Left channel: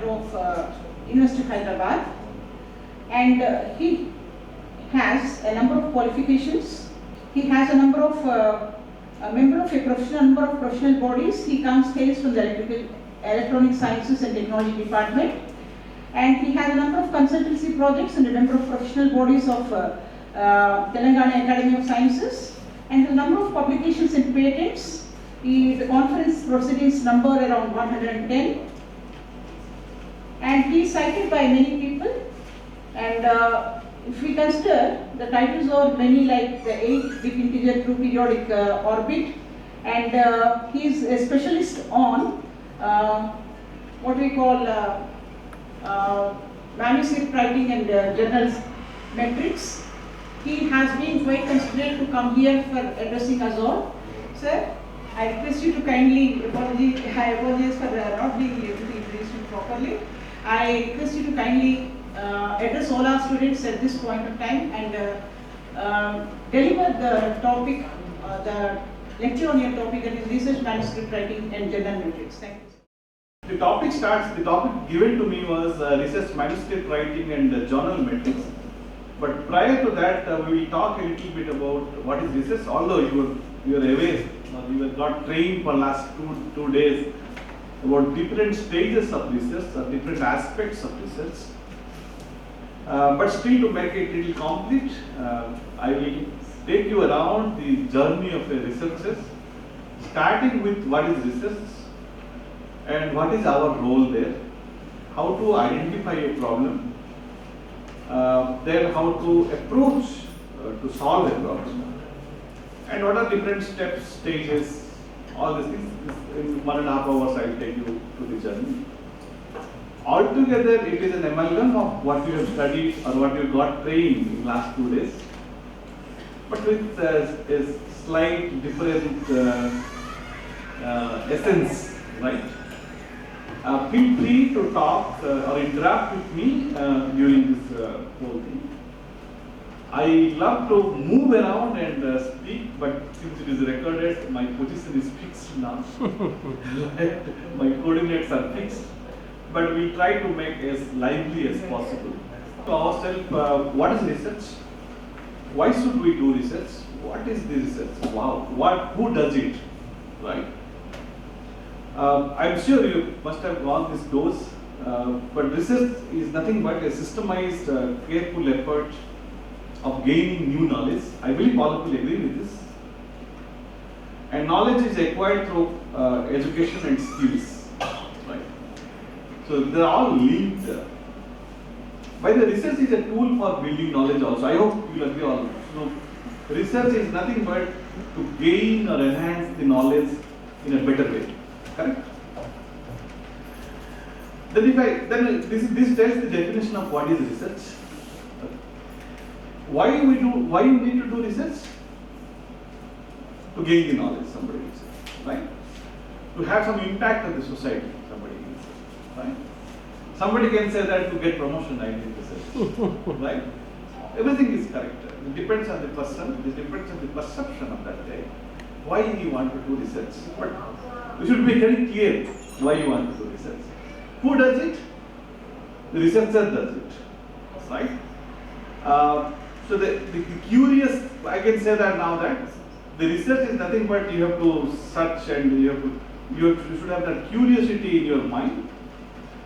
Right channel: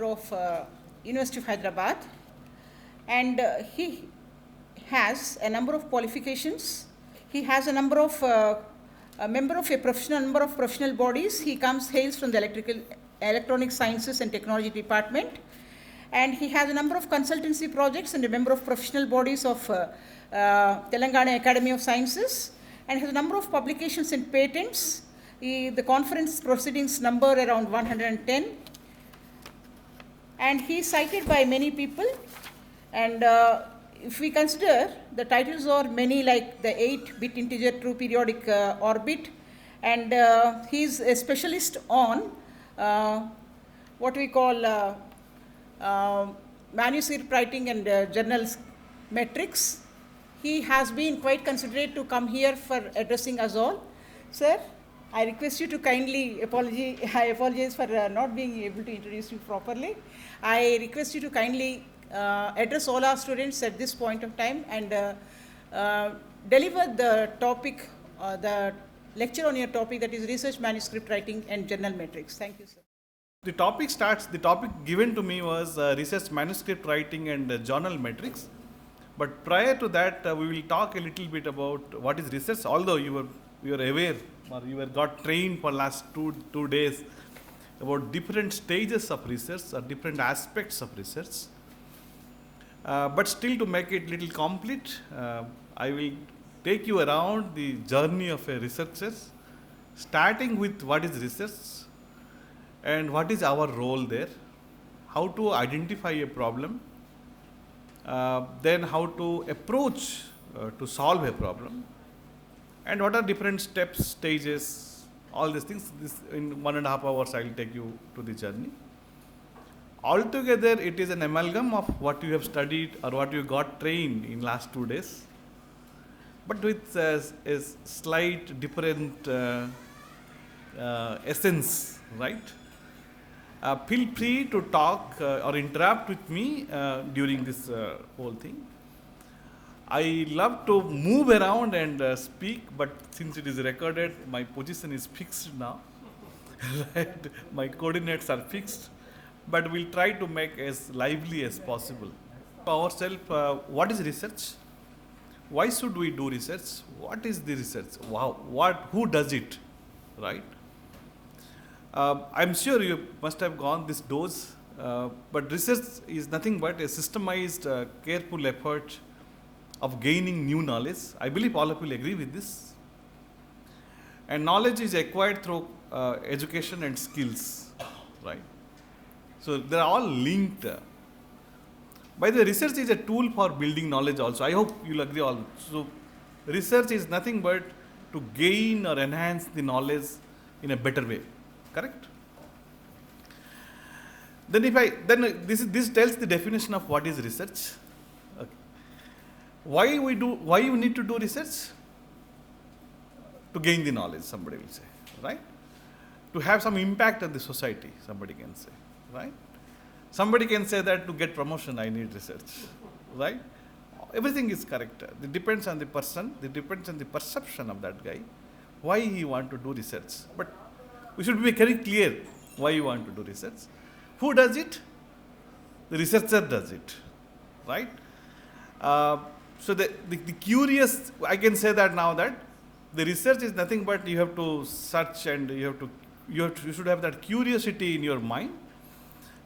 matter of University of Hyderabad, and he has a number of qualifications. He has a number of a member of a number of professional bodies. He hails from the electronic sciences and technology department, and he has a number of consultancy projects and a member of professional bodies of Telangana Academy of Sciences, and has a number of publications and patents. The conference proceedings number around 110, and he is cited by many people. And if we consider, the titles are many, like the 8-bit integer true periodic orbit, and he is a specialist on what we call manuscript writing and journal metrics. He has been quite considerate to come here for addressing us all. Sir, I request you to kindly I apologize for not being able to introduce you properly. I request you to kindly address all our students at this point of time and deliver the topic, the lecture on your topic, that is research manuscript writing and journal metrics. Thank you, sir. The topic given to me was research manuscript writing and journal metrics. But prior to that, we will talk a little bit about what is research, although you were aware, or you got trained for last two days about different stages of research or different aspects of research. But still, to make it little complete, I will take you around the journey of a researcher, starting with what is research and what is our role there, how to identify a problem, then how to approach to solve a problem, and what are different steps, stages, all these things. In 1.5 hours I will take you to the journey. Altogether, it is an amalgam of what you have studied or what you got trained in last 2 days, but with a slight different essence, right? Feel free to talk or interact with me during this whole thing. I love to move around and speak, but since it is recorded, my position is fixed now. Right? My coordinates are fixed, but we'll try to make as lively as possible. To ourselves, what is research? Why should we do research? What is the research? Wow, who does it? Right? I'm sure you must have gone this dose, but research is nothing but a systemized, careful effort of gaining new knowledge. I believe all of you will agree with this. And knowledge is acquired through education and skills, right? So they're all linked. By the research is a tool for building knowledge also. I hope you'll agree on this. So research is nothing but to gain or enhance the knowledge in a better way. Correct? Then this tells the definition of what is research. Okay. Why you need to do research? To gain the knowledge, somebody will say, right? To have some impact on the society, somebody can say, right? Somebody can say that to get promotion, I need research, right? Everything is correct. It depends on the person, it depends on the perception of that guy, why he want to do research. But you should be very clear why you want to do research. Who does it? The researcher does it, right? So the curious, I can say that now that the research is nothing but you have to search and you should have that curiosity in your mind.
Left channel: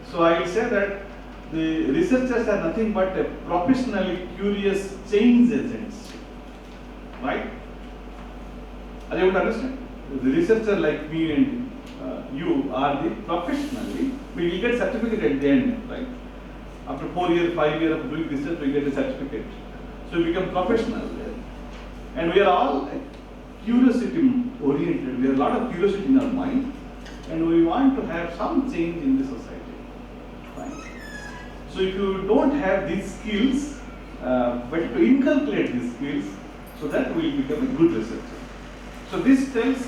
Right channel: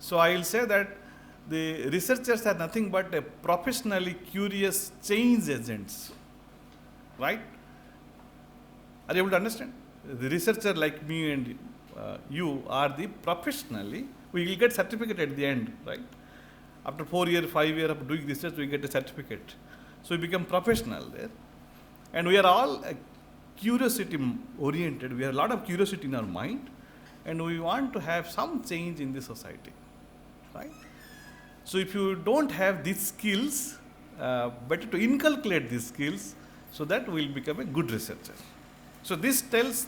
So I will say that the researchers are nothing but a professionally curious change agents, right? Are you able to understand? The researcher like me and you are the professionally, we will get certificate at the end, right? After 4 years, 5 years of doing research, we get a certificate. So we become professional there. And we are all curiosity oriented. We have a lot of curiosity in our mind, and we want to have some change in the society, right? So if you don't have these skills, better to inculcate these skills so that we will become a good researcher. So this sets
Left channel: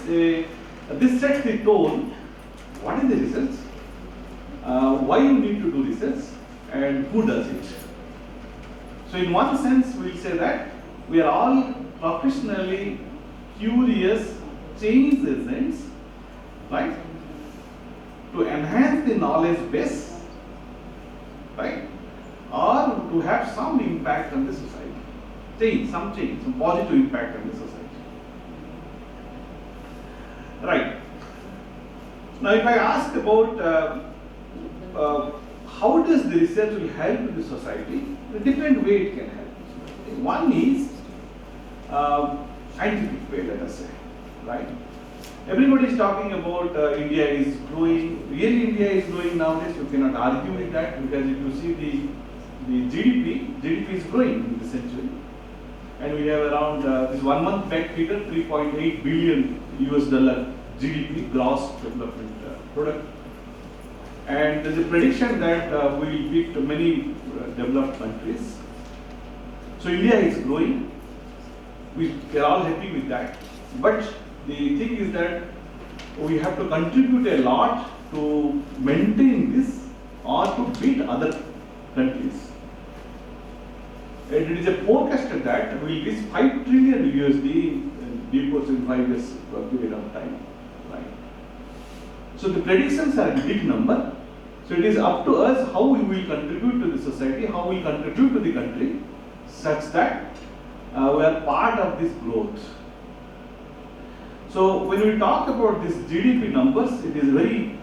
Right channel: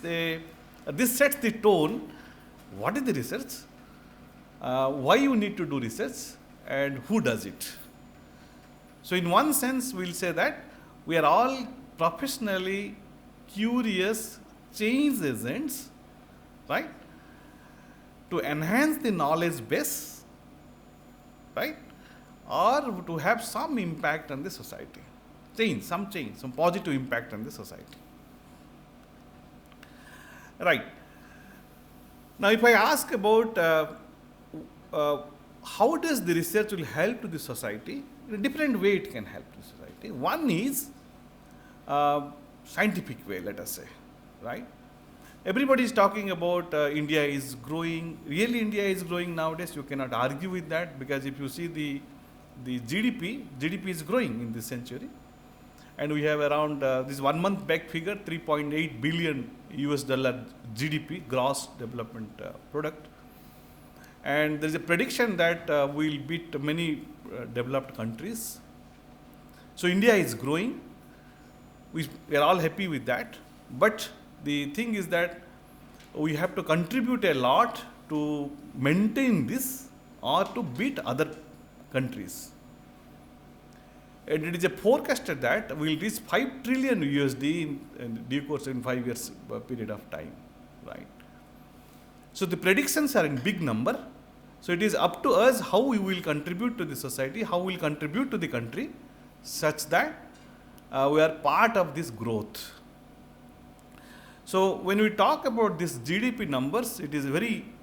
the tone. What is the research? Why you need to do research, and who does it? So in one sense, we'll say that we are all professionally curious change agents, right? To enhance the knowledge base right? Or to have some impact on the society, some positive impact on the society. Right. Now, if I ask about how does the research will help to the society, in a different way it can help. One is scientific way, let us say, right? Everybody is talking about India is growing. Really, India is growing nowadays. You cannot argue with that, because if you see the GDP is growing in this century, and we have around this 1 month back figure, $3.8 billion GDP, gross development product, and there is a prediction that we will beat many developed countries. So India is growing. We are all happy with that, but the thing is that we have to contribute a lot to maintain this or to beat other countries. And it is a forecasted that we will reach 5 trillion USD in due course in 5 years period of time, right? So the predictions are in big number. So it is up to us how we will contribute to the society, how we will contribute to the country, such that we are part of this growth. So when we talk about this GDP numbers, it is a very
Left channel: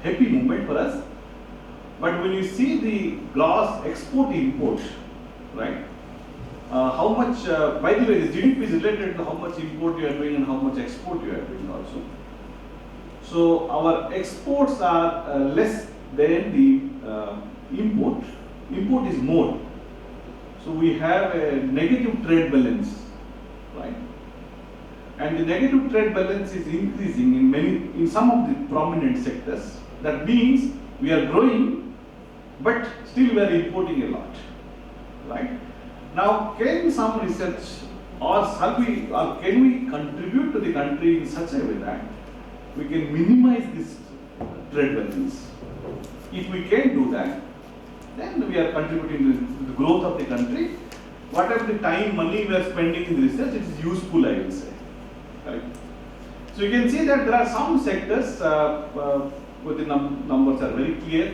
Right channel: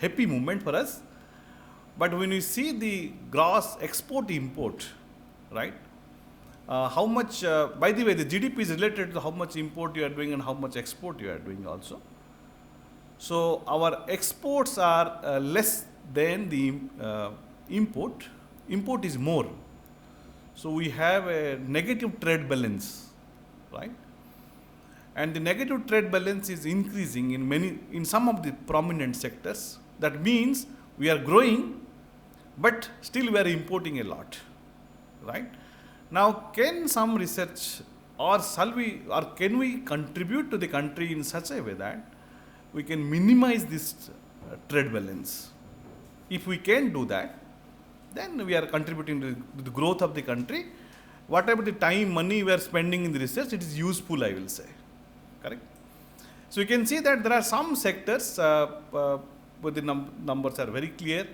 happy moment for us. But when you see the gross export import, right? How much, by the way, the GDP is related to how much import you are doing and how much export you are doing also. So our exports are less than the import. Import is more. So we have a negative trade balance, right? And the negative trade balance is increasing in some of the prominent sectors. That means we are growing, but still we are importing a lot, right? Now, can some research or can we contribute to the country in such a way that we can minimize this trade balance? If we can do that, then we are contributing to the growth of the country. Whatever the time, money we are spending in the research, it is useful, I will say. Correct? So you can see that there are some sectors where the numbers are very clear.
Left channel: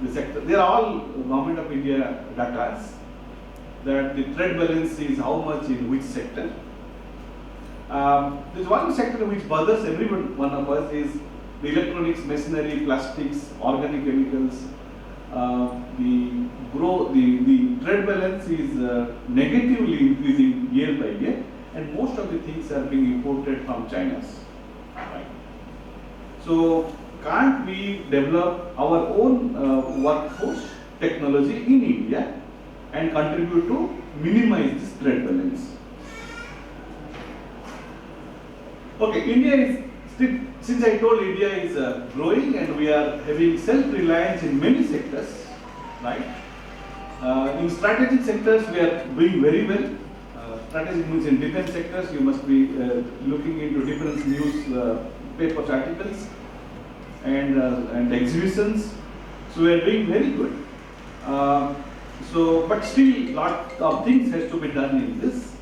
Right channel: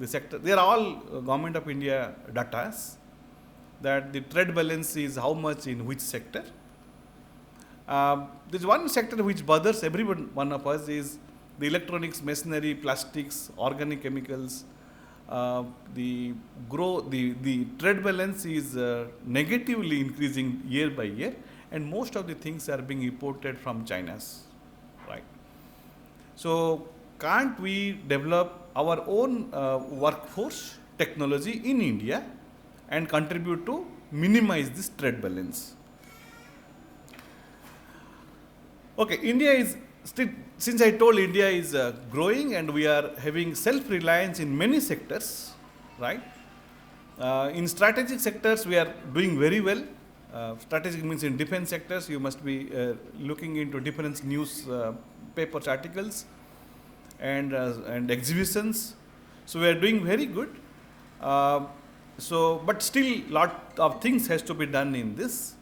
The sector, they are all Government of India data, that the trade balance is how much in which sector. There is one sector which bothers every one of us, is the electronics, machinery, plastics, organic chemicals. The trade balance is negatively increasing year by year, and most of the things are being imported from China. Right? So can't we develop our own workforce technology in India and contribute to minimize this trade balance? Okay, India is still, since I told India is growing and we are having self-reliance in many sectors, right? In strategic sectors we are doing very well. Strategic means in defense sectors you must be looking into different news papers, articles, and exhibitions. So we are doing very good. But still lot of things has to be done in this.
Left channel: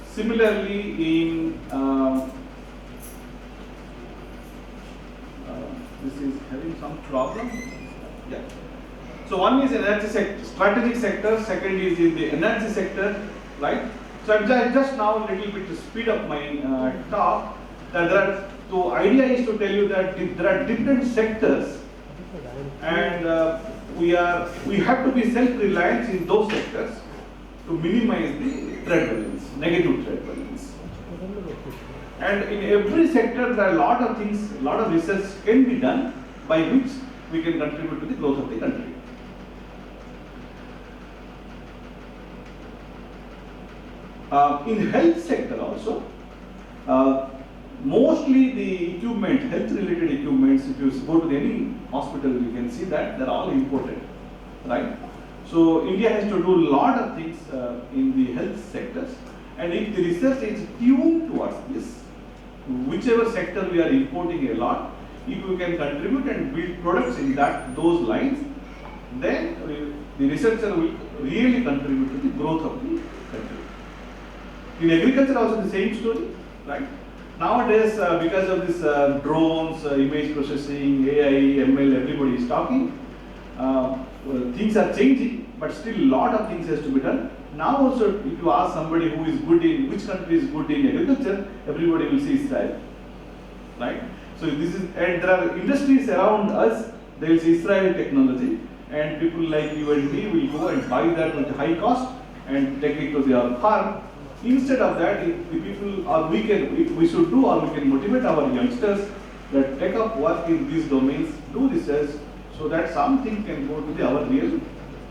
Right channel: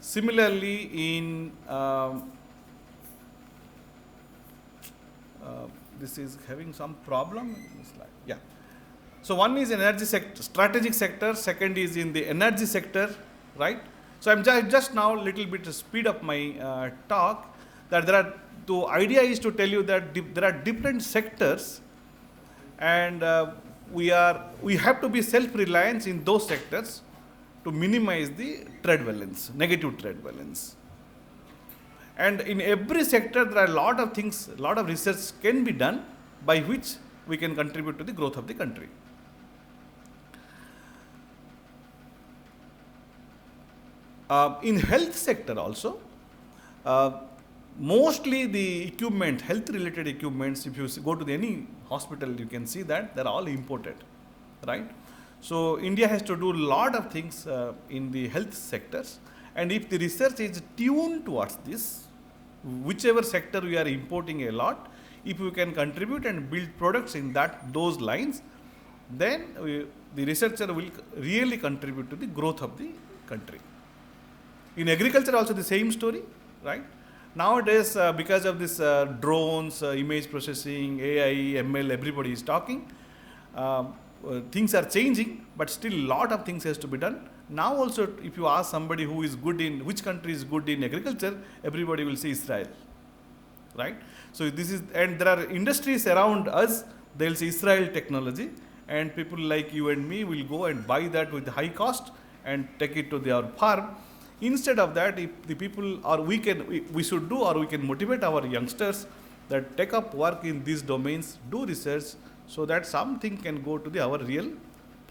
Similarly, in this is having some problem. Yeah. So one is energy sector, strategic sector. Second is in the energy sector, right? So I'm just now little bit to speed up my talk. That there are. The idea is to tell you that there are different sectors, and we have to be self-reliant in those sectors to minimize the trade balance, negative trade balance. And in every sector, there are a lot of things, a lot of research can be done by which we can contribute to the growth of the country. In health sector also, mostly the equipment, health-related equipments, if you go to any hospital, you can see that they're all imported, right? So India has to do a lot of things in the health sectors, and if the research is tuned towards this, whichever sector we are importing a lot, if we can contribute and build products in those lines, then the researcher will really contribute to the growth of the country. In agriculture also the same story, right? Nowadays, because of this drones, image processing, AI, ML, everybody is talking. things are changing, but still lot of things has to be done. Now also, if you ask somebody who is good in, which country is good in agriculture, everybody will say Israel, right? So this is, and there are industries around us, they will say Israeli technology, and people like you and me will go and buy that with high cost and take it to their farm. Instead of that, if the people, or we should do, or we can motivate our youngsters that take up work in these domains, do research, so that something can go to our real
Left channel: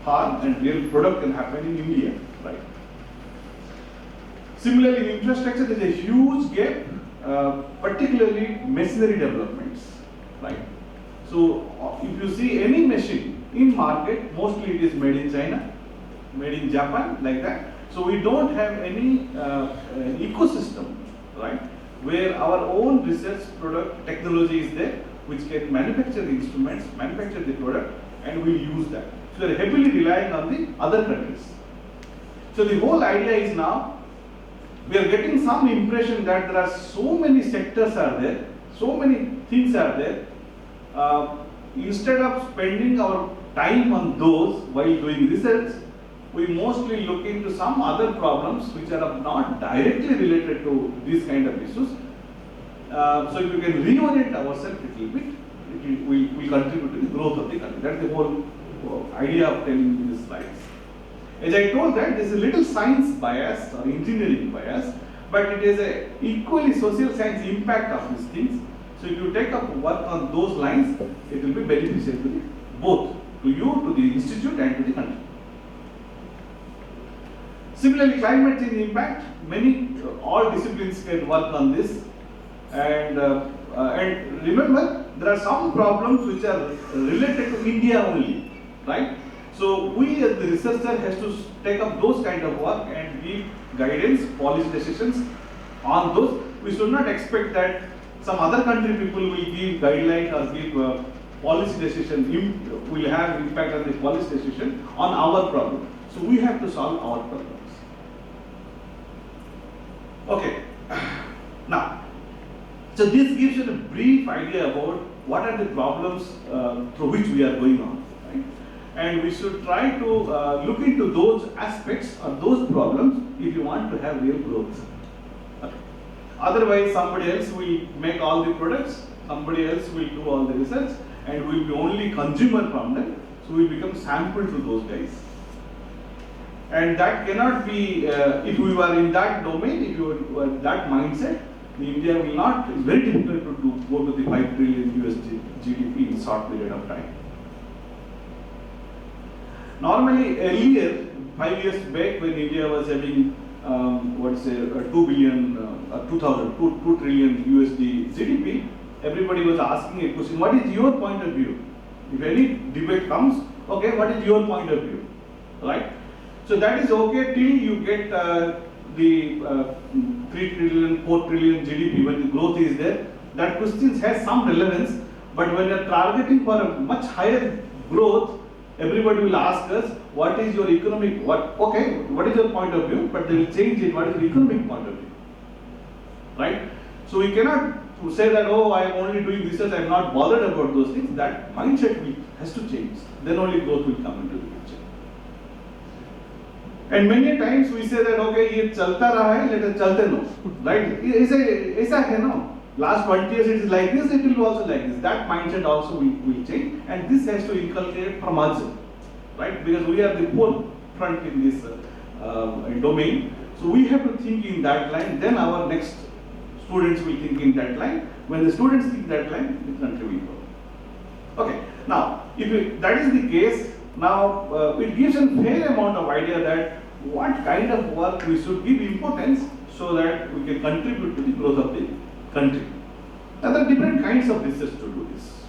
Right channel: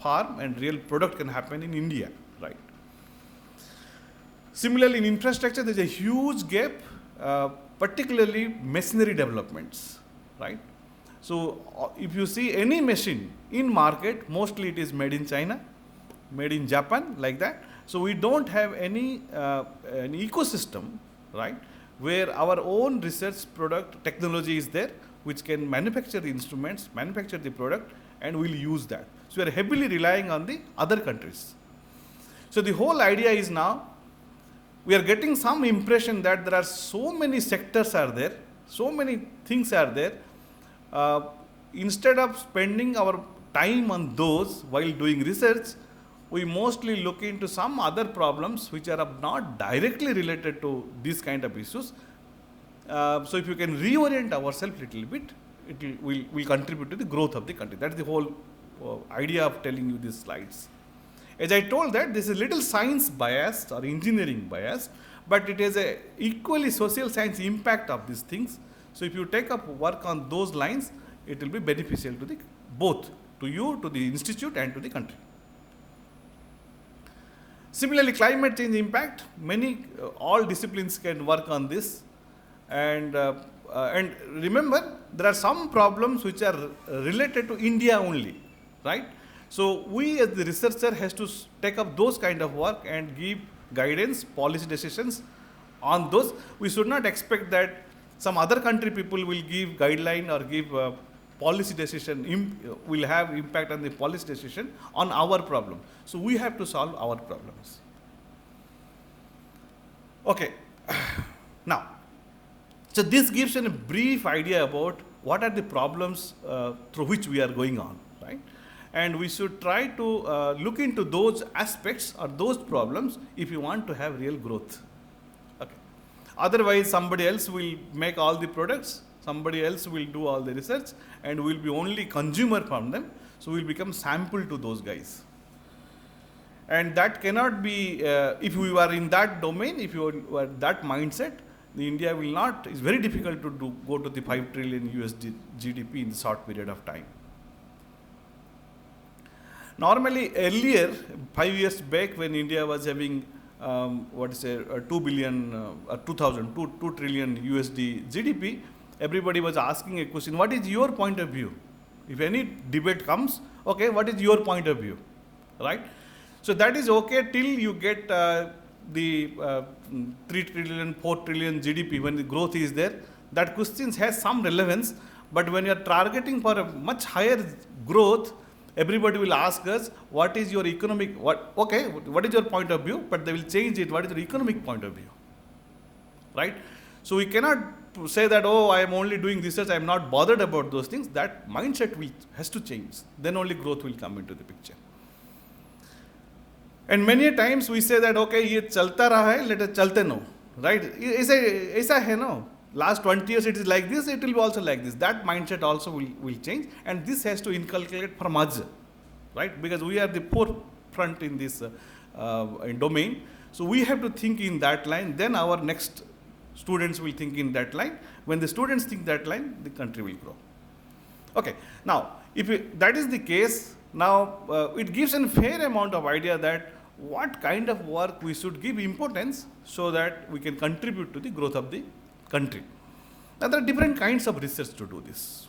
farm and real product can happen in India, right? Similarly, in infrastructure, there is a huge gap, particularly machinery developments, right? So, if you see any machine in market, mostly it is made in China, made in Japan, like that. So we don't have any an ecosystem, right, where our own research product technology is there, which can manufacture the instruments, manufacture the product, and we'll use that. So we are heavily relying on the other countries. So the whole idea is now, we are getting some impression that there are so many sectors are there, so many things are there. Instead of spending our time on those while doing research, we mostly look into some other problems which are not directly related to these kind of issues. So if you can reorient ourselves a little bit, it will contribute to the growth of the country. That's the whole idea of telling you these slides. As I told that, this is little science bias or engineering bias, but it is a equally social science impact of these things. So if you take up work on those lines, it will be beneficial to both to you, to the institute, and to the country. Similarly, climate change impact, all disciplines can work on this, and remember, there are some problems which are related to India only, right? So we as the researcher has to take up those kind of work and give guidance, policy decisions on those. We should not expect that some other country people will give guideline or give policy decision, will have impact on the policy decision on our problem. So we have to solve our problems. Okay, now, so this gives you a brief idea about what are the problems through which we are going on, right? And we should try to look into those aspects or those problems if you want to have real growth. Okay. Otherwise, somebody else will make all the products, somebody else will do all the research, and we will be only consumer from them. So we become sample to those guys. And that cannot be, if we were in that domain, if you were that mindset, India will not, it's very difficult to go to the 5 trillion USD GDP in a short period of time. Normally, earlier, 5 years back, when India was having, 2 trillion USD GDP, everybody was asking a question, what is your point of view? If any debate comes, okay, what is your point of view, right? So that is okay till you get the 3 trillion, 4 trillion GDP, when the growth is there. That question has some relevance, but when you are targeting for a much higher growth, everybody will ask us, what is your economic, what is your point of view, but they will change it, what is your economic point of view, right? So we cannot say that, oh, I am only doing research, I am not bothered about those things. That mindset has to change, then only growth will come into the picture. And many times we say that, okay, ये चलता रहा है, let us चलते no, right? ऐसा है no. Last 20 years it is like this, it will be also like this. That mindset also will change, and this has to inculcate from us, right? Because we are the forefront in this domain. So we have to think in that line, then our next students will think in that line. When the students think that line, the country will grow. Okay, now, if that is the case, now it gives a fair amount of idea that what kind of work we should give importance so that we can contribute to the growth of the country. Now there are different kinds of research to do this,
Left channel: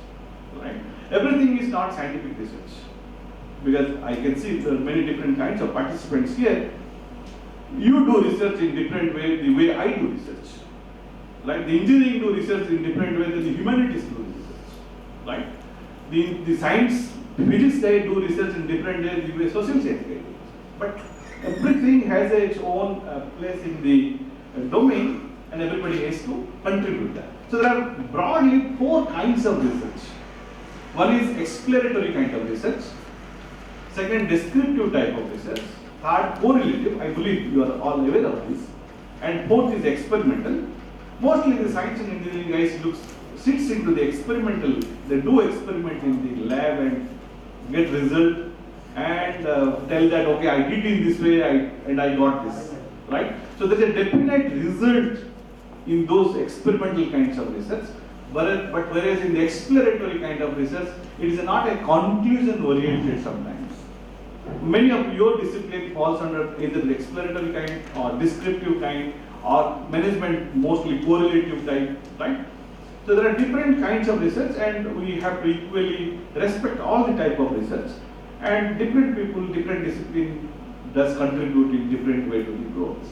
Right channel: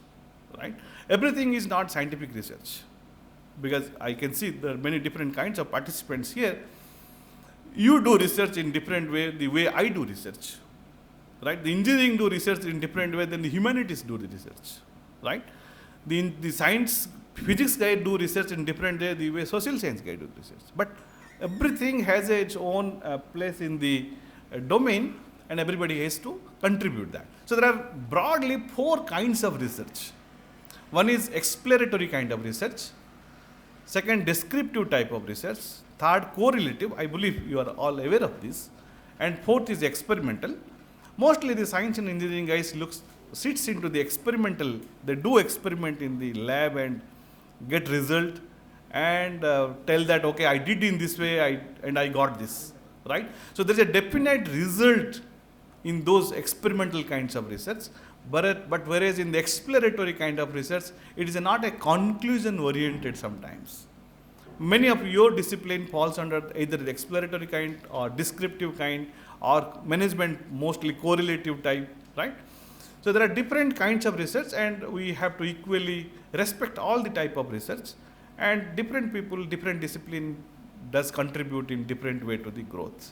right? Everything is not scientific research, because I can see there are many different kinds of participants here. You do research in different way, the way I do research, right? The engineering do research in different way than the humanities do research, right? The science, physics guy do research in different way the way social science guy do research. But everything has its own place in the domain, and everybody has to contribute that. So there are broadly 4 kinds of research. One is exploratory kind of research, Second, descriptive type of research. Third, correlative. I believe you are all aware of this. And fourth is experimental. Mostly the science and engineering guys sits into the experimental. They do experiment in the lab and get result and tell that, okay, I did in this way and I got this, right? So there's a definite result in those experimental kinds of research. But whereas in the exploratory kind of research, it is not a conclusion oriented sometimes. Many of your discipline falls under either the exploratory kind or descriptive kind or management mostly correlative type, right? So there are different kinds of research and we have to equally respect all the type of research, and different people, different discipline does contribute in different way to the growth.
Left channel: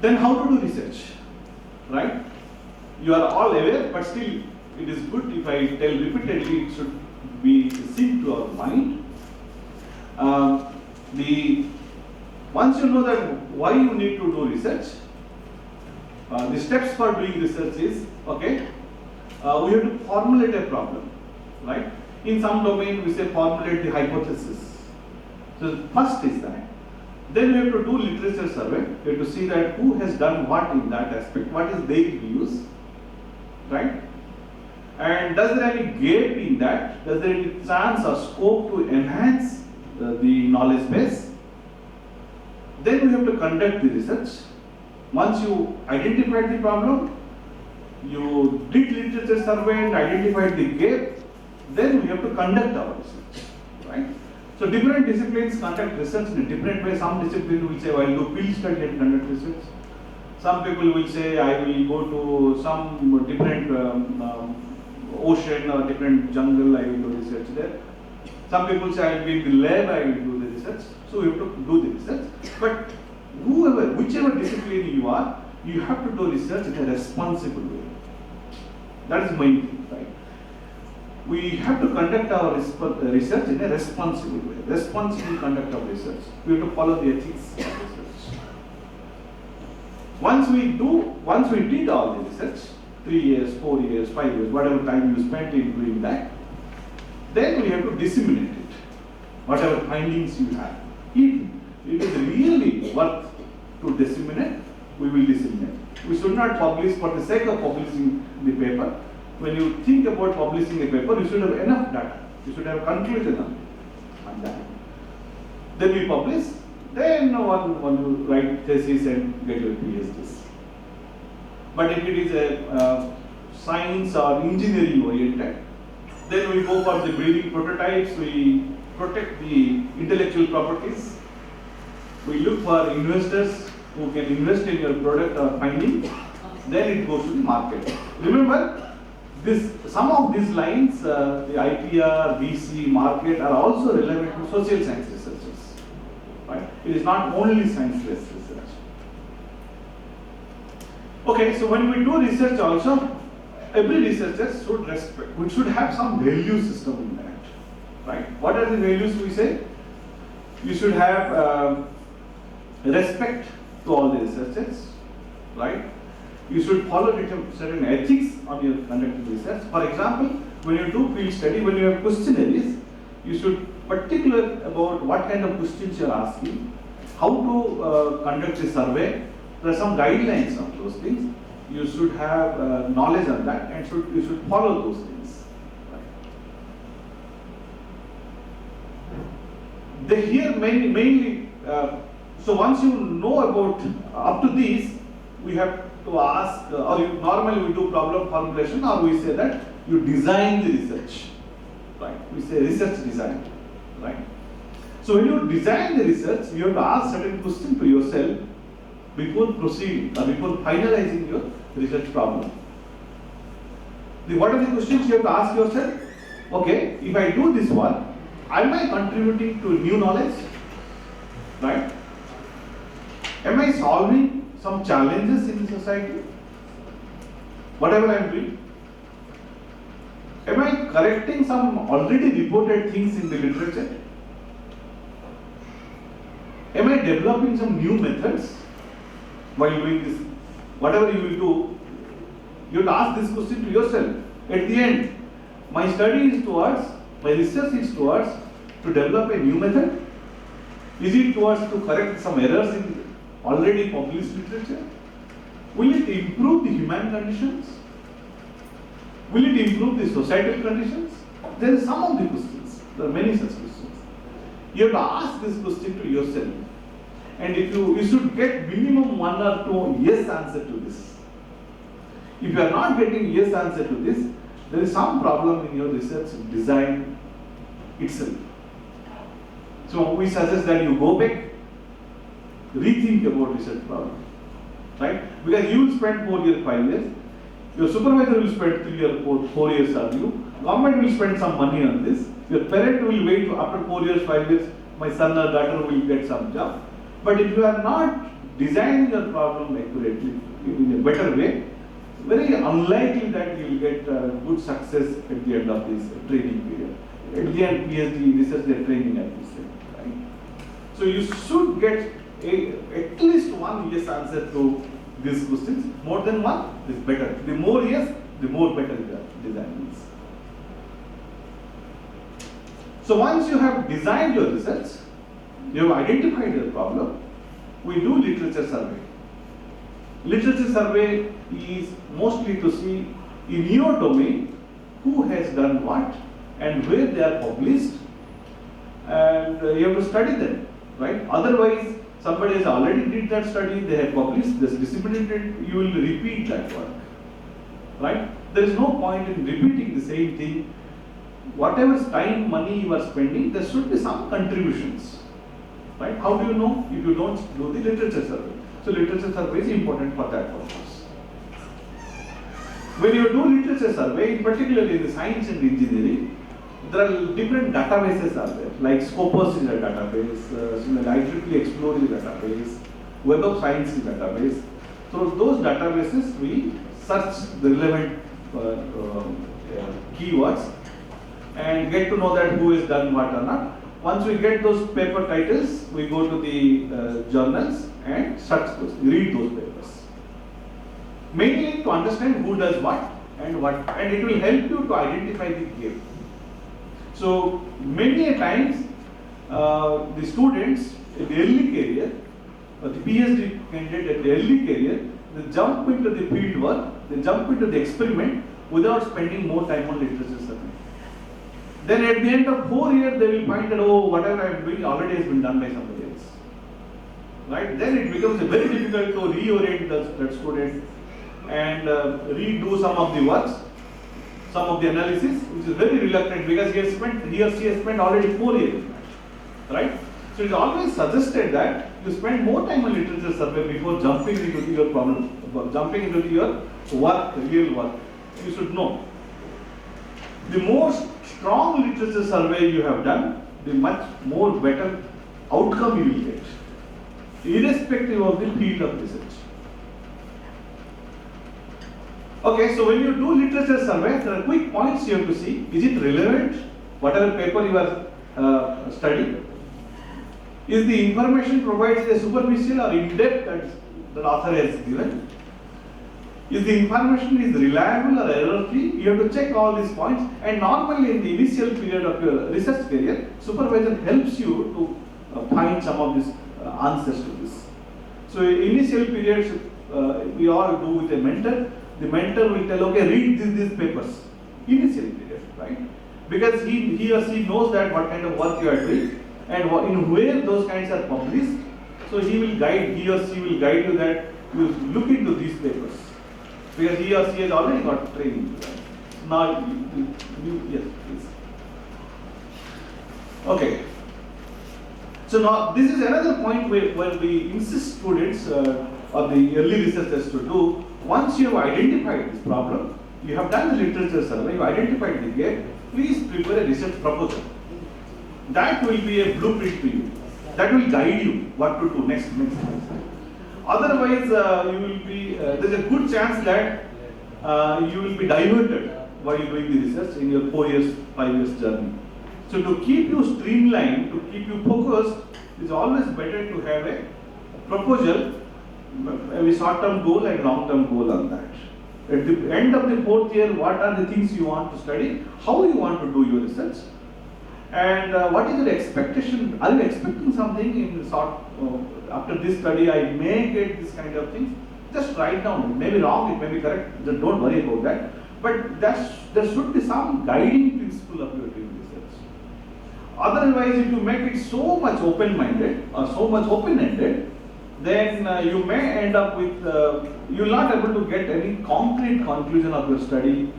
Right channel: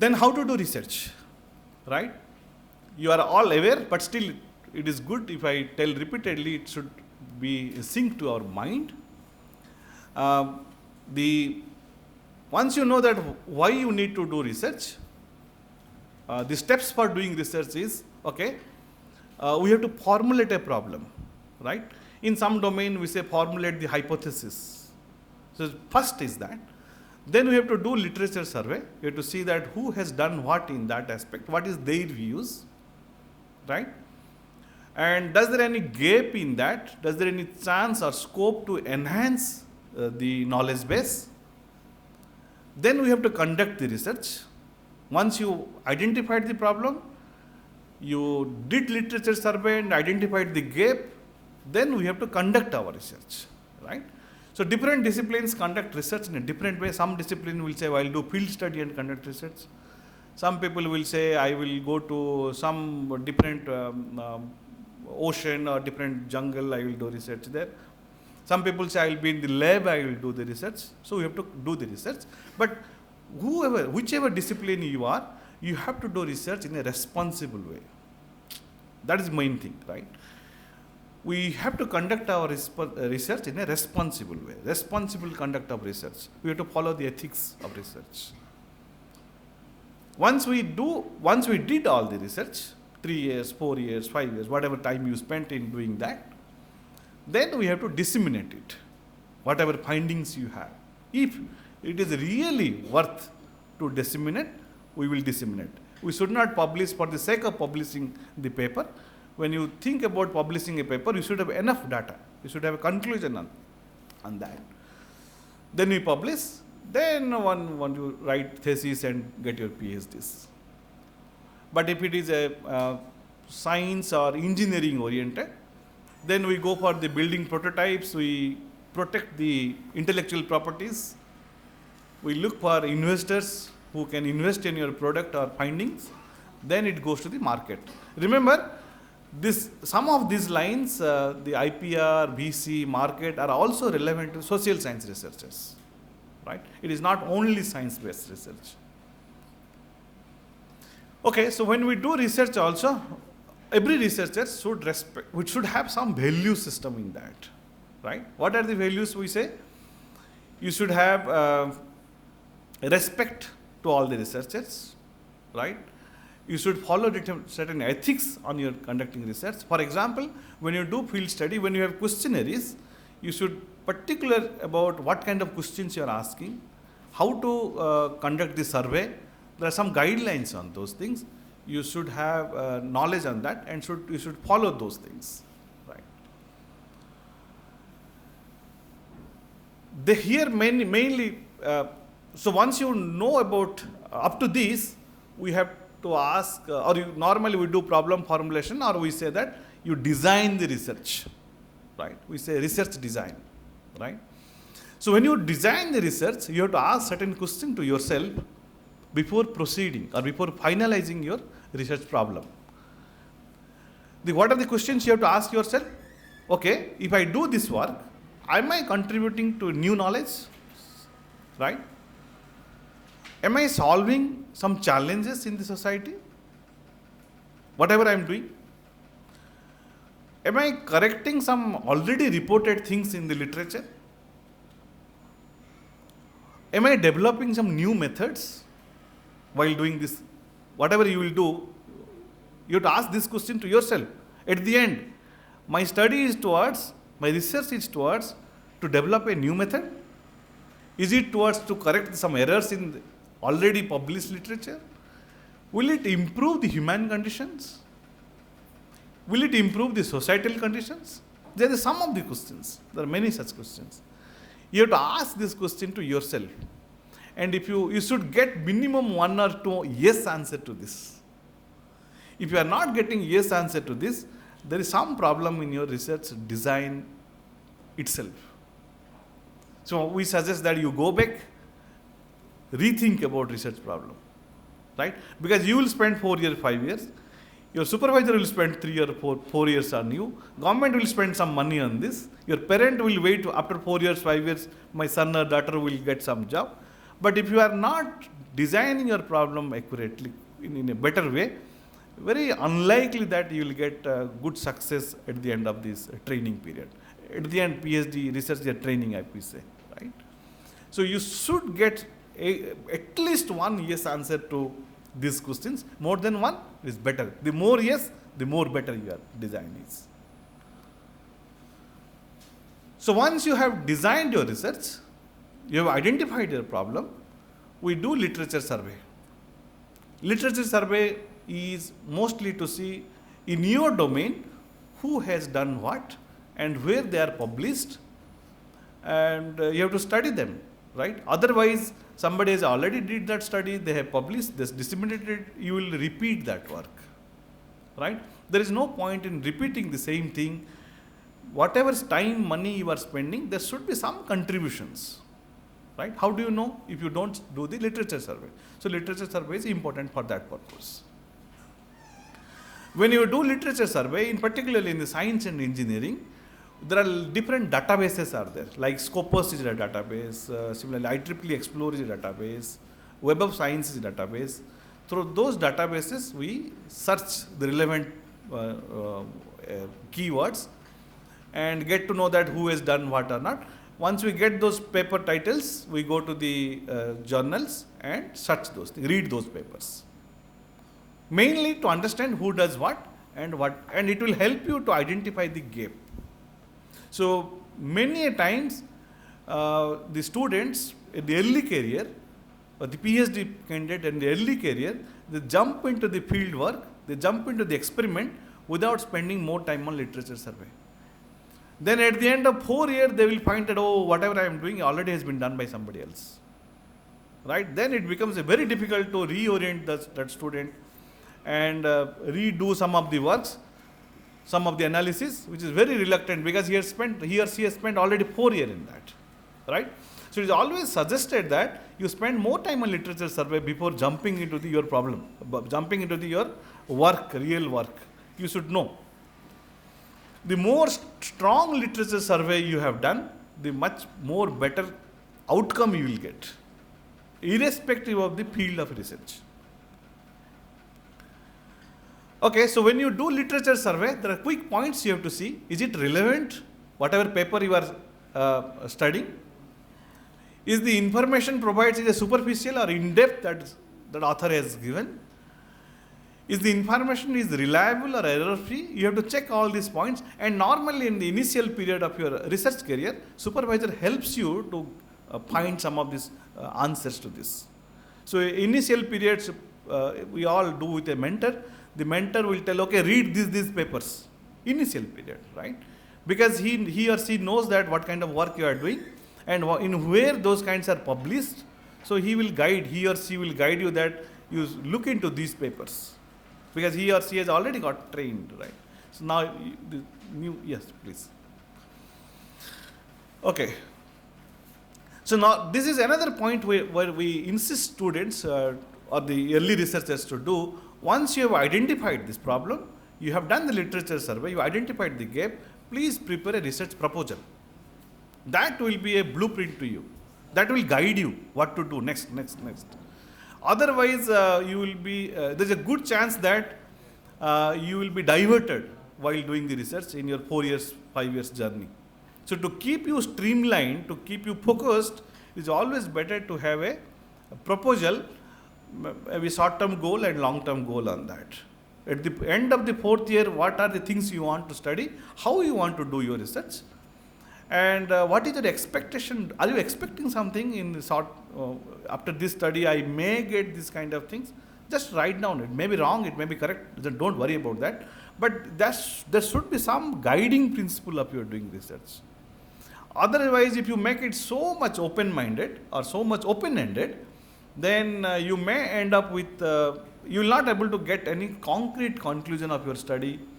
Then how to do research, right? You are all aware, but still it is good if I tell repeatedly, it should be synced to our mind. Once you know that why you need to do research, the steps for doing research is, okay, we have to formulate a problem, right? In some domain we say formulate the hypothesis. So first is that. Then we have to do literature survey. We have to see that who has done what in that aspect, what is their views, right? And does there any gap in that? Does there any chance or scope to enhance the knowledge base? Then we have to conduct the research. Once you identified the problem, you did literature survey and identified the gap, then we have to conduct our research, right? So different disciplines conduct research in a different way. Some discipline will say, I will do field study and conduct research. Some people will say, I will go to some different ocean or different jungle, I will do research there. Some people say, I will be in the lab, I will do the research. So we have to do the research. But whichever discipline you are, you have to do research in a responsible way. That is the main thing, right? We have to conduct our research in a responsible way. Responsible conduct of research. We have to follow the ethics of research. Once we did all the research, 3 years, 4 years, 5 years, whatever time you spent in doing that, then we have to disseminate it, whatever findings you have. If it is really worth to disseminate, we will disseminate. We should not publish for the sake of publishing the paper. When you think about publishing a paper, you should have enough data. You should have a conclusion on that. Then we publish. Then one will write thesis and get your PhDs. But if it is a science or engineering oriented, then we go for the building prototypes. We protect the intellectual properties. We look for investors who can invest in your product or findings. Then it goes to the market. Remember, some of these lines, the IPR, VC, market, are also relevant to social science researchers, right? It is not only science-based research. Okay, so when we do research also, every researcher should have some value system in that, right? What are the values we say? You should have respect to all the researchers, right? You should follow certain ethics on your conducting research. For example, when you do field study, when you have questionnaires, you should particular about what kind of questions you are asking, how to conduct the survey. There are some guidelines on those things. You should have knowledge on that, and you should follow those things. Right? Here mainly. So once you know about up to these, we have to ask, normally we do problem formulation, or we say that you design the research, right? We say research design, right? So when you design the research, you have to ask certain question to yourself before proceeding or before finalizing your research problem. What are the questions you have to ask yourself? Okay, if I do this work, am I contributing to new knowledge, right? Am I solving some challenges in the society? Whatever I am doing. Am I correcting some already reported things in the literature? Am I developing some new methods while doing this? Whatever you will do, you have to ask this question to yourself. At the end, my study is towards My research is towards to develop a new method? Is it towards to correct some errors in already published literature? Will it improve the human conditions? Will it improve the societal conditions? There are some of the questions. There are many such questions. You have to ask this question to yourself. And if you should get minimum 1 or 2 yes answer to this. If you are not getting yes answer to this, there is some problem in your research design itself. So we suggest that you go back, rethink about research problem, right? Because you will spend 4 years, 5 years. Your supervisor will spend 3 or 4 years on you. Government will spend some money on this. Your parent will wait after 4 years, 5 years, my son or daughter will get some job. But if you are not designing your problem accurately, in a better way, very unlikely that you will get good success at the end of this training period. At the end, PhD research and training, I will say, right? So you should get at least 1 yes answer to these questions. More than 1 is better. The more yes, the more better your design is. So once you have designed your research, you have identified your problem, we do literature survey. Literature survey is mostly to see in your domain who has done what and where they are published, and you have to study them, right? Otherwise, somebody has already did that study, they have published, this disseminated it, you will repeat that work, right? There is no point in repeating the same thing. Whatever time, money you are spending, there should be some contributions. Right? How do you know if you don't do the literature survey? So literature survey is important for that purpose. When you do literature survey, particularly in the science and engineering, there are different databases are there. Like Scopus is a database, similarly IEEE Explore is a database, Web of Science is a database. Through those databases, we search the relevant keywords and get to know that who has done what or not. Once we get those paper titles, we go to the journals and search those, read those papers. Mainly to understand who does what, and it will help you to identify the gap. So many a times, the students in the early career, or the PhD candidate in the early career, they jump into the field work, they jump into the experiment without spending more time on literature survey. Then at the end of 4 years, they will find that, oh, whatever I am doing already has been done by somebody else. Right? Then it becomes very difficult to reorient that student and redo some of the works, some of the analysis, which is very reluctant because he or she has spent already 4 years in that. Right? So it is always suggested that you spend more time on literature survey before jumping into your problem, jumping into your work, real work. You should know. The more strong literature survey you have done, the much more better outcome you will get, irrespective of the field of research. Okay, so when you do literature survey, there are quick points you have to see. Is it relevant, whatever paper you are studying? Is the information provided a superficial or in-depth that author has given? Is the information is reliable or error-free? You have to check all these points. And normally in the initial period of your research career, supervisor helps you to find some of these answers to this. So initial periods, we all do with a mentor. The mentor will tell, okay, read these papers. Initial period, right? Because he or she knows that what kind of work you are doing and in where those kinds are published. So he or she will guide you that you look into these papers. Because he or she has already got training. So now, yes, please. Okay. So now, this is another point where we insist students or the early researchers to do. Once you have identified this problem, you have done the literature survey, you identified the gap, please prepare a research proposal. That will be a blueprint to you. That will guide you what to do next. Otherwise, you will be, there's a good chance that you will be diverted while doing the research in your 4 years, 5 years journey. So to keep you streamlined, to keep you focused, it's always better to have a proposal, a short-term goal and long-term goal on that. At the end of the 4th year, what are the things you want to study, how you want to do your research, And what is your expectation? Are you expecting something in the sort, after this study I may get this kind of things? Just write down. It may be wrong, it may be correct, so don't worry about that. But there should be some guiding principle of your doing research. Otherwise, if you make it so much open-minded or so much open-ended, then you may end up with, you will not able to get any concrete conclusion of your study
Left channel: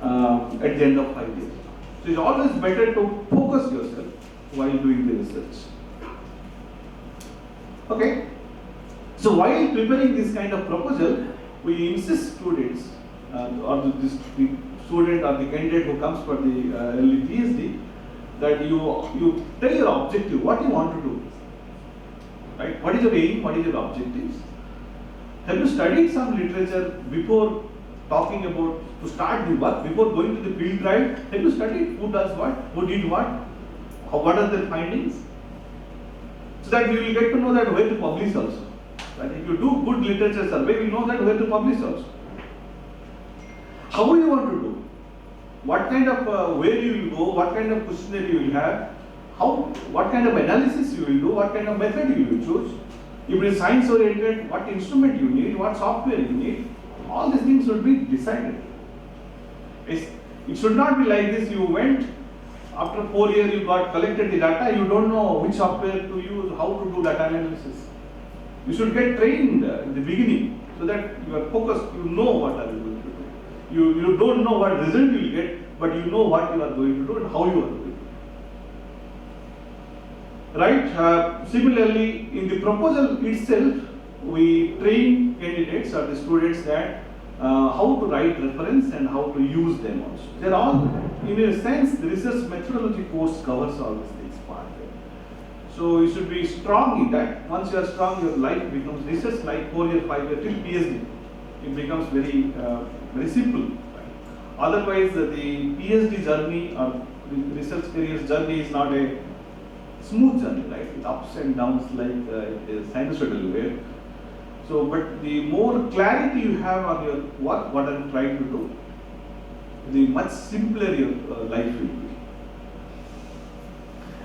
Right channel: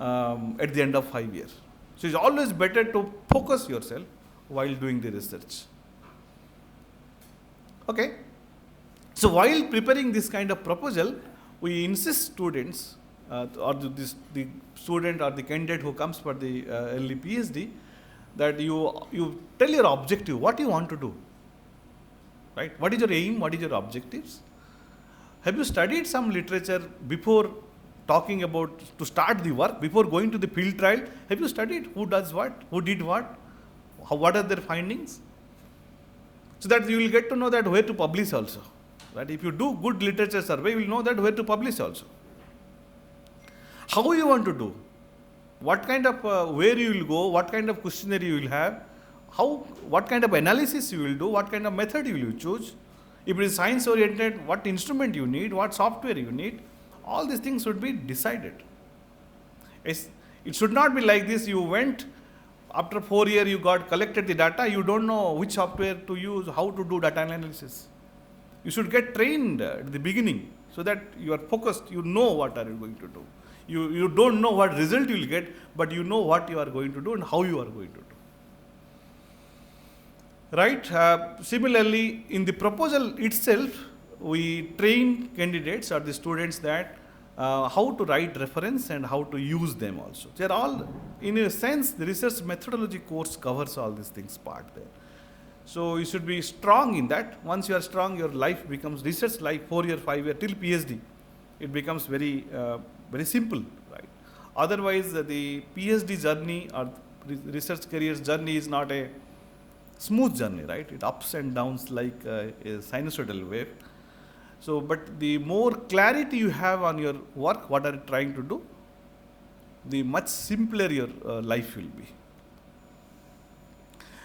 at the end of 5 years. So it's always better to focus yourself while doing the research. Okay. So while preparing this kind of proposal, we insist students or the student or the candidate who comes for the early PhD that you tell your objective, what you want to do, right? What is your aim? What is your objectives? Have you studied some literature before talking about to start the work, before going to the field trial? Have you studied who does what, who did what, what are their findings? So that you will get to know that where to publish also. And if you do good literature survey, you will know that where to publish also. How you want to do? What kind of, where you will go, what kind of questionnaire you will have, what kind of analysis you will do, what kind of method you will choose. If it is science oriented, what instrument you need, what software you need, all these things should be decided. It should not be like this, you went, after 4 years you collected the data, you don't know which software to use, how to do data analysis. You should get trained at the beginning so that you are focused, you know what are you going to do. You don't know what result you will get, but you know what you are going to do and how you are going to do. Right? Similarly, in the proposal itself, we train candidates or the students that how to write reference and how to use them also. They are all, in a sense, the research methodology course covers all these things part. So you should be strong in that. Once you are strong, your life becomes research like 4 year, 5 year till PhD. It becomes very simple. Right? Otherwise, the PhD journey or research career journey is not a smooth journey, right? With ups and downs like a sinusoidal wave. So, but the more clarity you have on your work, what are you trying to do, the much simpler your life will be.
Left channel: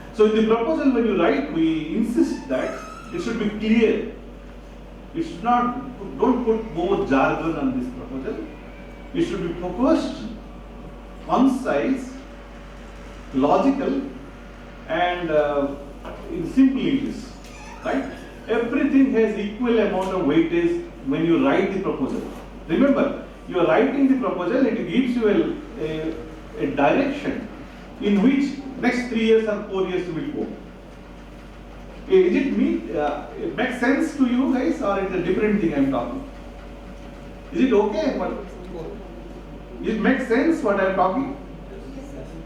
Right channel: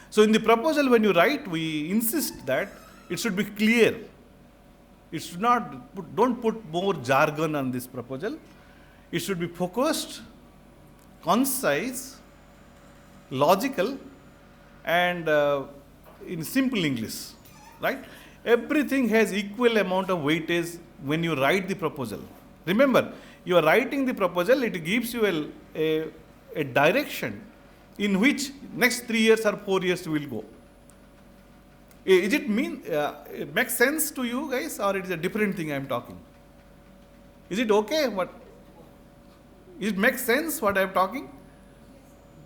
So in the proposal when you write, we insist that it should be clear. It should not, don't put more jargon on this proposal. It should be focused, concise, logical, and in simple English, right? Everything has equal amount of weightage when you write the proposal. Remember, you are writing the proposal, it gives you a direction in which next 3 years or 4 years will go. Is it it makes sense to you guys, or it's a different thing I am talking? Is it okay? It makes sense what I am talking?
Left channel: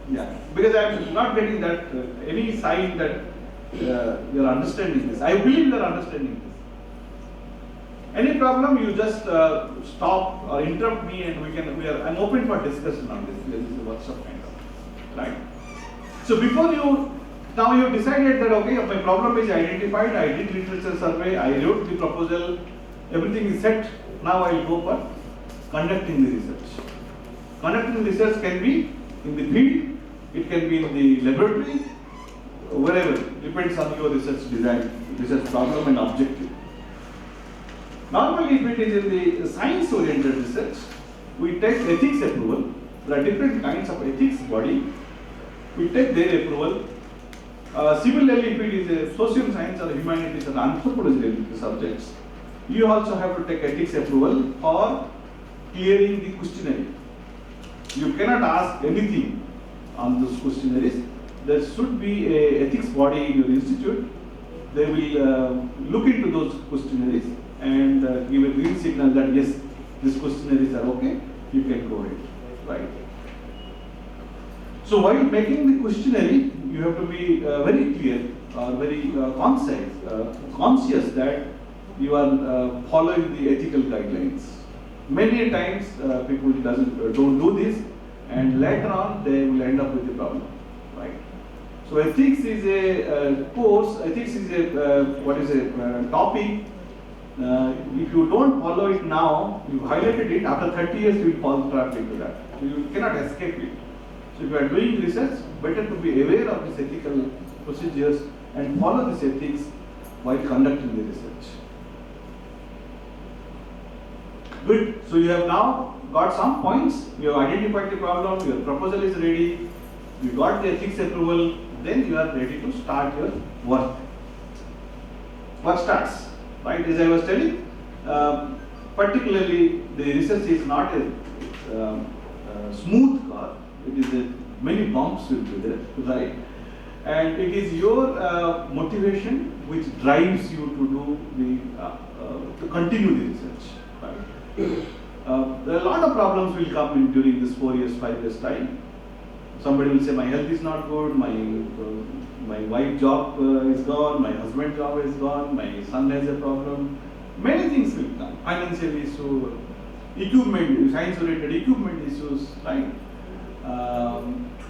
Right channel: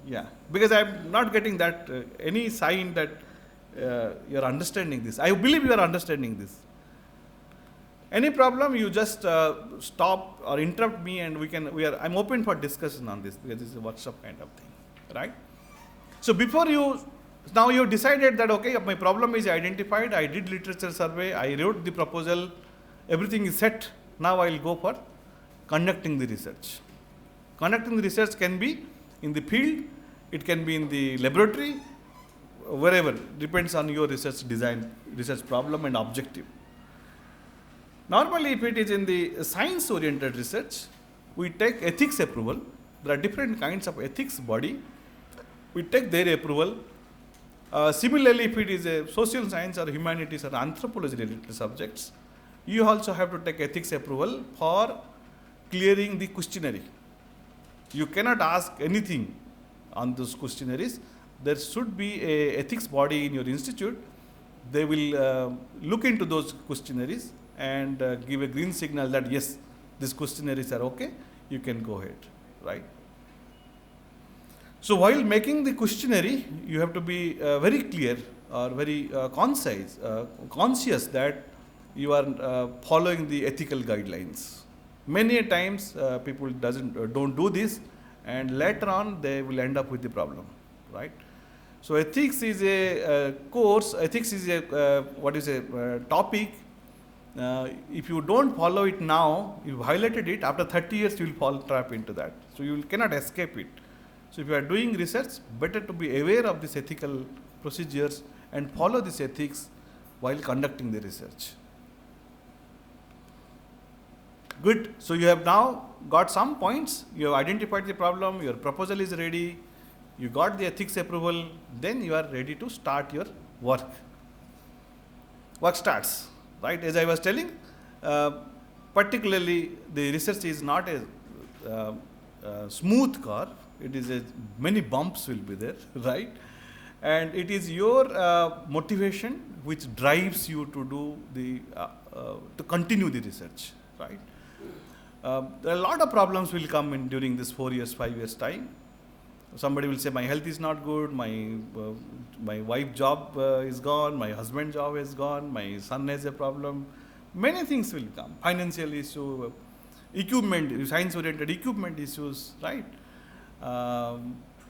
Yeah, because I am not getting that any sign that you are understanding this. I believe you are understanding this. Any problem, you just stop or interrupt me, and I'm open for discussion on this because this is a workshop kind of, right? So before now you decided that okay, my problem is identified, I did literature survey, I wrote the proposal, everything is set, now I will go for conducting the research. Conducting the research can be in the field, it can be in the laboratory, wherever, it depends on your research design, research problem and objective. Normally if it is in the science oriented research, we take ethics approval. There are different kinds of ethics body. We take their approval. Similarly, if it is a social science or humanities or anthropology related subjects, you also have to take ethics approval for clearing the questionnaire. You cannot ask anything on those questionnaires. There should be an ethics body in your institute. They will look into those questionnaires and give a green signal that yes, these questionnaires are okay, you can go ahead, right? So while making the questionnaire, you have to be very clear or very concise, conscious that you are following the ethical guidelines. Many times people don't do this, and later on they will end up with the problem, right? So ethics is a course. Ethics is a topic. If you don't follow it now, you violated it. After 30 years, you will fall trap into that. So you cannot escape it. So if you are doing research, better to be aware of these ethical procedures and follow these ethics while conducting the research. Good. So you have now got some points. You have identified the problem. Your proposal is ready. You got the ethics approval. Then you are ready to start your work. Work starts, right? As I was telling, particularly the research is not a smooth car. It is many bumps will be there, right? And it is your motivation which drives you to do the to continue the research, right? There are a lot of problems will come in during this 4 years, 5 years time. Somebody will say my health is not good, my wife job is gone, my husband job is gone, my son has a problem. Many things will come. Financial issue, equipment, science-oriented equipment issues, right?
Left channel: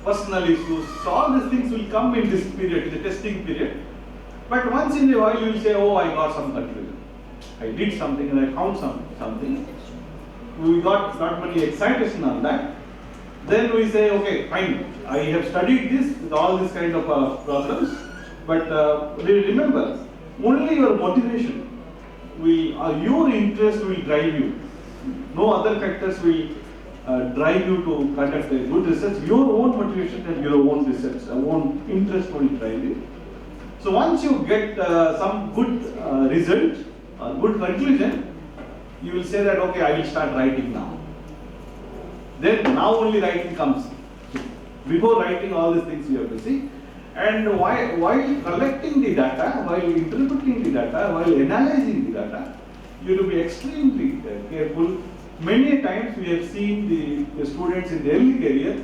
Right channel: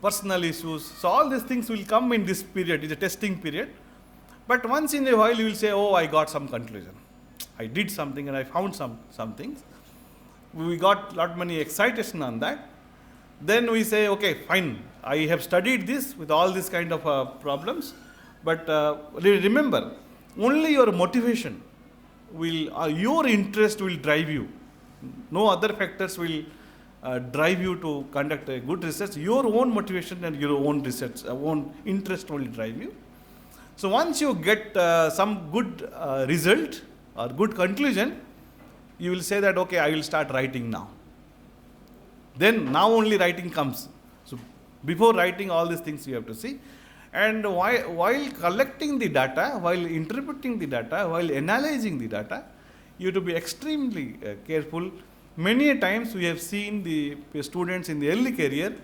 Personal issues. So all these things will come in this period. It's a testing period. But once in a while you will say, oh, I got some conclusion. I did something and I found something. We got lot many excitation on that. Then we say, okay, fine. I have studied this with all these kind of problems. But remember, only your motivation will, your interest will drive you. No other factors will drive you to conduct a good research. Your own motivation and your own research, own interest will drive you. So once you get some good result or good conclusion, you will say that, okay, I will start writing now. Then now only writing comes. So before writing all these things you have to see. And while collecting the data, while interpreting the data, while analyzing the data, you have to be extremely careful. Many times we have seen the students in the early career,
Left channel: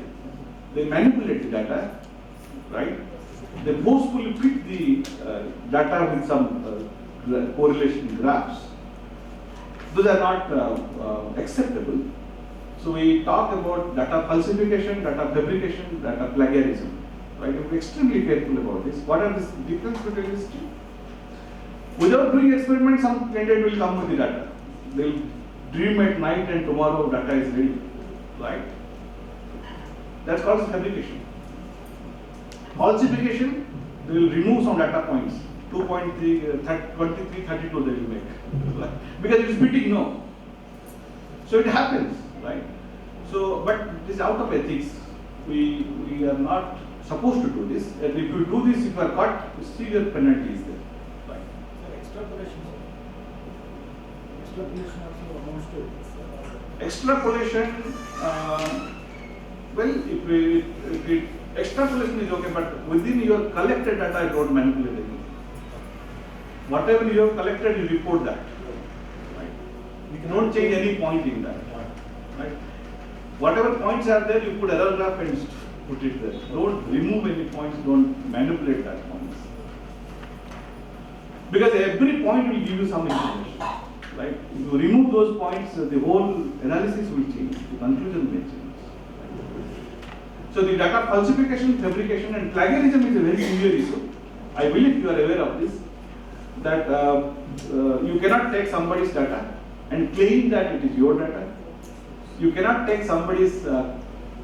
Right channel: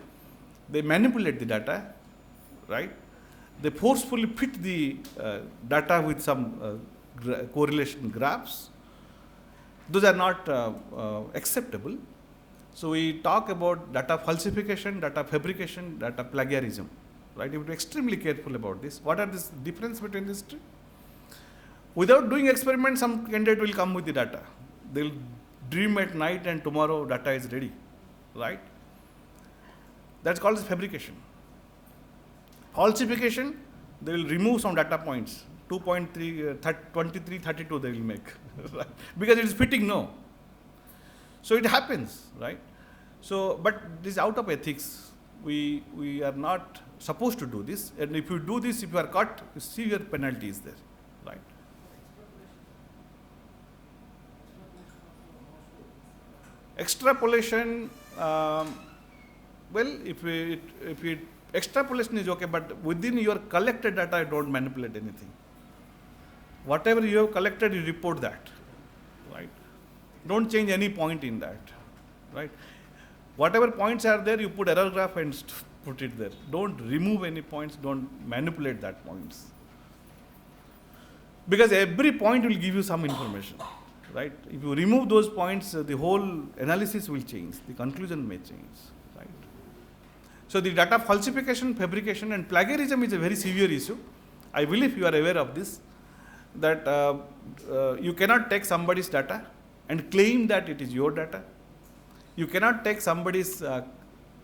they manipulate the data, right? They forcefully fit the data with some correlation graphs. Those are not acceptable. So we talk about data falsification, data fabrication, data plagiarism. Right? You have to be extremely careful about this. What are the difference between these two? Without doing experiments, some candidate will come with the data. They'll dream at night and tomorrow data is ready. Right? That's called fabrication. Falsification, they will remove some data points. 2.3, 23, 32 they will make. Right? Because it's fitting, no. So it happens, right? So, but it is out of ethics. We are not supposed to do this. And if you do this, if you are caught, severe penalties there. Right? Extrapolation also amounts to this. Extrapolation, well, if we extrapolation is okay, but within your collected data, don't manipulate anything. Whatever you have collected, you report that. Right? Don't change any point in that. Right? Whatever points are there, you put error graph and put it there. Don't remove any points, don't manipulate that points. Because every point will give you some information. Right? If you remove those points, the whole analysis will change, the conclusion may change. Right? So the data falsification, fabrication and plagiarism is a very severe issue. I believe you are aware of this, that you cannot take somebody's data and claim that it is your data. You cannot take somebody's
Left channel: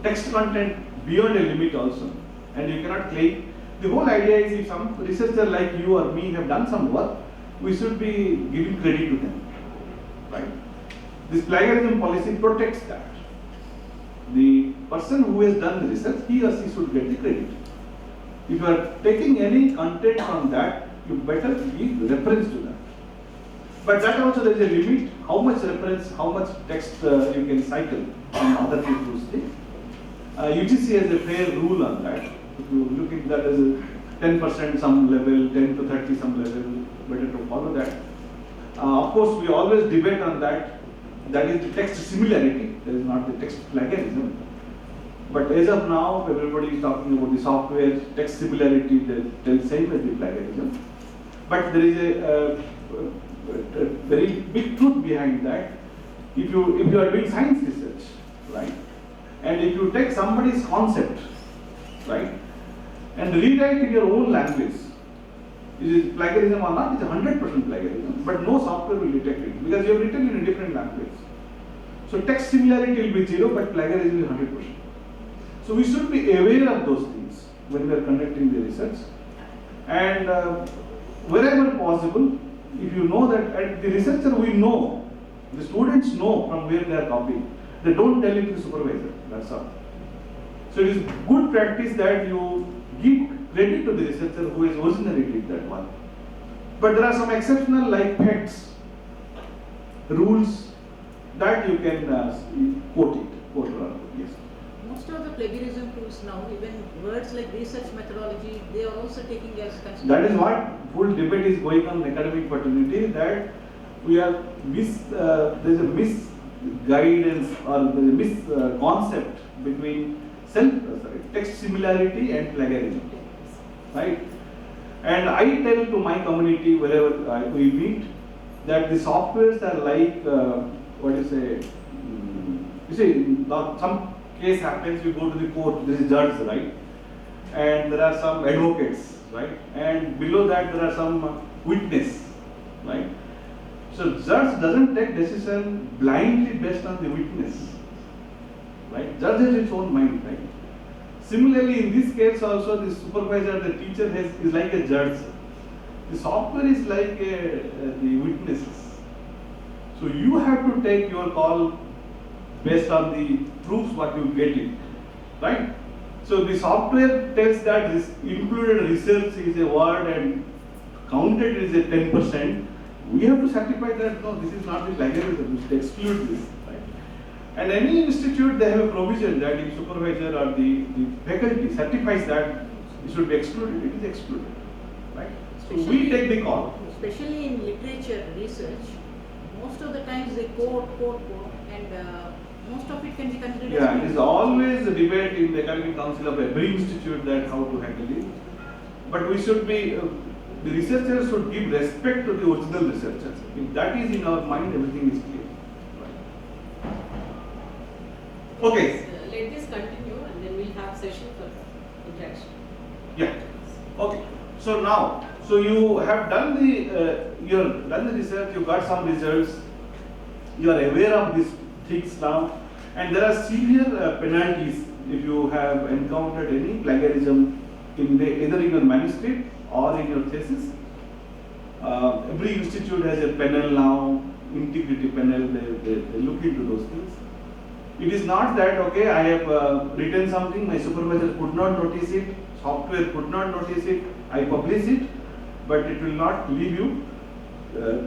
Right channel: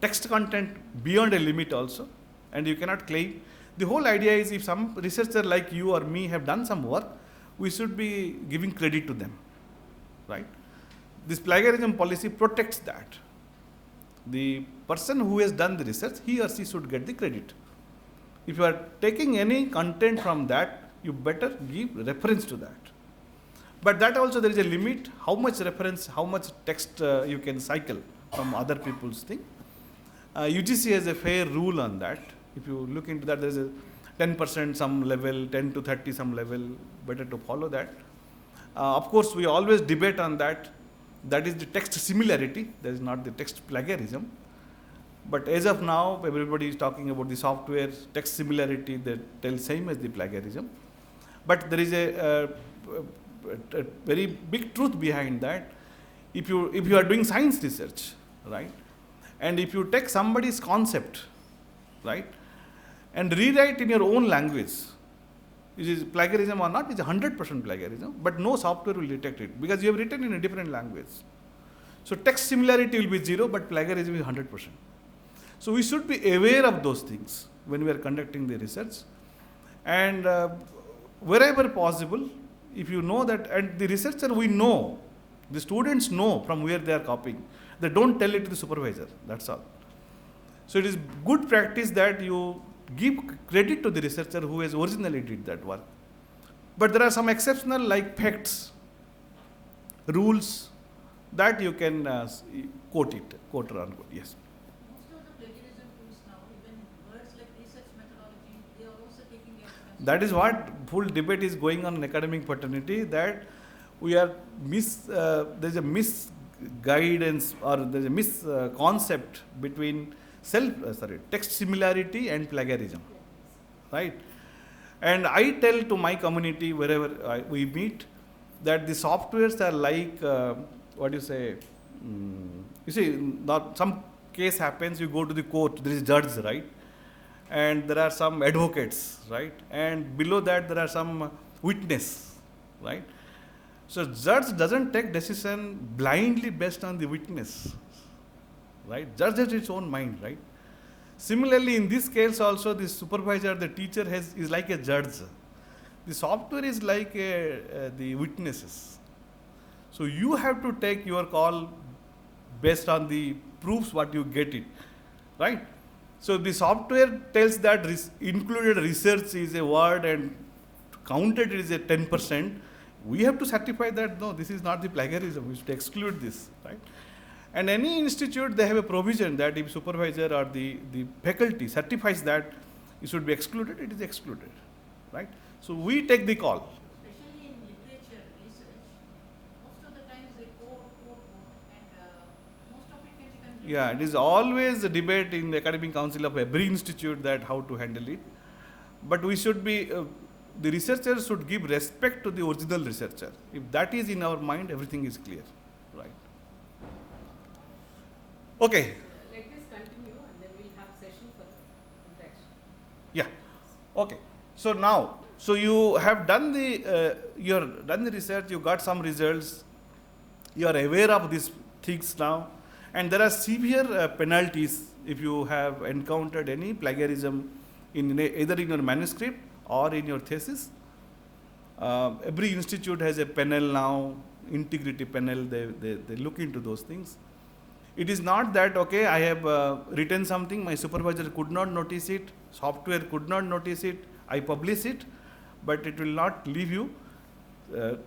text content beyond a limit also, and you cannot claim. The whole idea is if some researcher like you or me have done some work, we should be giving credit to them. Right? This plagiarism policy protects that. The person who has done the research, he or she should get the credit. If you are taking any content from that, you better give reference to that. But that also there is a limit, how much reference, how much text you can cycle on other people's thing. UTC has a fair rule on that. If you look into that, there's a 10% some level, 10 to 30 some level, better to follow that. Of course, we always debate on that. That is the text similarity, that is not the text plagiarism. But as of now, everybody is talking about the software text similarity, they tell same as the plagiarism. But there is a very big truth behind that. If you are doing science research, right, and if you take somebody's concept, right, and rewrite in your own language, which is plagiarism or not, it's 100% plagiarism, but no software will detect it because you have written in a different language. So text similarity will be 0, but plagiarism is 100%. So we should be aware of those things when we are conducting the research. And wherever possible, if you know that, and the researcher we know, the students know from where they are copying. They don't tell it to the supervisor, that's all. So it is good practice that you give credit to the researcher who has originally did that one. But there are some exceptional like facts, rules that you can quote around. Yes. Most of the plagiarism tools now, even words like research methodology, they are also taking as consideration. That is what full debate is going on in academic fraternity, that we are there is a misguidance or there is a misconcept between text similarity and plagiarism, right? And I tell to my community wherever we meet that the softwares are like you see, some case happens, you go to the court, there is judge, right? And there are some advocates, right? And below that there are some witness, right? So judge doesn't take decision blindly based on the witness, right? Judge has its own mind, right? Similarly, in this case also, the supervisor, the teacher is like a judge. The software is like the witnesses. So you have to take your call based on the proofs what you get it, right? So the software tells that included research is a word and counted is a 10%. We have to certify that no, this is not the plagiarism. We should exclude this, right? And any institute, they have a provision that if supervisor or the faculty certifies that it should be excluded, it is excluded, right? So we take the call. Especially in literature research, most of the times they quote, and most of it can be considered. Yeah, it is always a debate in the academic council of every institute that how to handle it. But we should be, the researchers should give respect to the original researcher. If that is in our mind, everything is clear. Right. Okay. Let this continue and then we'll have session for interaction. Yeah. Okay. So now, so you have done the research, you got some results, you are aware of these things now, and there are severe penalties if you have encountered any plagiarism either in your manuscript or in your thesis. Every institute has a panel now, integrity panel, they look into those things. It is not that, okay, I have written something, my supervisor could not notice it, software could not notice it, I publish it, but it will not leave you.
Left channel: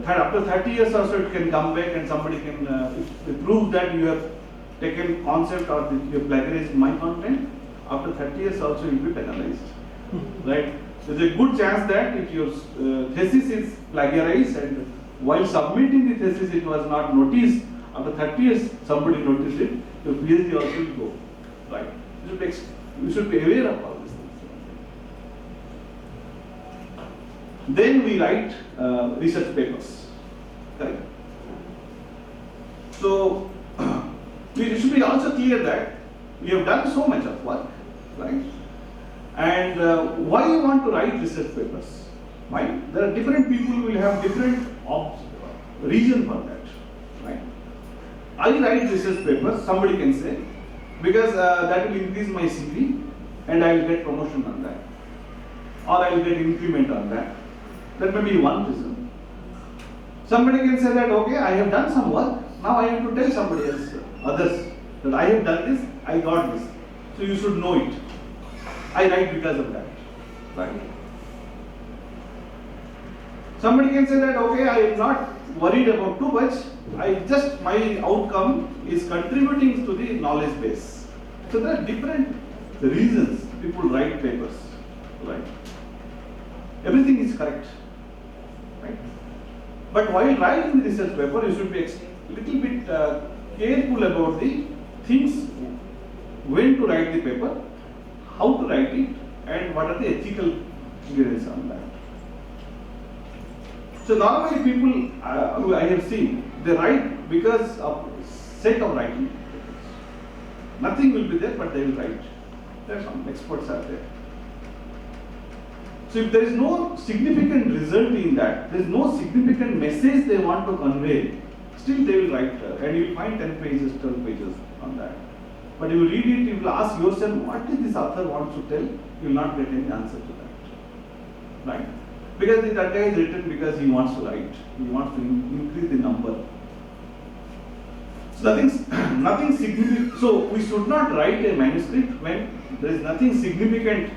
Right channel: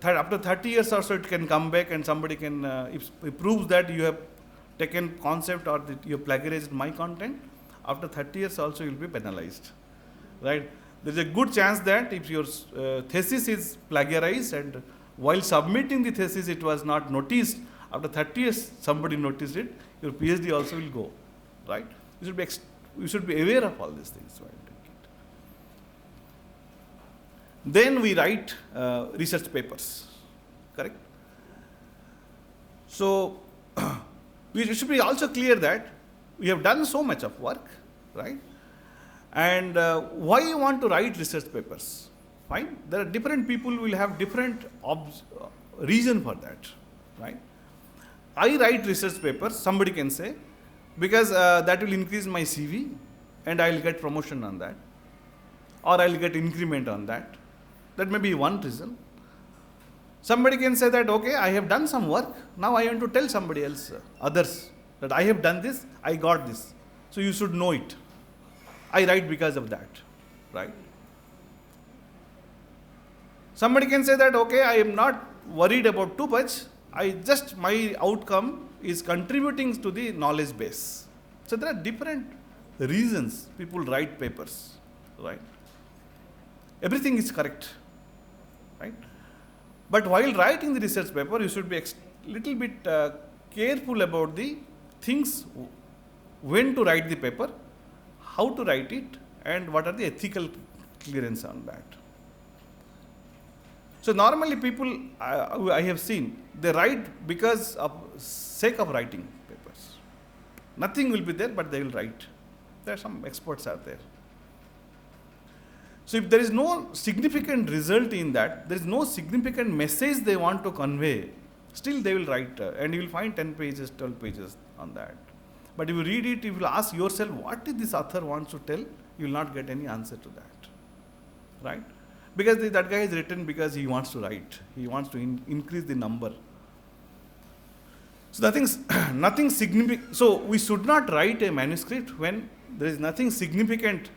After 30 years or so, it can come back and somebody can prove that you have taken concept or that you have plagiarized my content. After 30 years also, you will be penalized, right? There is a good chance that if your thesis is plagiarized and while submitting the thesis it was not noticed, after 30 years somebody noticed it, your PhD also will go, right? You should be aware of all these things. Then we write research papers, correct? So it should be also clear that we have done so much of work, right? And why you want to write research papers? Right? There are different people will have different reason for that, right? I write research papers, somebody can say, because that will increase my CV and I will get promotion on that, or I will get increment on that. That may be one reason. Somebody can say that, okay, I have done some work, now I have to tell somebody else, others, that I have done this, I got this. So you should know it. I write because of that, right? Somebody can say that, okay, I am not worried about too much, my outcome is contributing to the knowledge base. So there are different reasons people write papers, right? Everything is correct, right? But while writing the research paper, you should be little bit careful about the things, when to write the paper, how to write it, and what are the ethical clearance on that. So normally people, I have seen, they write because of sake of writing papers. Nothing will be there, but they will write. There are some experts out there. So if there is no significant result in that, there is no significant message they want to convey, still they will write, and you will find 10 pages, 12 pages on that. But if you read it, you will ask yourself, what did this author wants to tell? You will not get any answer to that, right? Because that guy is written because he wants to write. He wants to increase the number. So nothing significant. So we should not write a manuscript when there is nothing significant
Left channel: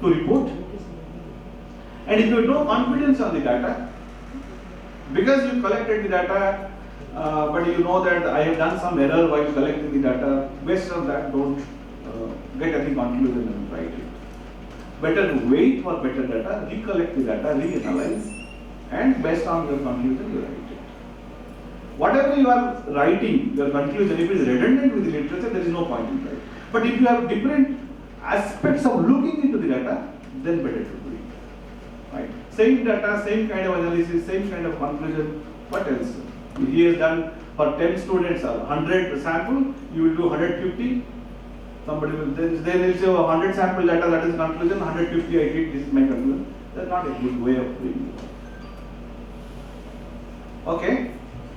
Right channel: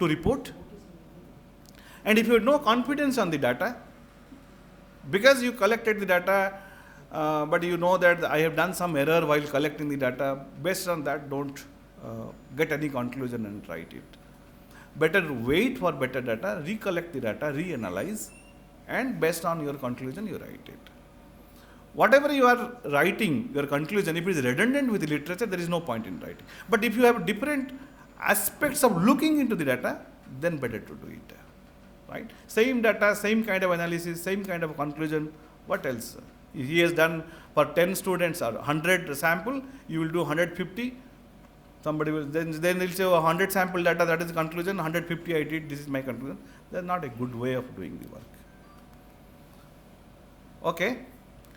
to report. And if you have no confidence on the data, because you collected the data, but you know that I have done some error while collecting the data, based on that, don't get any conclusion and write it. Better wait for better data, recollect the data, reanalyze, and based on your conclusion, you write it. Whatever you are writing, your conclusion, if it is redundant with the literature, there is no point in writing. But if you have different aspects of looking into the data, then better to do it. Right? Same data, same kind of analysis, same kind of conclusion. What else? He has done for 10 students, 100 sample, you will do 150. Somebody will then they will say 100 sample data, that is conclusion, 150 I did, this is my conclusion. That's not a good way of doing it. Okay?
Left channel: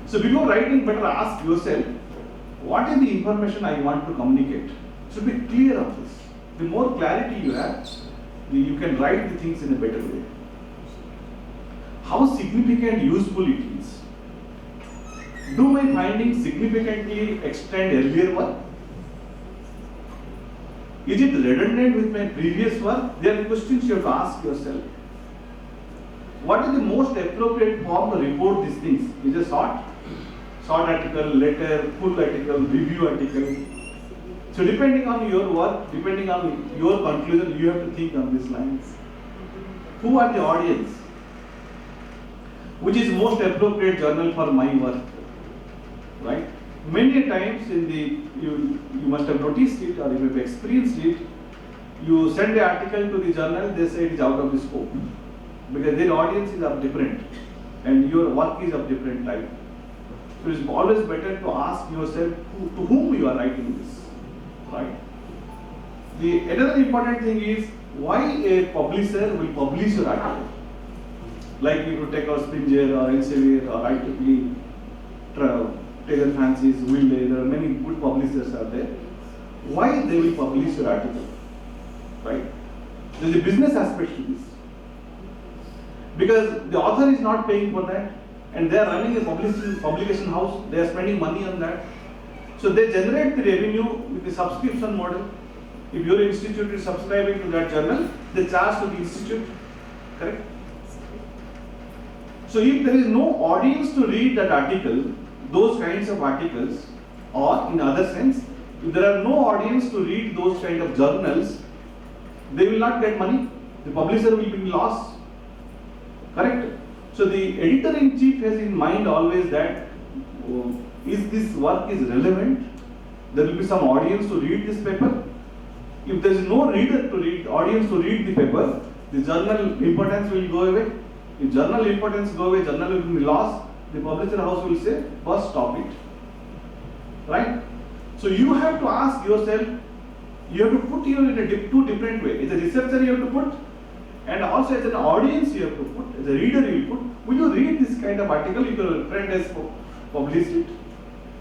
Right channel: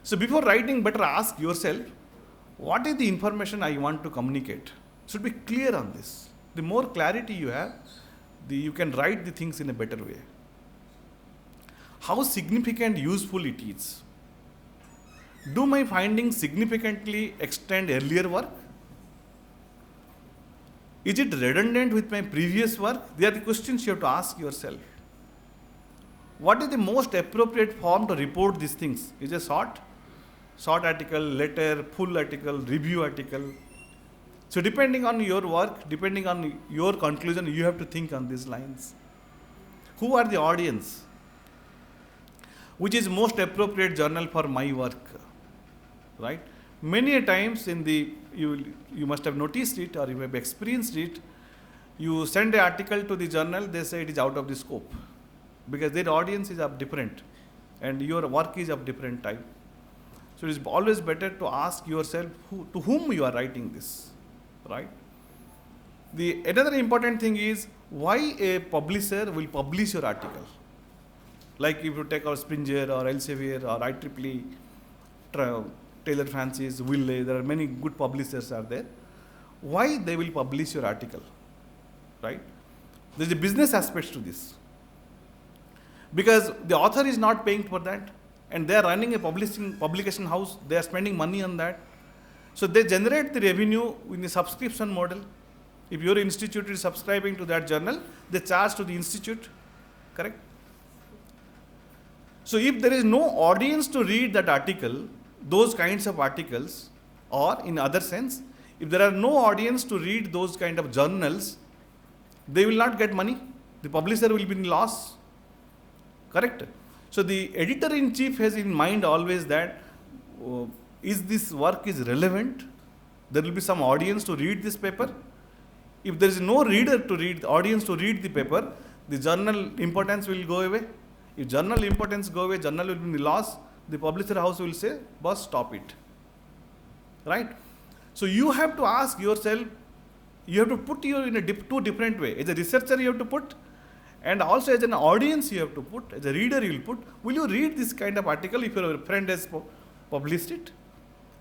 So before writing, better ask yourself, what is the information I want to communicate? Should be clear of this. The more clarity you have, you can write the things in a better way. How significant, useful it is. Do my findings significantly extend earlier work? Is it redundant with my previous work? There are questions you have to ask yourself. What is the most appropriate form to report these things? Is it short article, letter, full article, review article? So depending on your work, depending on your conclusion, you have to think on these lines. Who are the audience? Which is most appropriate journal for my work? Right? Many times you must have noticed it, or you may have experienced it. You send an article to the journal, they say it is out of the scope because their audience is of different and your work is of different type. So it is always better to ask yourself to whom you are writing this, right? Another important thing is why a publisher will publish your article. Like if you take our Springer or Elsevier or IEEE, Taylor Francis, Wiley, there are many good publishers are there. Why they will publish your article, right? There is a business aspect to this. Because the author is not paying for that and they are running a publication house, they are spending money on that. So they generate the revenue with the subscription model. If your institute is subscribing to that journal, they charge to the institute, correct? So if there is no audience to read that article, those kinds of articles, or in other sense, if there are no audience to read those kind of journals, they will not get money. The publisher will be in loss. Correct? So the editor-in-chief has in mind always that is this work is relevant? There will be some audience to read this paper. If there is no reader to read, audience to read the paper, the journal importance will go away. If journal importance go away, journal will be lost. The publisher house will say, boss, stop it. Right? So you have to ask yourself, you have to put you in two different ways. As a researcher you have to put, and also as an audience you have to put, as a reader you will put. Will you read this kind of article if your friend has published it?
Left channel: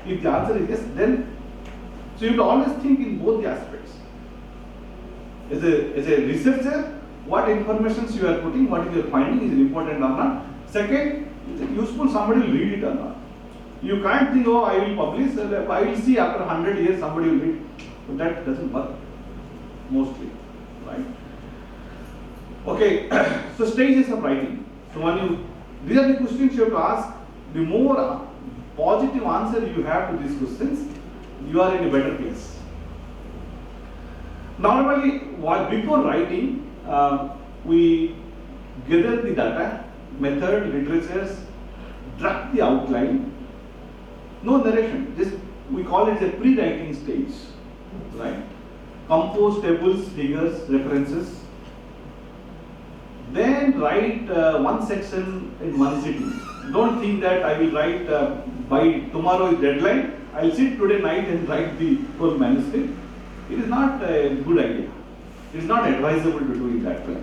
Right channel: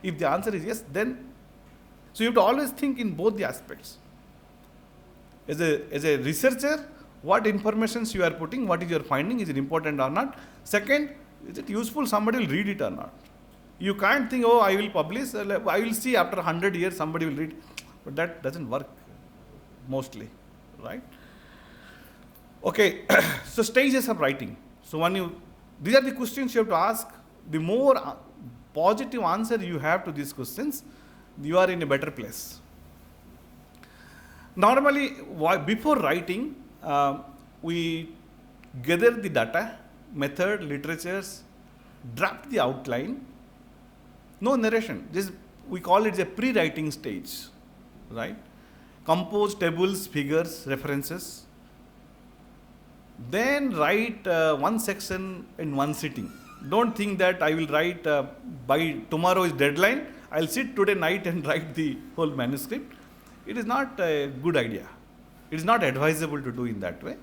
If the answer is yes, then, so you have to always think in both the aspects. As a researcher, what informations you are putting, what is your finding, is it important or not? Second, is it useful, somebody will read it or not? You can't think, oh, I will publish, I will see after 100 years somebody will read. But that doesn't work, mostly, right? Okay, so stages of writing. So these are the questions you have to ask. The more positive answer you have to these questions, you are in a better place. Normally, before writing, we gather the data, method, literatures, draft the outline, no narration, just we call it a pre-writing stage, right? Compose tables, figures, references, then write one section in one sitting. Don't think that I will write by tomorrow is deadline, I'll sit today night and write the whole manuscript. It is not a good idea. It is not advisable to do it that way.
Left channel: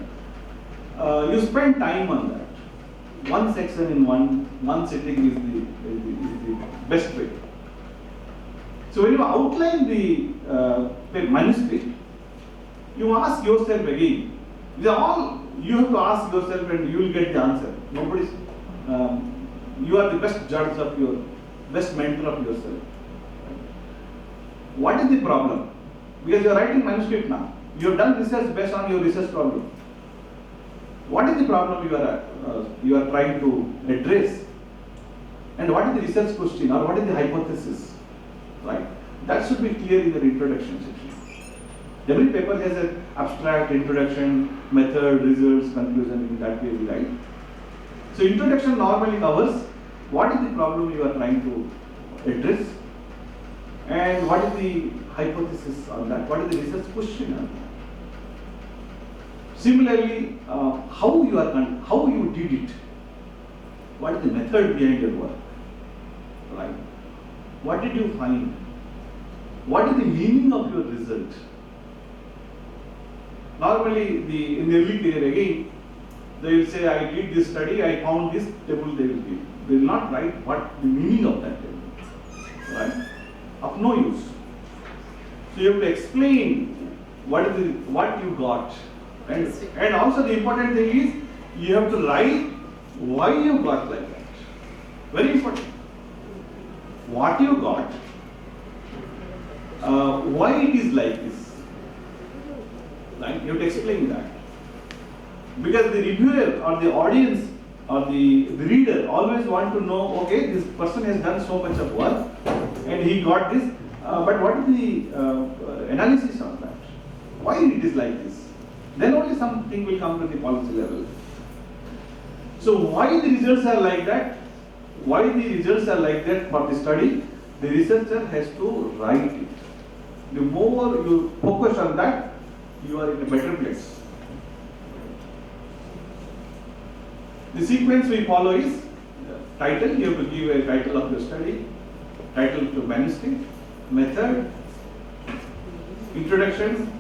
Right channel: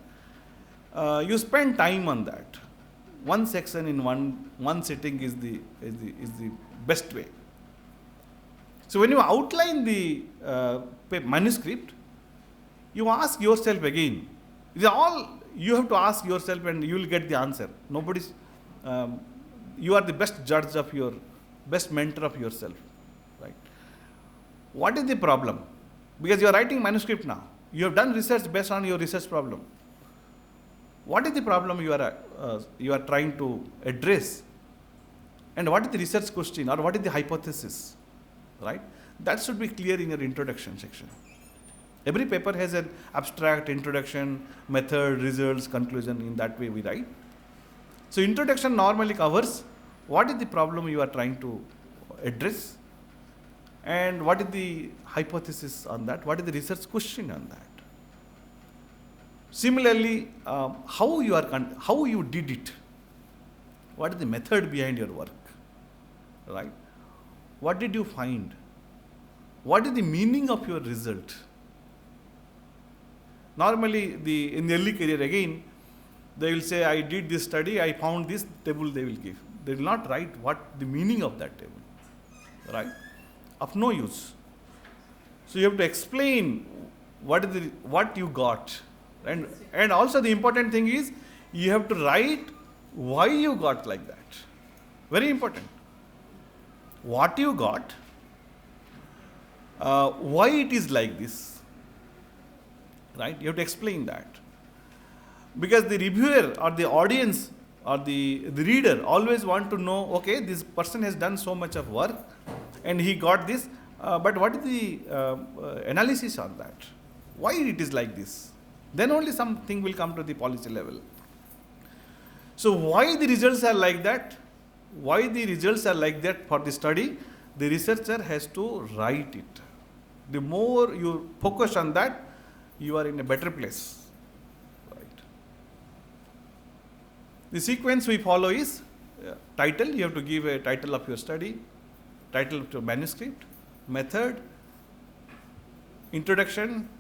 You spend time on that. One section in one sitting is the best way. So when you outline the manuscript, you ask yourself again. These are all you have to ask yourself, and you will get the answer. Nobody's. You are the best judge of your, best mentor of yourself. Right? What is the problem? Because you are writing manuscript now. You have done research based on your research problem. What is the problem you are trying to address? And what is the research question, or what is the hypothesis? Right? That should be clear in your introduction section. Every paper has an abstract, introduction, method, results, conclusion. In that way we write. So introduction normally covers what is the problem you are trying to address, and what is the hypothesis on that, what is the research question on that. Similarly, how you did it, what is the method behind your work, right? What did you find? What is the meaning of your result? Normally, in the early career again, they will say, I did this study, I found this table, they will give. They will not write what the meaning of that table, right? Of no use. So you have to explain what you got. And also the important thing is, you have to write why you got like that. Very important. What you got, why it is like this. Right? You have to explain that. Because the reviewer or the audience or the reader always want to know, okay, this person has done so much of work and he got this, but what is the analysis on that? Why it is like this? Then only something will come to the policy level. So why the results are like that? Why the results are like that for the study? The researcher has to write it. The more you focus on that, you are in a better place. The sequence we follow is title. You have to give a title of your study, title to manuscript, method, introduction,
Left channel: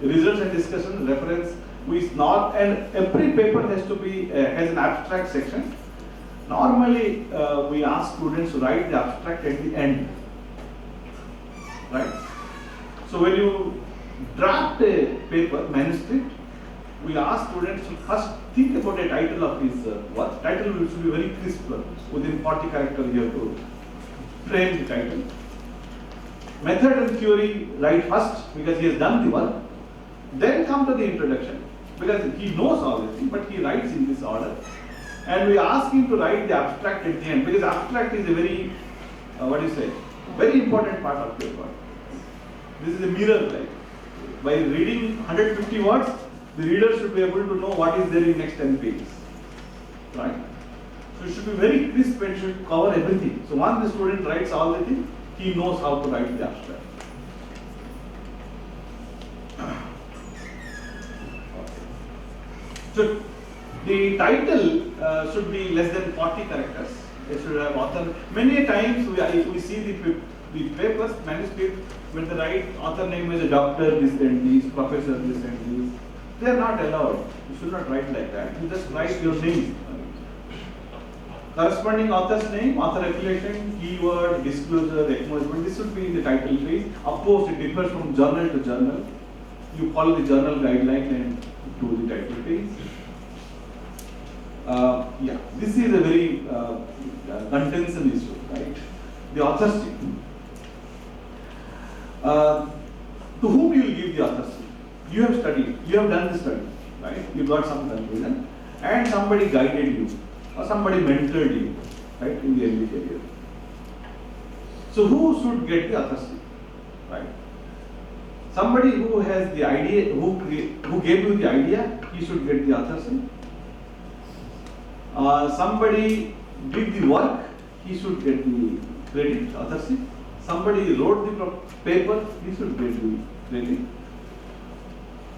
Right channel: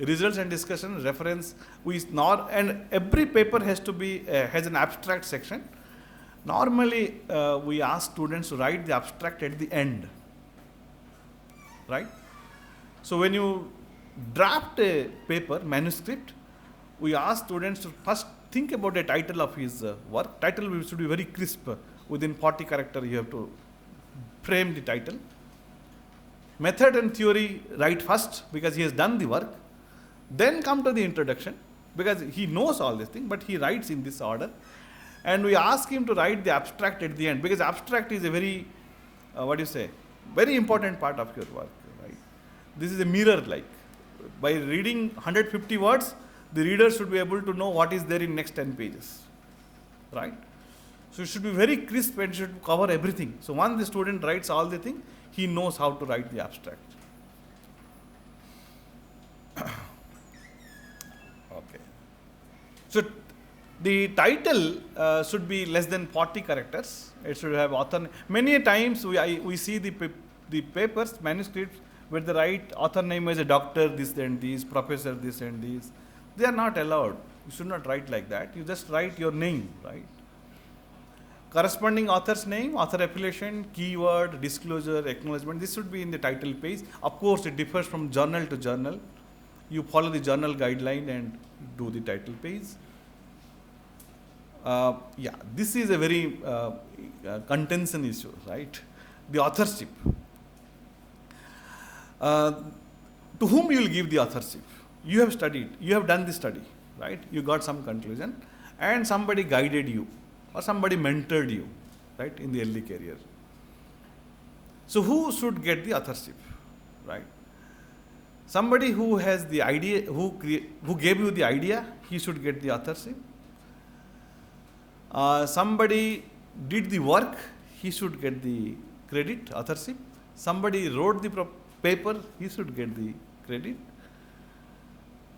results and discussion, reference. And every paper has to be has an abstract section. Normally, we ask students to write the abstract at the end, right? So when you draft a paper, manuscript, we ask students to first think about a title of his work. Title should be very crisp. Within 40 characters, you have to frame the title. Method and theory write first because he has done the work. Then come to the introduction because he knows all these things, but he writes in this order. And we ask him to write the abstract at the end because abstract is a very, very important part of your work. This is a mirror like. By reading 150 words, the reader should be able to know what is there in next 10 pages, right? So it should be very crisp and should cover everything. So once the student writes all the things, he knows how to write the abstract. Okay. So the title should be less than 40 characters. It should have author. Many times we see the papers, manuscripts, when they write author name as a doctor, this and this, professor, this and this. They are not allowed. You should not write like that. You just write your name. Right? Corresponding author's name, author affiliation, keyword, disclosure, acknowledgement. This should be in the title page. Of course, it differs from journal to journal. You follow the journal guideline and do the title page. This is a very contention issue, right? The authorship. To whom you will give the authorship? You have studied, you have done the study, right? You got some conclusion, and somebody guided you, or somebody mentored you, right, in the early career. So who should get the authorship, right? Somebody who has the idea, who gave you the idea, he should get the authorship. Somebody did the work, he should get the credit, authorship. Somebody wrote the paper, he should get the credit.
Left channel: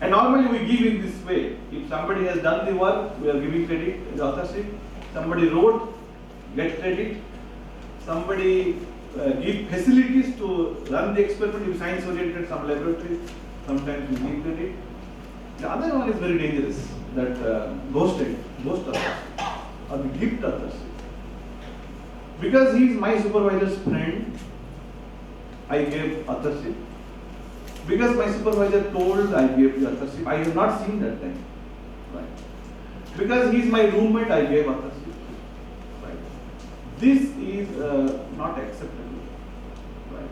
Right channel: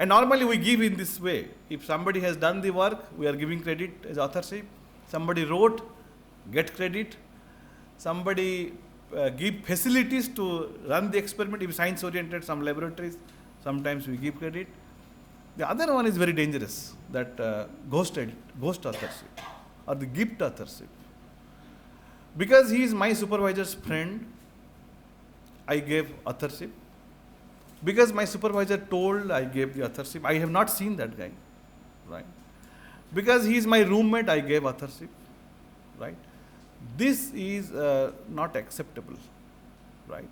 And normally we give in this way. If somebody has done the work, we are giving credit as authorship. Somebody wrote, get credit. Somebody give facilities to run the experiment. If science oriented, some laboratories, sometimes we give credit. The other one is very dangerous, that ghost authorship or the gift authorship. Because he is my supervisor's friend, I gave authorship. Because my supervisor told, I gave the authorship. I have not seen that guy. Right? Because he is my roommate, I gave authorship. Right? This is not acceptable. Right?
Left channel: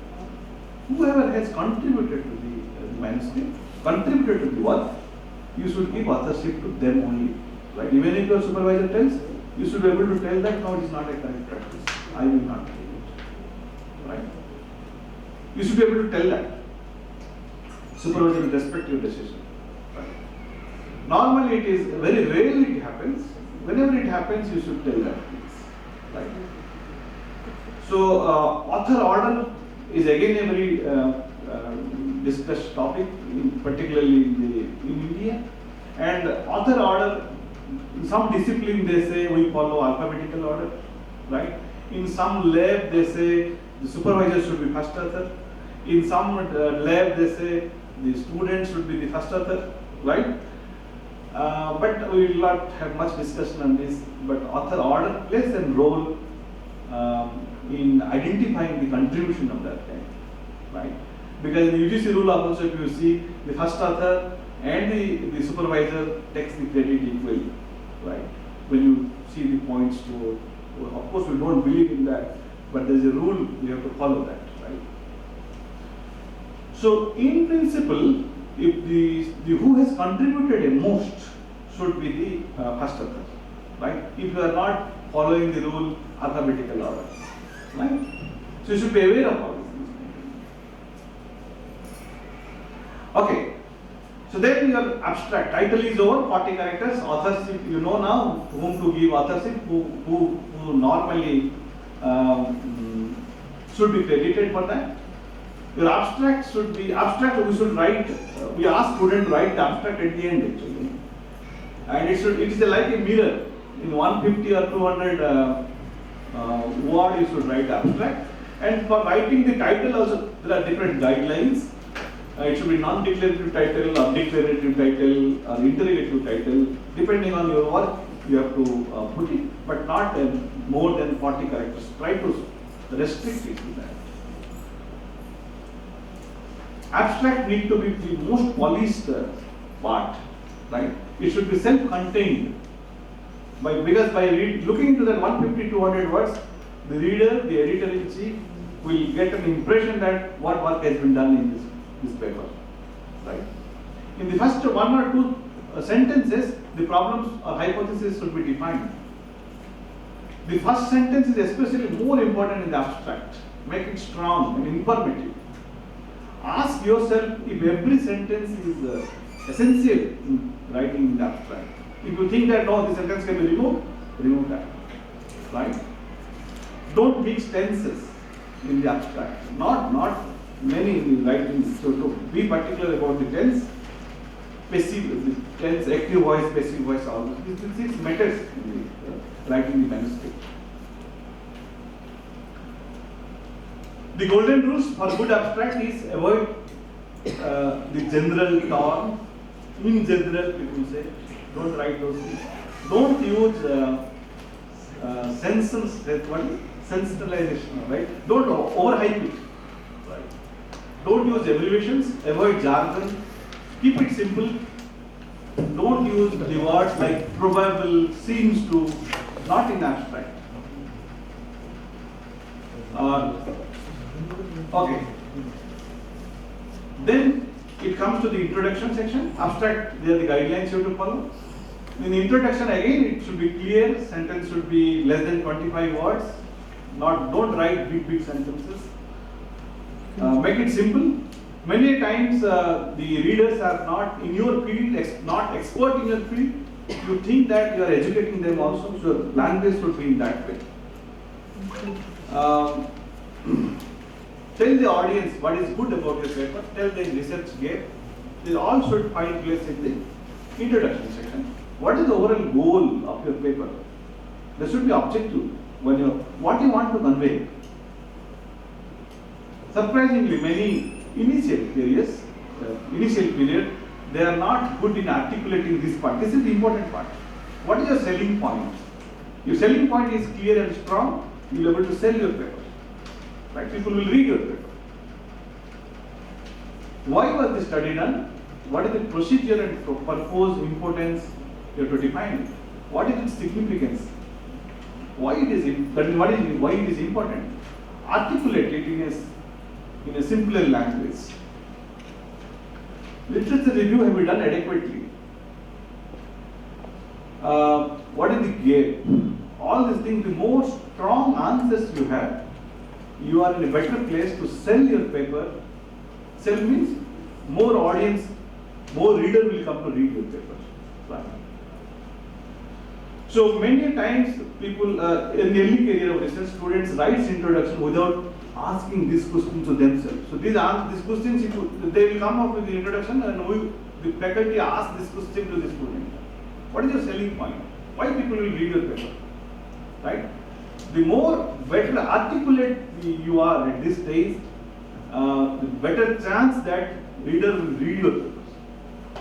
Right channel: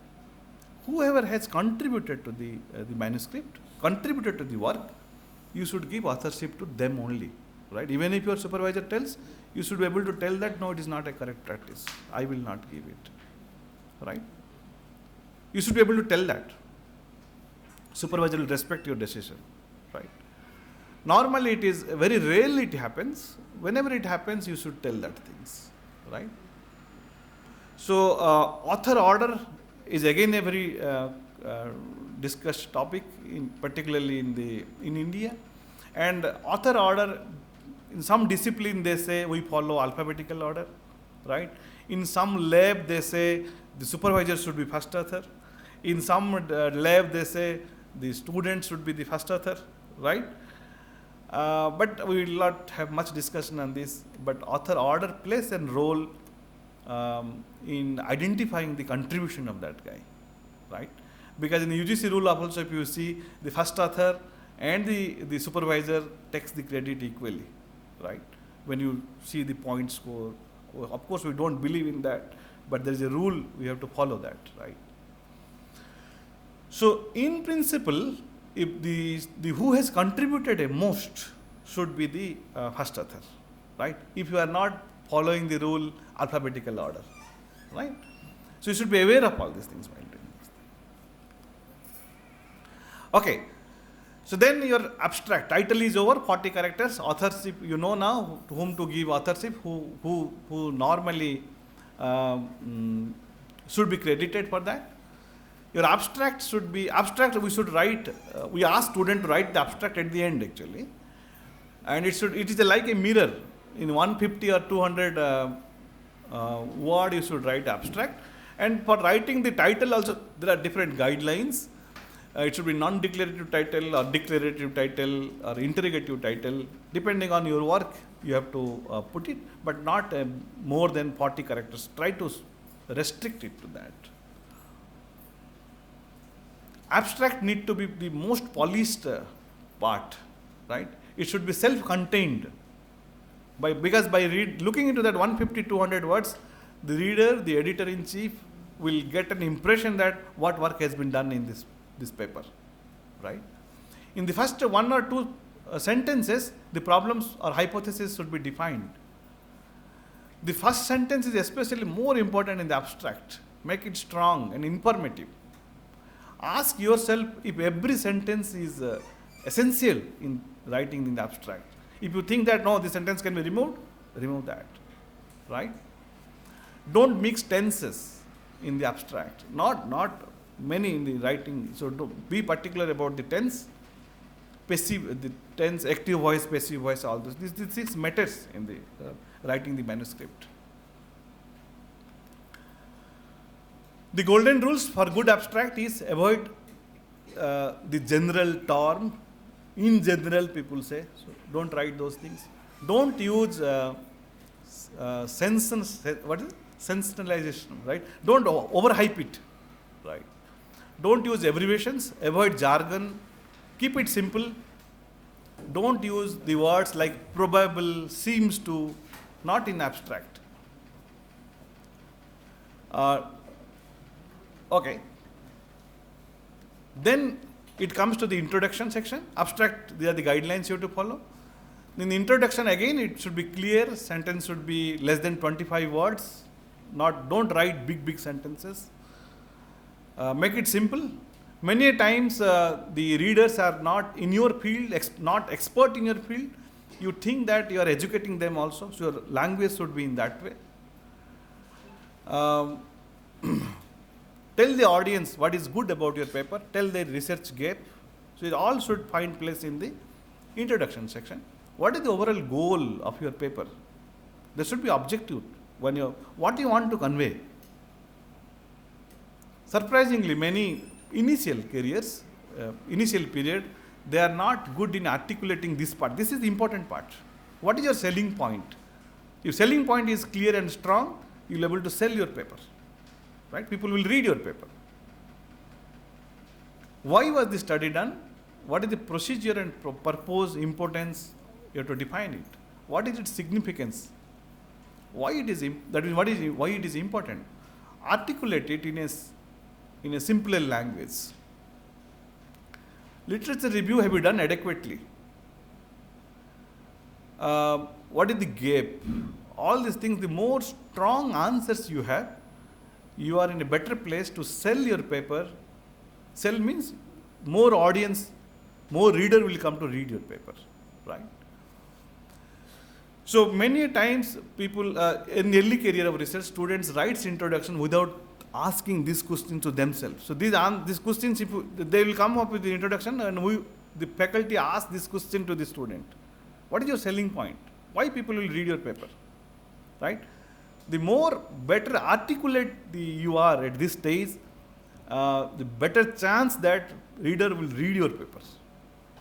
Whoever has contributed to the manuscript, contributed to the work, you should give authorship to them only. Right? Even if your supervisor tells, you should be able to tell that no, it is not a correct practice. I will not give it. Right? You should be able to tell that. Supervisor will respect your decision. Right? Normally it is, very rarely it happens. Whenever it happens, you should tell that things. Right? So author order is again a very discussed topic, particularly in India. And author order, in some discipline they say we follow alphabetical order, right? In some lab they say the supervisor should be first author. In some lab they say the student should be the first author, right? But we will not have much discussion on this. But author order plays a role in identifying the contribution of that guy, right? Because in the UGC rule of authorship, you see the first author and the supervisor takes the credit equally, right? When you see the points score, of course we don't believe in that, but there is a rule, we have to follow that, right? So in principle, if the who has contributed a most should be the first author, right? If you are not following the rule alphabetical order, right? So you should be aware of all these things. Okay. So then your abstract title is over, 40 characters. Authorship, you know now whom to give authorship, who normally should be credited for that. Your abstract should be, we should write, we ask student to write the abstract at the end actually. And it is like a mirror. In 150 or 200 word you should write abstract. And for writing the title also there are different guidelines. It should be non-declarative title or declarative title or interrogative title. Depending on your work, you have to put it, but not more than 40 characters. Try to restrict it to that. Abstract need to be the most polished part, right? It should be self-contained. Because by looking into that 150-200 words, the reader, the editor-in-chief will get an impression that what work has been done in this paper, right? In the first one or two sentences, the problems or hypotheses should be defined. The first sentence is especially more important in the abstract. Make it strong and informative. Ask yourself if every sentence is essential in writing in the abstract. If you think that no, the sentence can be removed, remove that, right? Don't mix tenses in the abstract. Not many in the writing. So to be particular about the tense, passive, the tense, active voice, passive voice, all this. These matters in the writing the manuscript. The golden rules for good abstract is avoid the general term. In general, people say, don't write those things. Don't use sensationalization, right? Don't overhype it, right? Don't use abbreviations, avoid jargon, keep it simple. Don't use the words like probable, seems to, not in abstract. Okay. Then it comes to the introduction section. Abstract, they are the guidelines you have to follow. In the introduction, again, it should be clear. Sentence should be less than 25 words. Don't write big sentences. Make it simple. Many times the readers are not in your field, not expert in your field. You think that you are educating them also, so your language should be in that way. Tell the audience what is good about your paper. Tell the research gap. So it all should find place in the introduction section. What is the overall goal of your paper? There should be objective. What you want to convey. Surprisingly, many initial careers, initial period, they are not good in articulating this part. This is the important part. What is your selling point? Your selling point is clear and strong, you will be able to sell your paper. Right? People will read your paper. Why was the study done? What is the procedure and purpose, importance? You have to define it. What is its significance? Why it is why it is important? Articulate it in a simpler language. Literature review have been done adequately. What is the gap? All these things, the more strong answers you have, you are in a better place to sell your paper. Sell means more audience, more reader will come to read your paper. Right? So many times people in the early career of research, students writes introduction without asking this question to themselves. So these questions, they will come up with the introduction, and the faculty ask this question to the student. What is your selling point? Why people will read your paper? Right? The more better articulate you are at this stage, the better chance that reader will read your papers.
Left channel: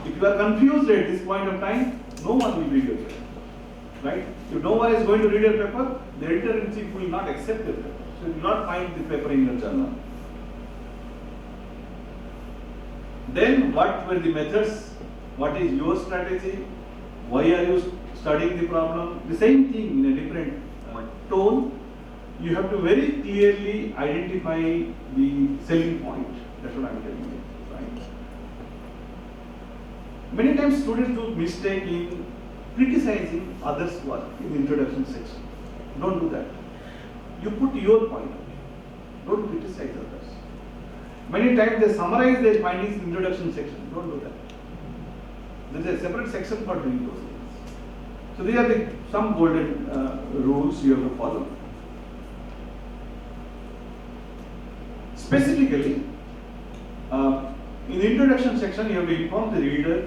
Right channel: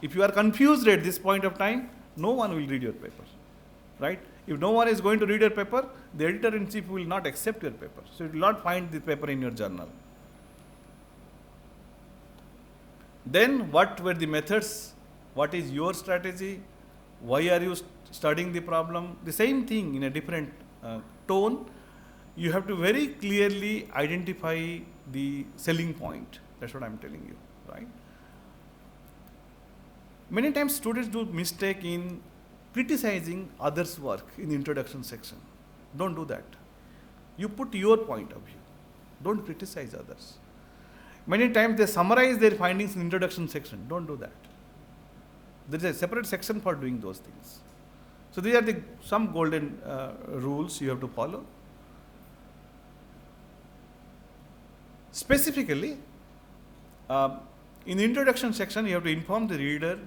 If you are confused at this point of time, no one will read your paper. Right? If no one is going to read your paper, the editor-in-chief will not accept your paper. So you will not find the paper in your journal. Then what were the methods? What is your strategy? Why are you studying the problem? The same thing in a different tone. You have to very clearly identify the selling point. That's what I am telling you. Right? Many times students do mistake in criticizing others' work in the introduction section. Don't do that. You put your point of view. Don't criticize others. Many times they summarize their findings in introduction section. Don't do that. There is a separate section for doing those things. So these are some golden rules you have to follow. Specifically, in the introduction section, you have to inform the reader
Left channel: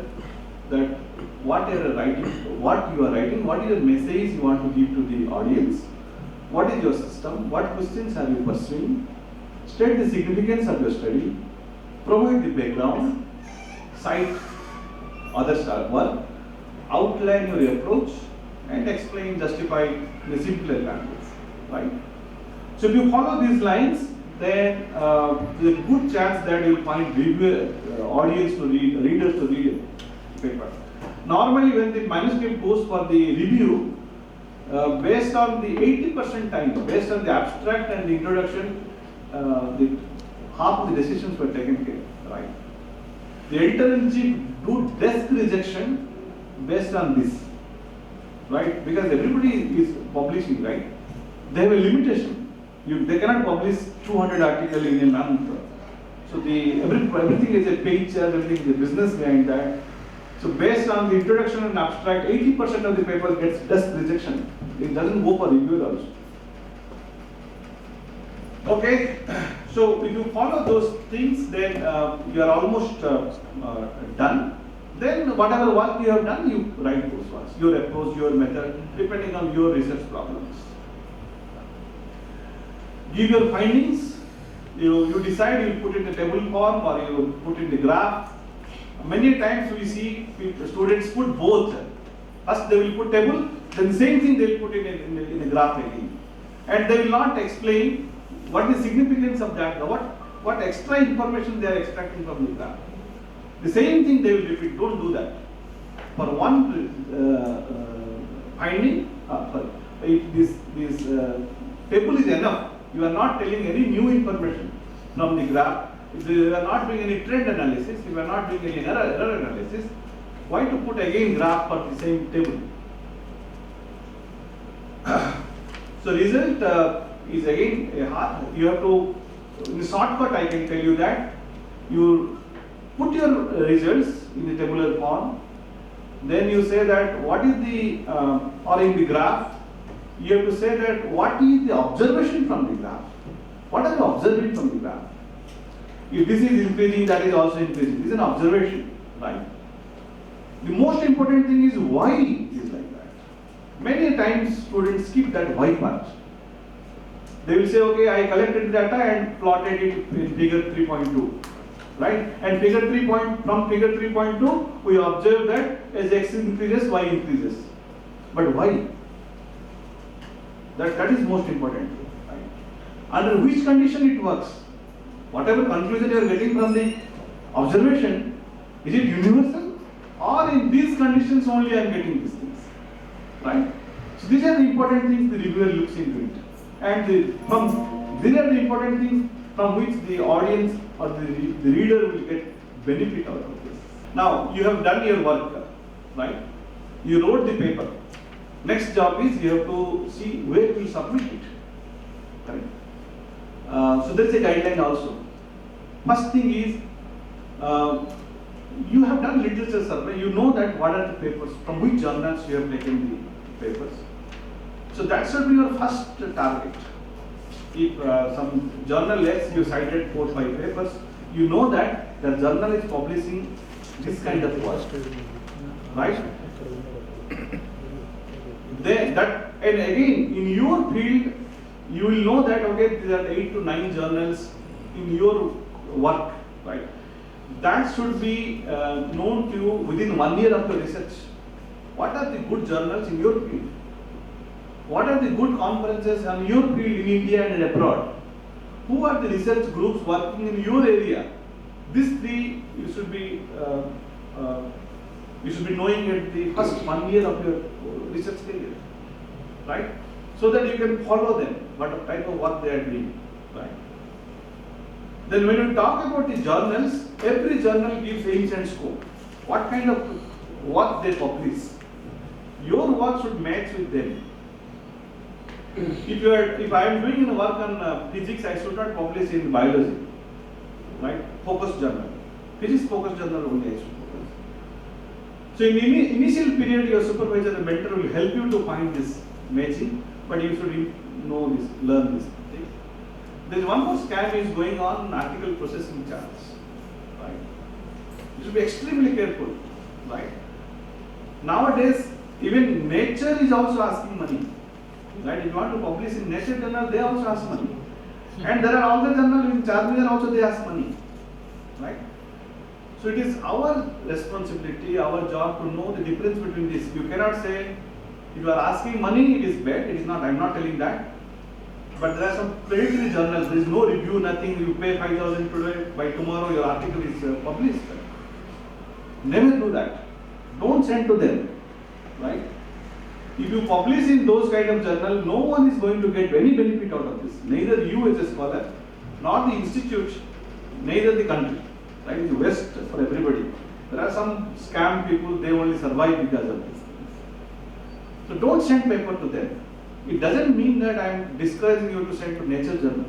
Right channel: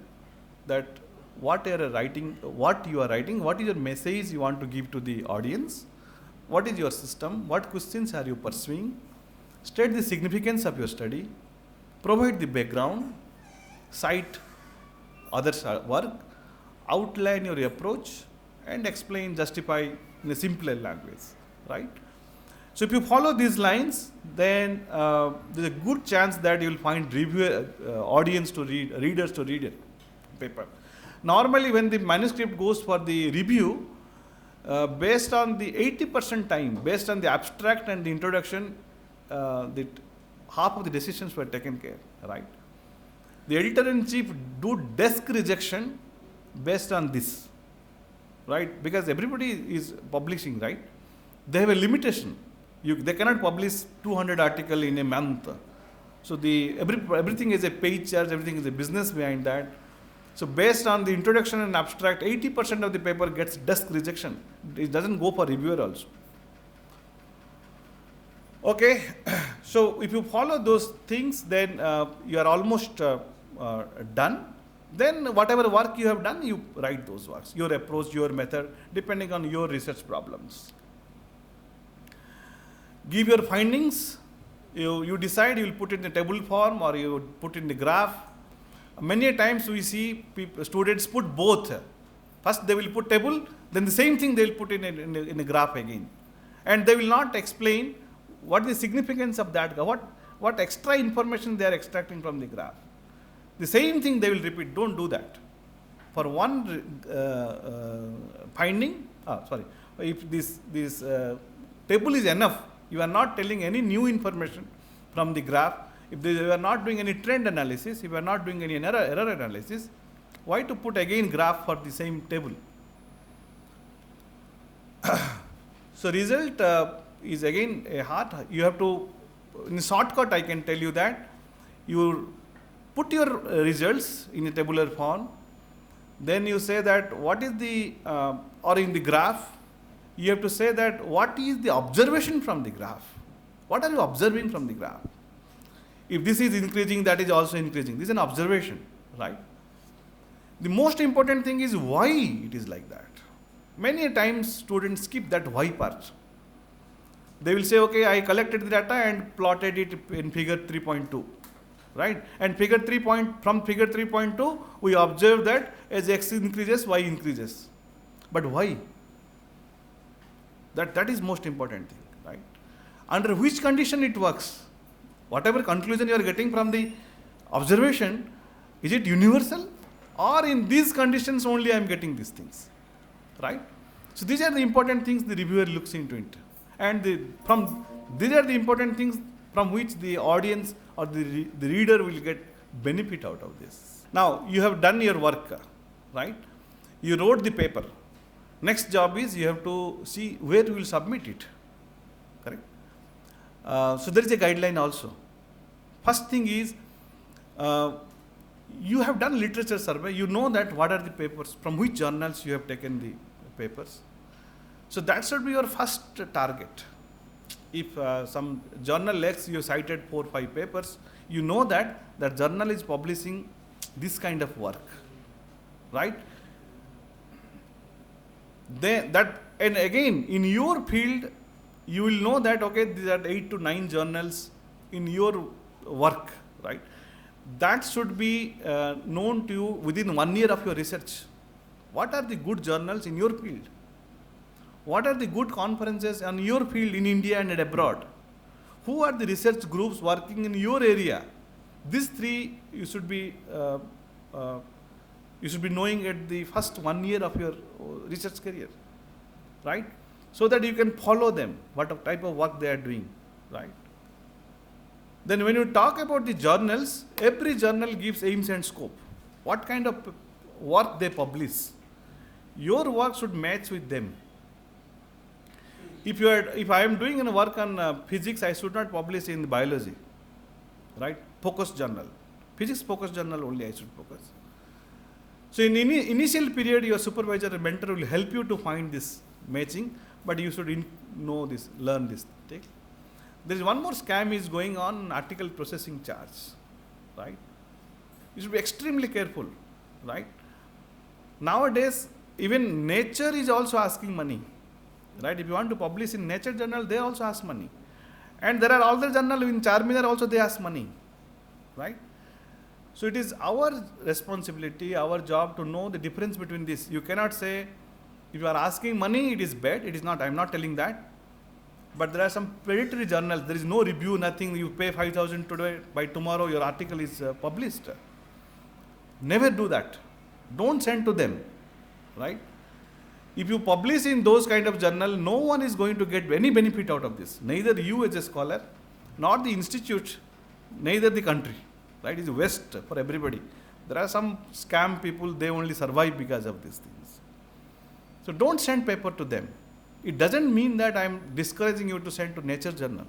that what you are writing, what is the message you want to give to the audience, what is your system, what questions are you pursuing, state the significance of your study, provide the background, cite others' work, outline your approach, and explain, justify in a simpler language. Right? So if you follow these lines, then there's a good chance that you will find readers to read a paper. Normally, when the manuscript goes for the review, based on the 80% time, based on the abstract and the introduction, half of the decisions were taken care. Right? The editor-in-chief do desk rejection based on this, right? Because everybody is publishing, right? They have a limitation. They cannot publish 200 articles in a month. So everything is a page charge, everything is a business behind that. So based on the introduction and abstract, 80% of the paper gets desk rejection. It doesn't go for reviewer also. Okay, so if you follow those things, then you are almost done. Then whatever work you have done, you write those works, your approach, your method, depending on your research problems. Give your findings. You decide you will put it in a table form or you will put in the graph. Many times we see students put both. First they will put table, then the same thing they will put in a graph again. And they will not explain what is the significance of that, what extra information they are extracting from the graph. The same thing they will repeat. Don't do that. For one finding, if this table is enough, you are not telling any new information from the graph. If you are not doing any trend analysis, if you are not doing any error analysis, why to put again graph for the same table? So result is again a hard. You have to, in shortcut I can tell you that, you put your results in a tabular form, then you say that what is the, or in the graph, you have to say that what is the observation from the graph. What are you observing from the graph? If this is increasing, that is also increasing. This is an observation, right? The most important thing is why it is like that. Many times students skip that why part. They will say, okay, I collected the data and plotted it in figure 3.2, right? And from figure 3.2, we observe that as x increases, y increases. But why? That is most important thing, right? Under which condition it works? Whatever conclusion you are getting from the observation, is it universal? Or in these conditions only I am getting these things, right? So these are the important things the reviewer looks into it. And these are the important things from which the audience or the reader will get benefit out of this. Now, you have done your work, right? You wrote the paper. Next job is you have to see where you will submit it, right? So there is a guideline also. First thing is, you have done literature survey, you know that what are the papers, from which journals you have taken the papers. So that should be your first target. If some journal lets you cited 4 or 5 papers, you know that the journal is publishing this kind of work, right? And again, in your field, you will know that, okay, these are 8 to 9 journals in your work, right? That should be known to you within 1 year of your research. What are the good journals in your field? What are the good conferences on your field in India and abroad? Who are the research groups working in your area? These 3 you should be knowing at the first 1 year of your research career, right? So that you can follow them, what type of work they are doing, right? Then when you talk about the journals, every journal gives aims and scope. What kind of work they publish? Your work should match with them. If I am doing a work on physics, I should not publish in biology, right? Focus journal. Physics focus journal only I should focus. So in initial period, your supervisor or mentor will help you to find this matching, but you should know this, learn this thing. There is one more scam is going on, article processing charge, right? You should be extremely careful, right? Nowadays, even Nature is also asking money. Right? If you want to publish in Nature journal, they also ask money. And there are other journals in Charminar also they ask money. Right? So it is our responsibility, our job to know the difference between this. You cannot say, if you are asking money, it is bad. It is not, I am not telling that. But there are some predatory journals, there is no review, nothing, you pay 5,000 today, by tomorrow your article is published. Never do that. Don't send to them. Right? If you publish in those kind of journal, no one is going to get any benefit out of this. Neither you as a scholar, nor the institute, neither the country. Right? It's waste for everybody. There are some scam people, they only survive because of these things. So don't send paper to them. It doesn't mean that I am discouraging you to send to Nature journal.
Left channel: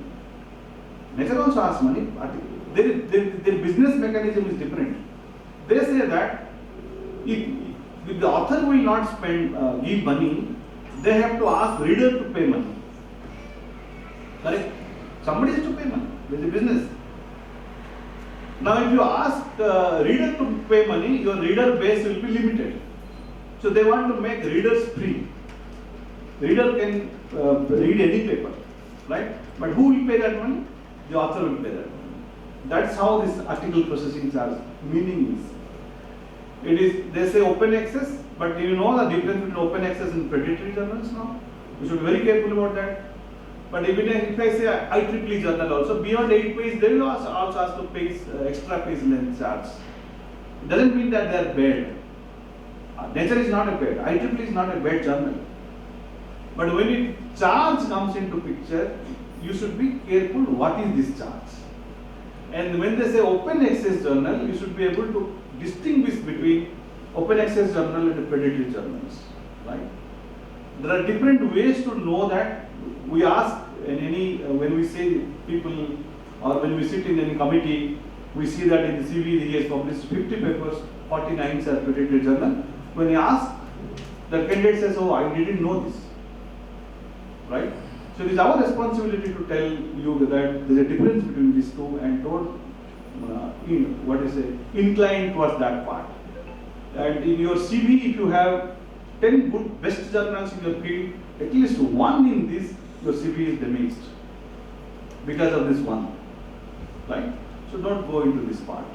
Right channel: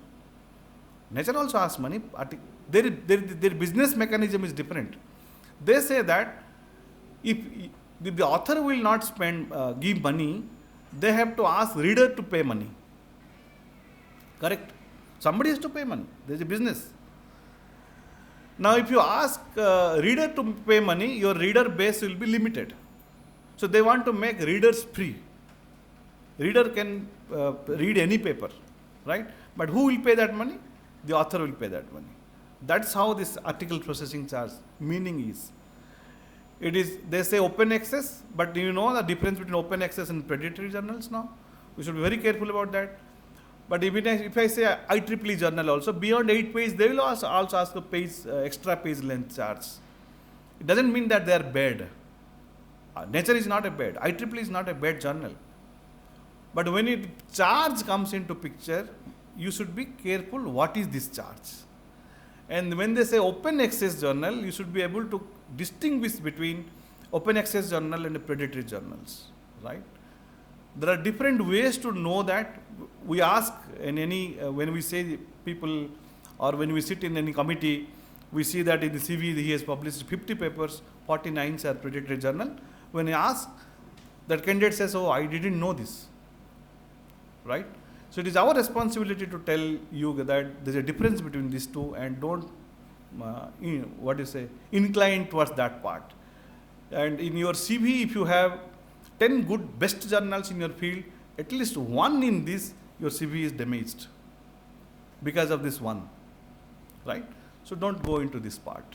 Nature also asks money. Their business mechanism is different. They say that if the author will not give money, they have to ask reader to pay money. Correct? Somebody has to pay money. There is a business. Now, if you ask reader to pay money, your reader base will be limited. So they want to make readers free. Reader can read any paper, right? But who will pay that money? The author will pay that money. That's how this article processing charge meaning is. It is, they say open access, but you know the difference between open access and predatory journals now? You should be very careful about that. But if I say IEEE journal also, beyond 8 pages, they will also ask the extra page length charge. It doesn't mean that they are bad. Nature is not a bad, IEEE is not a bad journal. But when charge comes into picture, you should be careful what is this charge. And when they say open access journal, you should be able to distinguish between open access journal and predatory journals, right? There are different ways to know that. We ask in any, when we say people, or when we sit in any committee, we see that in the CV he has published 50 papers, 49 are predatory journal. When I ask, the candidate says, oh, I didn't know this, right? So it is our responsibility to tell you that there is a difference between these two and don't incline towards that part. And in your CV, if you have 10 good best journals in your field, at least one in this, your CV is damaged because of this one, right? So don't go into this part.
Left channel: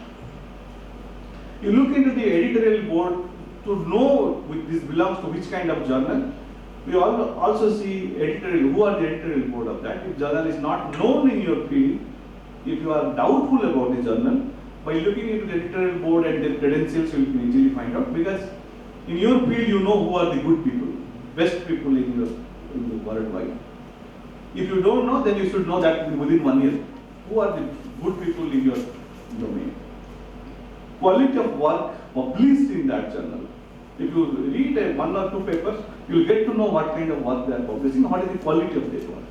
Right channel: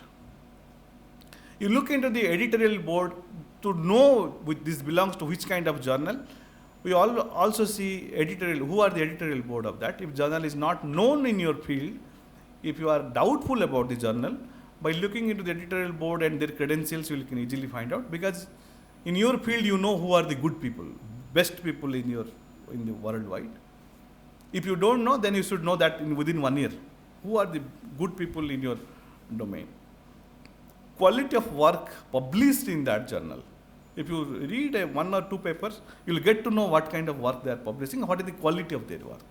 You look into the editorial board to know which this belongs to which kind of journal. We also see editorial, who are the editorial board of that. If journal is not known in your field, if you are doubtful about the journal, by looking into the editorial board and their credentials, you can easily find out, because in your field you know who are the good people, best people in the worldwide. If you don't know, then you should know that within 1 year. Who are the good people in your domain? Quality of work published in that journal. If you read 1 or 2 papers, you will get to know what kind of work they are publishing, what is the quality of their work.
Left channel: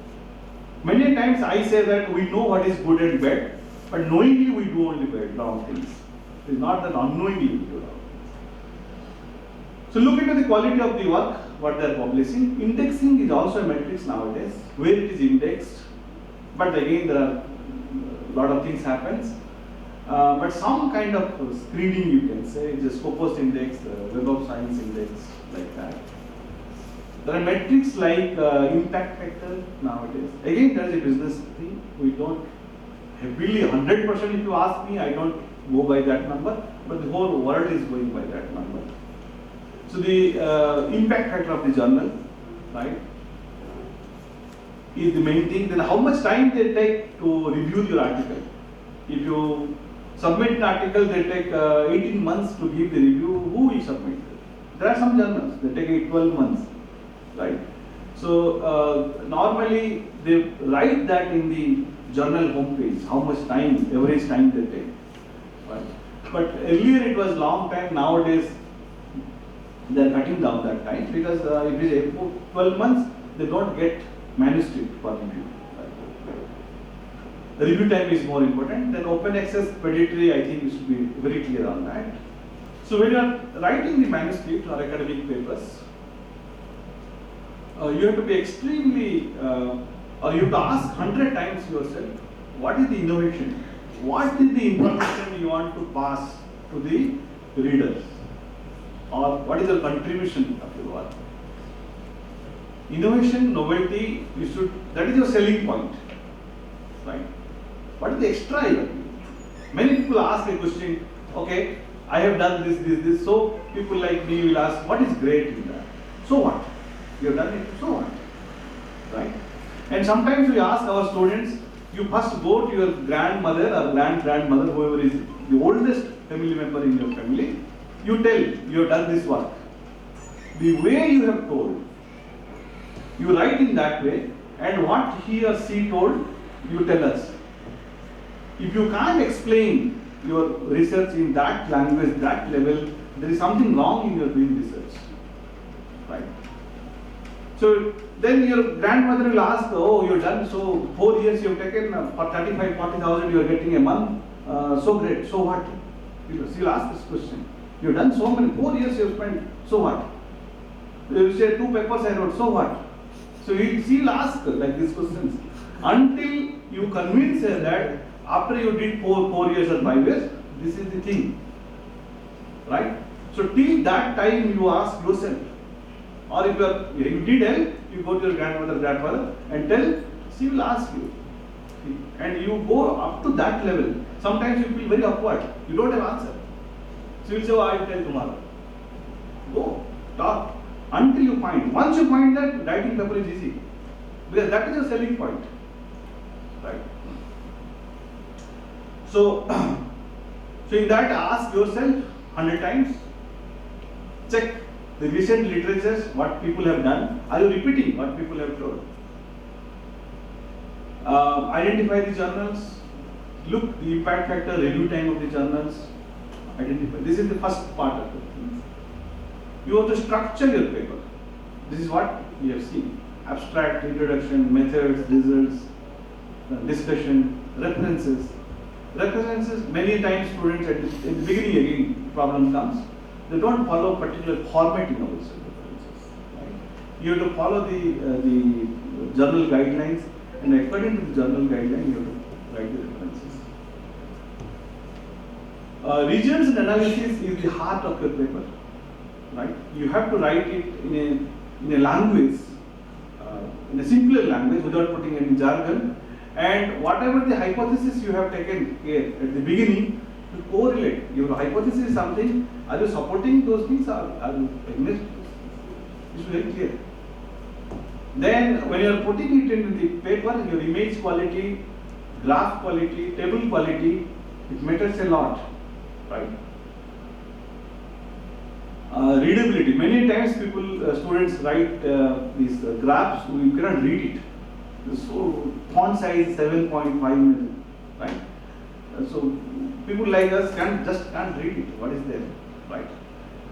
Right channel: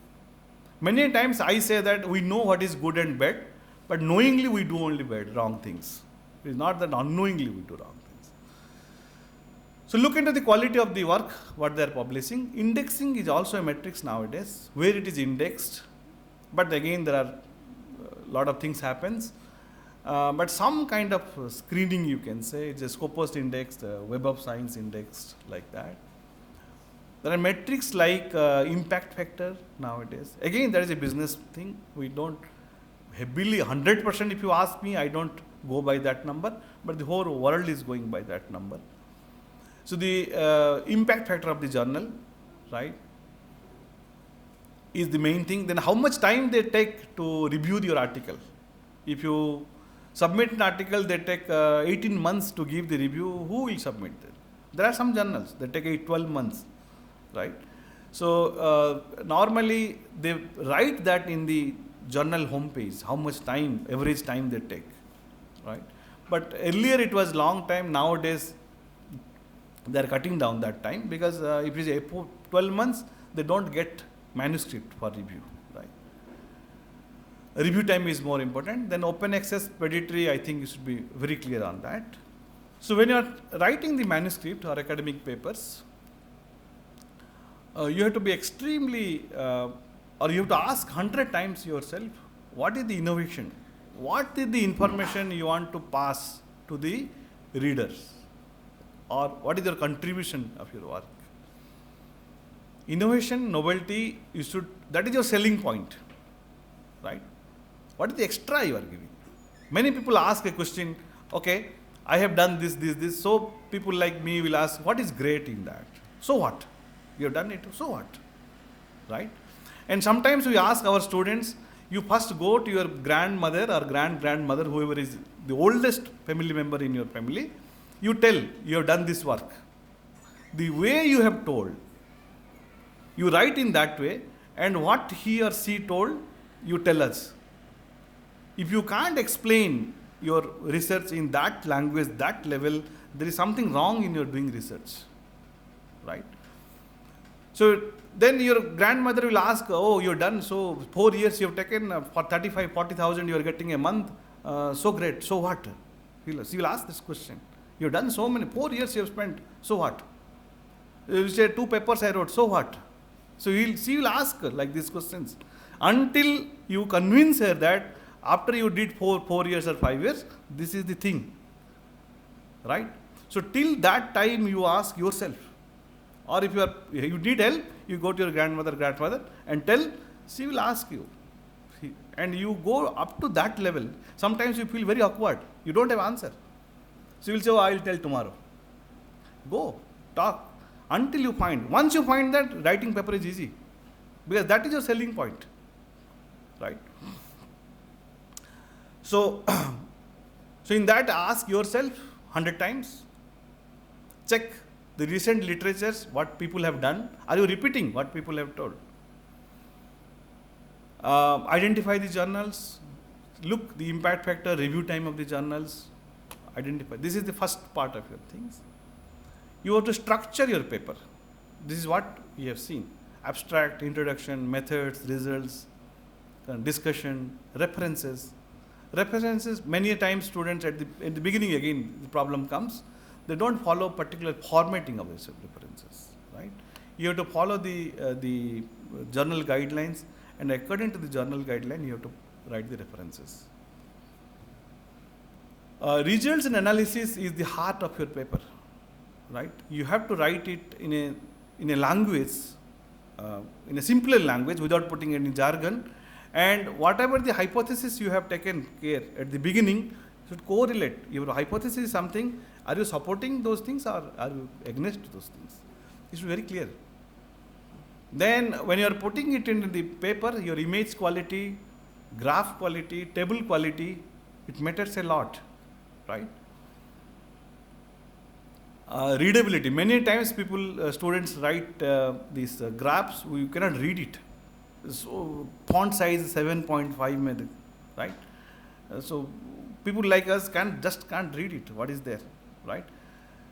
Many times I say that we know what is good and bad, but knowingly we do only bad, wrong things. It is not that unknowingly we do wrong things. So look into the quality of the work, what they are publishing. Indexing is also a matrix nowadays, where it is indexed. But again, there are a lot of things happens. But some kind of screening, you can say, it's a Scopus index, Web of Science index, like that. There are metrics like impact factor nowadays. Again, there is a business thing. We don't heavily 100%. If you ask me, I don't go by that number, but the whole world is going by that number. So the impact factor of the journal, right, is the main thing. Then how much time they take to review your article. If you submit an article, they take 18 months to give the review. Who will submit it? There are some journals, they take 12 months, right? So normally they write that in the journal homepage, how much time, average time they take, right? But earlier it was long time. Nowadays they are cutting down that time, because if it is 12 months, they don't get manuscript for review. Review time is more important. Then open access predatory, I think you should be very clear on that. So when you are writing the manuscript or academic papers, you have to be extremely, or you have to ask 100 times yourself, what is the innovation? What is the information you want to pass to the readers? Or what is your contribution of your work? Innovation, novelty, that is your selling point, right? What is the extra you are giving? Many people ask a question, okay, I have done this. So people like me will ask, what is great in that? So what? You have done it, so what? Right? And sometimes we ask our students, you first go to your grandmother or grandmother, whoever is the oldest family member in your family, you tell, you have done this work. The way you have told, you write in that way, and what he or she told, you tell us. If you can't explain your research in that language, that level, there is something wrong in your doing research, right? So then your grandmother will ask, oh, you're done, so 4 years you have taken, for 35, 40,000 you are getting a month, so great, so what? She'll ask this question. You've done so many, 4 years you have spent, so what? You say 2 papers I wrote, so what? So she will ask like these questions until you convince her that after you did 4 years or 5 years, this is the thing, right? So till that time you ask yourself, or if you need help, you go to your grandmother and tell, she will ask you, and you go up to that level. Sometimes you feel very awkward, you don't have answer. She will say, oh, I will tell tomorrow. Go, talk, until you find. Once you find that, writing paper is easy, because that is your selling point, right? So in that, ask yourself 100 times, check the recent literatures, what people have done. Are you repeating what people have told? Identify the journals, look the impact factor, review time of the journals, identify. This is the first part of the things. You have to structure your paper. This is what we have seen. Abstract, introduction, methods, results, discussion, references. References, many times students in the beginning again problem comes, they don't follow particular formatting of these references, right? You have to follow the journal guidelines, and according to the journal guideline you have to write the references. Results and analysis is the heart of your paper, right? You have to write it in a language, in a simpler language without putting any jargon. And whatever the hypothesis you have taken care at the beginning should correlate. Your hypothesis is something, are you supporting those things or are you against those things? It's very clear. Then when you are putting it into the paper, your image quality, graph quality, table quality, It matters a lot, right? Readability. Many times students write these graphs, you cannot read it. So font size 7.5 maybe, right? So people like us can't read it. What is there, right?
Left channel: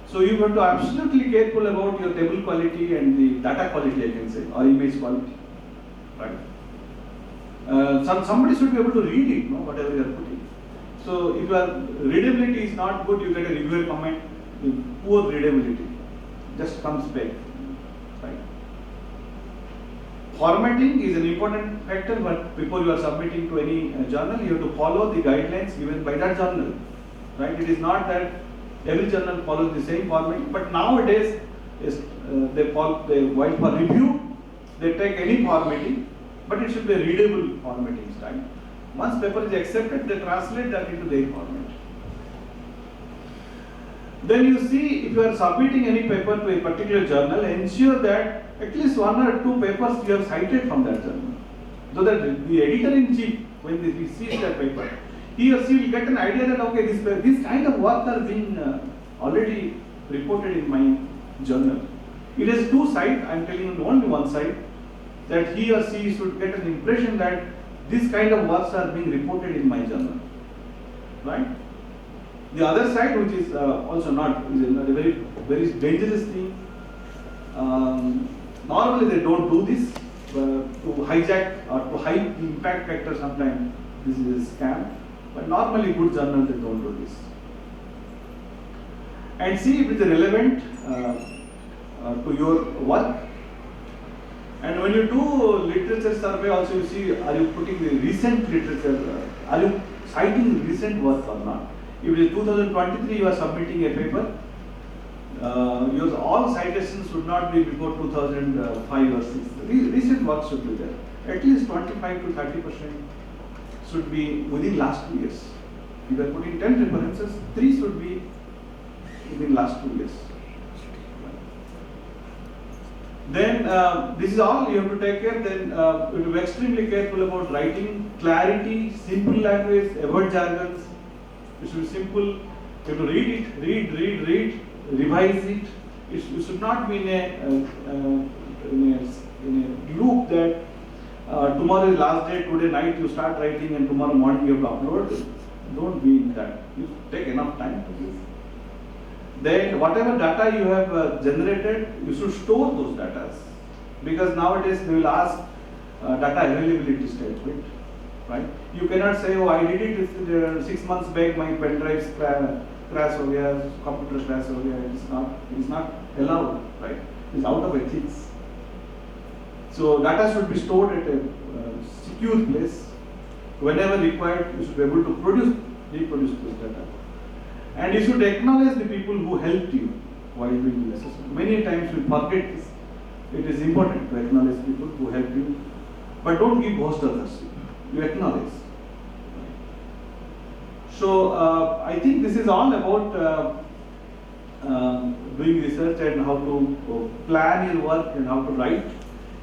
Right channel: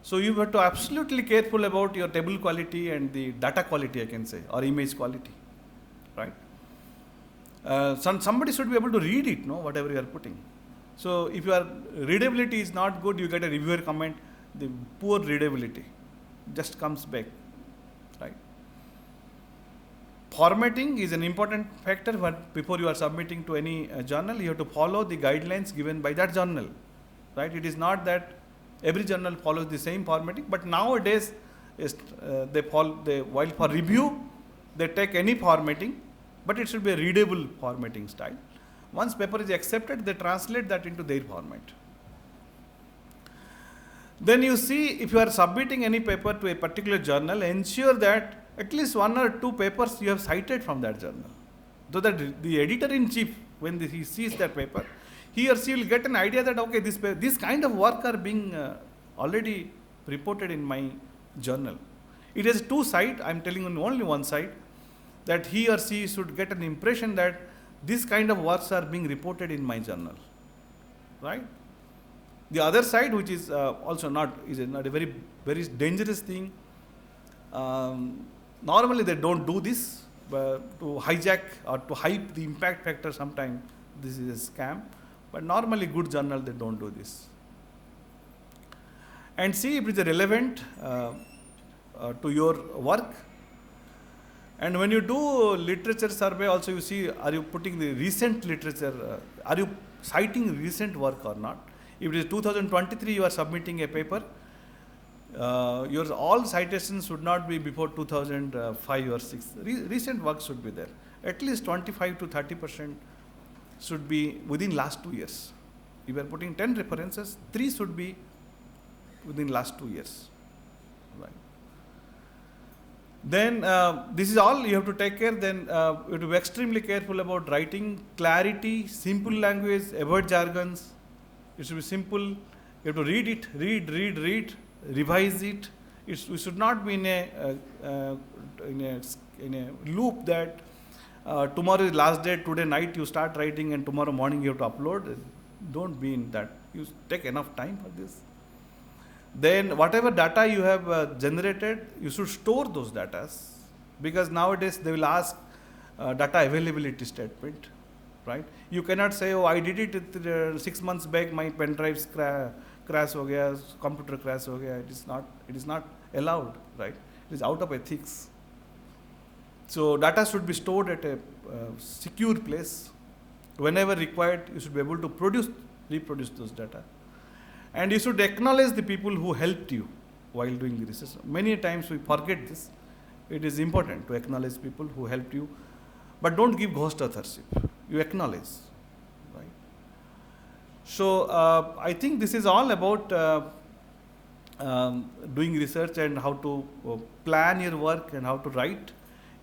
So you have to absolutely careful about your table quality and the data quality, I can say, or image quality, right? Somebody should be able to read it, no, whatever you are putting. So if your readability is not good, you get a reviewer comment. The poor readability just comes back, right? Formatting is an important factor, but before you are submitting to any journal, you have to follow the guidelines given by that journal, right? It is not that every journal follows the same formatting, but nowadays while for review, they take any formatting, but it should be a readable formatting style. Once paper is accepted, they translate that into their format. Then you see, if you are submitting any paper to a particular journal, ensure that at least 1 or 2 papers you have cited from that journal. So that the editor-in-chief, when he sees that paper, he or she will get an idea that, okay, this kind of work are being already reported in my journal. It is 2 sides, I am telling you only one side, that he or she should get an impression that this kind of works are being reported in my journal, right? The other side, which is also not a very, very dangerous thing. Normally they don't do this to hijack or to hype the impact factor. Sometimes this is a scam, but normally good journal they don't do this. And see if it is relevant to your work. And when you do literature survey, also you see, are you putting the recent literature? Are you citing recent work or not? If it is 2023, you are submitting a paper, your all citations should not be before 2005 or 6. Recent work should be there. At least 25 to 30% should be within last 2 years. If you are putting 10 references, 3 should be within last 2 years. Then this is all you have to take care. Then you have to be extremely careful about writing, clarity, simple language, avoid jargons. It should be simple. You have to read it, read, revise it. You should not be in a loop that tomorrow is last day, today night you start writing and tomorrow morning you have to upload. Don't be in that. You take enough time for this. Then whatever data you have generated, you should store those data, because nowadays they will ask data availability statement, right? You cannot say, oh, I did it 6 months back, my pen drive crash ho gaya, computer crash ho gaya. It is not allowed, right? It is out of ethics. So data should be stored at a secure place. Whenever required, you should be able to reproduce those data. And you should acknowledge the people who helped you while doing the research. Many times we forget this. It is important to acknowledge people who helped you, but don't give ghost authorship. You acknowledge. So I think this is all about doing research and how to plan your work and how to write.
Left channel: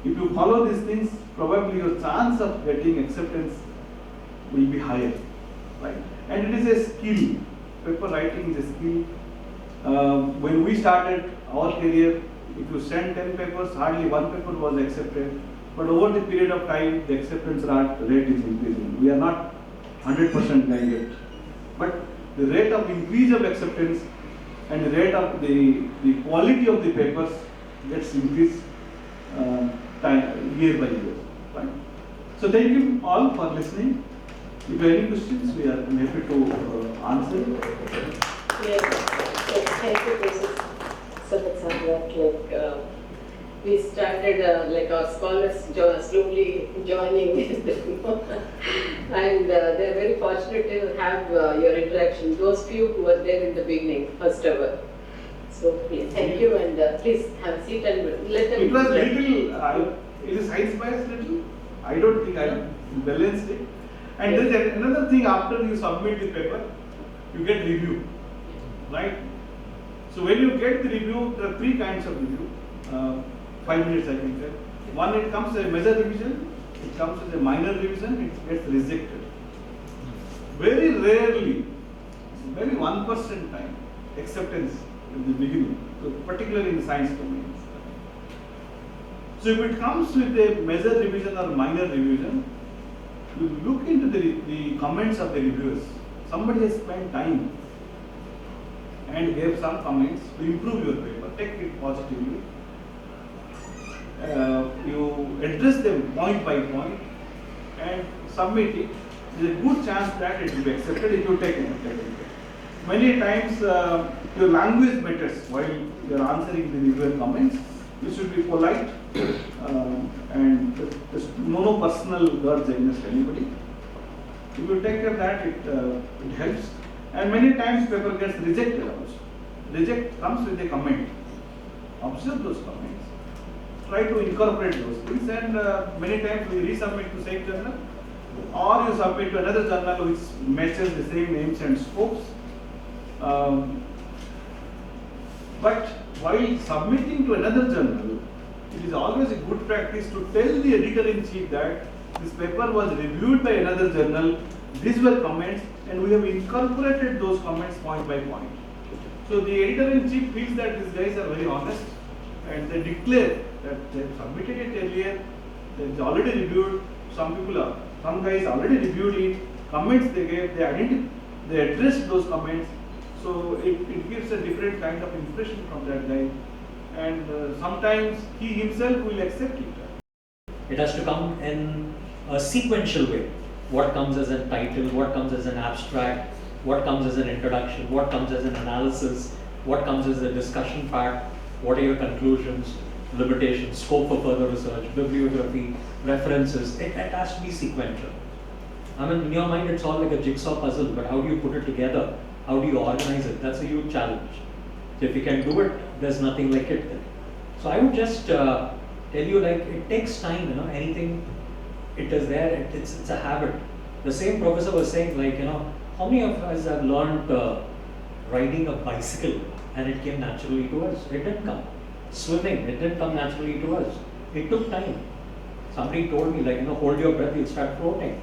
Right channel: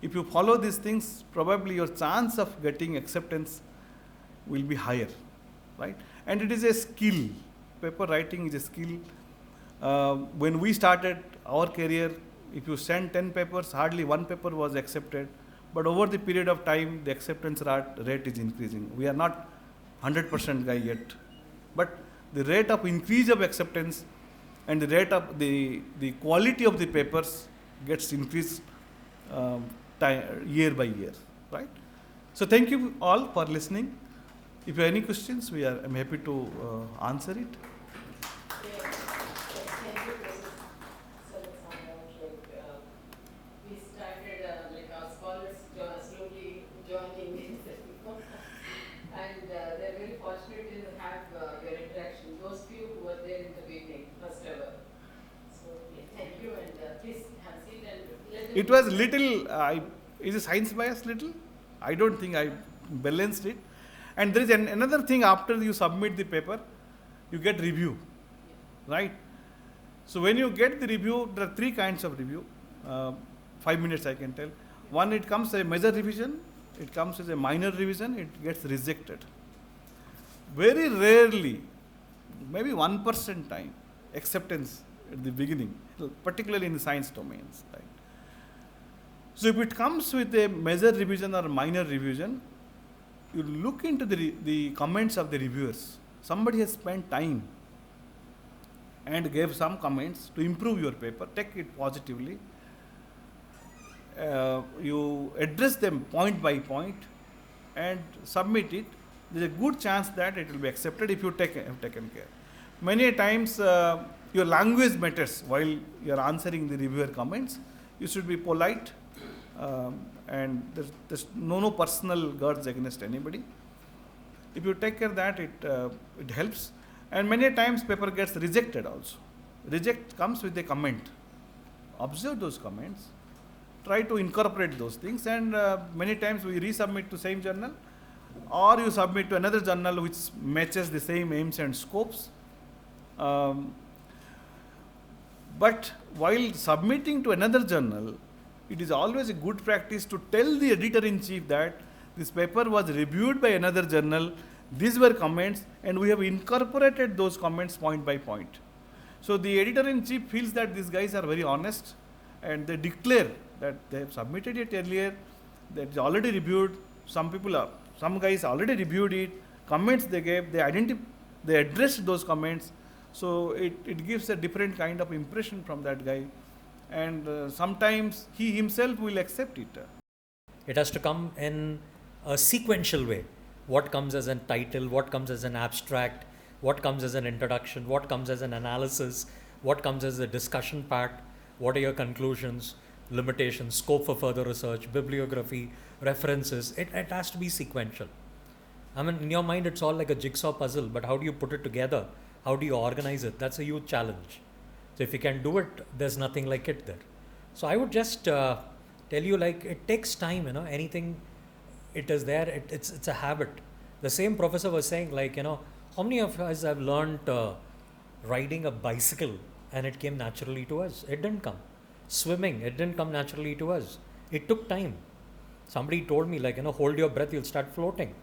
If you follow these things, probably your chance of getting acceptance will be higher, right? And it is a skill. Paper writing is a skill. When we started our career, if you sent 10 papers, hardly 1 paper was accepted. But over the period of time, the acceptance rate is increasing. We are not 100% guy yet. But the rate of increase of acceptance and the rate of the quality of the papers gets increased year by year. Right? So thank you all for listening. If you have any questions, we are happy to answer it. Yes, thank you, Professor. So that sounds we started our scholars slowly joining and they're very fortunate to have your interaction, those few who were there in the beginning, first ever. So please, thank you, and please have a seat and let them. It was little, is a science bias little? I don't think I balanced it. And there is another thing, after you submit the paper, you get review, right? So when you get the review, there are 3 kinds of review. 5 minutes I can tell. One, it comes as a major revision, it comes as a minor revision, it gets rejected. very rarely, maybe 1% time, acceptance in the beginning, so particularly in science domains. So if it comes with a major revision or minor revision, you look into the comments of the reviewers. Somebody has spent time and gave some comments to improve your paper. Take it positively. You address them point by point and submit it. There is a good chance that it will be accepted if you take it. Care. Many times your language matters while you are answering the reviewer comments. You should be polite and there's no personal grudge against anybody. If you take care of that, it helps. And many times paper gets rejected also. Reject comes with a comment. Observe those comments. Try to incorporate those things, and many times we resubmit to same journal, or you submit to another journal which matches the same aims and scopes. But while submitting to another journal, it is always a good practice to tell the editor-in-chief that this paper was reviewed by another journal, these were comments, and we have incorporated those comments point by point. So the editor-in-chief feels that these guys are very honest, and they declare that they have submitted it earlier, they have already reviewed, some guys already reviewed it, comments they gave, they addressed those comments. So it gives a different kind of impression from that guy, and sometimes he himself will accept it. It has to come in a sequential way. What comes as a title, what comes as an abstract, what comes as an introduction, what comes as an analysis, what comes as a discussion part, what are your conclusions, limitations, scope for further research, bibliography, references. It has to be sequential. I mean, in your mind it's all like a jigsaw puzzle, but how do you put it together? How do you organize it? That's a huge challenge. So if you can do it, there's nothing like it then. So I would just tell you, like, it takes time, anything, it is there, it's a habit. The same professor was saying, like, how many of us have learned riding a bicycle and it came naturally to us? It didn't come. Swimming, it didn't come naturally to us. It took time. Somebody told me, like, hold your breath, you'll start floating.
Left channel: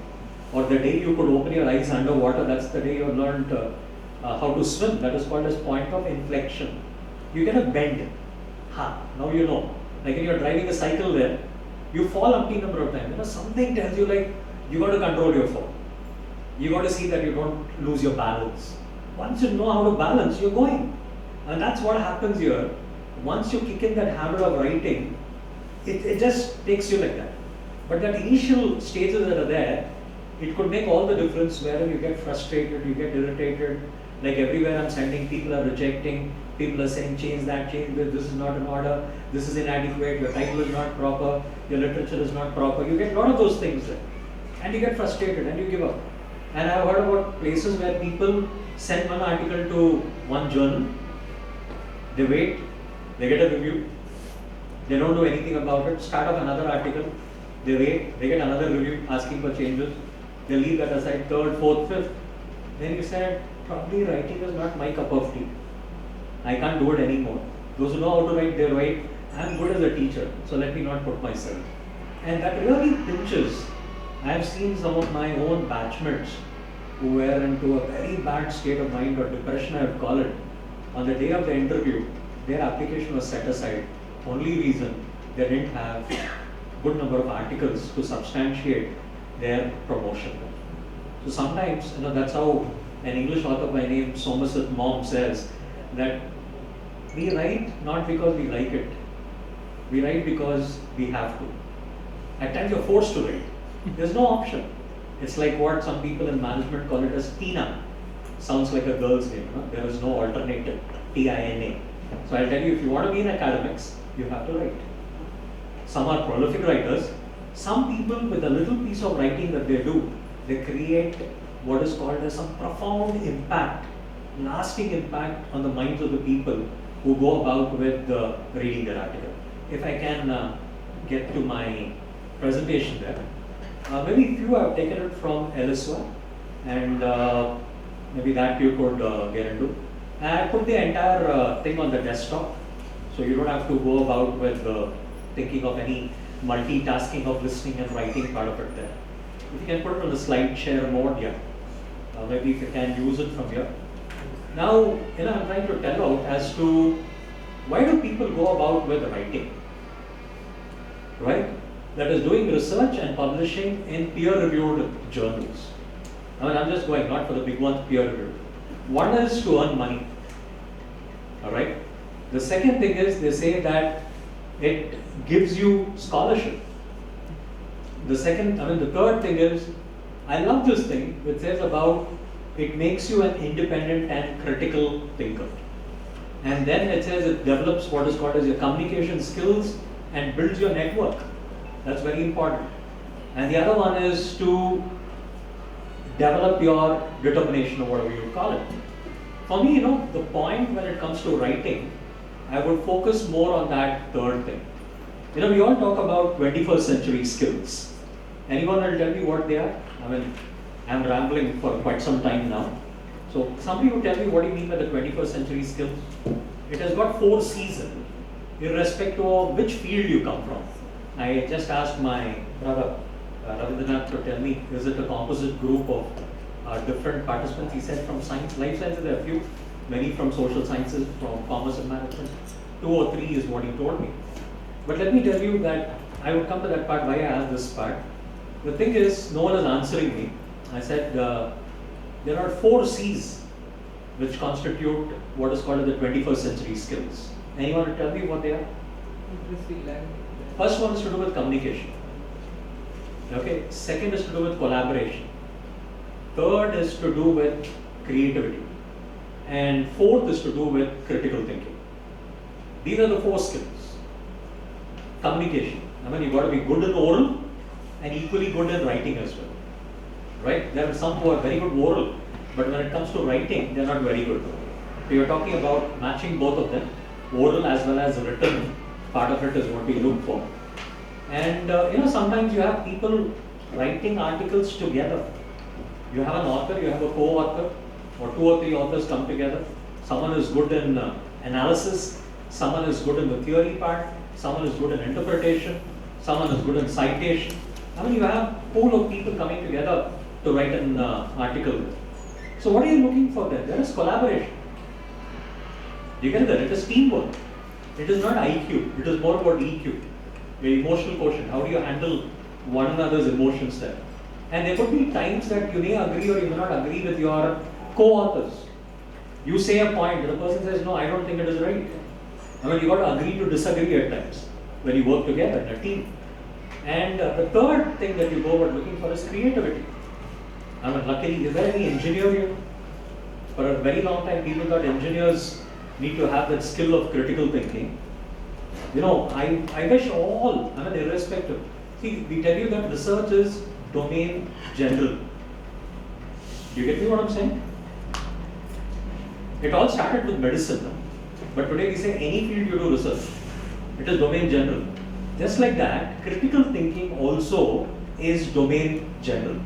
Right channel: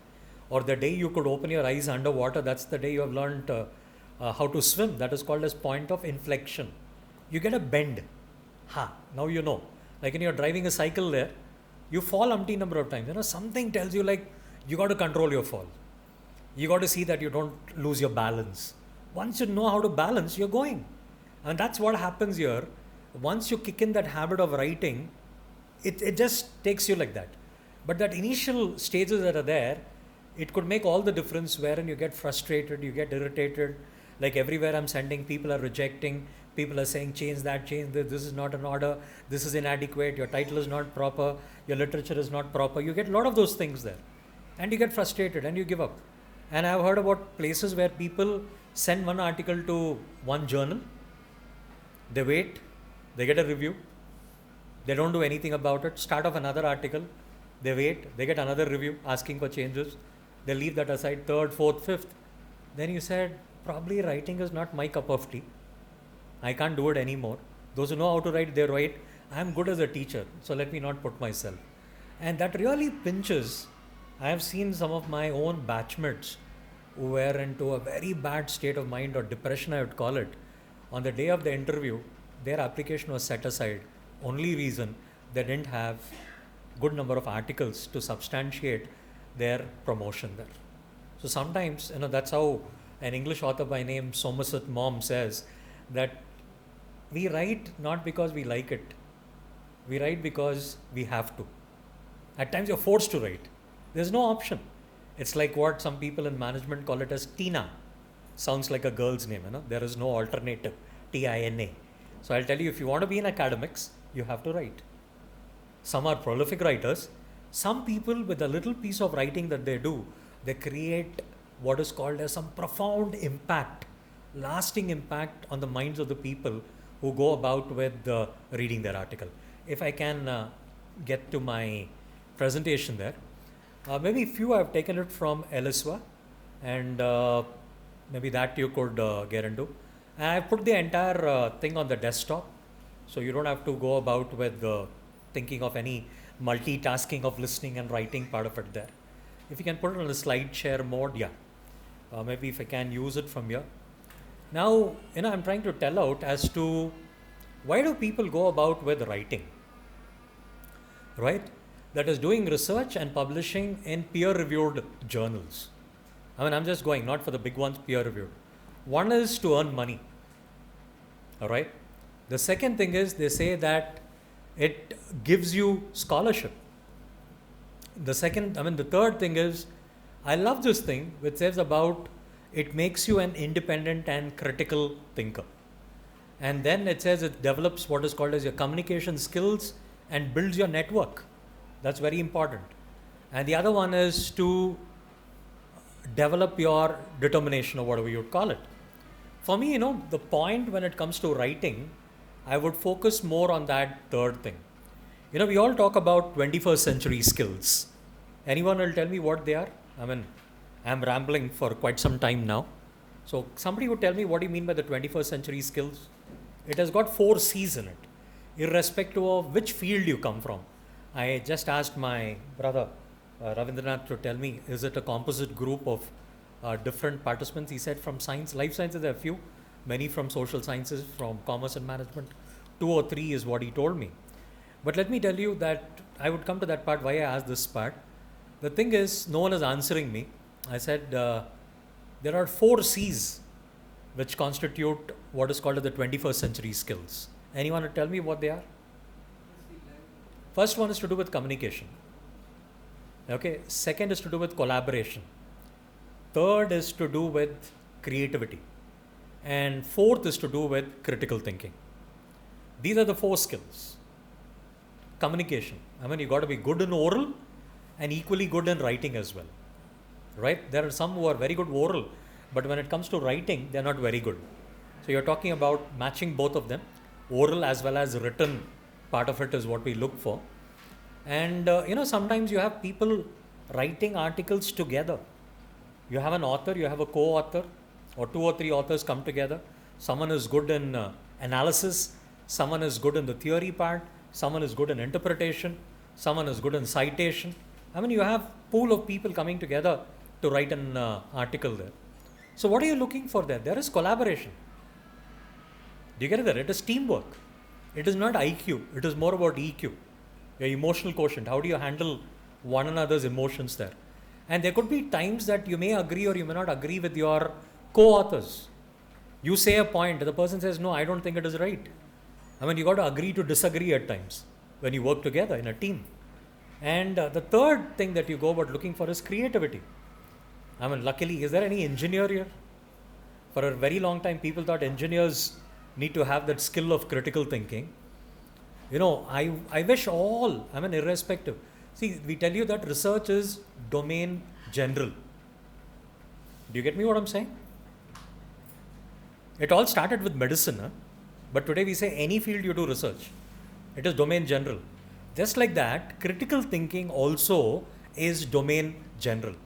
Or the day you could open your eyes underwater, that's the day you have learned how to swim. That is called as point of inflection. You get a bend. Now you know. Like when you're driving a cycle there, you fall umpteen number of times. Something tells you, like, you got to control your fall. You got to see that you don't lose your balance. Once you know how to balance, you're going. And that's what happens here. Once you kick in that habit of writing, it just takes you like that. But that initial stages that are there, it could make all the difference wherein you get frustrated, you get irritated. Like everywhere I'm sending, people are rejecting, people are saying change that, change this, this is not an order, this is inadequate, your title is not proper, your literature is not proper. You get a lot of those things there. And you get frustrated and you give up. And I've heard about places where people send one article to one journal, they wait, they get a review, they don't do anything about it, start off another article, they wait, they get another review asking for changes, they leave that aside, third, fourth, fifth. Then you said, probably writing is not my cup of tea. I can't do it anymore. Those who know how to write, they write. I'm good as a teacher, so let me not put myself. And that really pinches. I've seen some of my own batchmates who were into a very bad state of mind, or depression I would call it. On the day of the interview, their application was set aside. Only reason, they didn't have good number of articles to substantiate their promotion. So sometimes, that's how an English author by name Somerset Maugham says that we write not because we like it. We write because we have to. At times you're forced to write. There's no option. It's like what some people in management call it as Tina. Sounds like a girl's name, There is no alternative, Tina. So I'll tell you, if you want to be in academics, you have to write. Some are prolific writers. Some people, with a little piece of writing that they do, they create what is called as some profound impact, lasting impact on the minds of the people who go about with reading their article. If I can get to my presentation there. Maybe few I've taken it from Eliswa, and maybe that you could get into. And I put the entire thing on the desktop, so you don't have to go about with thinking of any multitasking of listening and writing part of it there. If you can put it on a slide share mode, yeah. maybe if I can use it from here. Now, I'm trying to tell out as to why do people go about with writing, right? That is doing research and publishing in peer-reviewed journals. I'm just going, not for the big ones, peer-reviewed. One is to earn money, all right? The second thing is they say that it gives you scholarship. The third thing is, I love this thing which says about it makes you an independent and critical thinker. And then it says it develops what is called as your communication skills and builds your network. That's very important. And the other one is to develop your determination or whatever you call it. For me, the point when it comes to writing, I would focus more on that third thing. We all talk about 21st century skills. Anyone will tell me what they are? I'm rambling for quite some time now. So somebody would tell me what do you mean by the 21st century skills? It has got 4 C's in it, irrespective of which field you come from. I just asked my brother Ravindranath to tell me, is it a composite group of different participants? He said from science, life sciences there are a few, many from social sciences, from commerce and management. 2 or 3 is what he told me. But let me tell you that I will come to that part why I asked this part. The thing is, no one is answering me. I said there are 4 C's which constitute what is called the 21st century skills. Anyone will tell me what they are? First one is to do with communication. Okay. Second is to do with collaboration. Third is to do with creativity. And fourth is to do with critical thinking. These are the 4 skills. Communication. You've got to be good in oral and equally good in writing as well. Right? There are some who are very good oral, but when it comes to writing, they're not very good. So you're talking about matching both of them. Oral as well as written part of it is what we look for. And sometimes you have people writing articles together. You have an author, you have a co-author, or 2 or 3 authors come together. Someone is good in analysis, someone is good in the theory part, someone is good in interpretation, someone is good in citation. You have a pool of people coming together to write an article. So what are you looking for there? There is collaboration. Do you get that? It is teamwork. It is not IQ. It is more about EQ, the emotional quotient. How do you handle one another's emotions there? And there could be times that you may agree or you may not agree with your co-authors. You say a point, the person says, no, I don't think it is right. You got to agree to disagree at times when you work together in a team. And the third thing that you go about looking for is creativity. Luckily, is there any engineer here? For a very long time, people thought engineers need to have that skill of critical thinking. I wish all, irrespective. See, we tell you that research is domain general. Do you get me what I'm saying? It all started with medicine, but today we say any field you do research. It is domain general. Just like that, critical thinking also is domain general.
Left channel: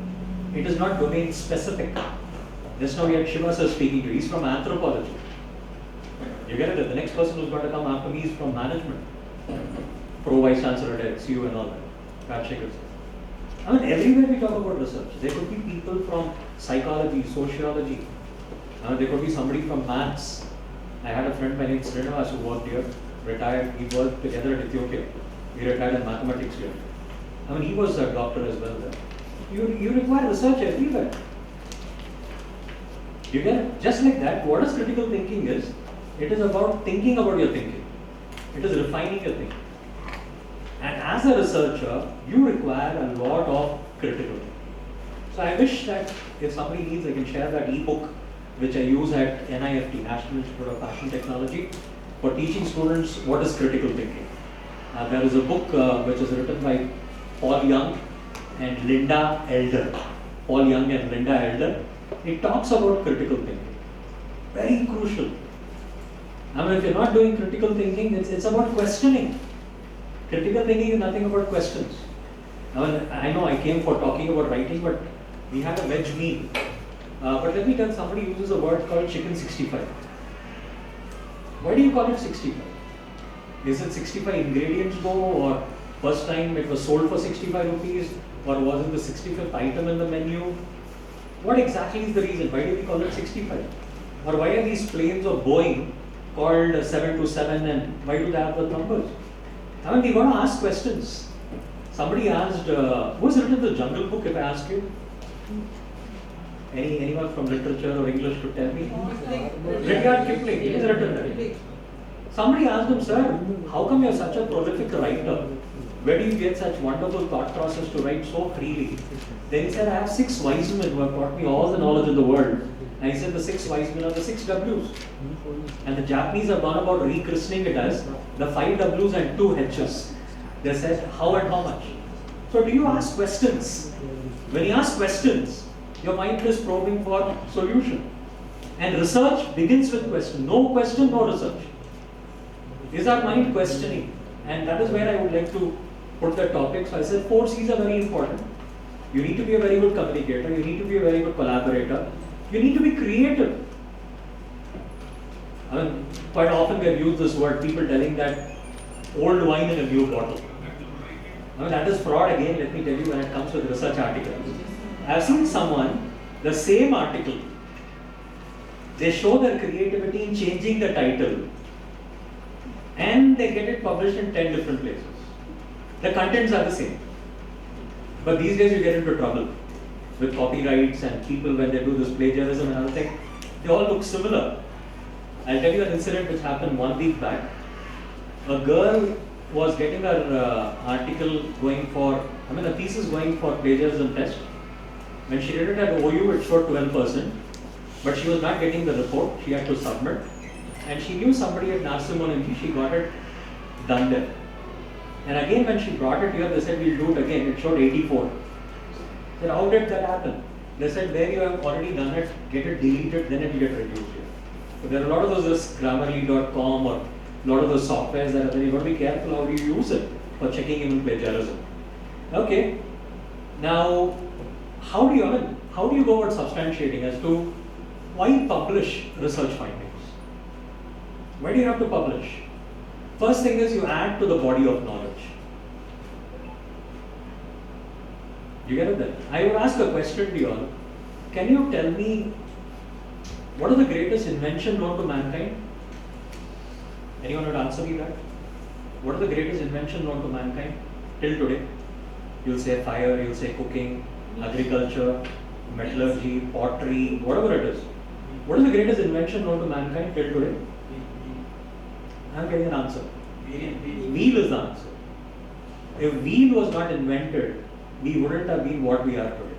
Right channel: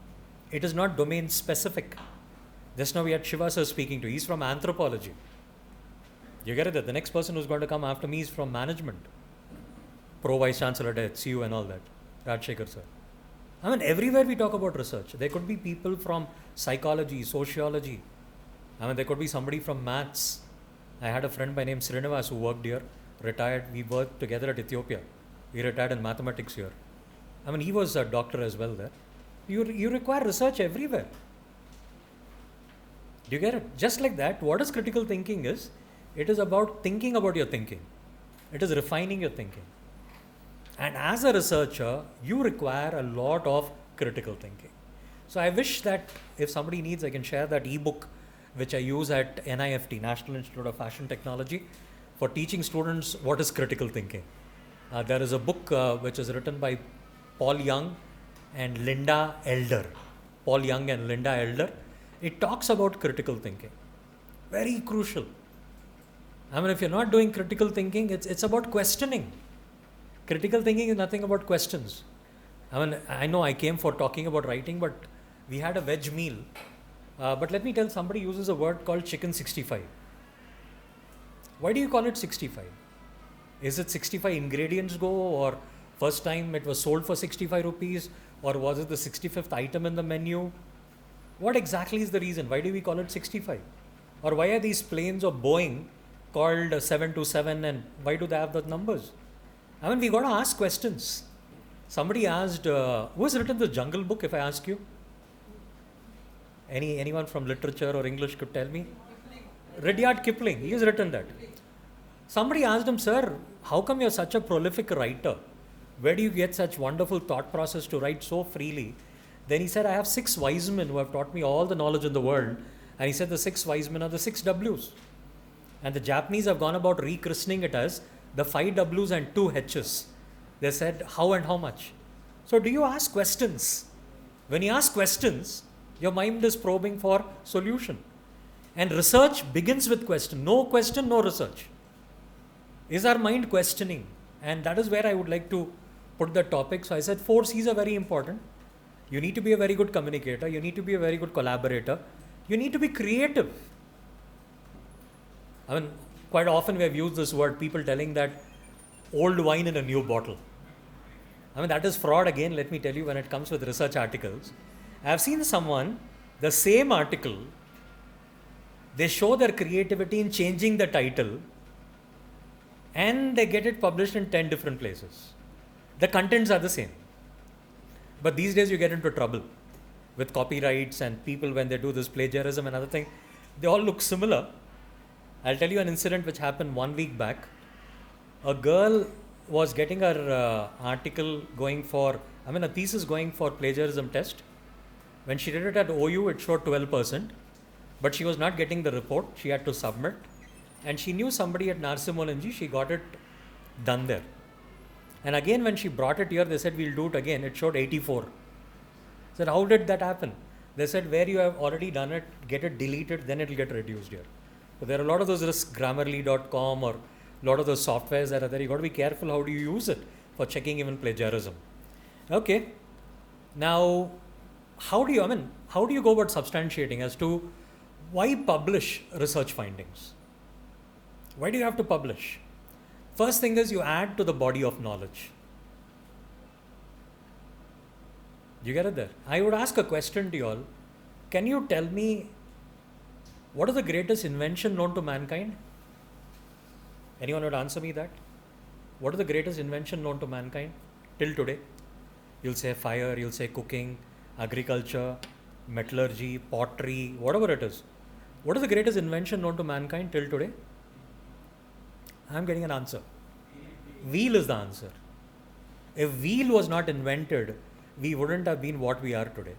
It is not domain specific. Just now we had Shiva sir speaking to you. He's from anthropology. You get it? The next person who's going to come after me is from management. Pro Vice Chancellor at HCU and all that. Rajshekhar sir. Everywhere we talk about research. There could be people from psychology, sociology. There could be somebody from maths. I had a friend by name Srinivas who worked here, retired. We worked together at Ethiopia. He retired in mathematics here. He was a doctor as well there. You require research everywhere. You get it? Just like that, what is critical thinking is? It is about thinking about your thinking. It is refining your thinking. And as a researcher, you require a lot of critical thinking. So I wish that if somebody needs, I can share that ebook which I use at NIFT, National Institute of Fashion Technology, for teaching students what is critical thinking. There is a book which is written by Paul Young and Linda Elder. Paul Young and Linda Elder. It talks about critical thinking. Very crucial. If you're not doing critical thinking, it's about questioning. Critical thinking is nothing about questions. I know I came for talking about writing, but we had a veg meal. But let me tell, somebody uses a word called chicken 65. Why do you call it 65? Is it 65 ingredients go, or first time it was sold for 65 rupees, or was it the 65th item in the menu? What exactly is the reason? Why do we call it 65? Or why are these planes of Boeing called 727 and why do they have the numbers? I mean, we got to ask questions. Somebody asked, who has written the Jungle Book, if I ask you? Anyone from literature or English could tell me? Rudyard Kipling, he's written that. Somebody asked him, sir, how come you're such a prolific writer? Where do you get such wonderful thought process to write so freely? Then he said, I have 6 wise men who have taught me all the knowledge in the world. And he said the 6 wise men are the 6 W's. And the Japanese have gone about rechristening it as the 5 W's and 2 H's. They said, how and how much? So do you ask questions? When you ask questions, your mind is probing for solution. And research begins with question. No question, no research. Is our mind questioning? And that is where I would like to put the topic. So I said 4 C's are very important. You need to be a very good communicator. You need to be a very good collaborator. You need to be creative. I mean, quite often we have used this word, people telling that old wine in a new bottle. I mean, that is fraud again, let me tell you, when it comes with research articles. I have seen someone, the same article, they show their creativity in changing the title and they get it published in 10 different places. The contents are the same. But these days you get into trouble with copyrights and people when they do this plagiarism and other thing, they all look similar. I'll tell you an incident which happened 1 week back. A girl was getting her article going for, a thesis going for plagiarism test. When she did it at OU, it showed 12%, but she was not getting the report. She had to submit. And she knew somebody at Narsimolunji, she got it done there. And again, when she brought it here, they said, we'll do it again. It showed 84. I said, how did that happen? They said, where you have already done it, get it deleted, then it will get reduced here. So there are a lot of those, this Grammarly.com or a lot of those softwares that are there. You got to be careful how do you use it for checking even plagiarism. Okay. Now, how do you go about substantiating as to why publish research findings? Why do you have to publish? First thing is you add to the body of knowledge. You get it then? I would ask a question to you all. Can you tell me what is the greatest invention known to mankind? Anyone would answer me that? What is the greatest invention known to mankind till today? You'll say fire, you'll say cooking, agriculture, metallurgy, pottery, whatever it is. What is the greatest invention known to mankind till today? I'm getting an answer. Wheel is the answer. If wheel was not invented, we wouldn't have been what we are today.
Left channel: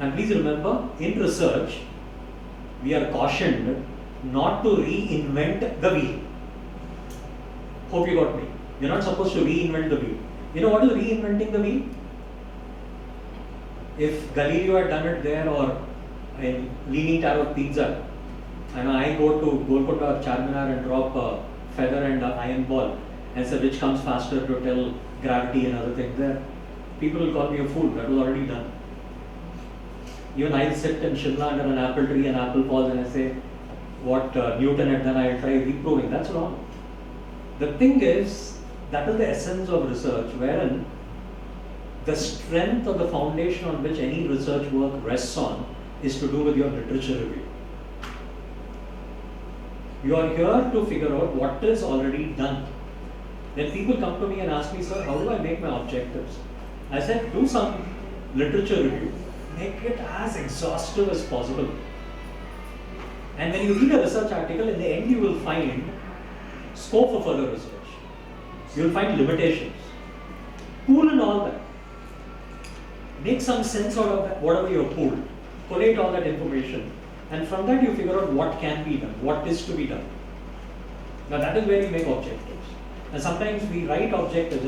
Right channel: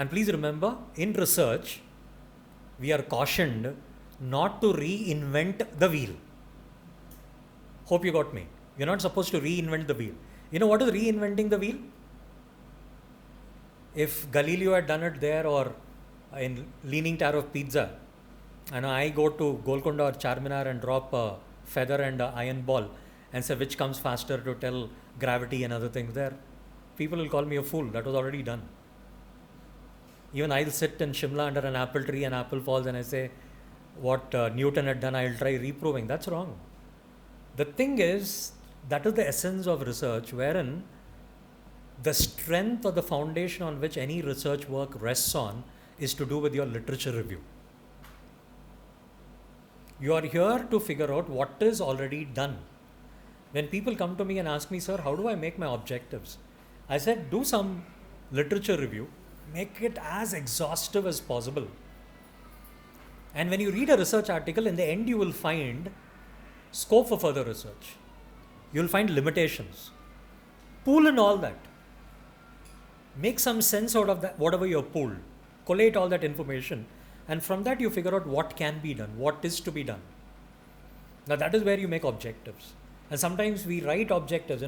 And please remember, in research, we are cautioned not to reinvent the wheel. Hope you got me. We're not supposed to reinvent the wheel. You know what is reinventing the wheel? If Galileo had done it there or in Leaning Tower of Pizza, and I go to Golconda or Charminar and drop a feather and an iron ball and say which comes faster to tell gravity and other things there, people will call me a fool. That was already done. Even I'll sit in Shimla under an apple tree and apple falls and I say what Newton had done, I'll try reproving. That's wrong. The thing is, that is the essence of research, wherein the strength or the foundation on which any research work rests on is to do with your literature review. You are here to figure out what is already done. When people come to me and ask me, sir, how do I make my objectives? I said, do some literature review. Make it as exhaustive as possible. And when you read a research article, at the end you will find scope for further research. You will find limitations. Pool in all that. Make some sense out of that, whatever you have pooled. Collate all that information. And from that you figure out what can be done, what is to be done. Now that is where you make objectives. And sometimes we write objectives,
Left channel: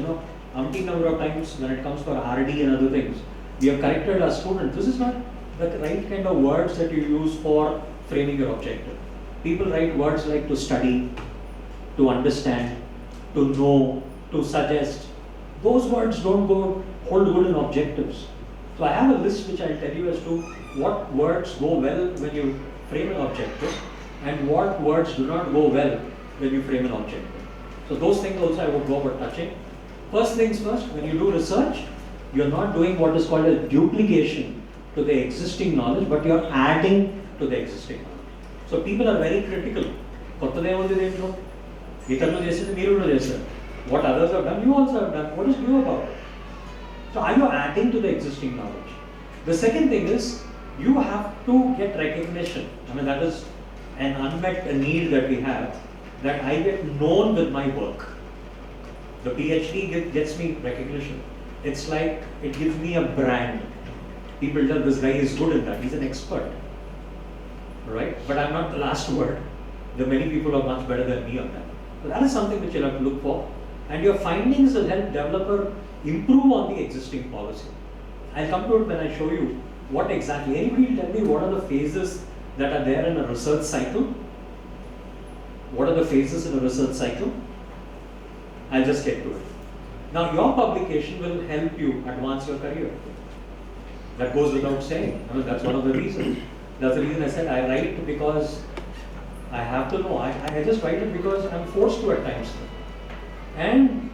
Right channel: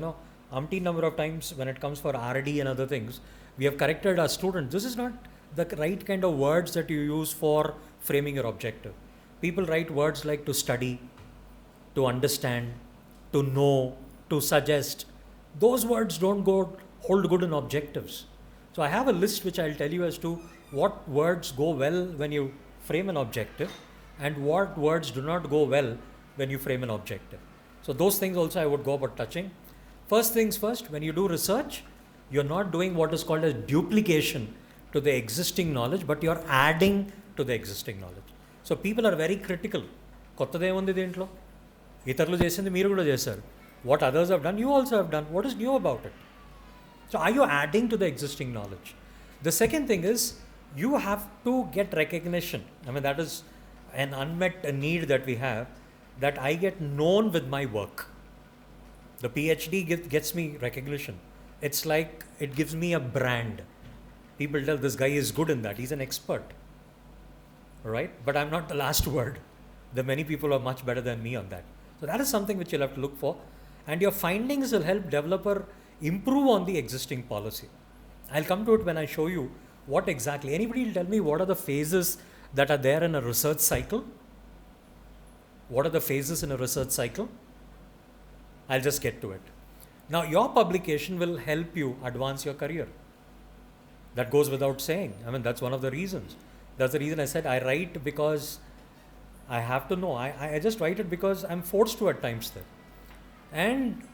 umpteen number of times when it comes for R&D and other things. We have corrected our students. This is not the right kind of words that you use for framing your objective. People write words like to study, to understand, to know, to suggest. Those words don't hold good in objectives. So I have a list which I'll tell you as to what words go well when you frame an objective and what words do not go well when you frame an objective. So those things also I would go about touching. First things first, when you do research, you're not doing what is called a duplication to the existing knowledge, but you're adding to the existing knowledge. So people are very critical. కొత్తదేముంది దీంట్లో ఇతరులు చేసింది మీరు కూడా చేశారు. What others have done, you also have done. What is new about it? So are you adding to the existing knowledge? The second thing is you have to get recognition. I mean, that is an unmet need that we have, that I get known with my work. The PhD gets me recognition. It's like it gives me a brand. People tell this guy is good in that, he's an expert. Right? But I'm not the last word. There are many people who are much better than me on that. So that is something which you'll have to look for. And your findings will help developer improve on the existing policy. I'll come to it when I show you what exactly. Anybody tell me what are the phases that are there in a research cycle? What are the phases in a research cycle? I'll just get to it. Now your publication will help you advance your career. That goes without saying. I mean, that's one of the reasons. That's the reason I said I write, because I have to know. I just write it because I'm forced to at times. And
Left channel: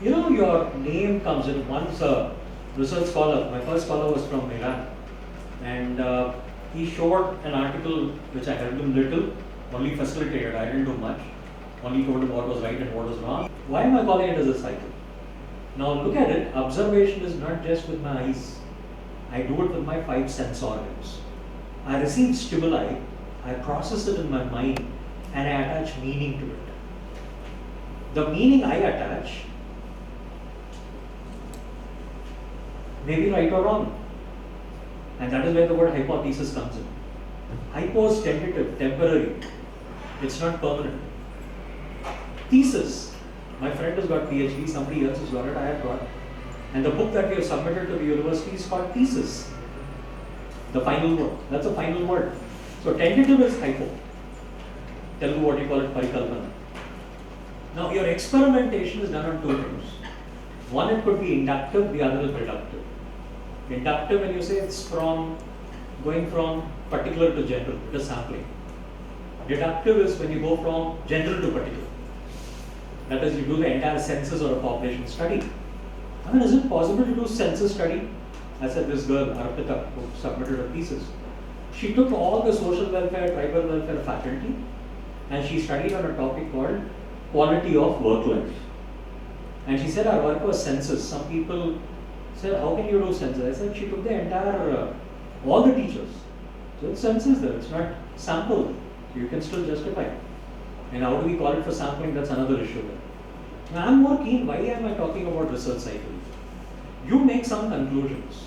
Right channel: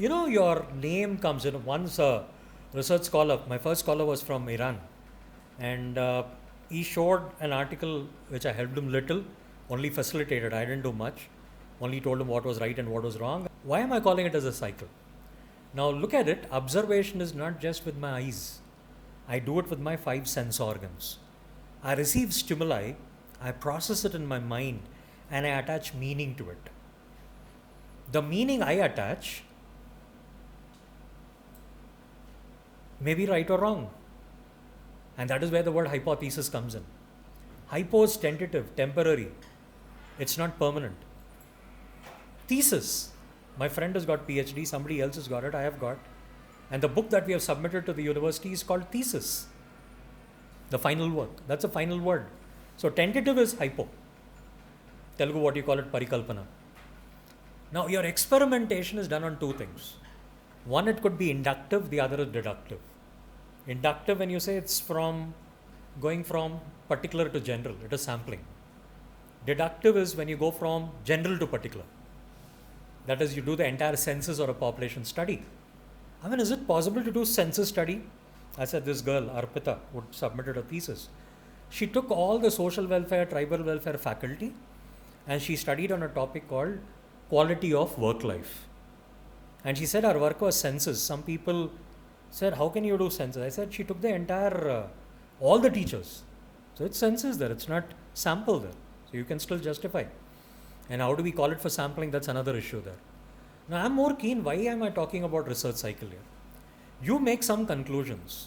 you know, your name comes in. Once a research scholar, my first scholar was from Iran, and he showed an article which I helped him little, only facilitated, I didn't do much, only told him what was right and what was wrong. Why am I calling it as a cycle? Now look at it, observation is not just with my eyes, I do it with my 5 sense organs. I receive stimuli, I process it in my mind, and I attach meaning to it. The meaning I attach may be right or wrong. And that is where the word hypothesis comes in. Hypo is tentative, temporary. It's not permanent. Thesis. My friend has got PhD, somebody else has got it, I have got it. And the book that we have submitted to the university is called thesis. The final work. That's a final word. So tentative is hypo. Telugu, what you call it, parikalpana. Now your experimentation is done on 2 things. One, it could be inductive, the other is deductive. Inductive, when you say it's going from particular to general, it is sampling. Deductive is when you go from general to particular. That is, you do the entire census or a population study. I mean, is it possible to do census study? I said, this girl, Arpita, who submitted her thesis, she took all the social welfare, tribal welfare faculty, and she studied on a topic called quality of work life. And she said, our work was census. Some people said, how can you do census? I said, she took the entire, all the teachers. So it's census there, it's not sample. So you can still justify. And how do we call it for sampling? That's another issue there. Now I'm more keen, why am I talking about research cycle? You make some conclusions.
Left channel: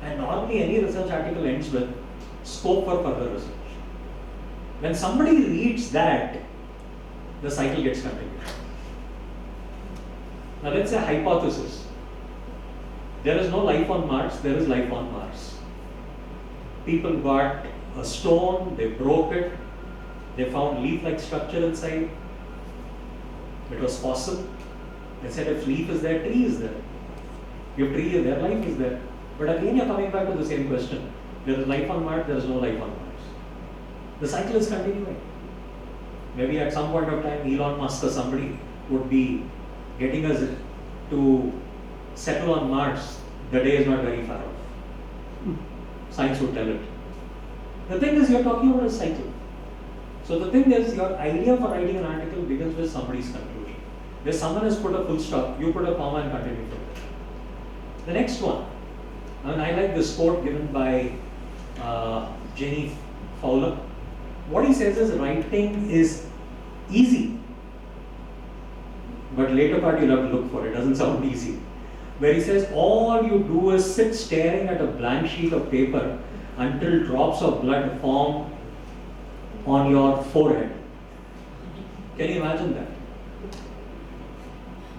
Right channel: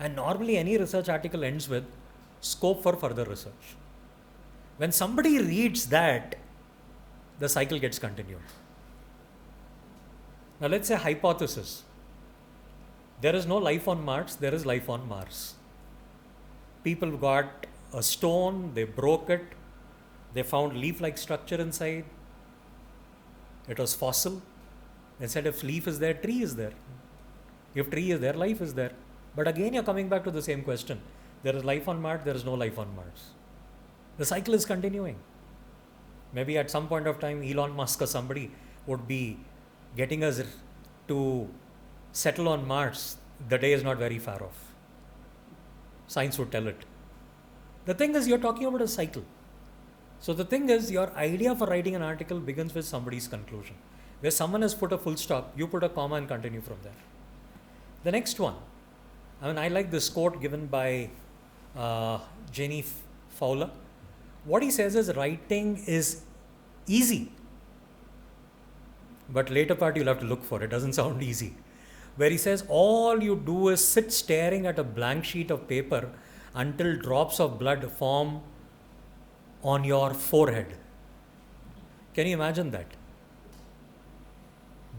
And normally any research article ends with scope for further research. When somebody reads that, the cycle gets continued. Now let's say hypothesis. There is no life on Mars, there is life on Mars. People got a stone, they broke it, they found leaf-like structure inside. It was fossil. They said if leaf is there, tree is there. If tree is there, life is there. But again, you're coming back to the same question. There is life on Mars, there is no life on Mars. The cycle is continuing. Maybe at some point of time, Elon Musk or somebody would be getting us to settle on Mars. The day is not very far off. Science would tell it. The thing is, you're talking about a cycle. So the thing is, your idea for writing an article begins with somebody's conclusion. Where someone has put a full stop, you put a comma and continue from there. The next one, and I like this quote given by Jenny Fowler. What he says is, writing is easy. But later part you'll have to look for it, doesn't sound easy. Where he says, all you do is sit staring at a blank sheet of paper until drops of blood form on your forehead. Can you imagine that?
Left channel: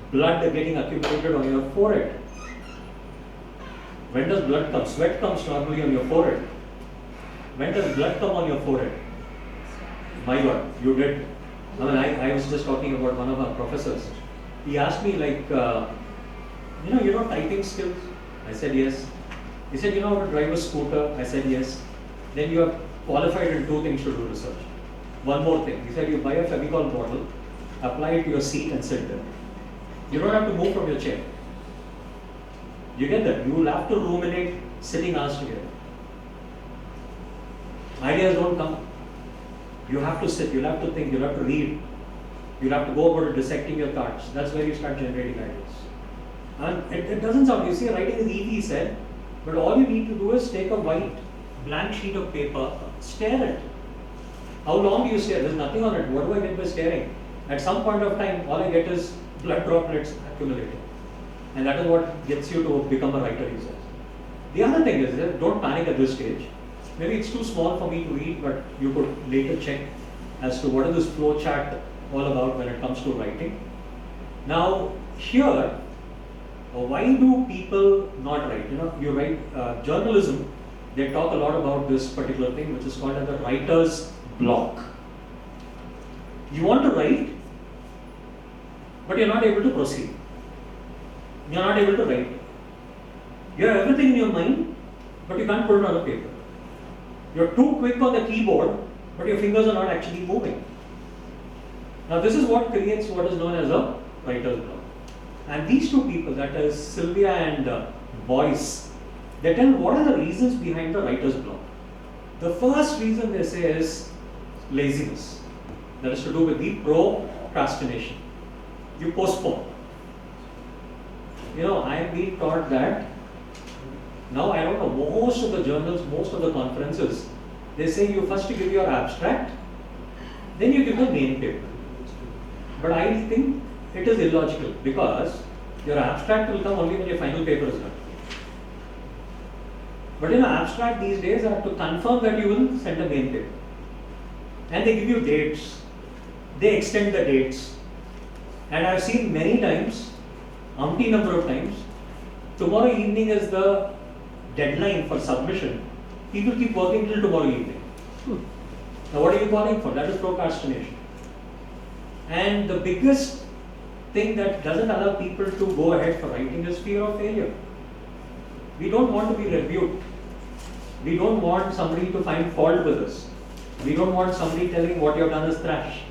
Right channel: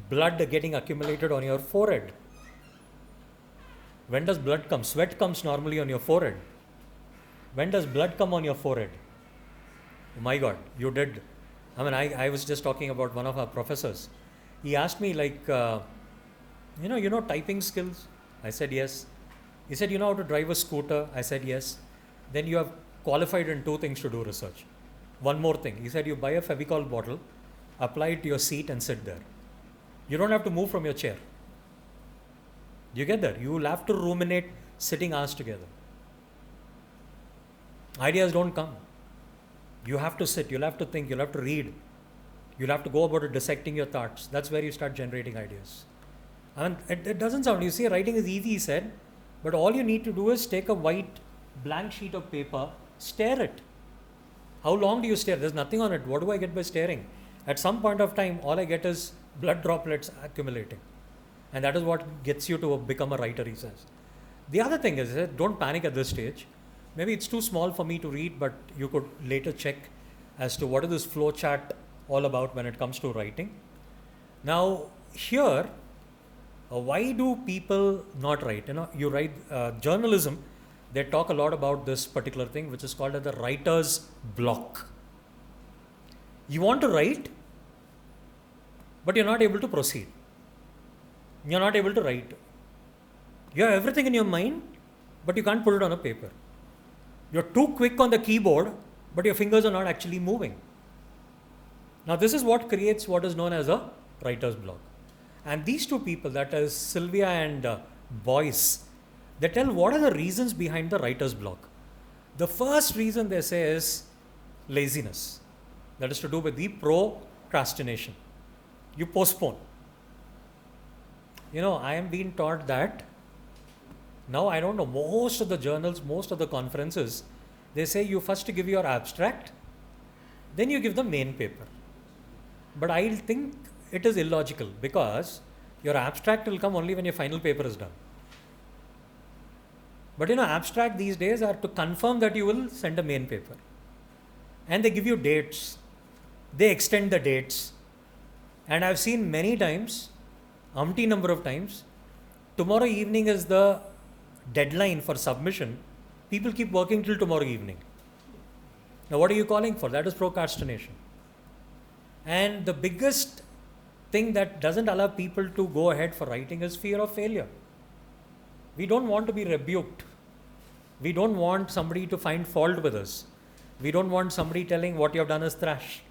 Blood getting accumulated on your forehead. When does blood come? Sweat comes normally on your forehead. When does blood come on your forehead? My God, you did. I mean, I was just talking about one of our professors. He asked me like, you know typing skills? I said yes. He said, you know how to drive a scooter? I said yes. Then you are qualified in 2 things to do research. One more thing. He said, you buy a Fevicol bottle, apply it to your seat and sit there. You don't have to move from your chair. You get that? You will have to ruminate sitting hours together. Ideas don't come. You have to sit, you'll have to think, you'll have to read, you'll have to go about it, dissecting your thoughts. That's where you start generating ideas. And it doesn't sound, you see, writing is easy, said, but all you need to do is take a white blank sheet of paper, stare it. How long do you stare? There's nothing on it. What do I get by staring? At some point of time, all I get is blood droplets accumulating. And that is what gets you to become a writer, he says. The other thing is, don't panic at this stage. Maybe it's too small for me to read, but you could later check as to what is this flow chart all about when it comes to writing. Now, here, why do people not write? You write journalism, they talk a lot about this particular thing, which is called as the writer's block. You want to write, but you're not able to proceed. You're not able to write. You have everything in your mind, but you can't put it on a paper. You're too quick on the keyboard, but your fingers are not actually moving. Now this is what creates what is known as a writer's block. And these two people, that is Sylvia and Boyce, they tell what are the reasons behind the writer's block. The first reason they say is laziness. That is to do with the procrastination. You postpone. I am being taught that now, I don't know, most of the journals, most of the conferences, they say you first give your abstract, then you give the main paper. But I think it is illogical because your abstract will come only when your final paper is done. But abstract these days are to confirm that you will send a main paper. And they give you dates. They extend the dates. And I've seen many times, umpty number of times, tomorrow evening is the deadline for submission. People keep working till tomorrow evening. Now what are you calling for? That is procrastination. And the biggest thing that doesn't allow people to go ahead for writing is fear of failure. We don't want to be rebuked. We don't want somebody to find fault with us. We don't want somebody telling what you have done is trash.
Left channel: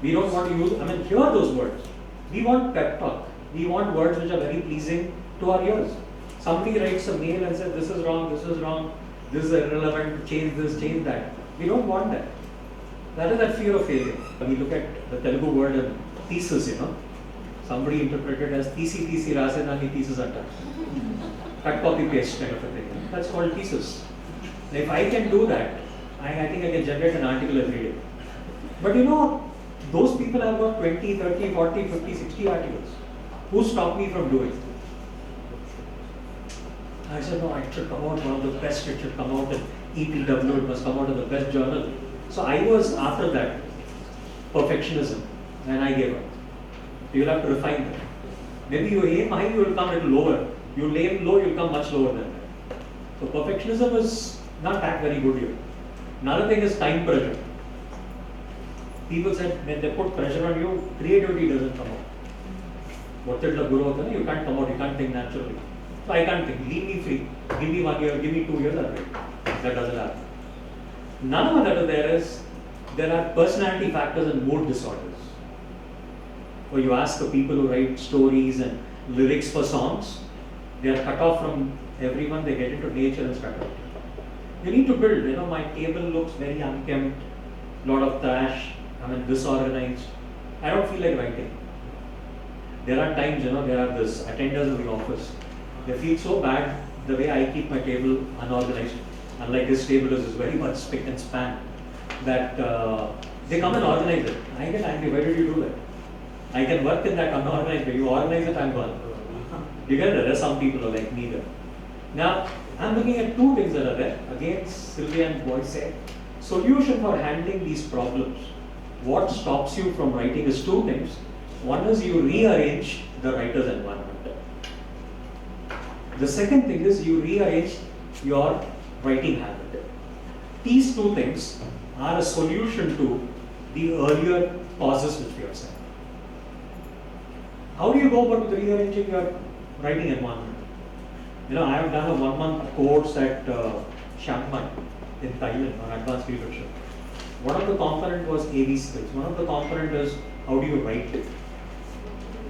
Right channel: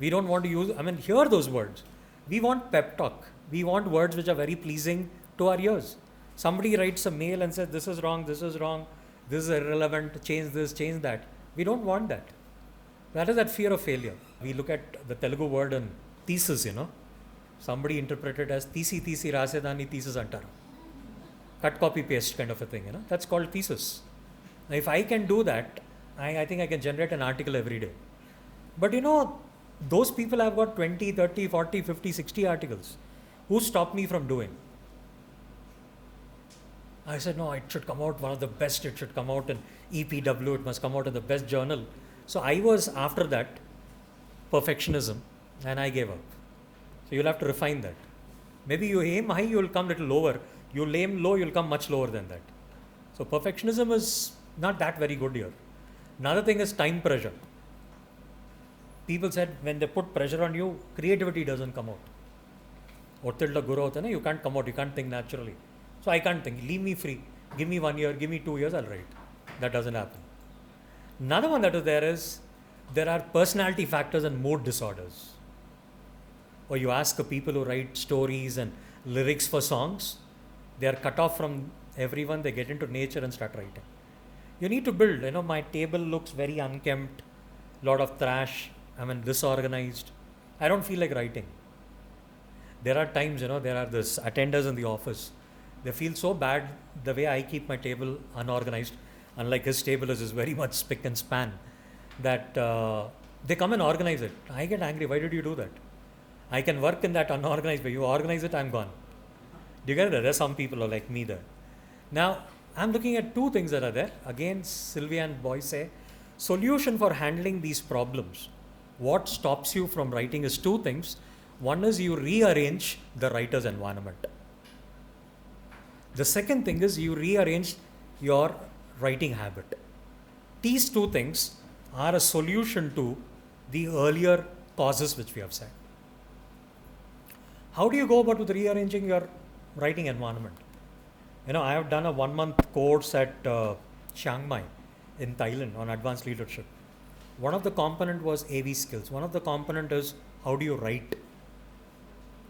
We don't want to hear those words. We want pep talk. We want words which are very pleasing to our ears. Somebody writes a mail and says, this is wrong, this is irrelevant, change this, change that. We don't want that. That is that fear of failure. We look at the Telugu word and thesis, Somebody interpreted as thesis rasedani thesis antar. Cut, copy, paste kind of a thing. That's called thesis. Now, if I can do that, I think I can generate an article every day. But those people have got 20, 30, 40, 50, 60 articles. Who stopped me from doing? I said, no, it should come out one of the best, it should come out in EPW, it must come out in the best journal. So I was after that, perfectionism, and I gave up. So you'll have to refine that. Maybe you aim high, you will come a little lower. You aim low, you'll come much lower than that. So perfectionism is not that very good here. Another thing is time pressure. People said when they put pressure on you, creativity doesn't come out. You can't come out, you can't think naturally. So I can't think, leave me free. Give me 1 year, give me 2 years, I'll write. That doesn't happen. Another one that is there are personality factors and mood disorders. Or you ask the people who write stories and lyrics for songs, they are cut off from everyone, they get into nature and start writing. You need to build, my table looks very unkempt, lot of trash, disorganized. I don't feel like writing. There are times, there are this attenders in the office. They feel so bad the way I keep my table unorganized. Unlike this table is very much spick and span. That they come and organize it. I get angry. Why did you do that? I can work in that unorganized way. You organize it, I'm gone. You get it? There are some people who are like me there. Now, I'm looking at two things that are there. Again, Sylvia and Boyce say, solution for handling these problems. What stops you from writing is two things. One is you rearrange the writer's environment. The second thing is you rearrange your writing habit. These two things are a solution to the earlier causes which we have said. How do you go about rearranging your writing environment? I have done a 1-month course at Chiang Mai in Thailand on advanced leadership. One of the component was AV skills. One of the component is how do you write?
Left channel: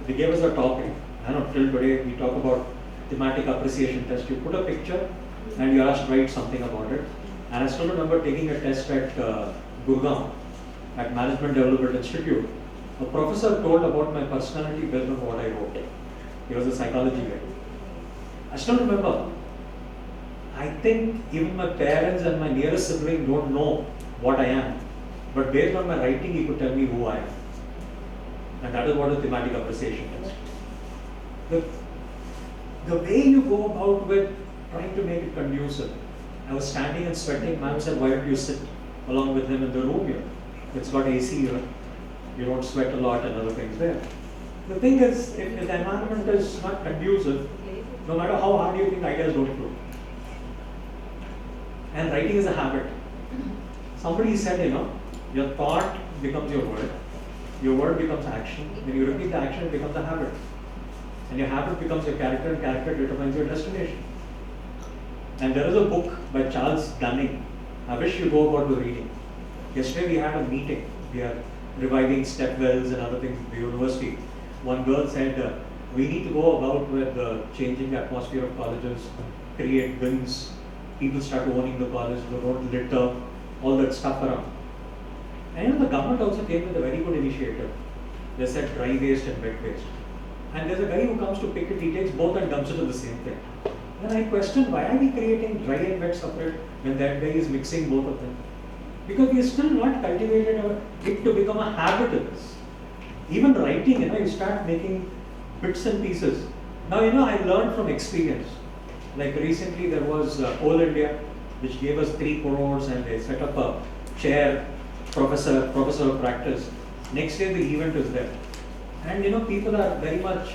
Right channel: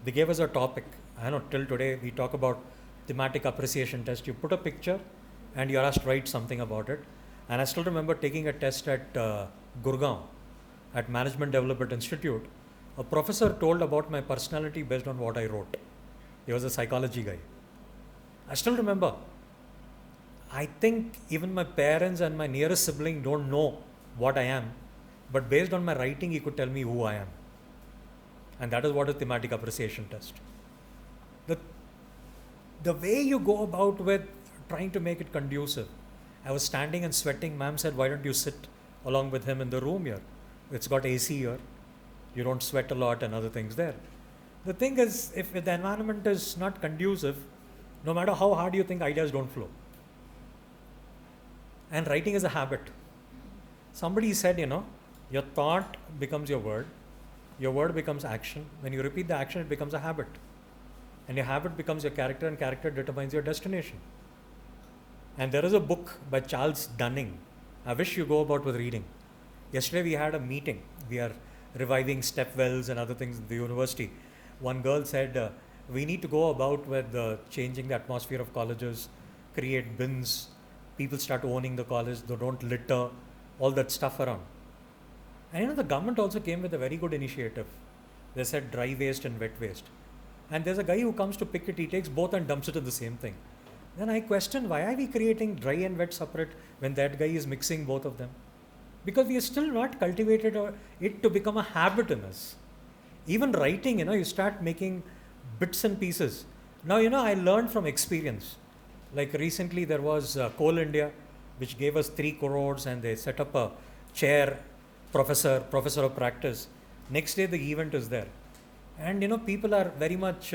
They gave us a topic. Till today we talk about thematic appreciation test. You put a picture and you're asked to write something about it. And I still remember taking a test at Gurgaon, at Management Development Institute. A professor told about my personality based on what I wrote. He was a psychology guy. I still remember. I think even my parents and my nearest sibling don't know what I am. But based on my writing, he could tell me who I am. And that is what a thematic appreciation test. The way you go about with trying to make it conducive. I was standing and sweating. Ma'am said, why don't you sit along with him in the room here? It's got AC here. You don't sweat a lot and other things there. The thing is, if the environment is not conducive, no matter how hard you think, ideas don't flow. And writing is a habit. Somebody said, your thought becomes your word becomes action. When you repeat the action, it becomes a habit. And your habit becomes your character, and character determines your destination. And there is a book by Charles Gunning. I wish you go about with reading. Yesterday we had a meeting. We are reviving stepwells and other things at the university. One girl said, we need to go about with changing the atmosphere of colleges, create bins, people start owning the colleges, they don't litter, all that stuff around. And the government also came with a very good initiative. They said dry waste and wet waste. And there's a guy who comes to pick it, he takes both and dumps it in the same thing. And I question, why are we creating dry and wet separate when that guy is mixing both of them? Because we are still not cultivated it to become a habit in this. Even writing, you start making bits and pieces. Now, I learned from experience. Like recently there was Coal India, which gave us 3 crores and they set up a chair, professor of practice. Next day the event is there. And people are very much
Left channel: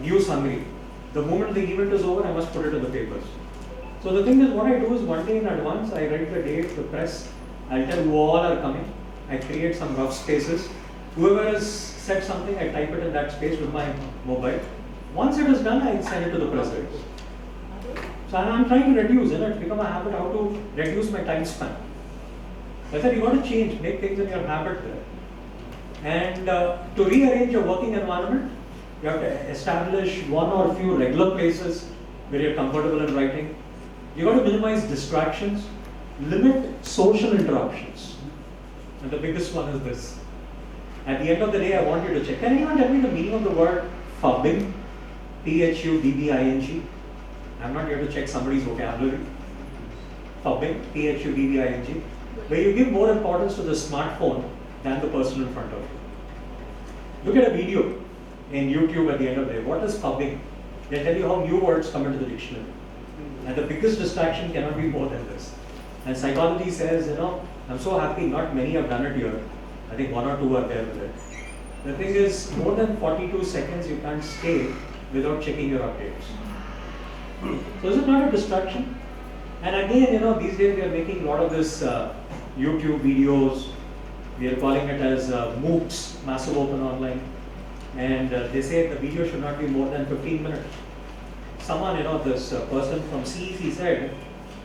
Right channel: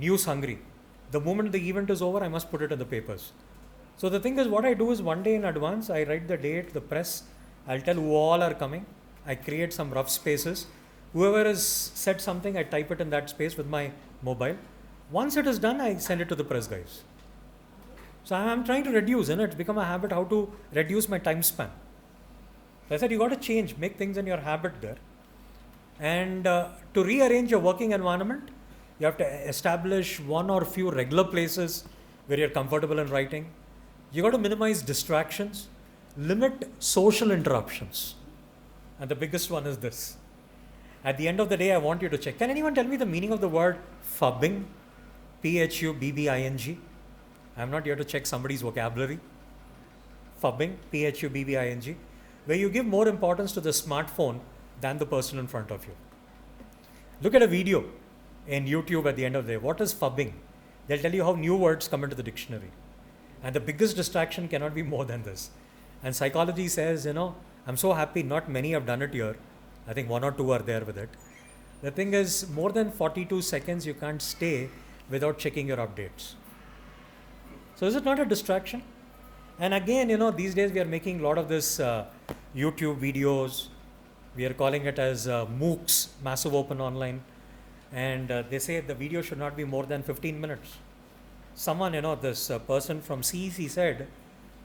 news hungry. The moment the event is over, I must put it in the papers. So the thing is, what I do is one day in advance, I write the date, the press, I'll tell who all are coming. I create some rough spaces. Whoever has said something, I type it in that space with my mobile. Once it is done, I send it to the press guys. So I'm trying to reduce, it's become a habit how to reduce my time span. I said you got to change, make things in your habit there. And to rearrange your working environment, you have to establish one or a few regular places where you're comfortable in writing. You got to minimize distractions, limit social interruptions. And the biggest one is this. At the end of the day, I want you to check. Can anyone tell me the meaning of the word phubbing? P-H-U-B-B-I-N-G. I'm not here to check somebody's vocabulary. Phubbing, P-H-U-B-B-I-N-G. Where you give more importance to the smartphone than the person in front of you. Look at a video in YouTube at the end of the day. What is phubbing? They'll tell you how new words come into the dictionary. And the biggest distraction cannot be more than this. And psychology says, I'm so happy not many have done it here. I think 1 or 2 are there with it. The thing is, more than 42 seconds you can't stay without checking your updates. So is it not a distraction? And again, these days we are making a lot of this YouTube videos. We are calling it as MOOCs, Massive Open Online. And they say the video should not be more than 15 minutes. Someone, this person from CEC said,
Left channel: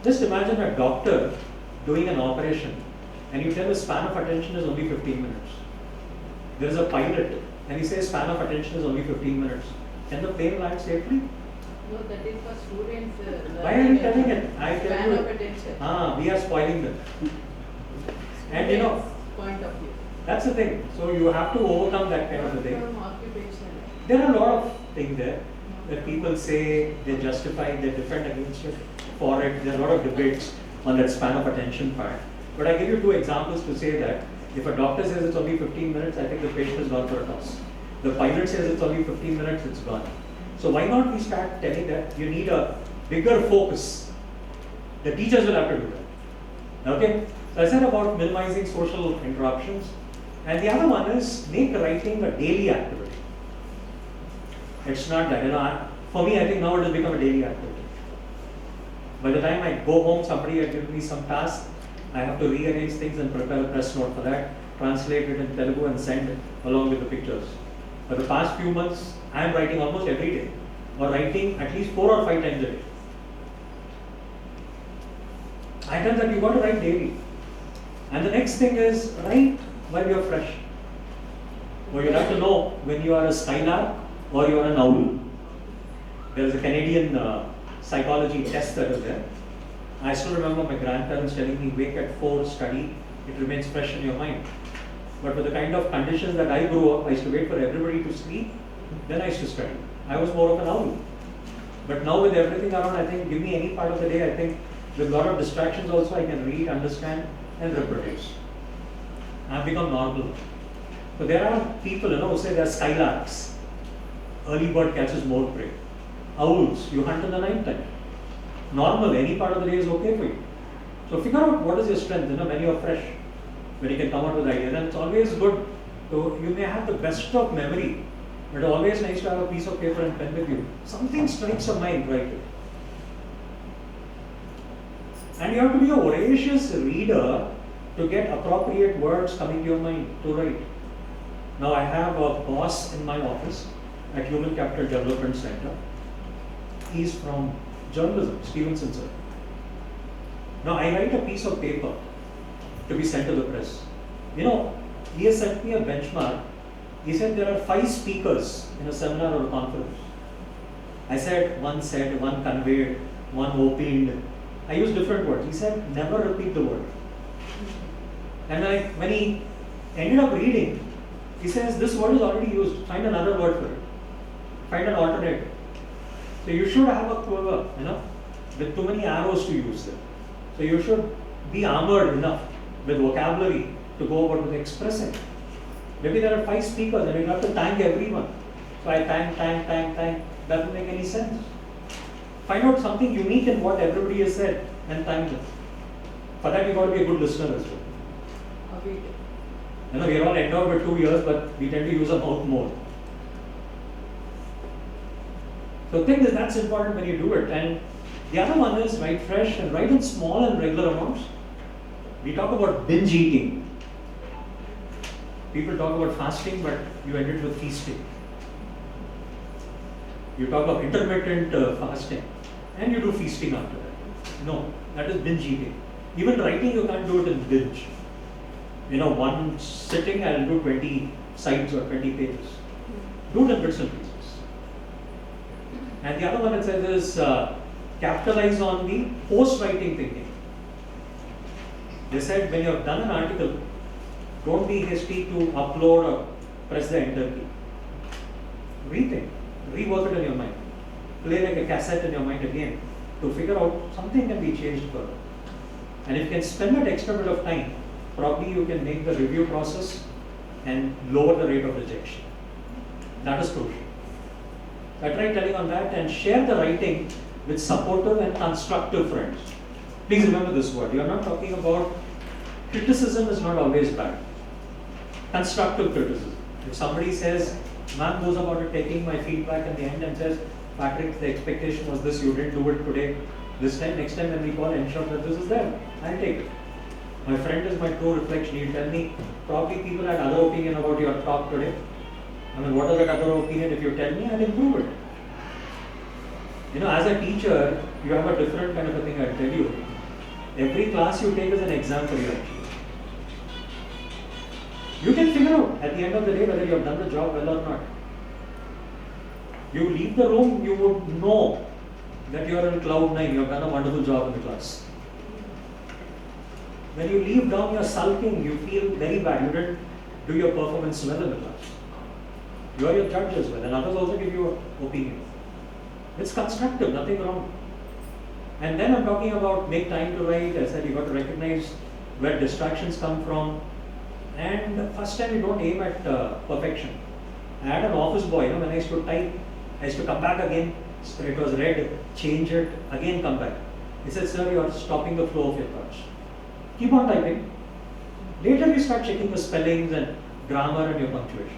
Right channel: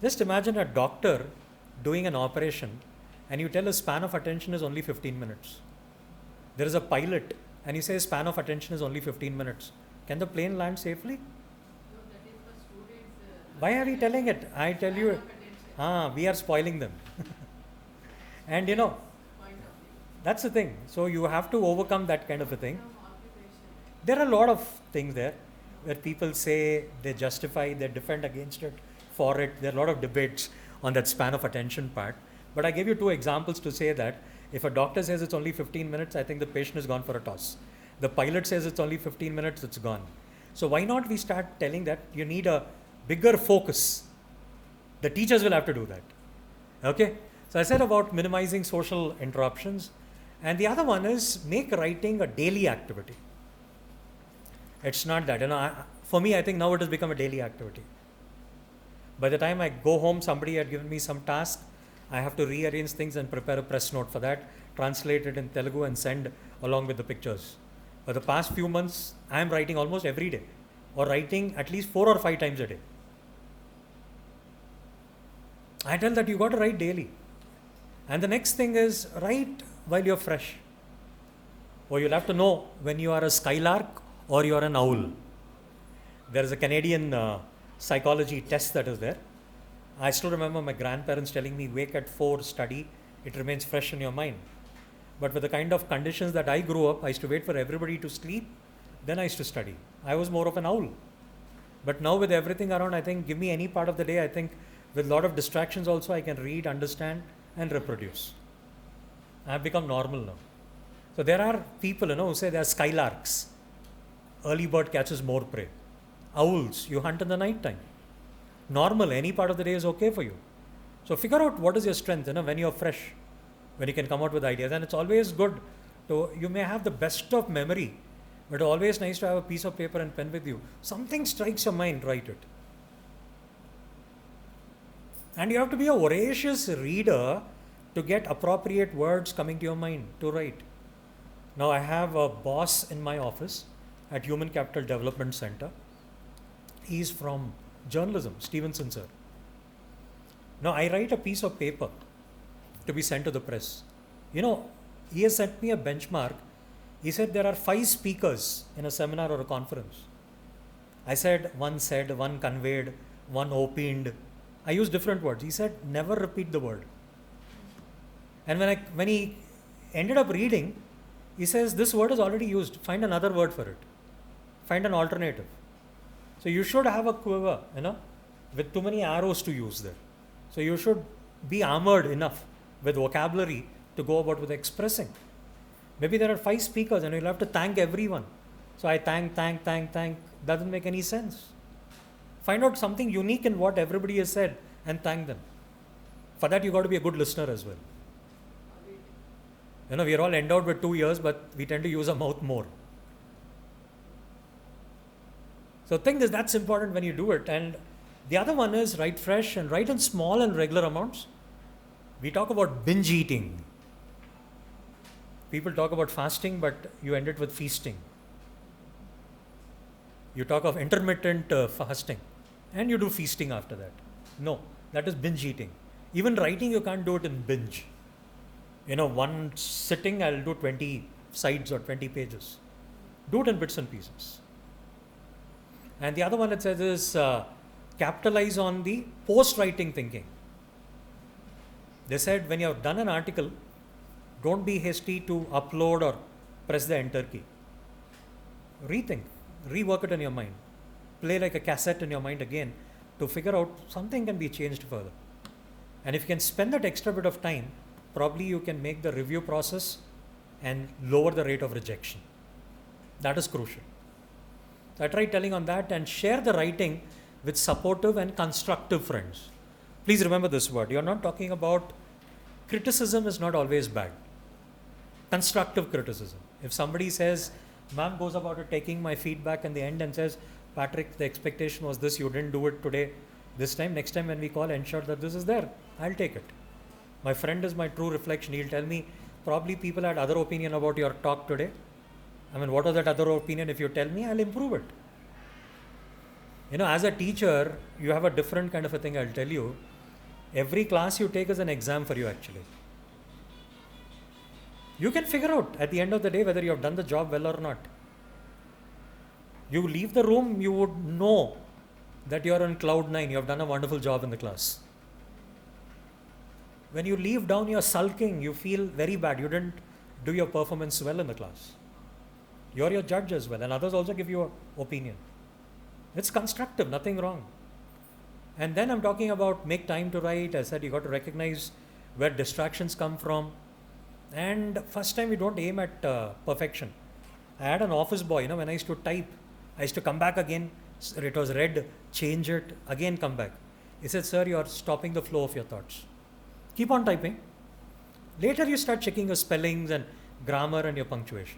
just imagine a doctor doing an operation and you tell his span of attention is only 15 minutes. There is a pilot and he says span of attention is only 15 minutes. Can the plane land safely? No, that is for students. Why are you telling it? I tell Span you. of attention. We are spoiling them. And Point of view. that's the thing. So you have to overcome that kind of a thing. From occupation. There are a lot of things there that people say, they justify, they defend against it, for it. There are a lot of debates on that span of attention part. But I give you 2 examples to say that if a doctor says it's only 15 minutes, I think the patient is gone for a toss. The pilot says it's only 15 minutes, it's gone. So why not we start telling that you need a bigger focus? The teachers will have to do that. Okay? So I said about minimizing social interruptions. And the other one is make writing a daily activity. It's not that, for me, I think now it has become a daily activity. By the time I go home, somebody had given me some task. I have to rearrange things and prepare a press note for that, translate it in Telugu and send it along with the pictures. For the past few months, I am writing almost every day, or writing at least 4 or 5 times a day. I tell that you got to write daily. And the next thing is write when you're fresh. Or you'll have to know when you are a skylark or you are an owl. There is a Canadian psychology test that is there. I still remember my grandparents telling me, wake at 4, study, it remains fresh in your mind. But with the kind of conditions that I grew up, I used to wait for everybody to sleep, then I used to study. I was more of an owl. But now with everything around, I think, give me any part of the day, I think with a lot of distractions also, I can read, understand, and reproduce. I've become normal. So there are people, who say they're skylarks. Early bird catches more prey. Owls, you hunt in the night time. Normal, any part of the day is okay for you. So figure out what is your strength, when you're fresh, when you can come out with ideas. And it's always good. So you may have the best of memory, but it's always nice to have a piece of paper and pen with you. Something strikes your mind, write it. And you have to be a voracious reader to get appropriate words coming to your mind to write. Now I have a boss in my office at Human Capital Development Center. He's from journalism, Stevenson sir. Now I write a piece of paper to be sent to the press. He has sent me a benchmark. He said there are 5 speakers in a seminar or a conference. I said, one said, one conveyed, one opined. I used different words. He said, never repeat the word. And when he ended up reading, he says, this word is already used. Find another word for it. Find an alternative. So you should have a quiver, with too many arrows to use there. So you should be armored enough with vocabulary to go about with expressing. Maybe there are 5 speakers and you'll have to thank everyone. So I thank. Doesn't make any sense. Find out something unique in what everybody has said and thank them. For that you got to be a good listener as well. We are all endowed with 2 ears, but we tend to use our mouth more. So the thing is, that's important when you do it. And the other one is write fresh and write in small and regular amounts. We talk about binge eating. People talk about fasting, but you end it with feasting. You talk of intermittent fasting, and you do feasting after that. No, that is binge eating. Even writing, you can't do it in binge. One sitting, I'll do 20 sides or 20 pages. Do it in bits and pieces. And the other one that says is capitalize on the post-writing thinking. They said when you have done an article, don't be hasty to upload or press the enter key. Rethink, rework it in your mind. Play like a cassette in your mind again to figure out something can be changed further. And if you can spend that extra bit of time, probably you can make the review process and lower the rate of rejection. That is crucial. I tried telling on that, and share the writing with supportive and constructive friends. Please remember this word. You are not talking about criticism is not always bad. Constructive criticism. If somebody says, man goes about it taking my feedback in the end and says, Patrick, the expectation was this, you didn't do it today. This time, next time when we call, ensure that this is there. I'll take it. My friend is my true reflection. He'll tell me, probably people had other opinion about your talk today. What is that other opinion? If you tell me, I'll improve it. As a teacher, you have a different kind of a thing, I'll tell you. Every class you take is an exam for you actually. You can figure out at the end of the day whether you have done the job well or not. You leave the room, you would know that you are in cloud 9, you have done a wonderful job in the class. When you leave down, you're sulking, you feel very bad, you didn't do your performance well in the class. You're your judge as well, and others also give you an opinion. It's constructive, nothing wrong. And then I'm talking about make time to write. I said you got to recognize where distractions come from. And first time you don't aim at perfection. I had an office boy, when I used to type, I used to come back again. So it was red, change it, again come back. He said, sir, you are stopping the flow of your thoughts. Keep on typing. Later you start checking your spellings and grammar and your punctuation.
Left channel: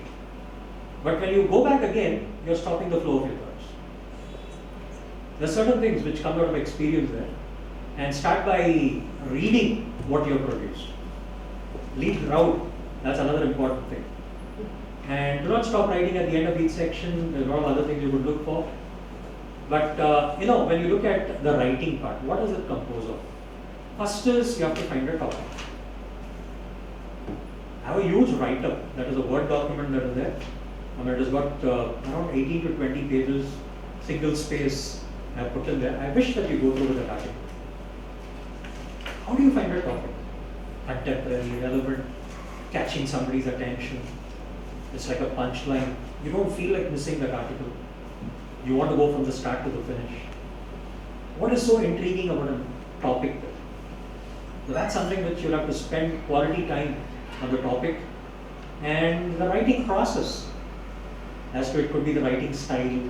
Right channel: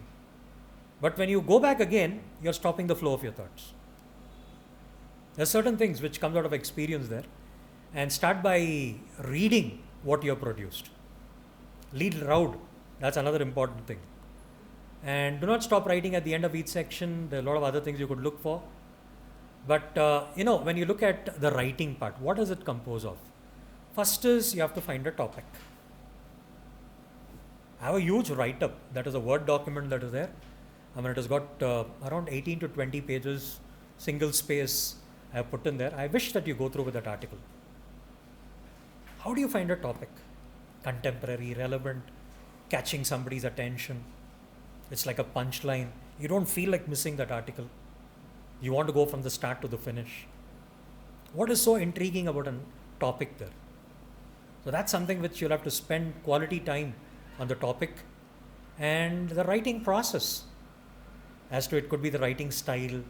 But when you go back again, you're stopping the flow of your thoughts. There are certain things which come out of experience there. And start by reading what you have produced. Lead BRAOU, that's another important thing. And do not stop writing at the end of each section. There are a lot of other things you would look for. But when you look at the writing part, what does it compose of? First is you have to find a topic. I have a huge write-up, that is a Word document that is there. It has got around 18 to 20 pages, single space, I have put in there. I wish that you go through that article. How do you find a topic? Contemporary, relevant, catching somebody's attention. It's like a punchline. You don't feel like missing that article. You want to go from the start to the finish. What is so intriguing about a topic there? So that's something which you'll have to spend quality time on the topic and the writing process. As to it could be the writing style,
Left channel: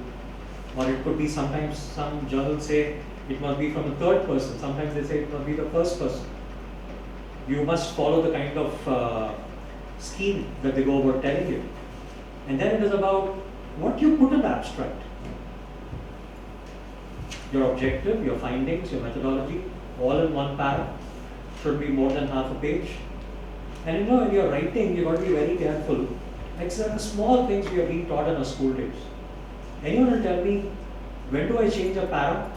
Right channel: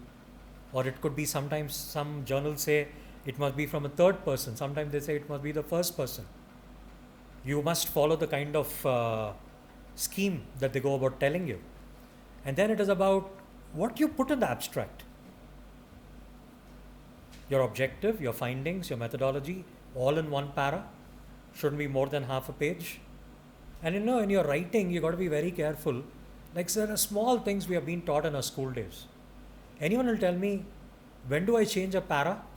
or it could be sometimes some journals say it must be from a third person. Sometimes they say it must be the first person. You must follow the kind of scheme that they go about telling you. And then it is about what you put in the abstract. Your objective, your findings, your methodology, all in one para. Should be more than half a page. And you know, in your writing, you've got to be very careful. Like there are small things we have been taught in our school days. Anyone will tell me, when do I change a para?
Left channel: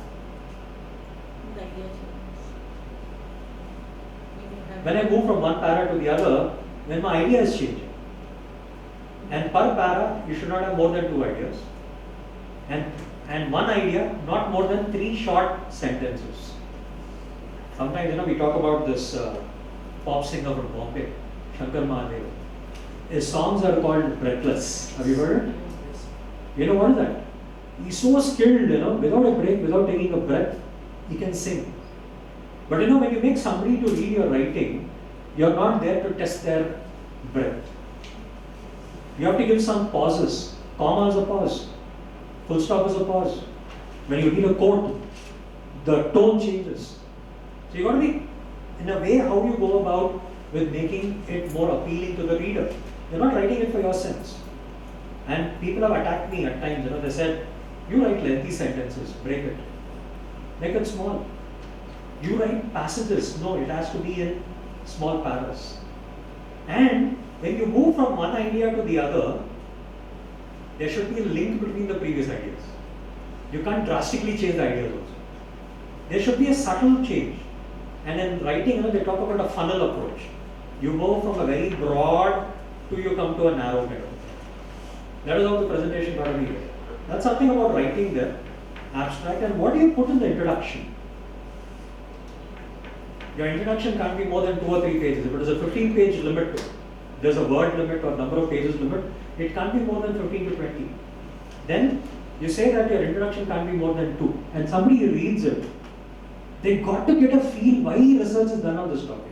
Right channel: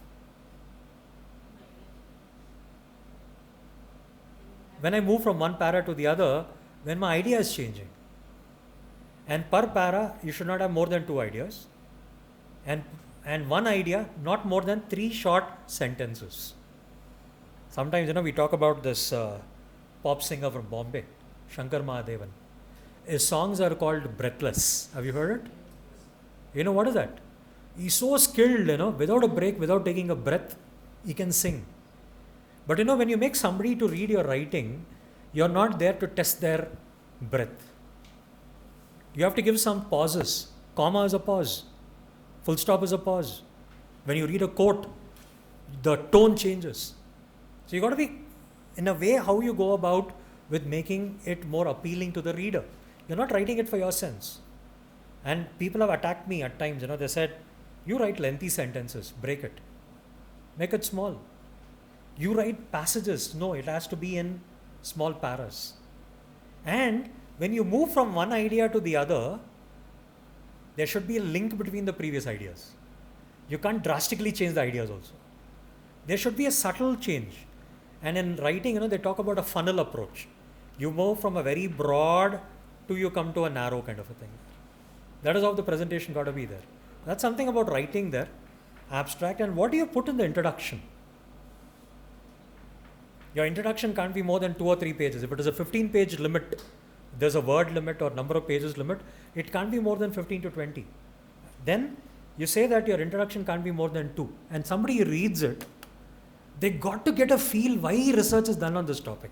When I move from one para to the other, when my idea is changing. And per para, you should not have more than 2 ideas. And one idea, not more than 3 short sentences. Sometimes, we talk about this pop singer from Bombay, Shankar Mahadeva. His songs are called Breathless. Have you heard it? You know what is that? He's so skilled, without a break, without taking a breath, he can sing. But when you make somebody to read your writing, you're not there to test their breath. You have to give some pauses. Comma is a pause. Full stop is a pause. When you read a quote, the tone changes. So you got to be, in a way, how you go about with making it more appealing to the reader. You're not writing it for your sense. And people have attacked me at times, they said, you write lengthy sentences, break it. Make it small. You write passages. No, it has to be in small paras. And when you move from one idea to the other, there should be a link between the previous ideas. You can't drastically change the ideas also. There should be a subtle change. And in writing, they talk about a funnel approach. You move from a very broad to you come to a narrow kind of a thing. That is how the presentation got to be there. That's something about writing there, abstract. And what do you put in the introduction? Your introduction can't be more than 2 or 3 pages. If it is a 15-page limit, there's a word limit or number of pages limit, it can't be more than 15 to 20. Then you say that your introduction can't be more than 2, and somebody reads it. They got to get a feel why research is done on this topic.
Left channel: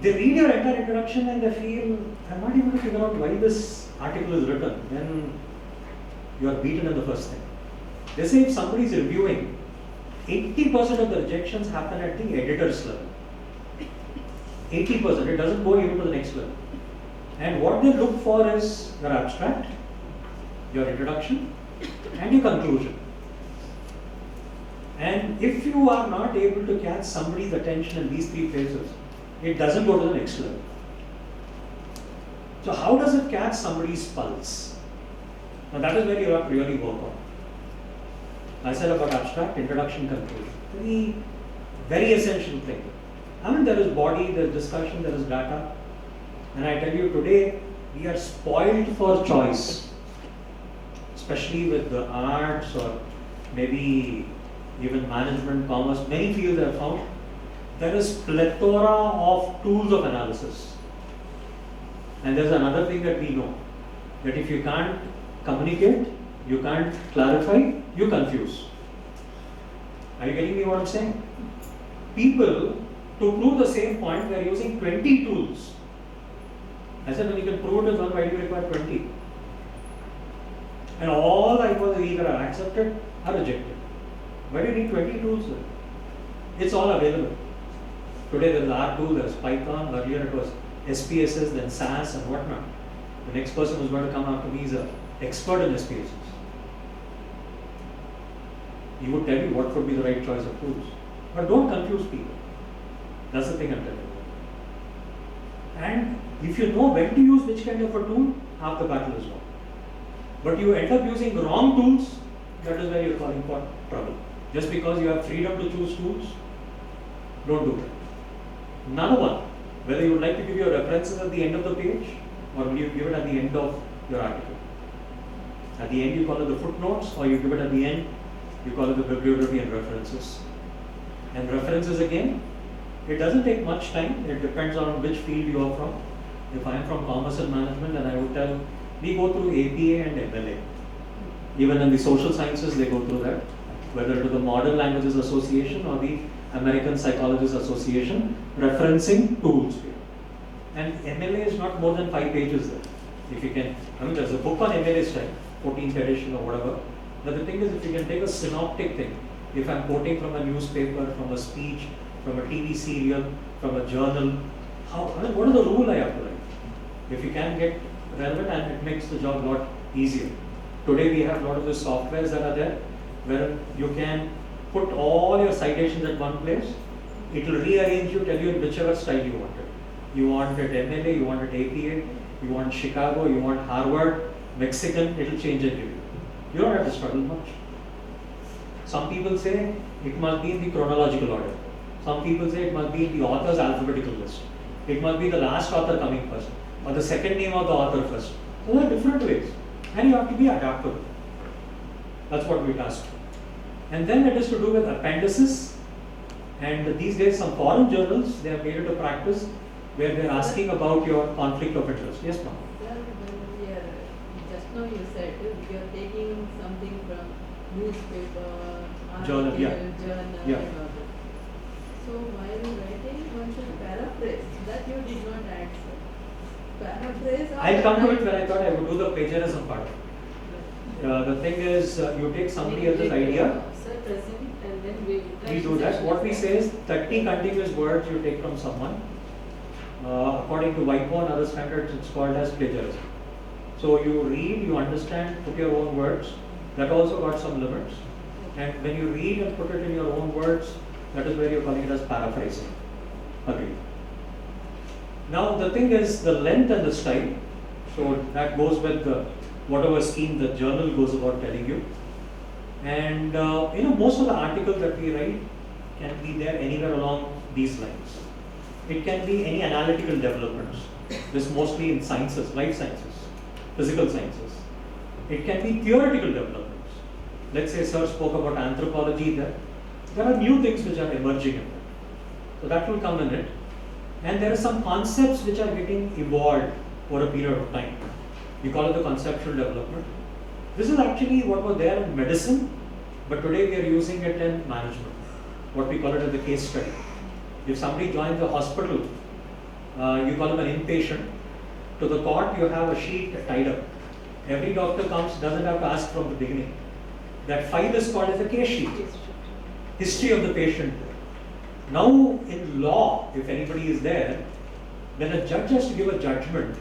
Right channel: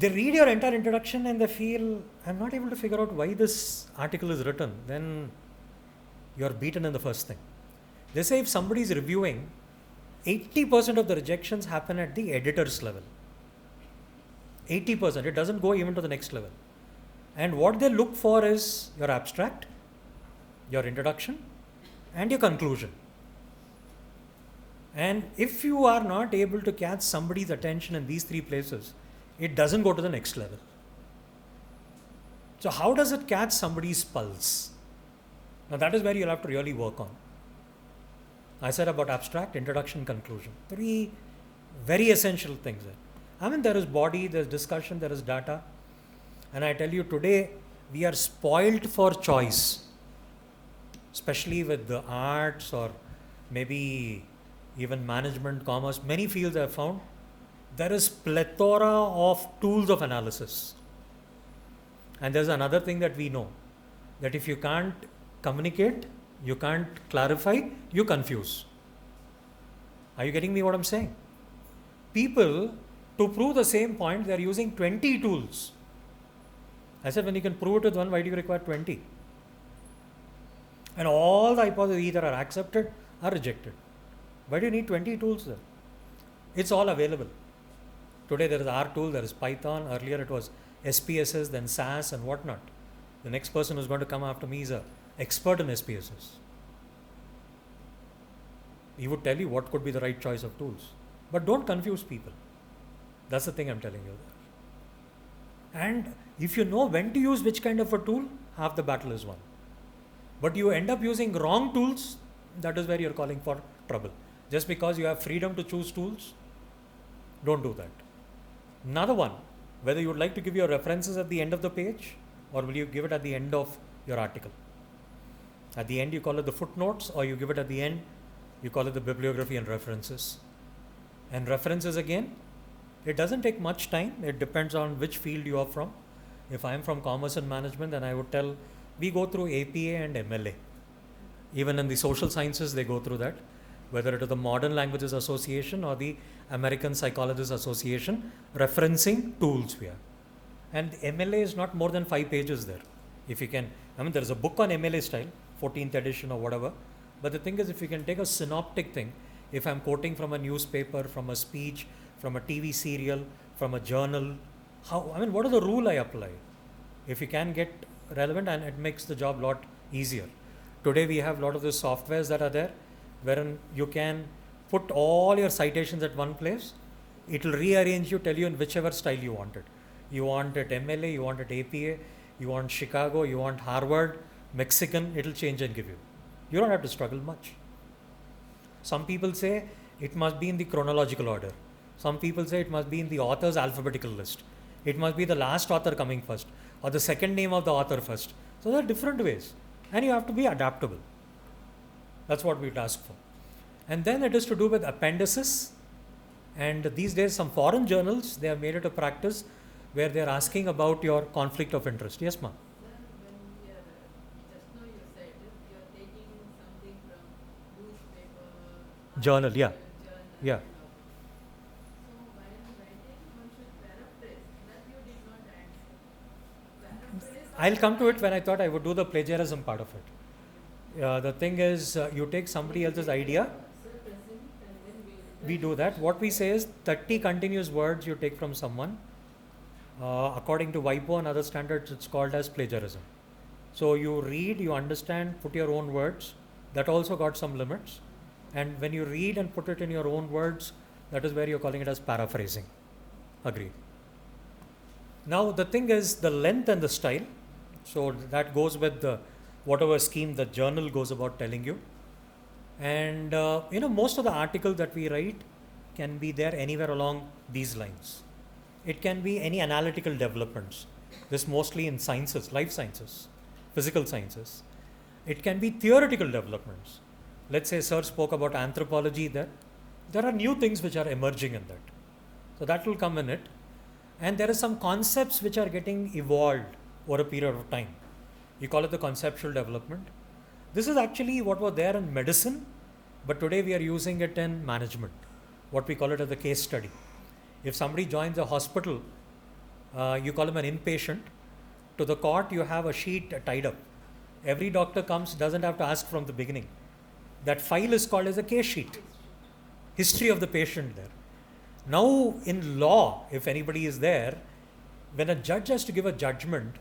They read your entire introduction and they feel, I'm not able to figure out why this article is written. Then you are beaten in the first thing. They say if somebody is reviewing, 80% of the rejections happen at the editor's level. 80%, it doesn't go even to the next level. And what they look for is your abstract, your introduction, and your conclusion. And if you are not able to catch somebody's attention in these 3 places, it doesn't go to the next level. So how does it catch somebody's pulse? Now that is where you have to really work on. I said about abstract, introduction, conclusion. 3 very essential things. There is body, there is discussion, there is data. And I tell you today, we are spoiled for choice. Especially with the arts or maybe even management, commerce, many fields I have found. There is plethora of tools of analysis. And there's another thing that we know, that if you can't communicate, you can't clarify, you confuse. Are you getting me what I'm saying? People, to prove the same point, they are using 20 tools. I said, when you can prove it with one, why do you require 20? And all the hypotheses either are accepted or rejected. Why do you need 20 tools then? It's all available. Today there is R tool, there is Python, earlier it was SPSS, then SAS and whatnot. The next person who's going to come after me is an expert in SPSS. He would tell you what could be the right choice of tools. But don't confuse people. That's the thing I'm telling you. And if you know when to use which kind of a tool, half the battle is won. But you end up using wrong tools, that is where you're calling for trouble. Just because you have freedom to choose tools, don't do that. Another one, whether you would like to give your references at the end of the page or will you give it at the end of your article. At the end you call it the footnotes, or you give it at the end, you call it the bibliography and references. And references again, it doesn't take much time, it depends on which field you are from. If I am from commerce and management, then I would tell, we go through APA and MLA. Even in the social sciences, they go through that, whether it is the Modern Languages Association or the American Psychologists Association, referencing tools here. And MLA is not more than 5 pages there. If you can, I mean, there's a book on MLA style, 14th edition or whatever. But the thing is, if you can take a synoptic thing, if I'm quoting from a newspaper, from a speech, from a TV serial, from a journal, what is the rule I apply? If you can get relevant, and it makes the job a lot easier. Today we have a lot of the softwares that are there, where you can put all your citations at one place. It will rearrange you, tell you in whichever style you want it. You want it MLA, you want it APA, you want Chicago, you want Harvard, Mexican, it will change and give you. You don't have to struggle much. Some people say it must be in the chronological order. Some people say it must be in the author's alphabetical list. It must be the last author coming first, or the second name of the author first. So there are different ways, and you have to be adaptable. That's what we've asked. And then it is to do with appendices. And these days, some foreign journals, they have made it a practice where they are asking about your conflict of interest. Yes, ma'am. Sir, just now you said you are taking something from newspaper, Journal, yeah. journal, Yeah. and all that. So while writing, one should paraphrase. That you did not add, sir. Paraphrase. or I'll come to it write- when I thought I would do the plagiarism part of it. The thing is, you take somebody else's idea, Sir, present, and then we do that. What we say is 30 continuous words you take from someone. According to WIPO and other standards, it's called as plagiarism. So you read, you understand, put your own words. That also got some limits. And when you read and put it in your own words, that is where you're calling it as paraphrasing. Agreed. Now the thing is the length and the style. So that goes with the whatever scheme the journal goes about telling you. And most of the articles that we write can be there anywhere along these lines. It can be any analytical developments. This is mostly in sciences, life sciences, physical sciences. It can be theoretical developments. Let's say sir spoke about anthropology there. There are new things which are emerging in that. So that will come in it. And there are some concepts which are getting evolved over a period of time. We call it the conceptual development. This is actually what was there in medicine, but today we are using it in management. What we call it as a case study. If somebody joins the hospital, you call him an inpatient. To the court, you have a sheet tied up. Every doctor comes, doesn't have to ask from the beginning. That file is called as a case sheet. History of the patient. Now, in law, if anybody is there, when a judge has to give a judgment,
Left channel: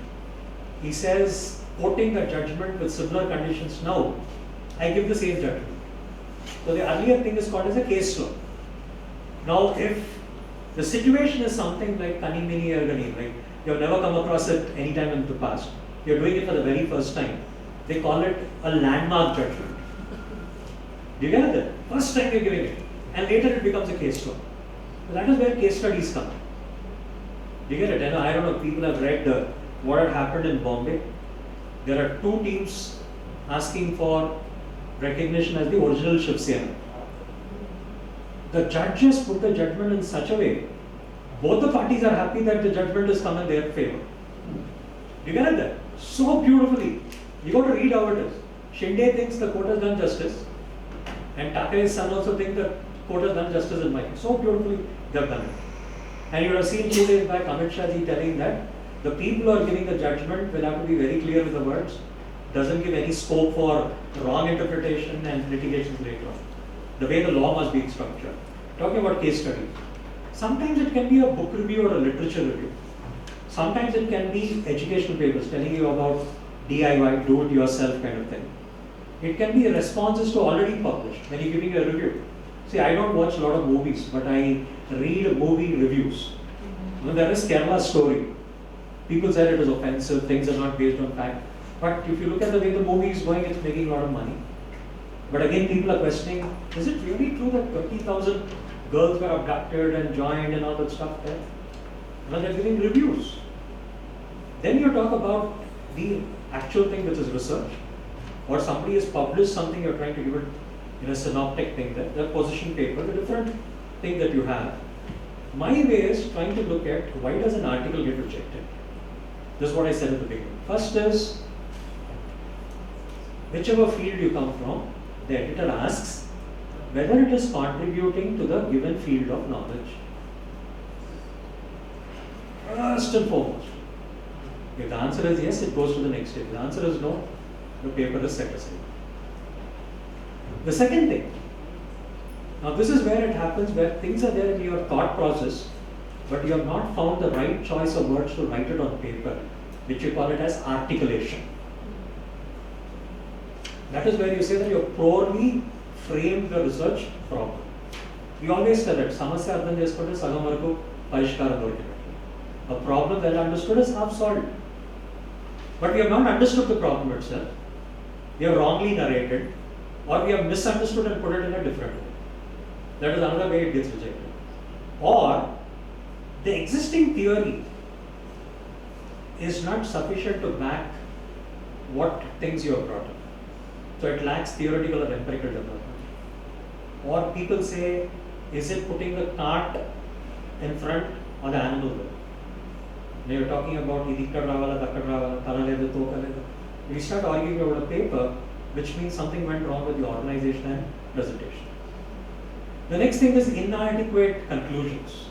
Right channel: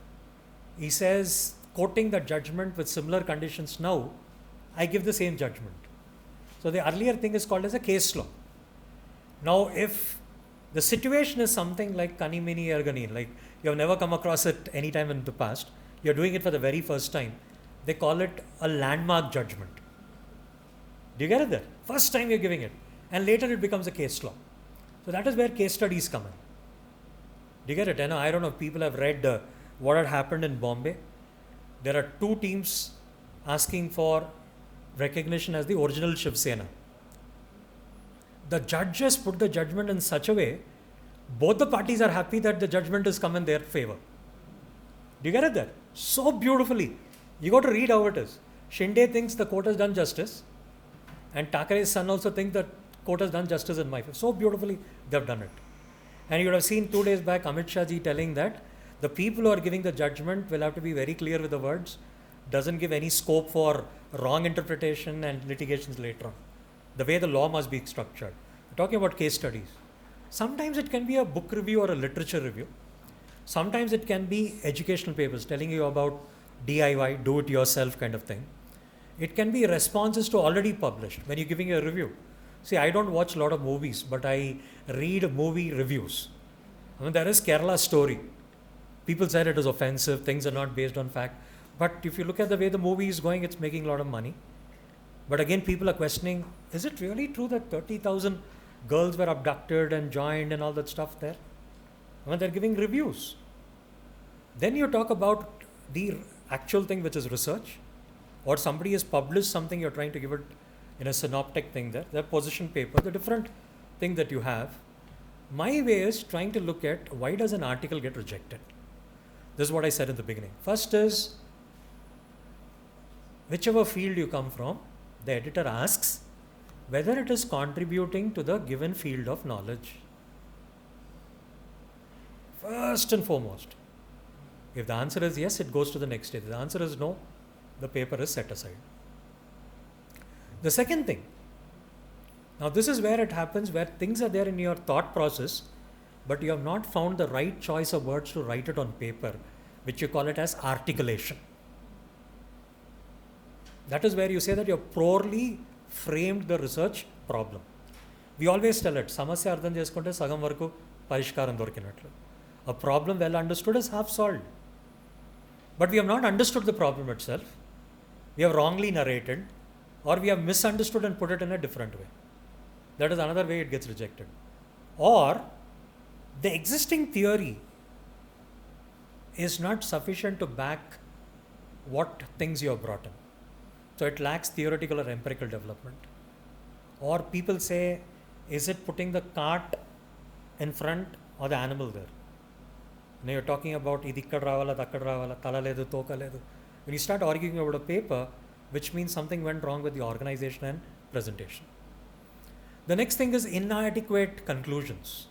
he says, quoting the judgment with similar conditions now, I give the same judgment. So the earlier thing is called as a case law. Now, if the situation is something like Kanimini Ergani, like you have never come across it any time in the past, you are doing it for the very first time, they call it a landmark judgment. Do you get it? First time you are giving it, and later it becomes a case law. So that is where case studies come. Do you get it? I don't know if people have read what had happened in Bombay. There are 2 teams asking for recognition as the original Shiv Sena. The judges put the judgment in such a way, both the parties are happy that the judgment has come in their favor. Do you get it there? So beautifully. You got to read how it is. Shinde thinks the court has done justice, and Thackeray's son also thinks the court has done justice in my favor. So beautifully they have done it. And you would have seen 2 days back Amit Shah ji telling that the people who are giving the judgment will have to be very clear with the words. Doesn't give any scope for wrong interpretation and litigations later on. The way the law must be structured. Talking about case studies. Sometimes it can be a book review or a literature review. Sometimes it can be educational papers telling you about DIY, do it yourself kind of thing. It can be responses to already published when you're giving a review. See, I don't watch a lot of movies, but I read movie reviews. There is Kerala Story. People said it is offensive, things are not based on fact. But if you look at the way the movie is going, it's making a lot of money. But again, people are questioning, is it really true that 30,000 girls were abducted and joined and all that stuff there? No, they're giving reviews. Then you talk about the actual thing which is research. or somebody has published something, you're trying to give it in a synoptic thing, that the position paper, the different thing that you have. My way is trying to look at why does an article get rejected. This is what I said at the beginning. First is, whichever field you come from, the editor asks whether it is contributing to the given field of knowledge. First and foremost. If the answer is yes, it goes to the next stage. If the answer is no, the paper is set aside. The second thing, now this is where it happens, where things are there in your thought process, but you have not found the right choice of words to write it on paper, which you call it as articulation. That is where you say that you have poorly framed the research problem. We always tell it, samasya ardham cheskunte sagam varaku parishkaram dorikinattu. A problem well understood is half solved. But we have not understood the problem itself. We have wrongly narrated, or we have misunderstood and put it in a different way. That is another way it gets rejected. Or the existing theory is not sufficient to back what things you have brought in. So it lacks theoretical or empirical development. Or people say, is it putting the cart in front or the animal there? Now you're talking about idikkad ravala, takkad ravala, tala ledu, toka ledu. We start arguing about a paper, which means something went wrong with the organization and presentation. The next thing is inadequate conclusions.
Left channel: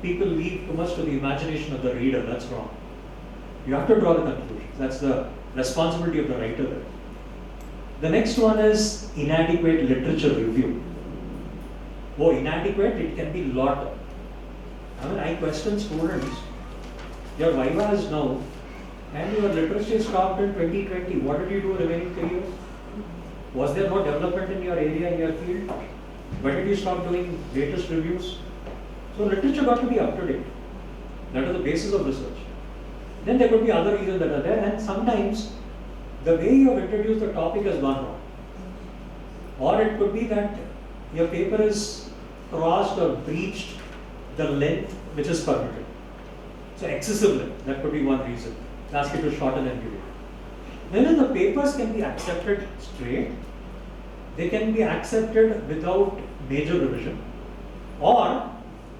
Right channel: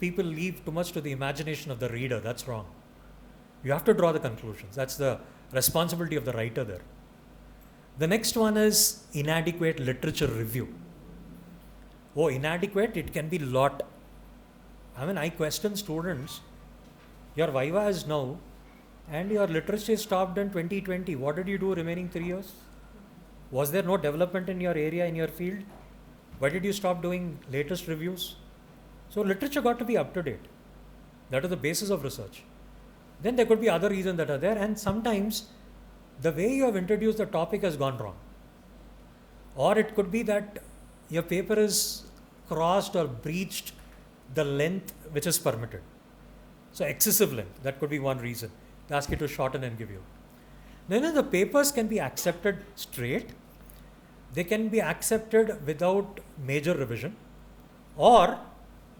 People leave too much to the imagination of the reader. That's wrong. You have to draw the conclusions. That's the responsibility of the writer there. The next one is inadequate literature review. Oh, inadequate, it can be lot. I mean, I question students, your Viva is now, and your literacy stopped in 2020. What did you do remaining 3 years? Was there no development in your area, in your field? Why did you stop doing latest reviews? So literature got to be up to date. That is the basis of research. Then there could be other reasons that are there, and sometimes the way you have introduced the topic has gone wrong. Or it could be that your paper is crossed or breached the length which is permitted. So excessive length, that could be one reason. They ask you to shorten and give you. Then the papers can be accepted straight, they can be accepted without major revision, or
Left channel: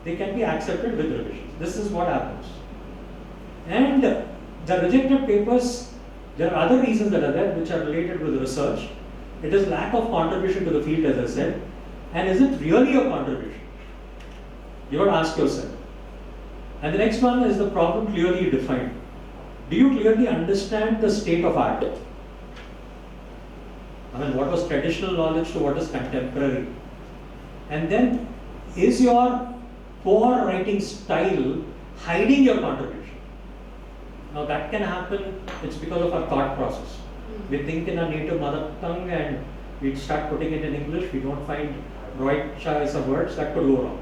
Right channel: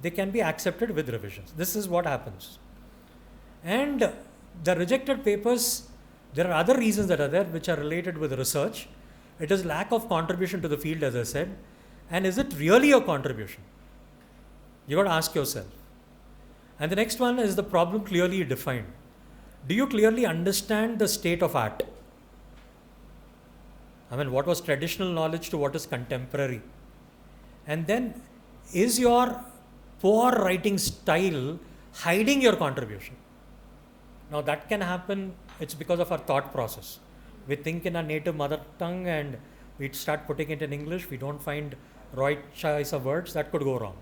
they can be accepted with revisions. This is what happens. And the rejected papers, there are other reasons that are there which are related with research. It is lack of contribution to the field, as I said. And is it really a contribution? You got to ask yourself. And the next one is the problem clearly defined. Do you clearly understand the state of art? I mean, what was traditional knowledge to what is contemporary? And then, is your poor writing style hiding your contribution? Now that can happen, it's because of our thought process. We think in our native mother tongue and we start putting it in English, we don't find right choice of words, that could go wrong.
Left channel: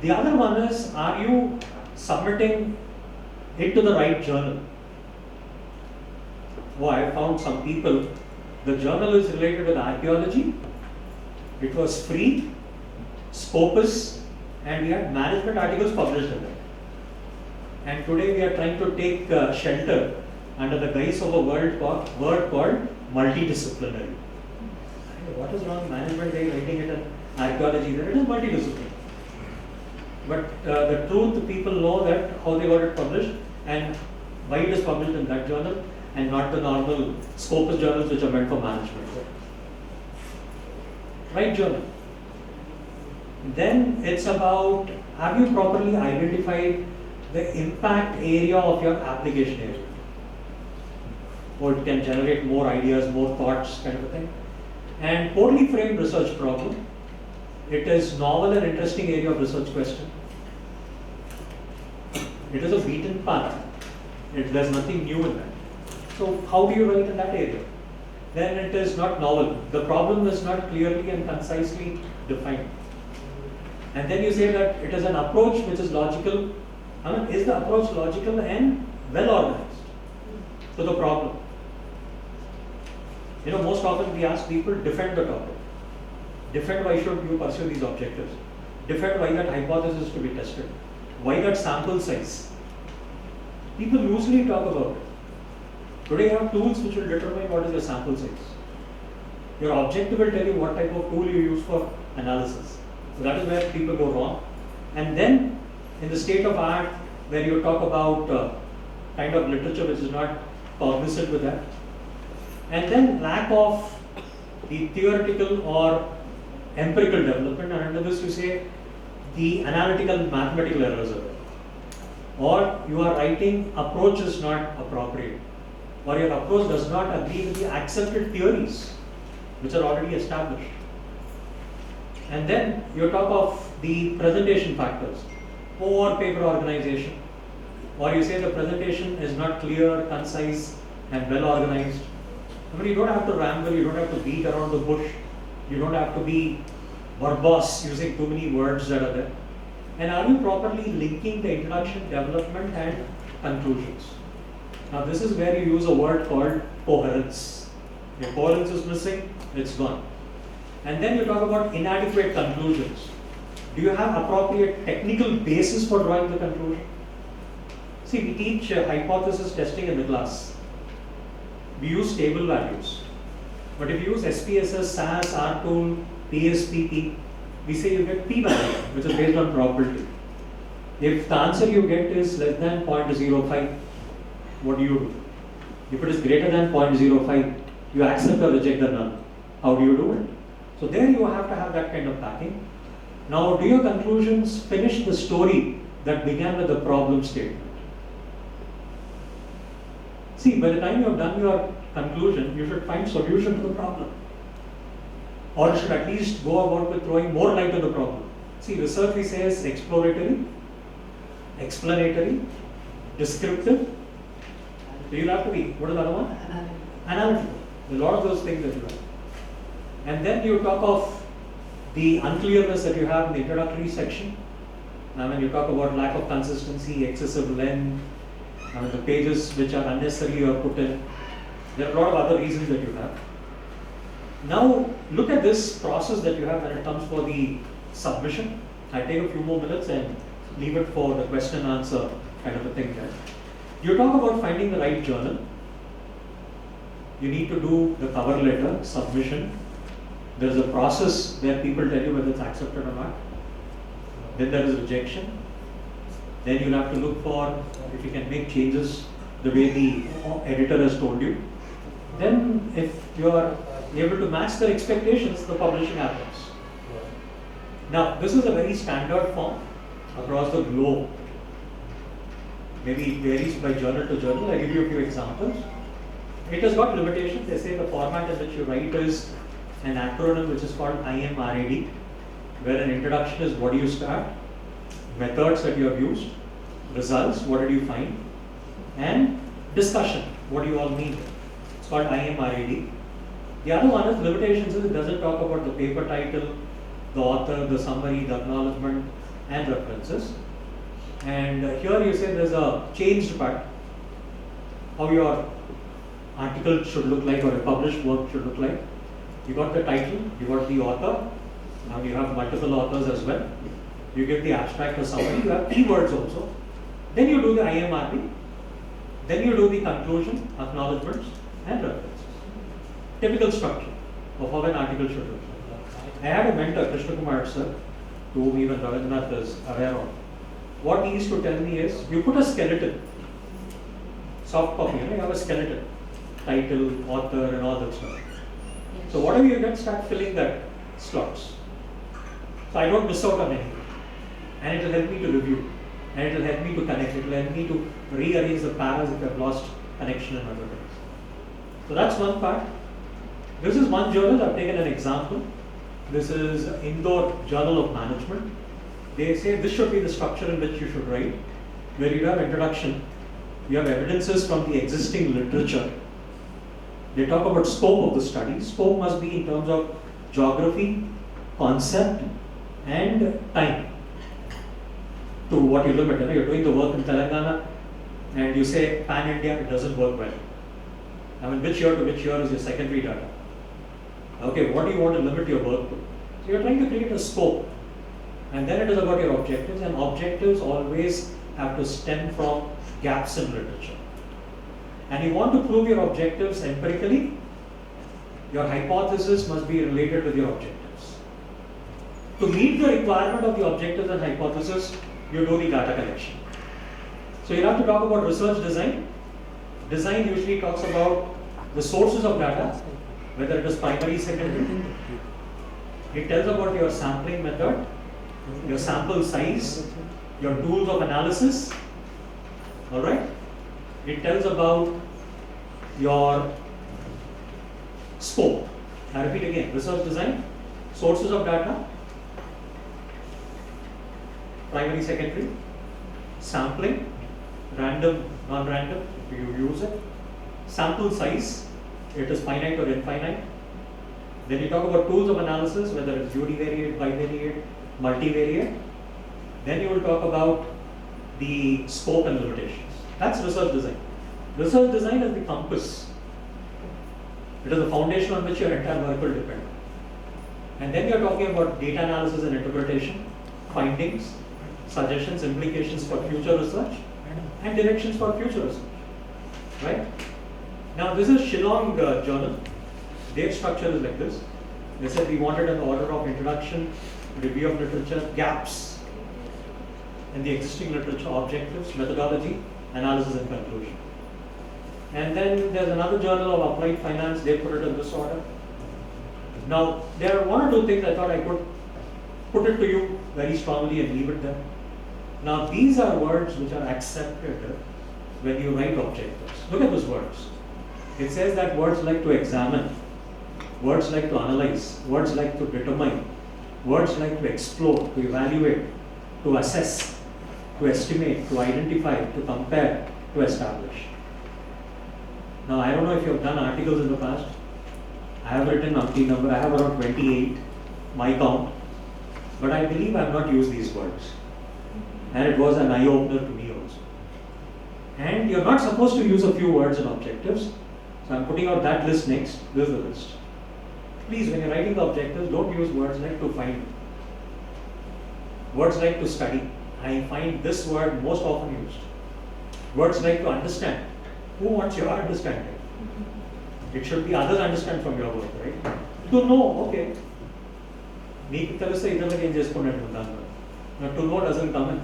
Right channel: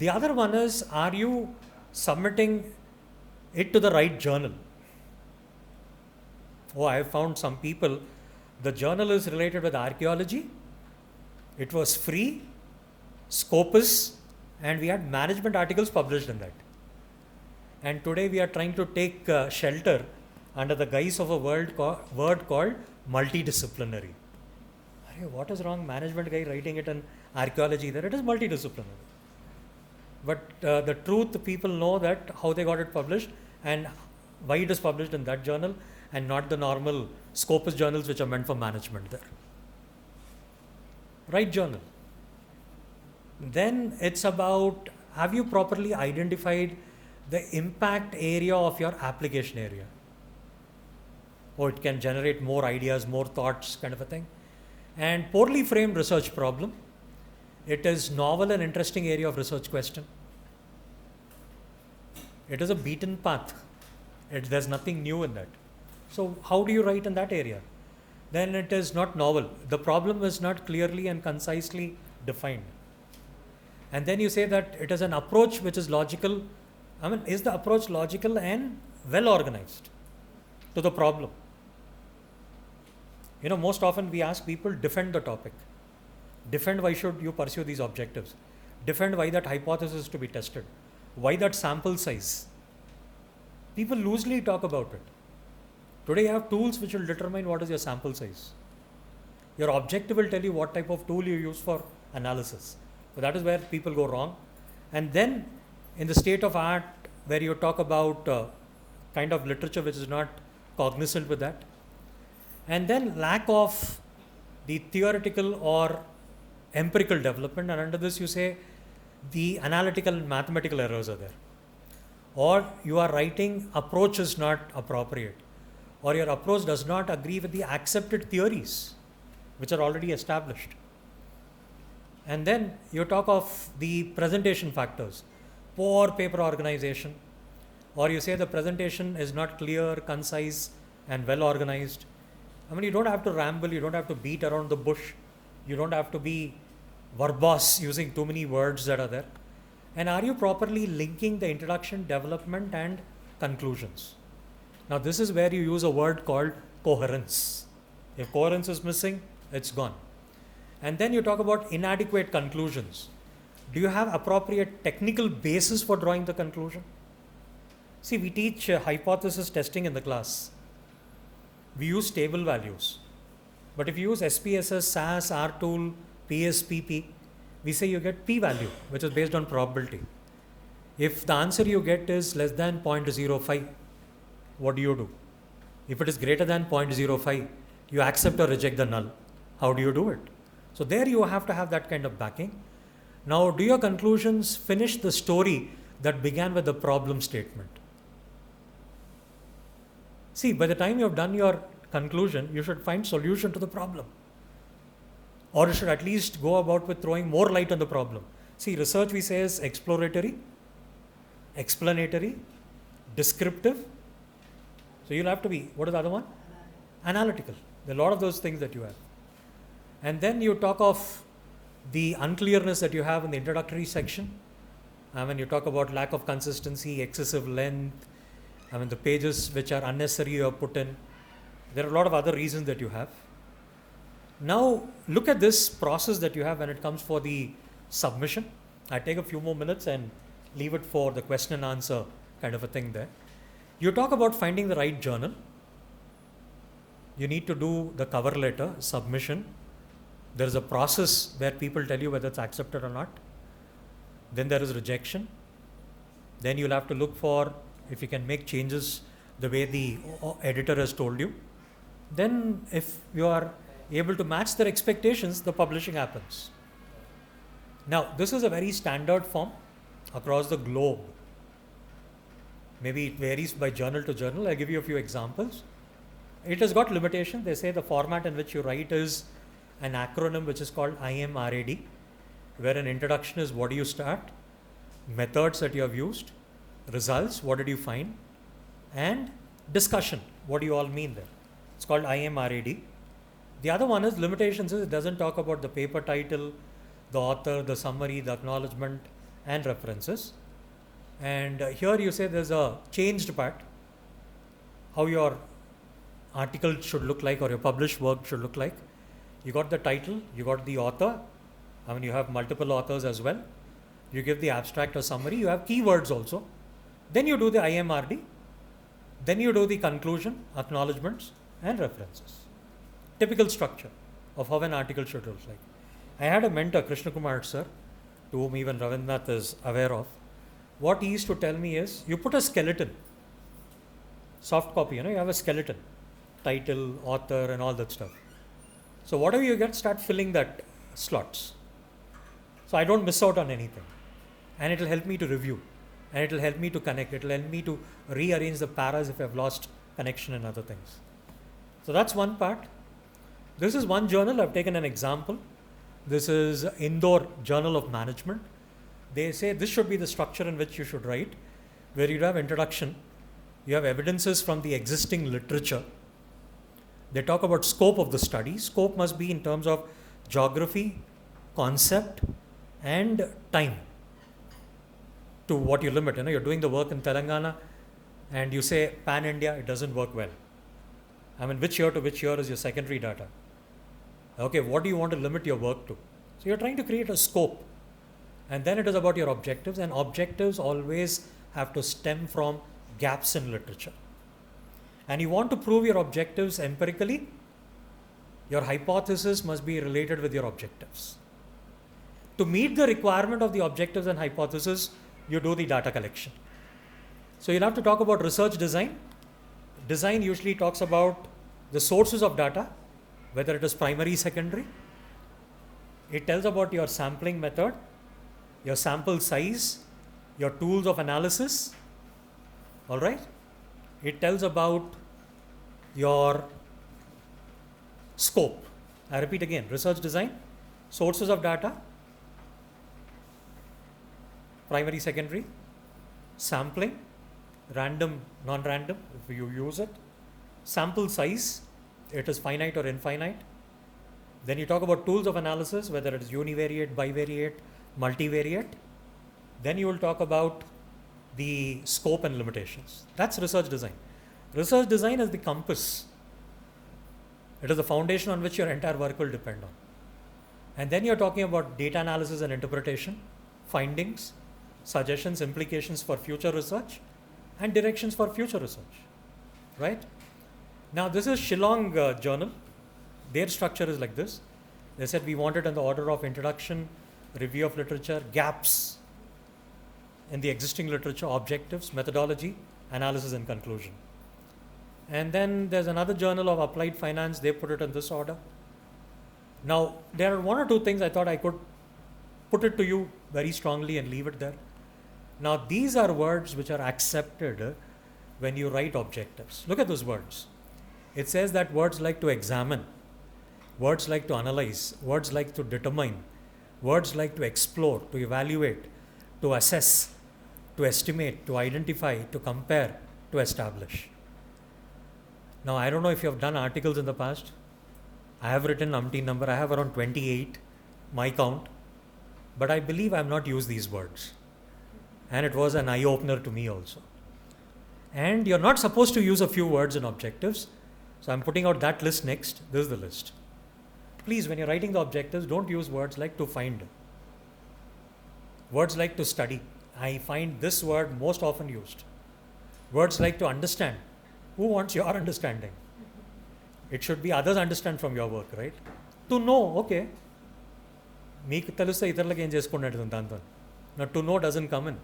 The other one is, are you submitting it to the right journal? Oh, I found some people, the journal is related with archaeology, it was free, Scopus, and we had management articles published in it. And today we are trying to take shelter under the guise of a word called multidisciplinary. What is wrong? Management guy writing it in archaeology, then it is multidisciplinary. But the truth, people know that how they got it published and why it is published in that journal and not the normal Scopus journals which are meant for management. Right journal. Then it's about, have you properly identified the impact area of your application area? Or it can generate more ideas, more thoughts, kind of a thing. And poorly framed research problem. It is novel and interesting area of research question. It is a beaten path. There's nothing new in that. So how do you write in that area? Then it is not novel. The problem is not clearly and concisely defined. And then you say that it is an approach which is logical. I mean, is the approach logical and well organized to the problem? You know, most often we ask people, defend the topic. Defend why should you pursue these objectives. Defend why that hypothesis is to be tested. Why that sample size. People loosely talk about it. Today you have tools which will determine what is your sample size. Your objective will tell you what type of tool you use for analysis. So that is where people go wrong. And then in the state of art, where you talk about kind of literature which is not cognizant with that, and then lack of the theoretical or empirical development, and under this you say the analytical mathematical errors are there, or you are writing approach is not appropriate, or your approach does not agree with the accepted theories which are already established. And then you talk of the presentation factors, poor paper organization, or you say the presentation is not clear, concise and well organized. I mean, you don't have to ramble, you don't have to beat around the bush, you don't have to be verbose using too many words that are there. And are you properly linking the introduction, development and conclusions? Now this is where you use a word called coherence. If coherence is missing, it's gone. And then you talk about inadequate conclusions. Do you have appropriate technical basis for drawing the conclusion? See, we teach hypothesis testing in the class. We use table values. But if you use SPSS, SAS, R-tool, PSPP, we say you get p-value, which is based on probability. If the answer you get is less than 0.05, what do? If it is greater than 0.05, you accept or reject the null. How do you do it? So there you have to have that kind of backing. Now, do your conclusions finish the story that began with the problem statement? See, by the time you have done your conclusion, you should find solution to the problem. Or you should at least go about with throwing more light on the problem. See, research we say is exploratory, explanatory, descriptive. So you'll have to be, what is the other one? Analytical. A lot of those things that you have. And then you talk of the unclearness that you have in the introductory section. I mean, you talk about lack of consistency, excessive length, I mean, the pages which are unnecessary you are put in. There are a lot of other reasons that you have. Now, look at this process that you have when it comes for the submission. I take a few more minutes and leave it for the question and answer kind of a thing there. You talk about finding the right journal. You need to do the cover letter, submission. There is a process where people tell you whether it's accepted or not. Then there is rejection. Then you'll have to look for if you can make changes the way the editor has told you. Then if you are able to match their expectations, the publishing happens. Now, this is a very standard form across the globe. Maybe it varies by journal to journal. I give you a few examples. It has got limitations. They say the format in which you write is an acronym which is called IMRAD, where an introduction is what do you start, methods that you have used, results, what did you find, and discussion, what do you all mean. It's called IMRAD. The other one is limitations is it doesn't talk about the paper title, the author, the summary, the acknowledgement, and references. And here you say there's a changed part, how your article should look like or a published work should look like. You got the title, you got the author, now you have multiple authors as well. You give the abstract or summary, you have keywords also. Then you do the IMRD, then you do the conclusion, acknowledgements, and references. Typical structure of how an article should look like. I had a mentor, Krishna Kumar sir, to whom even Ravindra is aware of. What he used to tell me is, you put a skeleton, soft copy, you have a skeleton, title, author, and all that stuff. So whatever you get, start filling that slots. So I don't miss out on anything. And it will help me to review. And it will help me to connect. It will help me to rearrange the paras if I have lost connection and other things. So that's one part. This is one journal, I've taken an example. This is Indore Journal of Management. They say this should be the structure in which you should write, where you have introduction, you have evidences from the existing literature. They talk about scope of the study. Scope must be in terms of geography, concept, and time. To what you limit. You're doing the work in Telangana and you say pan-India, it doesn't work well. I mean, which year to which year is your secondary data? Okay, what do you want to limit your work to? So you're trying to create a scope. And then it is about your objectives, and objectives always have to stem from gaps in literature. and you want to prove your objectives empirically, your hypothesis must be related with your objectives. To meet the requirement of the objectives and hypothesis, you do the data collection. So you'll have to talk about research design. Design usually talks about the sources of data, whether it is primary, secondary. It tells about your sampling method, your sample size, your tools of analysis. Alright? It tells about your scope. I repeat again, research design, sources of data, primary, secondary, sampling, random, non-random, if you use it, sample size, it is finite or infinite. Then you talk about tools of analysis, whether it's univariate, bivariate, multivariate. Then you will talk about the scope and limitations. That's research design. Research design is the compass. It is the foundation on which your entire work will depend on. And then you're talking about data analysis and interpretation, findings, suggestions, implications for future research, and directions for future research. Right? Now this is Shillong journal. Their structure is like this. They said we wanted in the order of introduction, review of literature, gaps in the existing literature, objectives, methodology, analysis and conclusion. And then there's another journal of applied finance, they put it in this order. Now there are one or two things I thought I could put it to you very strongly and leave it there. Now these are words which are accepted when you write objectives. Look at those words. It says that words like to examine, words like to analyze, words like to determine, words like to explore, to evaluate, to assess, to estimate, to identify, to compare, to establish. Now I don't know if you have done articles in the past. I have written umpteen number, I have around 28, my count, but I believe I have not used these words. And it was an eye-opener to me also. And you're not supposed to use a few words in objectives. So I'm putting out that list next. This is the list. Please, when you're writing the objectives, don't use words like to find. Words like to study. I find this word most often used. Words like to understand. Who wants your understanding? It should be others understand from your work, right? To know, okay. Now to know doesn't come in.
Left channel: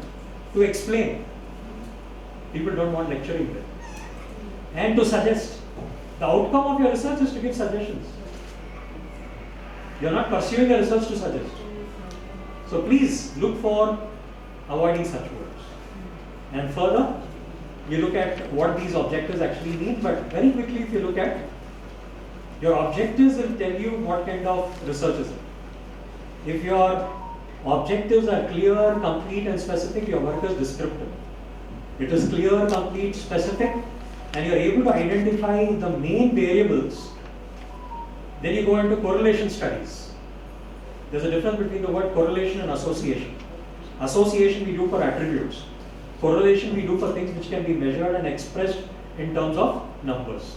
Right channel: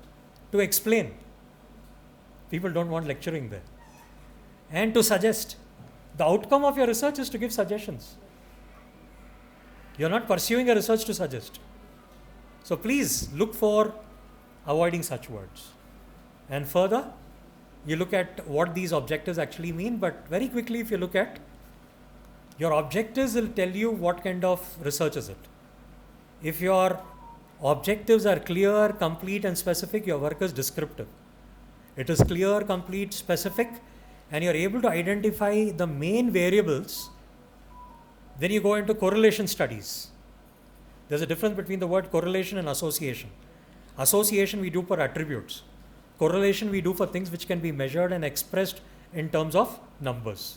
To explain. People don't want lecturing there. And to suggest. The outcome of your research is to give suggestions. You're not pursuing a research to suggest. So please look for avoiding such words. And further, you look at what these objectives actually mean, but very quickly if you look at your objectives will tell you what kind of research is it. If your objectives are clear, complete and specific, your work is descriptive. It is clear, complete, specific, and you're able to identify the main variables. Then you go into correlation studies. There's a difference between the word correlation and association. Association we do for attributes. Correlation we do for things which can be measured and expressed in terms of numbers.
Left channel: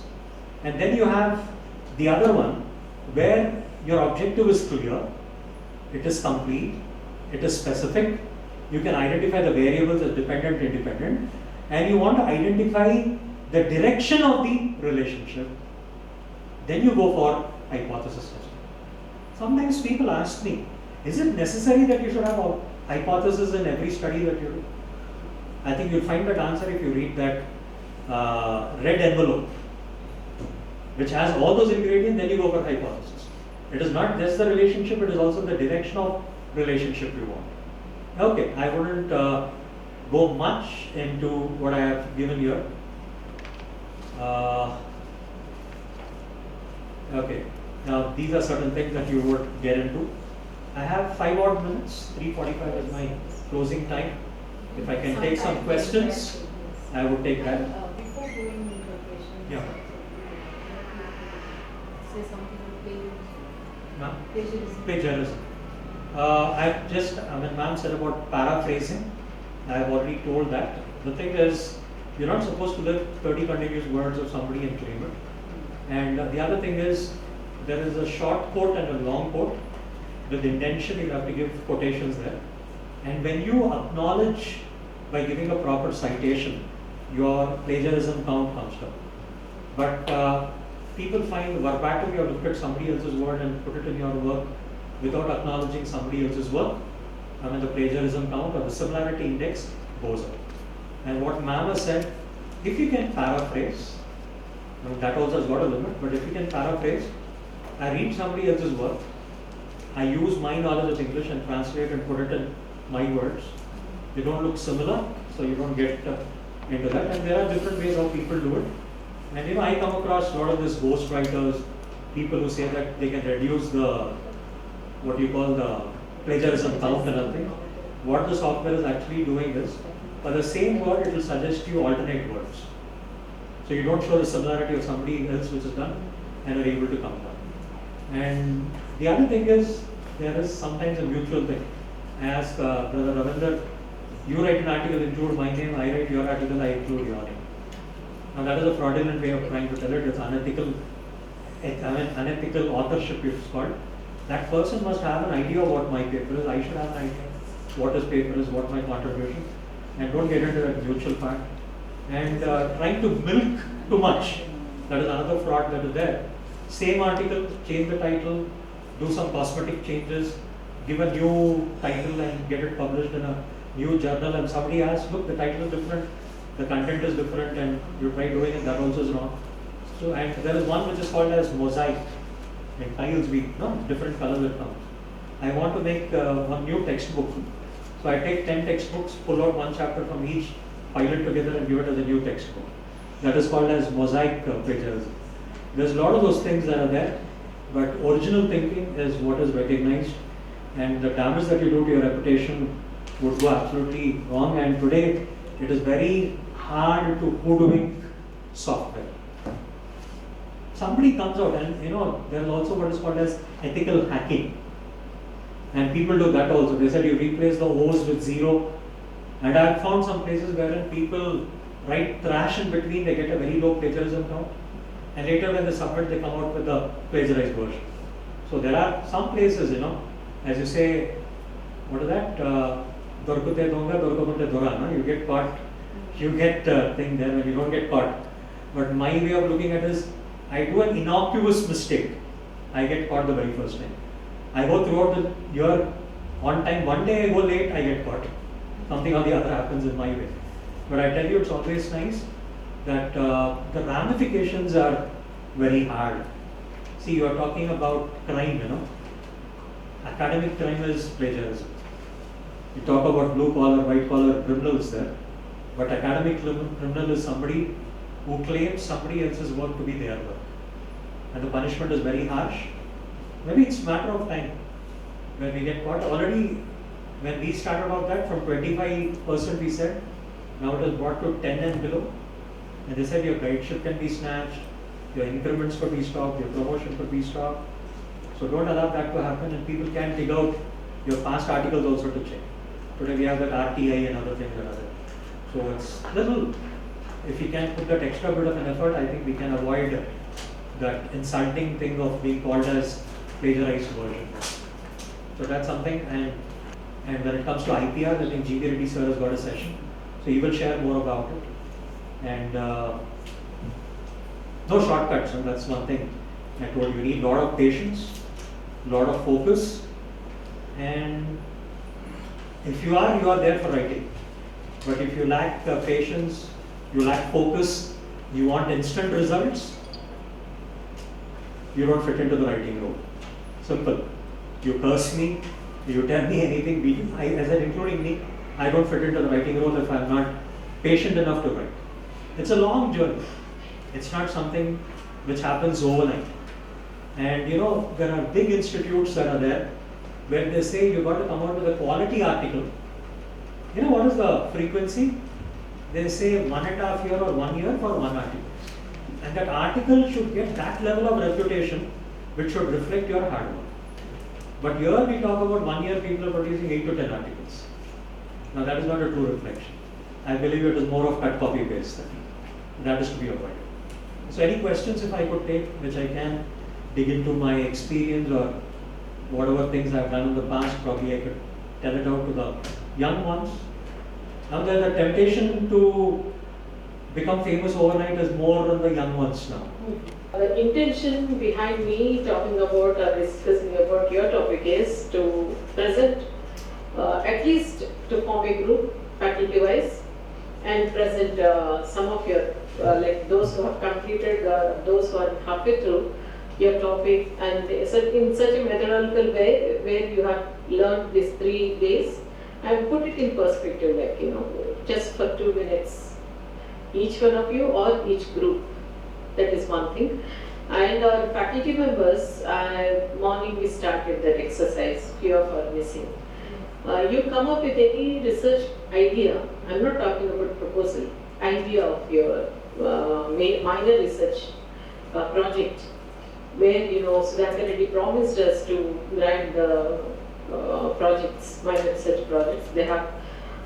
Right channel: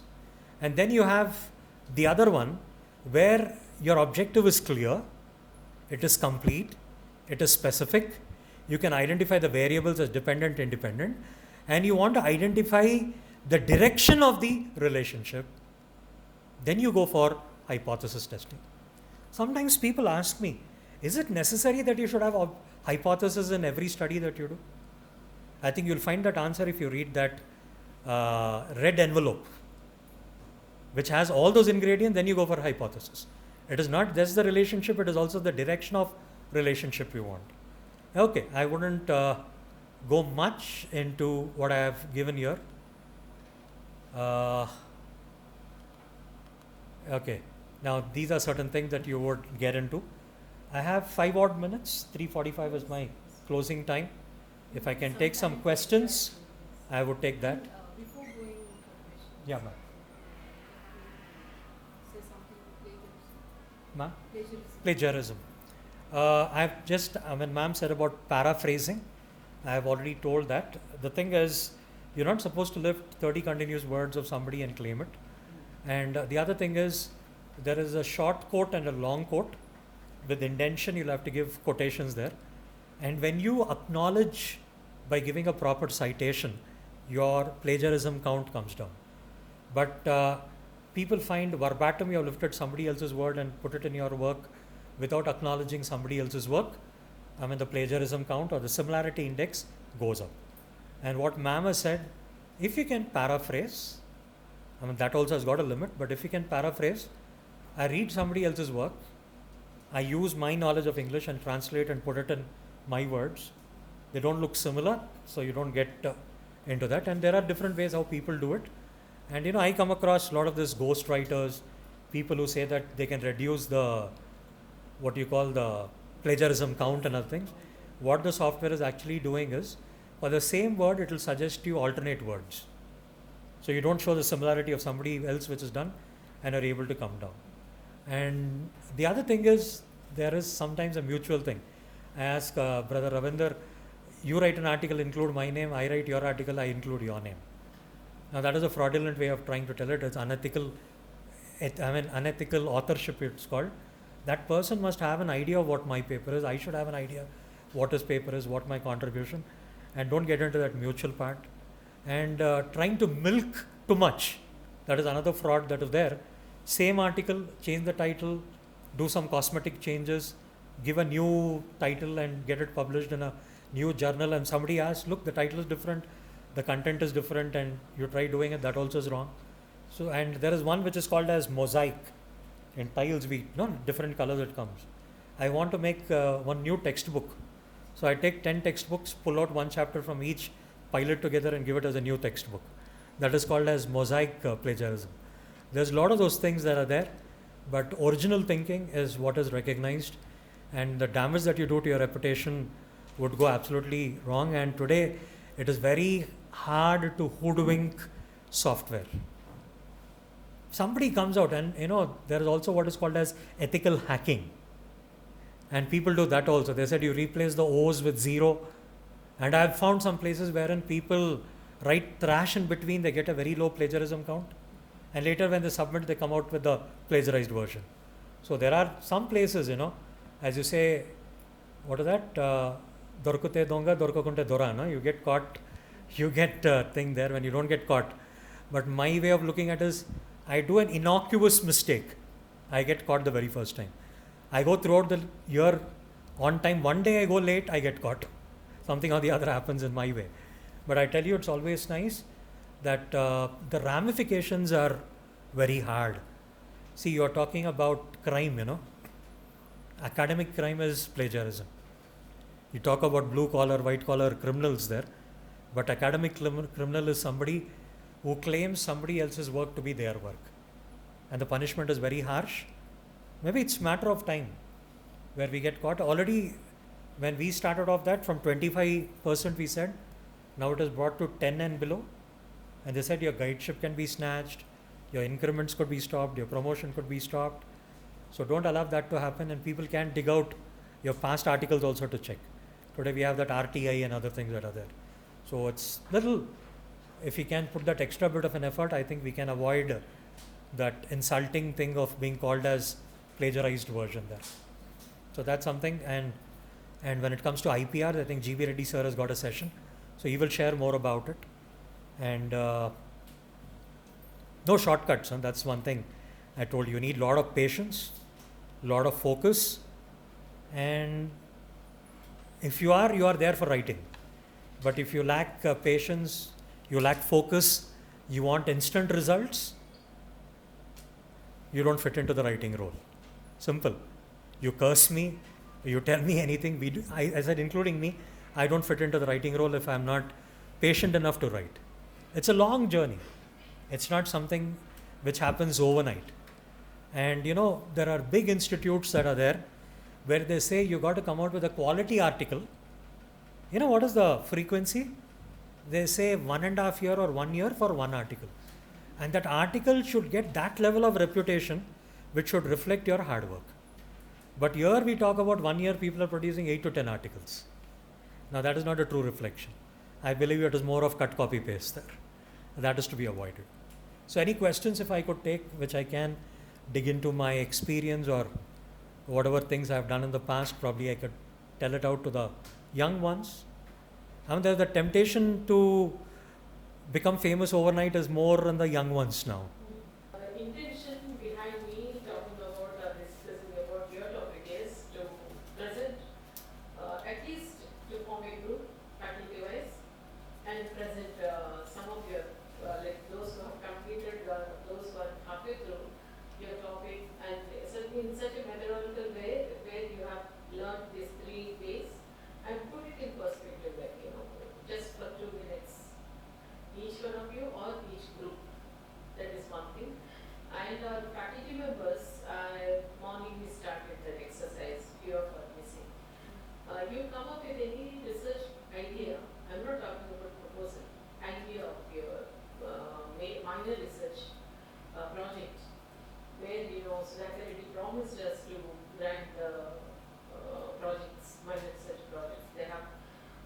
And then you have the other one where your objective is clear, it is complete, it is specific, you can identify the variables as dependent, independent, and you want to identify the direction of the relationship. Then you go for hypothesis testing. Sometimes people ask me, is it necessary that you should have a hypothesis in every study that you do? I think you'll find that answer if you read that red envelope, which has all those ingredients, then you go for hypothesis. It is not just the relationship, it is also the direction of relationship you want. Okay, I wouldn't go much into what I have given here. Okay, now these are certain things that you would get into. I have 5 odd minutes, 3:45 is my closing time. If I can take some questions, I would take that. Before going interpretation, Yeah. say something on plagiarism. Plagiarism. I've just, ma'am said about paraphrasing. I've already told that. The thing is, you're not supposed to lift 30 continuous words of somebody and claim it. And the other thing is, there is a short quote and a long quote. With intention, you'll have to give quotations there. And when you acknowledge by giving a proper citation, your plagiarism count comes down. But people find verbatim you have looked at somebody else's word and put it in your work without acknowledging somebody else's work. I mean, the plagiarism count or the similarity index goes up. And what ma'am has said, if you can paraphrase, I mean, that also has got a limit, but if you can paraphrase, I read somebody else's work, I use my knowledge of English and translate and put it in my words. They don't look similar, so you don't get into that. And there are different ways how people do it. And you know, I come across a lot of these ghost writers, people who say that they can reduce the, what you call the plagiarism count and other things. What the software is actually doing is, for the same word, it will suggest you alternate words. So you don't show the similarity of somebody else which is done, and you're able to come down. And the other thing is, there is sometimes a mutual thing. I ask Brother Ravinder, you write an article, include my name, I write your article, I include your name. Now that is a fraudulent way of trying to tell it. It's unethical, unethical authorship it's called. That person must have an idea of what my paper is. I should have an idea what his paper is, what my contribution, and don't get into that mutual part. And trying to milk too much, that is another fraud that is there. Same article, change the title, do some cosmetic changes, give a new title and get it published in a new journal, and somebody asks, look, the title is different, the content is different, and you try doing it, that also is wrong. So, and there is one which is called as mosaic. In tiles, different colors will come. I want to make one new textbook. So I take 10 textbooks, pull out one chapter from each, pile it together and give it as a new textbook. That is called as mosaic plagiarism. There's a lot of those things that are there, but original thinking is what is recognized, and the damage that you do to your reputation would go absolutely wrong. And today it is very hard to hoodwink software. Somebody comes out and there is also what is called as ethical hacking, and people do that also. They said you replace the O's with 0, and I have found some places wherein people write trash in between, they get a very low plagiarism count, and later when they submit they come out with a plagiarized version. So there are some places, as you say, what is that? Dorkute donga, dorkakunte dora, you get caught, you get thing there when you don't get caught. But my way of looking at it is, I do an innocuous mistake, I get caught the very first time. I go throughout the year on time, one day I go late, I get caught. Something or the other happens in my way. But I tell you, it's always nice that the ramifications are very hard. See, you are talking about crime, Academic crime is plagiarism. You talk about blue collar, white collar criminals there, but academic criminal is somebody who claims somebody else's work to be their work. And the punishment is very harsh. Maybe it's a matter of time when we get caught. Already, when we started off that, from 25% we said, now it is brought to 10 and below. And they said your guideship can be snatched, your increments could be stopped, your promotion could be stopped. So don't allow that to happen, and people can dig out your past articles also to check. Today we have that RTI and other things that are there. So it's little, if we can put that extra bit of an effort, I think we can avoid that insulting thing of being called as plagiarized version. So that's something, and when it comes to IPR, I think G.B. Reddy sir has got a session. So he will share more about it. And no shortcuts, and that's one thing I told you. You need a lot of patience, a lot of focus, and if you are there for writing. But if you lack patience, you lack focus, you want instant results, you don't fit into the writing role. Simple. You curse me, you tell me anything, I said including me, I don't fit into the writing role if I'm not patient enough to write. It's a long journey. It's not something which happens overnight. And there are big institutes that are there where they say you got to come out with a quality article. What is the frequency? They say 1.5 years or 1 year for one article. And that article should get that level of reputation which should reflect your hard work. But here we talk about 1 year people are producing 8 to 10 articles. Now that is not a true reflection. I believe it is more of cut, copy, paste. That is to be avoided. So any questions if I could take, which I can dig into my experience or whatever things I've done in the past, probably I could tell it out to the young ones. Now there is a temptation to become famous overnight is more than the young ones now. The intention behind me talking about or discussing about your topic is to present, at least to form a group faculty-wise, and present some of your, like those who have completed, those who are halfway through your topic, and in such a methodological way where you have learned these 3 days, and put it in perspective, like, just for 2 minutes, each one of you or each group. That is one thing. And our faculty members, morning we started that exercise, few of are missing. You come up with any research idea, I'm not talking about proposal, idea of your minor research project, where Reddy promised us to grant the projects, minor research projects. They have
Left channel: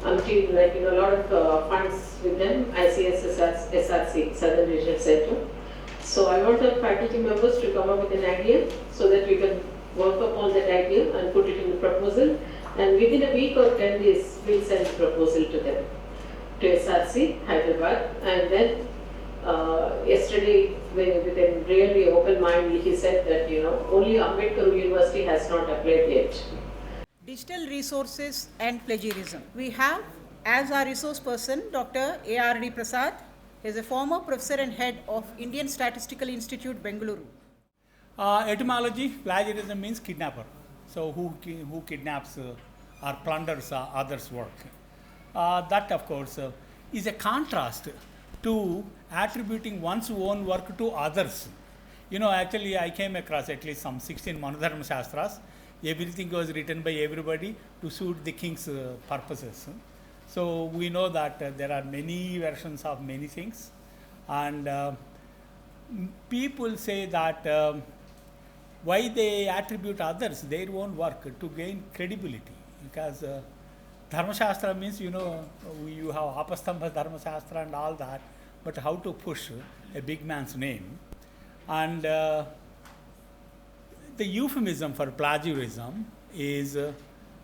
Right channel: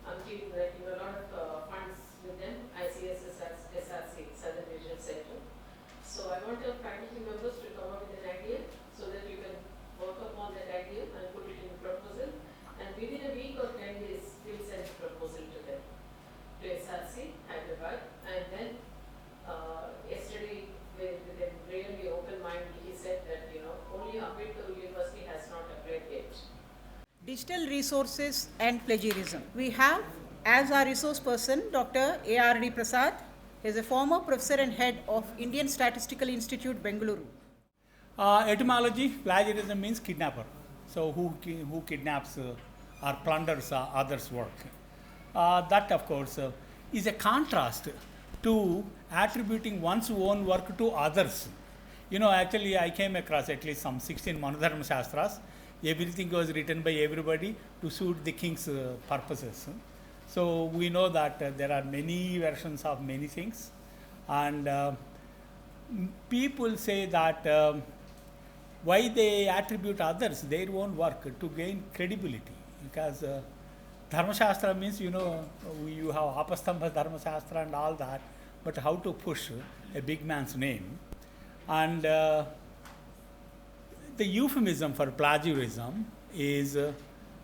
until a lot of funds with them, ICS, SRC, Southern Regional Center. So I want our faculty members to come up with an idea so that we can work upon that idea and put it in the proposal. And within a week or 10 days, we'll send the proposal to them, to SRC, Hyderabad. And then yesterday, with a really open mind, he said that only Ambedkar University has not applied yet. Digital resources and plagiarism. We have as our resource person Dr.B.R. Prasad. He is a former professor and head of Indian Statistical Institute, Bengaluru. Etymology, plagiarism means kidnapper. So who kidnaps or plunders others' work. That of course is a contrast to attributing one's own work to others. Actually I came across at least some 16 Manodharma Shastras. Everything was written by everybody to suit the king's purposes. So we know that there are many versions of many things, and people say that why they attribute others their own work to gain credibility, because Dharma Shastra means you have Apastambha Dharma Shastra and all that, but how to push a big man's name. And the euphemism for plagiarism is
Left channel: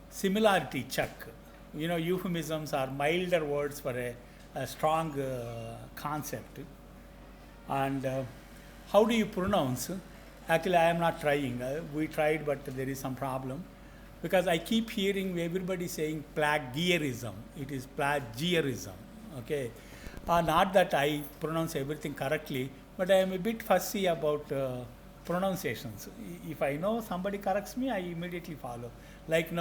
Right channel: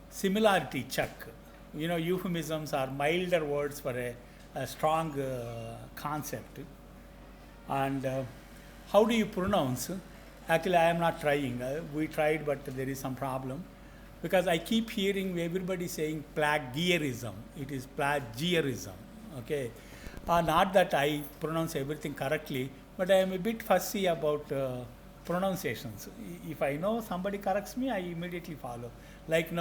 similarity check. Euphemisms are milder words for a strong concept. And how do you pronounce? Actually, I am not trying. We tried, but there is some problem. Because I keep hearing everybody saying plagiarism. It is plagiarism. Okay. Not that I pronounce everything correctly, but I am a bit fussy about pronunciations. If I know somebody corrects me, I immediately follow. Like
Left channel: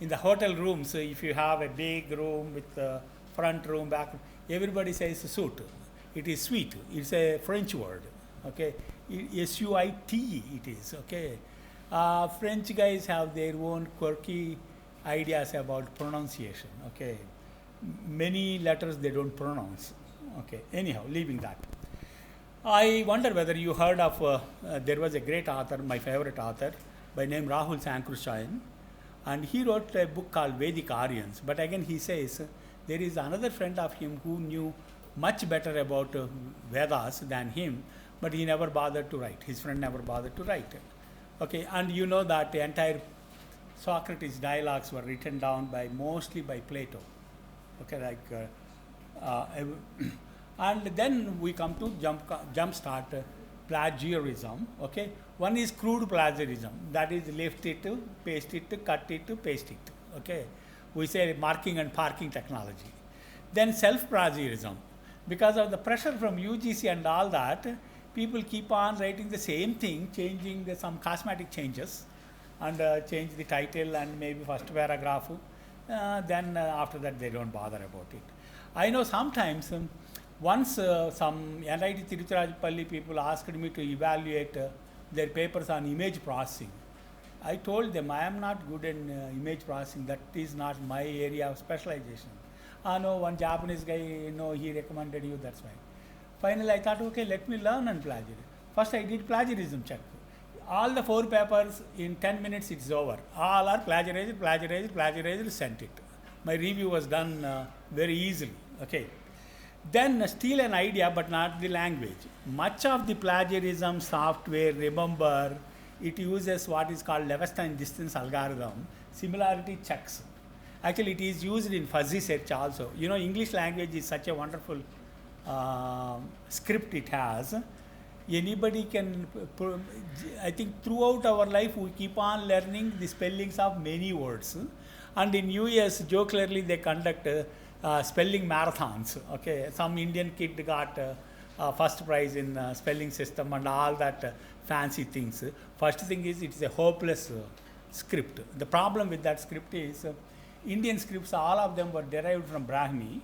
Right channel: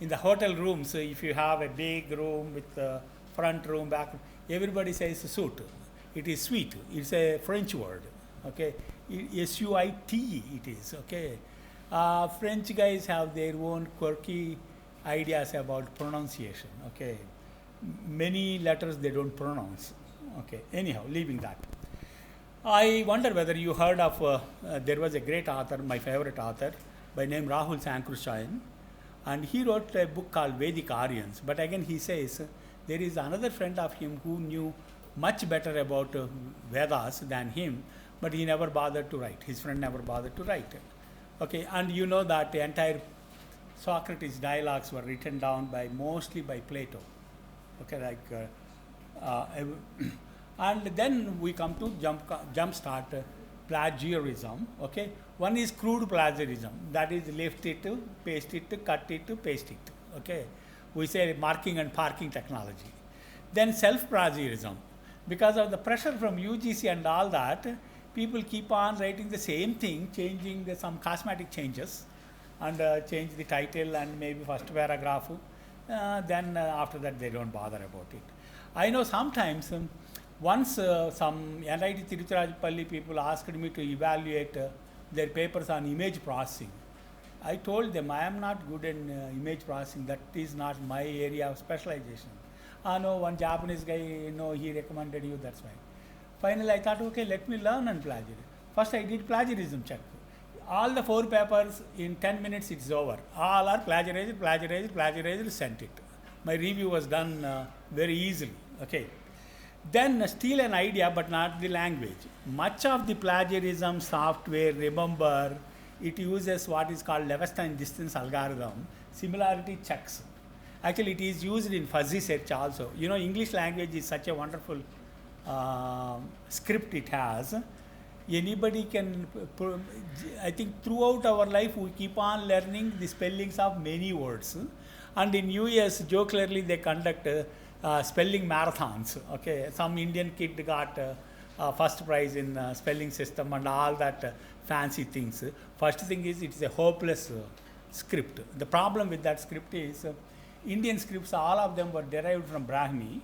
in the hotel rooms, if you have a big room with front room, back room, everybody says suite. It is suite. It's a French word. Okay, SUITE it is. Okay, French guys have their own quirky ideas about pronunciation. Okay, many letters they don't pronounce. Okay, anyhow, leaving that. I wonder whether you heard of, there was a great author, my favorite author, by name Rahul Sankrushayan, and he wrote a book called Vedic Aryans. But again, he says there is another friend of him who knew much better about Vedas than him, but he never bothered to write. His friend never bothered to write. Okay, and you know that the entire Socrates dialogues were written down mostly by Plato. Okay, and then we come to jumpstart plagiarism. Okay, one is crude plagiarism, that is lift it, paste it, cut it, paste it. Okay, we say marking and parking technology. Then self-plagiarism, because of the pressure from UGC and all that, people keep on writing the same thing, changing some cosmetic changes, and change the title and maybe first paragraph. Then after that they don't bother about it. I know sometimes once some NIT Tiruchirappalli people asked me to evaluate their papers on image processing. I told them I am not good in image processing, that is not my area of specialization. No, one Japanese guy, he recommended you, that's fine. Finally I thought, okay, let me learn on plagiarism. First I did plagiarism check. All the 4 papers in 10 minutes it's over. All are plagiarized, sent it. My review was done very easily. Okay. Then steal an idea but not the language. Much of the plagiarism software, remember, it uses what is called Levestin distance algorithm, similarity checks. Actually, it is used in fuzzy search also. English language is such a wonderful script it has. Anybody can, I think throughout our life we keep on learning the spellings of many words. And in US, jocularly they conduct spelling marathons. Okay, some Indian kid got first prize in spelling system and all that fancy things. First thing is it's a hopeless script. The problem with that script is Indian scripts, all of them were derived from Brahmi,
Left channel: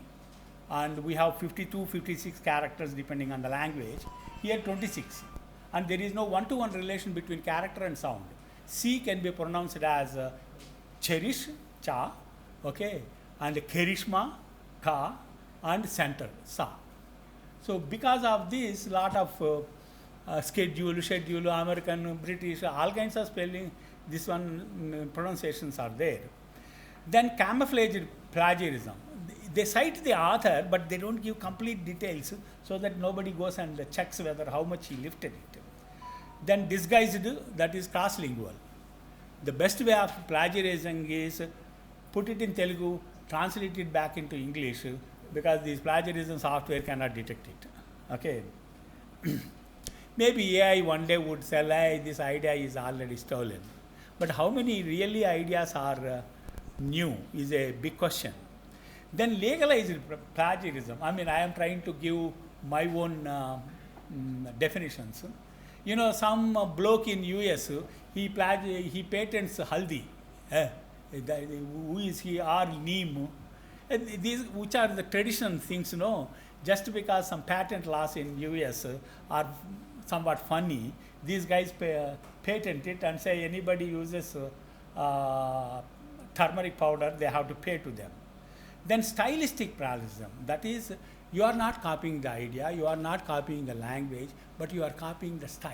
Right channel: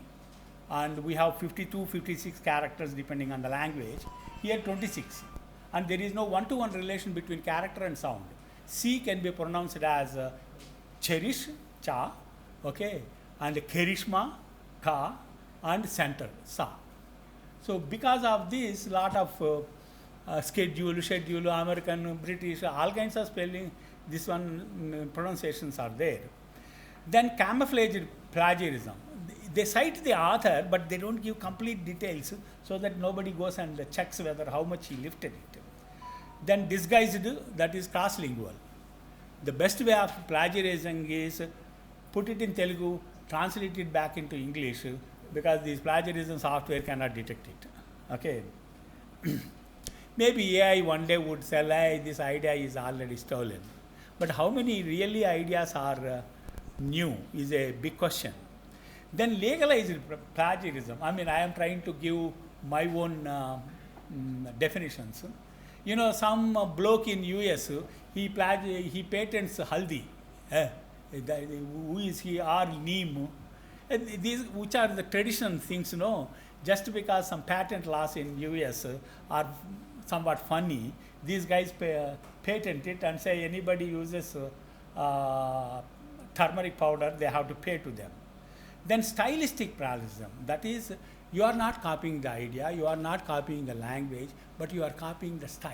and we have 52, 56 characters depending on the language. Here 26, and there is no one-to-one relation between character and sound. C can be pronounced as cherish, cha, okay, and kerishma, ka, and center, sa. So because of this, lot of schedule, American, British, all kinds of spelling, this one pronunciations are there. Then camouflaged plagiarism. They cite the author, but they don't give complete details so that nobody goes and checks whether how much he lifted it. Then disguised, that is cross-lingual. The best way of plagiarizing is put it in Telugu, translate it back into English, because this plagiarism software cannot detect it. Okay. Maybe AI one day would say, hey, this idea is already stolen. But how many really ideas are new is a big question. Then legalized plagiarism. I mean, I am trying to give my own definitions. You know, some bloke in US, he patents haldi. Who is he? Or neem. These, which are the traditional things, you know. Just because some patent laws in US are somewhat funny, these guys patent it and say anybody uses turmeric powder, they have to pay to them. Then stylistic plagiarism, that is, you are not copying the idea, you are not copying the language, but you are copying the style.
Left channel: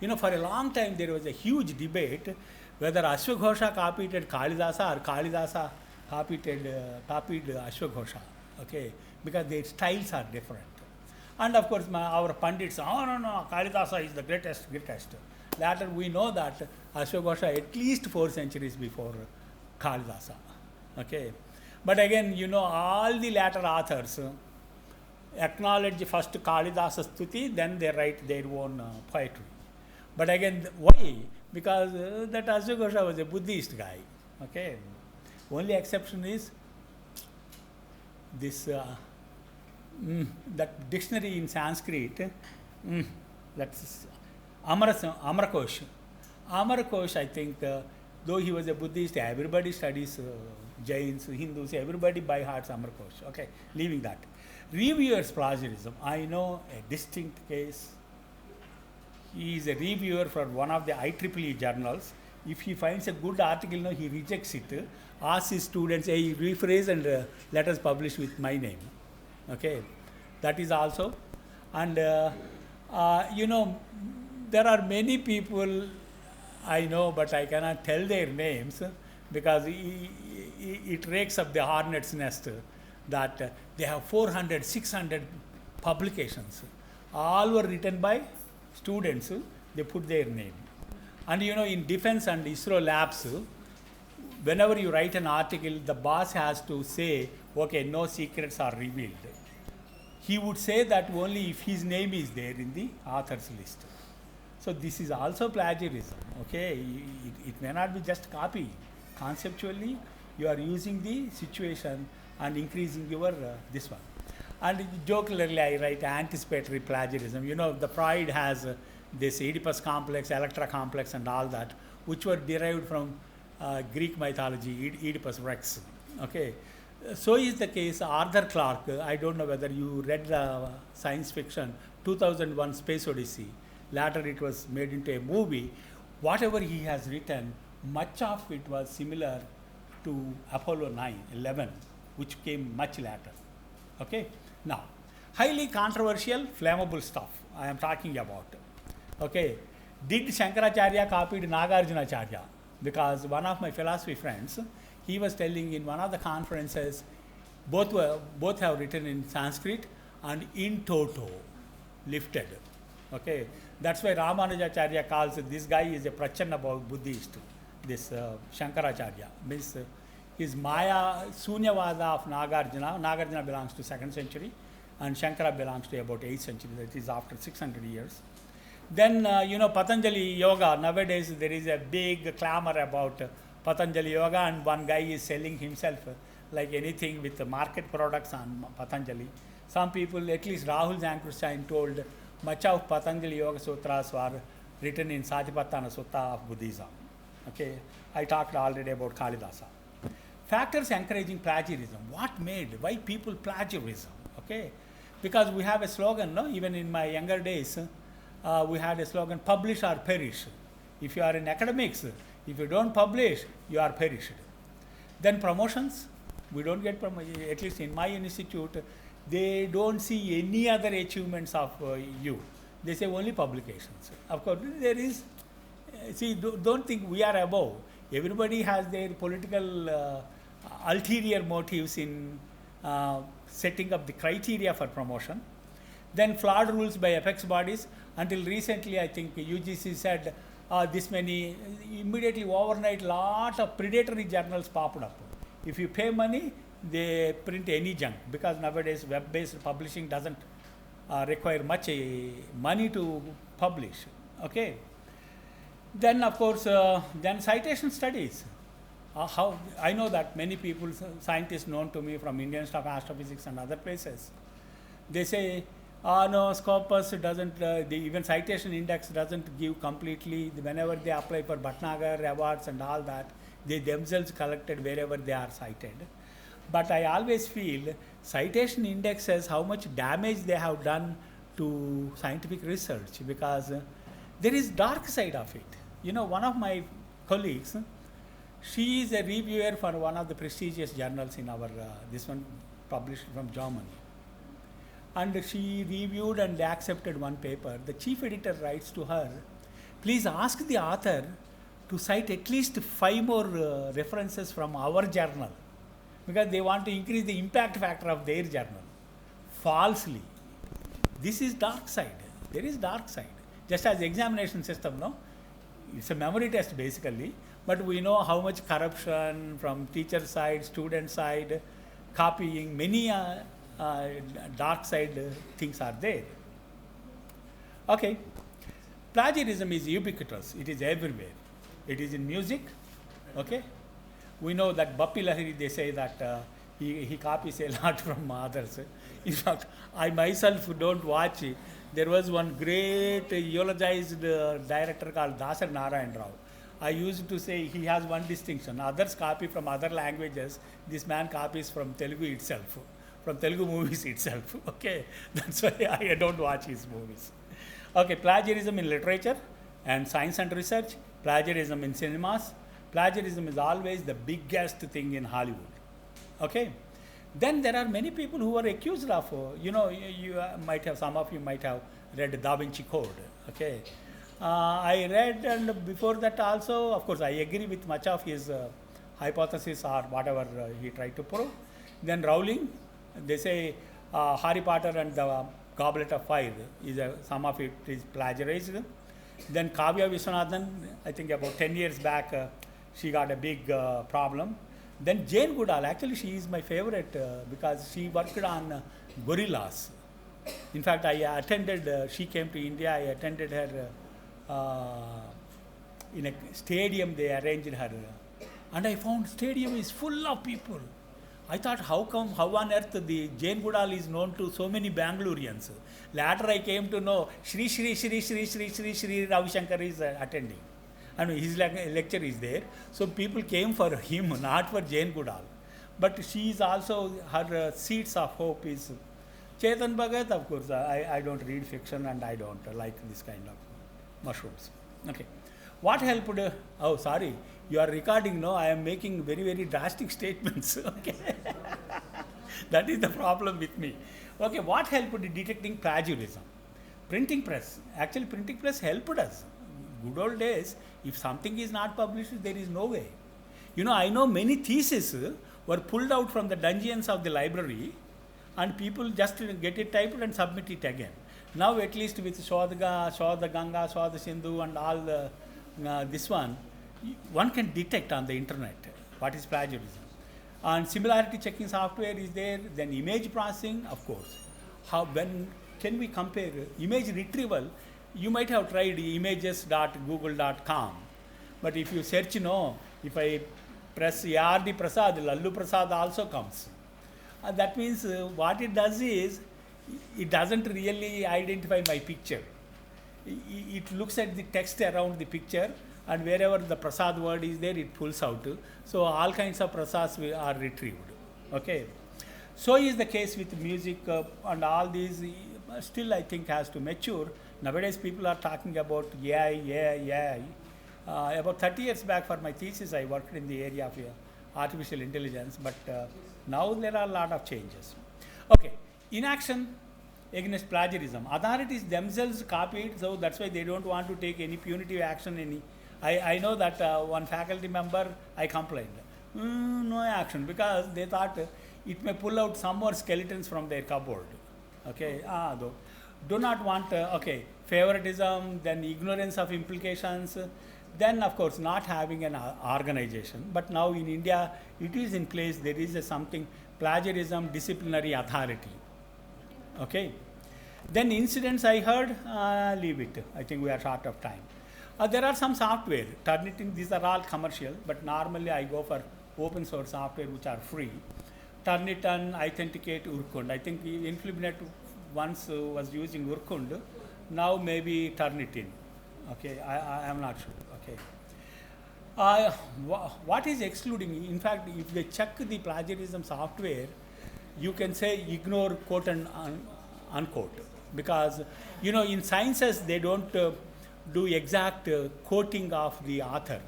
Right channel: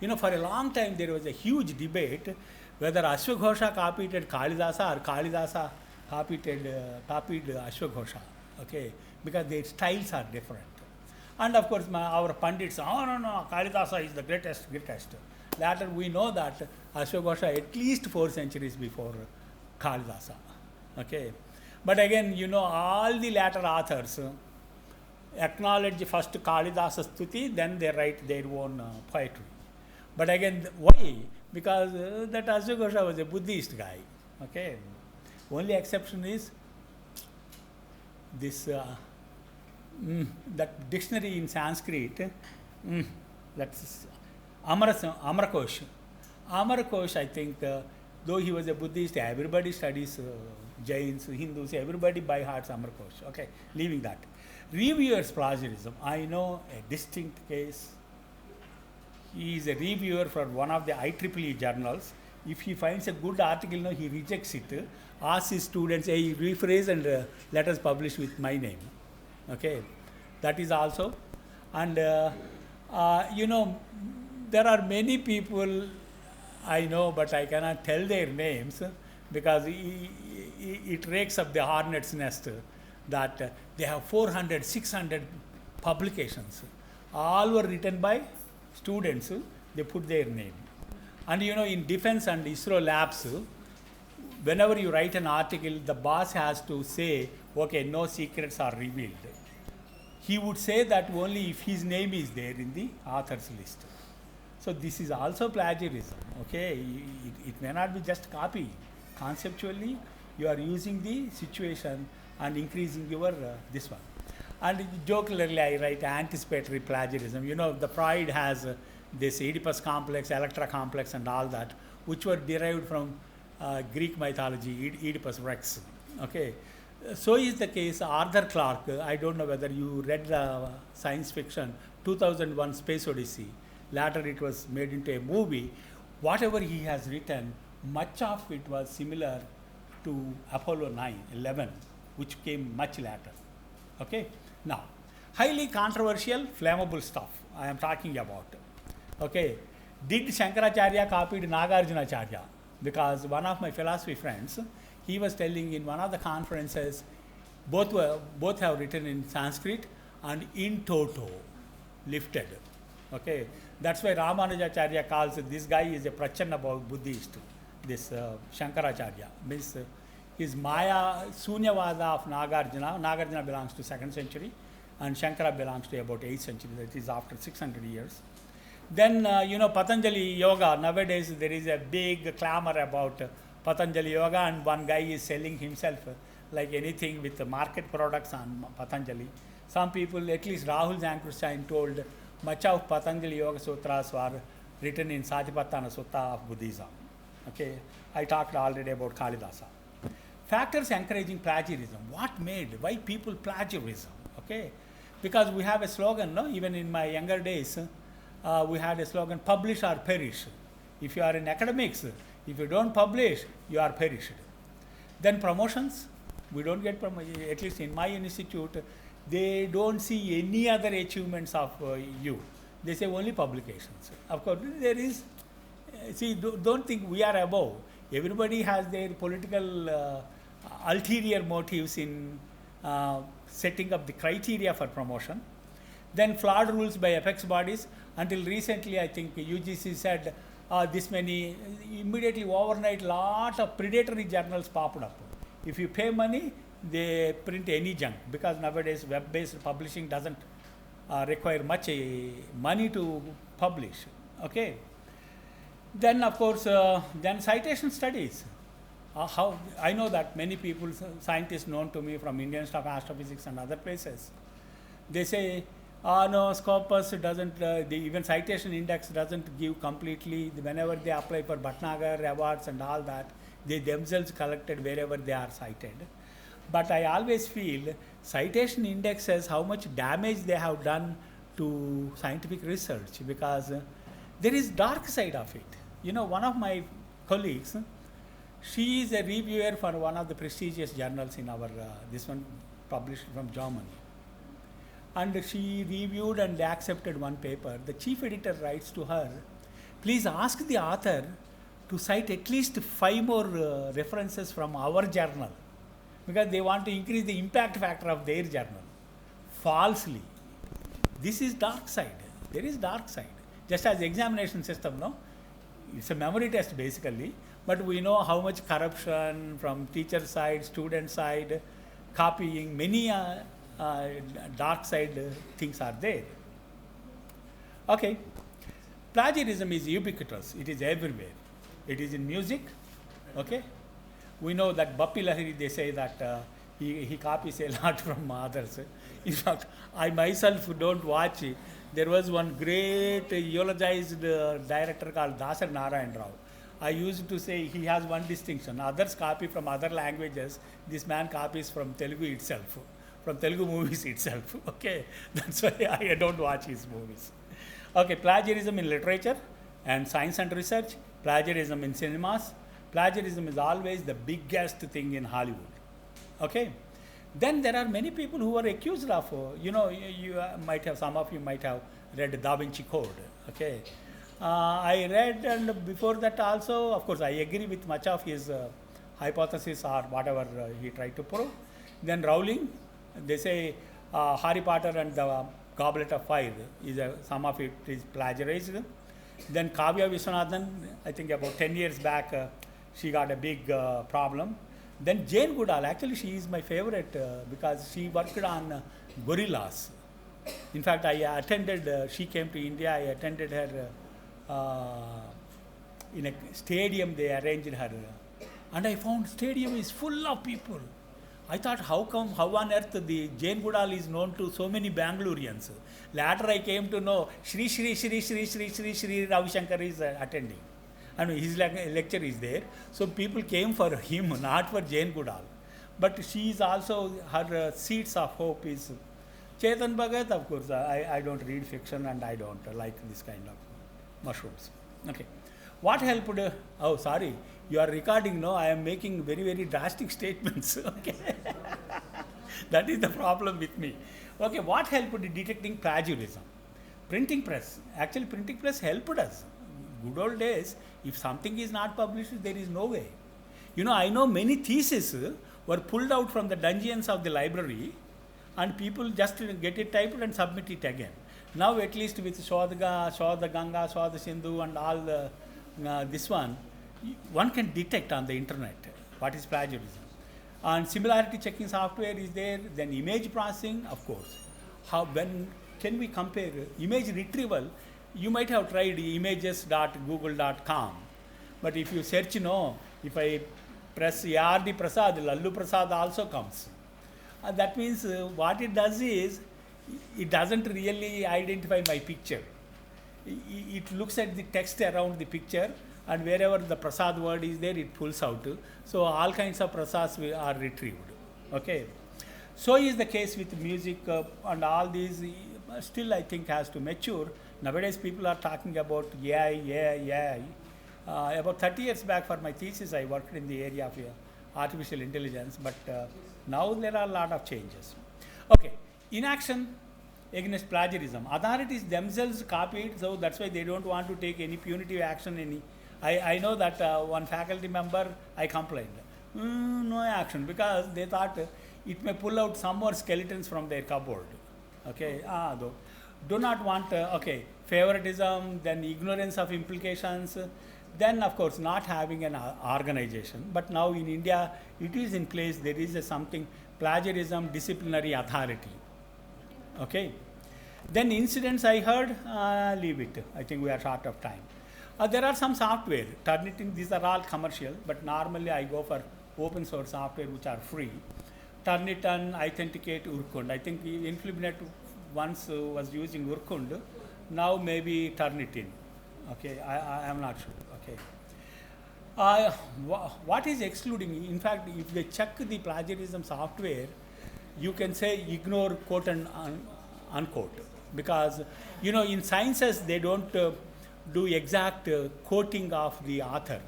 You know, for a long time there was a huge debate whether Ashwaghosha copied Kalidasa or Kalidasa copied Ashwaghosha, okay, because their styles are different. And of course, our Pandits, oh no, Kalidasa is the greatest. Later we know that Ashwaghosha at least 4 centuries before Kalidasa, okay. But again, you know, all the later authors acknowledge first Kalidasa Stuti, then they write their own poetry. But again, why? Because that Ashwaghosha was a Buddhist guy. Okay. Only exception is this that dictionary in Sanskrit. That's Amarakosh. Amarakosh, I think, though he was a Buddhist, everybody studies Jains, Hindus, everybody by heart Amarakosh. Okay, leaving that. Reviewers plagiarism. I know a distinct case. He is a reviewer for one of the IEEE journals. If he finds a good article, no, he rejects it, asks his students, hey, rephrase and let us publish with my name. Okay, that is also. And you know, there are many people I know, but I cannot tell their names because it rakes up the hornet's nest that they have 400, 600 publications. All were written by students, they put their name. And you know, in defense and ISRO labs, whenever you write an article, the boss has to say, okay, no secrets are revealed. He would say that only if his name is there in the author's list. So this is also plagiarism, okay? It may not be just copying. Conceptually, you are using the situation and increasing your this one. And jocularly, I write anticipatory plagiarism. You know, the Freud has this Oedipus complex, Electra complex, and all that, which were derived from Greek mythology, Oedipus Rex. Okay, so is the case. Arthur Clarke. I don't know whether you read the science fiction 2001: Space Odyssey. Later, it was made into a movie. Whatever he has written, much of it was similar to Apollo 11, which came much later. Okay. Now, highly controversial, flammable stuff I am talking about. Okay, did Shankaracharya copied Nagarjunacharya? Because one of my philosophy friends, he was telling in one of the conferences, both have written in Sanskrit and in toto, lifted. Okay, that's why Ramanujacharya calls this guy is a Prachanna Buddhist. This Shankaracharya means his Maya Sunyavada of Nagarjuna. Nagarjuna belongs to 2nd century, and Shankara belongs to about 8th century, that is after 600 years. Then, Patanjali Yoga, nowadays there is a big clamor about Patanjali Yoga, and one guy is selling himself like anything with the market products on Patanjali. Some people, at least Rahul Zankrushain told, much of Patanjali Yoga Sutras were written in Satipatthana Sutta of Buddhism. Okay, I talked already about Kalidasa. Factors encouraging plagiarism. What made? Why people plagiarism? Okay, because we have a slogan, no? Even in my younger days, we had a slogan, publish or perish. If you are in academics, if you don't publish, you are perished. Then promotions, we don't get promotion. At least in my institute, they don't see any other achievements of you. They say only publications. Of course, there is, don't think we are above. Everybody has their political ulterior motives in setting up the criteria for promotion. Then flawed rules by apex bodies. Until recently, I think UGC said this many, immediately overnight, lot of predatory journals popped up. If you pay money, they print any junk, because nowadays web-based publishing doesn't require much money to publish. Okay. Then of course, then citation studies. How I know that many people, scientists known to me from Indian Institute of Astrophysics and other places, they say, no, Scopus doesn't, the even citation index doesn't give completely. Whenever they apply for Bhatnagar awards and all that, they themselves collected wherever they are cited. But I always feel citation index says how much damage they have done to scientific research, because there is dark side of it. One of my colleagues, she is a reviewer for one of the prestigious journals in our, this one published from Germany. And she reviewed and accepted one paper. The chief editor writes to her, please ask the author to cite at least 5 more references from our journal, because they want to increase the impact factor of their journal. Falsely. This is dark side. There is dark side. Just as examination system, no? It's a memory test basically, but we know how much corruption from teacher side, student side, copying, many dark side things are there. Okay. Plagiarism is ubiquitous. It is everywhere. It is in music. Okay. We know that Bappi Lahiri, they say that he copies a lot from others. In fact, I myself don't watch it. There was one great eulogized director called Dasar Narayan Rao. I used to say he has one distinction. Others copy from other languages. This man copies from Telugu itself, from Telugu movies itself. Okay, that's why I don't watch his movies. Okay, plagiarism in literature and science and research, plagiarism in cinemas. Plagiarism is always the biggest thing in Hollywood. Okay. Then there are many people who are accused of, you might have, some of you might have read Da Vinci Code. Okay. I read, and before that also, of course, I agree with much of his hypothesis or whatever he tried to prove. Then Rowling, they say Harry Potter and the Goblet of Fire, some of it is plagiarized. Then Kavya Viswanathan, I think about 10 years back, she got a big problem. Then Jane Goodall, actually she is my favorite because she worked on gorillas. In fact, I attended, she came to India, I attended her in a stadium, they arranged her. And I found stadium is full of people. I thought, how on earth the Jane Goodall is known to so many Bangaloreans? Later I came to know Shri Ravi Shankar is attending. And his lecture is there. So people came for him, not for Jane Goodall. But she is also, her seeds of hope is Chetan Bhagat, of course. I don't read fiction and I don't like this kind of mushrooms. Okay. What helped? Oh, sorry. You are recording, no? I am making very, very drastic statements. Okay. That is the problem with me. Okay. What helped detecting plagiarism? Printing press. Actually, printing press helped us. Good old days, if something is not published, there is no way. I know many theses were pulled out from the dungeons of the library and people just get it typed and submit it again. Now at least with Shodha Ganga, Shodha Sindhu and all the, this one can detect on the internet what is plagiarism. And similarity checking software is there, then image processing, of course. how, when can we compare image retrieval? You might have tried images.google.com, but if you search, if I press ARD Prasad, Lallu Prasad also comes. That means what it does is, it doesn't really identify my picture. It looks at the text around the picture, and wherever the Prasad word is there, it pulls out. So all kinds of Prasads are retrieved. Okay. So is the case with music and all these. Still, I think has to mature. Nowadays, people are talking about AI. About 30 years back, for my thesis, I worked in the area of artificial intelligence, but now there are a lot of changes. Okay, inaction against plagiarism. Authorities themselves copied, so that's why they don't want to take any punitive action. I know that one faculty member, I complained. No action, because they thought it may pull out some more skeletons from their cupboard. Okay, do not want, favoritism, then ignorance of implications, then of course not having an organization. But now in India, it is in place, there is something, plagiarism disciplinary authority. Okay. Then incidents I heard, leave it. I think we are short of time. There are some software, Turnitin, these are all commercial, but normally I go for open source software which are free. Turnitin, Authenticate, Urkund. I think Influminet once was using Urkund, now maybe Turnitin. Okay, I am not sure. Okay. What is excluding? In fact, if they check the plagiarism software, you can say ignore quote and unquote, because in sciences they don't do exact quoting of the author.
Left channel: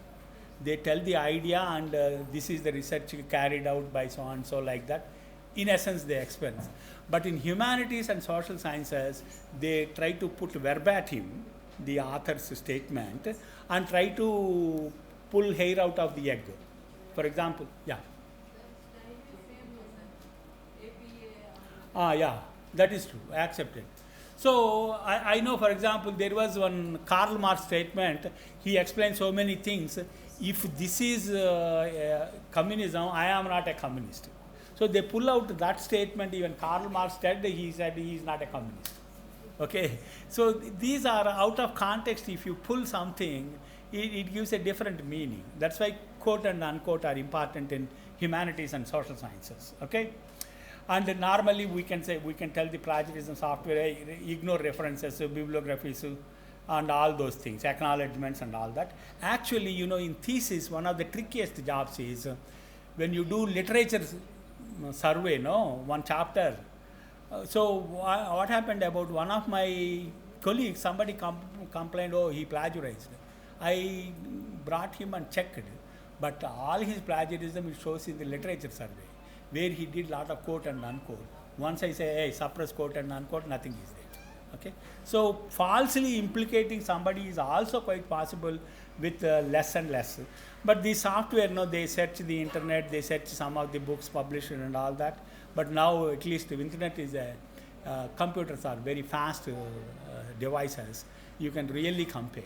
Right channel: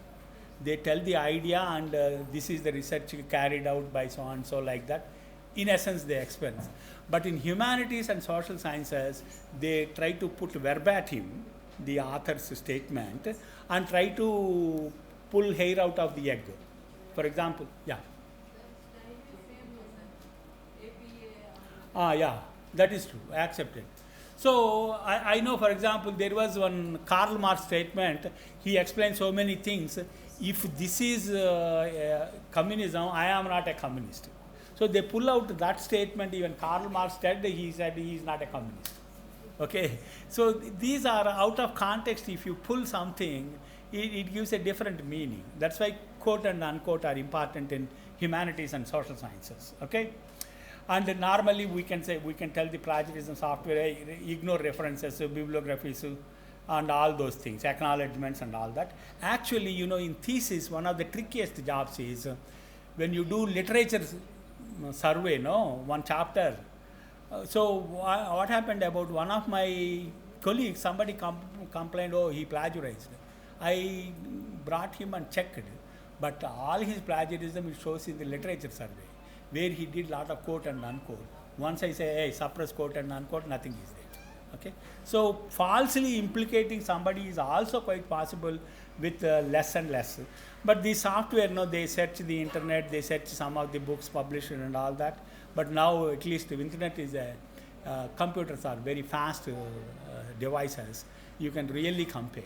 They tell the idea and this is the research carried out by so and so, like that. In essence, they explain. But in humanities and social sciences, they try to put verbatim the author's statement and try to pull hair out of the egg. For example, yeah. Yeah, that is true, accepted. So I know, for example, there was one Karl Marx statement. He explained so many things. If this is communism, I am not a communist. So they pull out that statement. Even Karl Marx said he is not a communist. Okay. So these are out of context. If you pull something, it gives a different meaning. That's why quote and unquote are important in humanities and social sciences. Okay. And normally we can tell the plagiarism software, ignore references, bibliographies, and all those things, acknowledgements and all that. Actually, in thesis, one of the trickiest jobs is when you do literature survey, one chapter. So what happened about one of my colleagues, somebody complained, he plagiarized. I brought him and checked, but all his plagiarism it shows in the literature survey, where he did lot of quote and unquote. Once I say, hey, suppress quote and unquote, nothing is there. Okay? So falsely implicating somebody is also quite possible with less and less. But the software, they search the internet, they search some of the books published and all that. But now at least the internet is computers are very fast devices. You can really compare.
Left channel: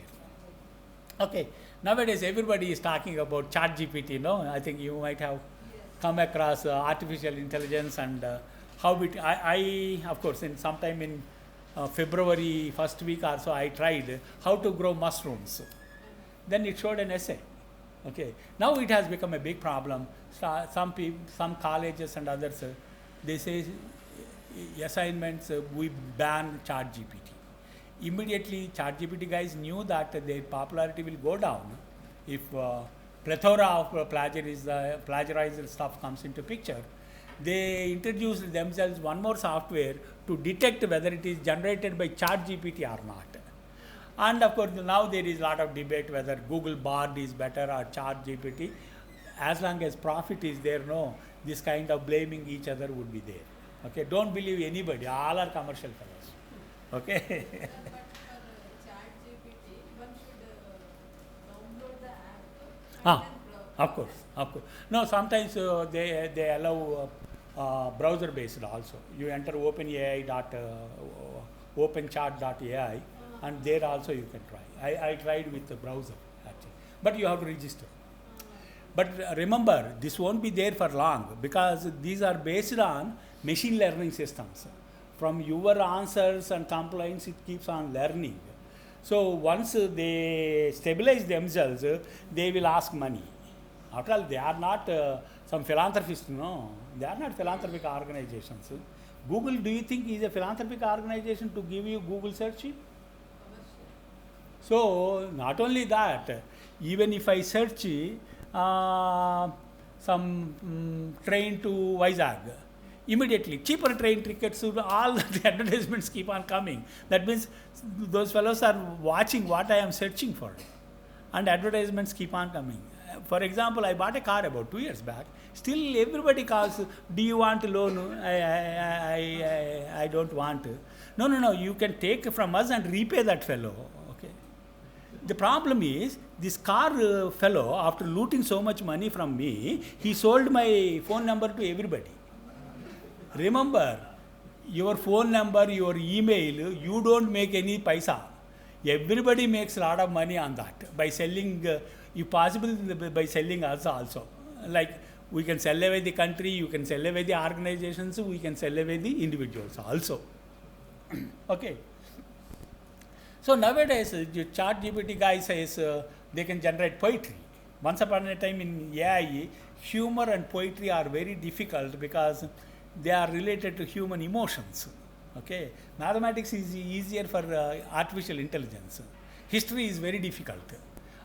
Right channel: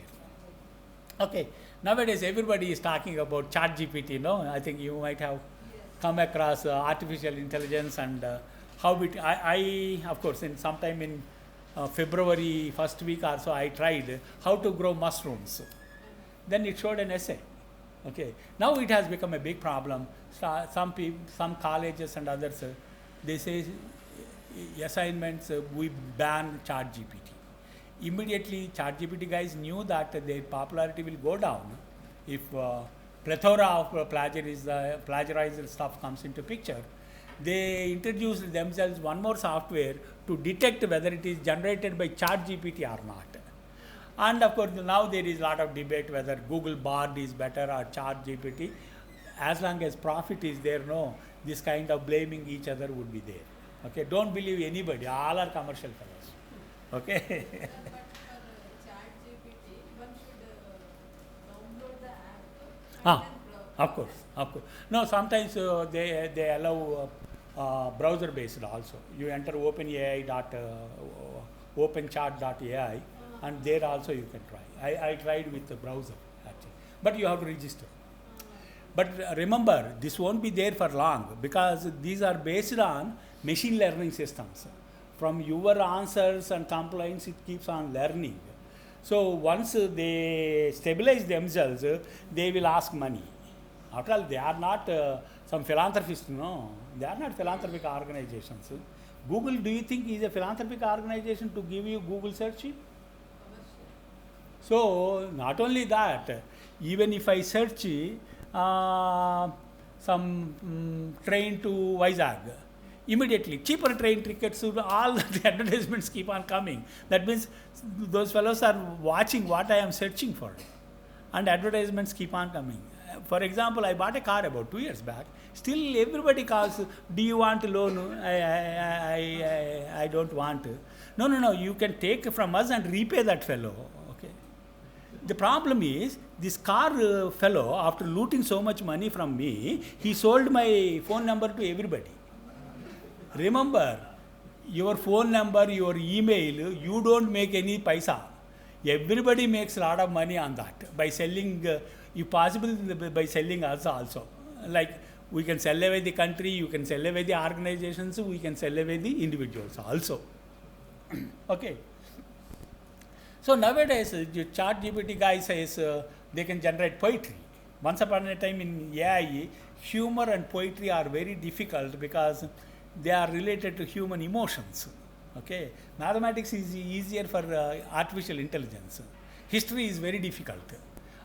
Okay. Nowadays everybody is talking about ChatGPT. I think you might have come across artificial intelligence and how it. I of course in sometime in February first week or so I tried how to grow mushrooms. Then it showed an essay. Okay. Now it has become a big problem. Some people, some colleges and others, they say assignments we ban ChatGPT. Immediately ChatGPT guys knew that their popularity will go down if plethora of plagiarized stuff comes into picture. They introduced themselves one more software to detect whether it is generated by ChatGPT or not. And of course now there is a lot of debate whether Google Bard is better or ChatGPT. As long as profit is there, this kind of blaming each other would be there. Okay, don't believe anybody, all are commercial fellows. Okay. Of course. No, sometimes they allow browser based also. You enter openchat.ai and there also you can try. I tried with the browser actually, but you have to register. But remember, this won't be there for long because these are based on machine learning systems. from your answers and complaints, it keeps on learning. So once they stabilize themselves, they will ask money. After all, they are not some philanthropists, no. They are not philanthropic organizations. Google, do you think is a philanthropic organization to give you Google search? So not only that, even if I search some train to Vizag, immediately cheaper train tickets, all the advertisements keep on coming. That means those fellows are watching what I am searching for, and advertisements keep on coming. For example, I bought a car about 2 years back. Still everybody calls, do you want a loan? I don't want. No, you can take from us and repay that fellow. Okay. The problem is, this car fellow, after looting so much money from me, he sold my phone number to everybody. Remember, your phone number, your email, you don't make any paisa. Everybody makes a lot of money on that by selling, if possible, by selling us also. Like, we can sell away the country, you can sell away the organizations, we can sell away the individuals also. Okay. So nowadays, the ChatGPT guy says they can generate poetry. Once upon a time in AI, humor and poetry are very difficult because they are related to human emotions. Okay. Mathematics is easier for artificial intelligence. History is very difficult.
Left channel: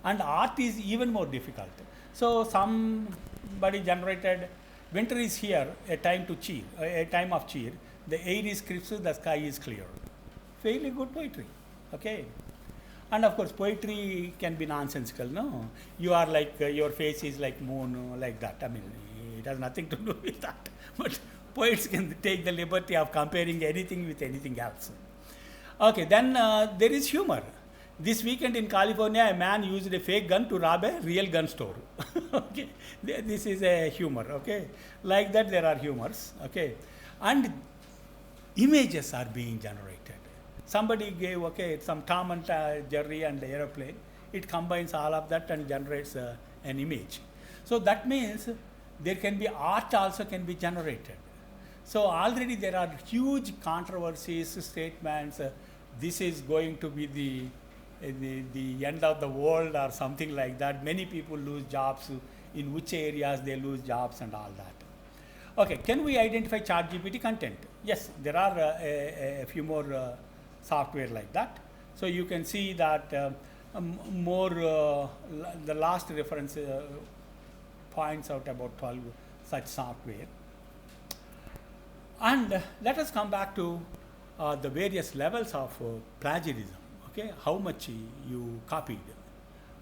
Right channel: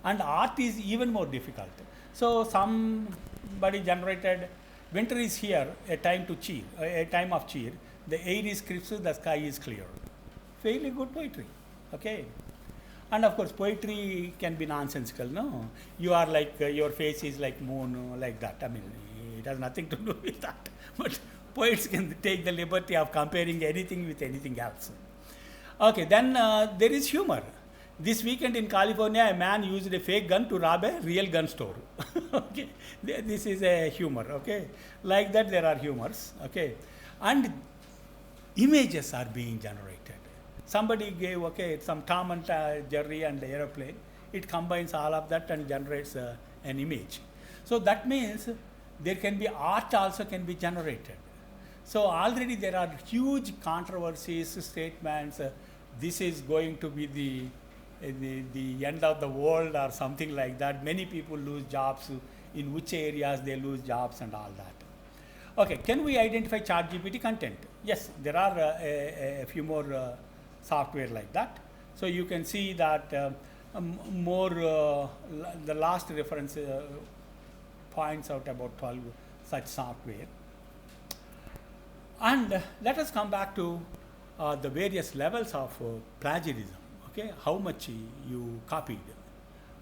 And art is even more difficult. So somebody generated, winter is here, a time to cheer, a time of cheer. The air is crisp, the sky is clear. Fairly good poetry. Okay. And of course, poetry can be nonsensical, no? You are like, your face is like moon, like that. I mean, it has nothing to do with that. But poets can take the liberty of comparing anything with anything else. Okay, then there is humor. This weekend in California, a man used a fake gun to rob a real gun store. Okay, this is a humor. Okay, like that there are humors. Okay, and images are being generated. Somebody gave some Tom and Jerry and the aeroplane. It combines all of that and generates an image. So that means there can be art also can be generated. So already there are huge controversies, statements. This is going to be the end of the world or something like that. Many people lose jobs. In which areas they lose jobs and all that. Okay, can we identify ChatGPT content? Yes, there are a few more software like that. So you can see that the last reference points out about 12 such software. And let us come back to the various levels of plagiarism. Okay, how much you copied.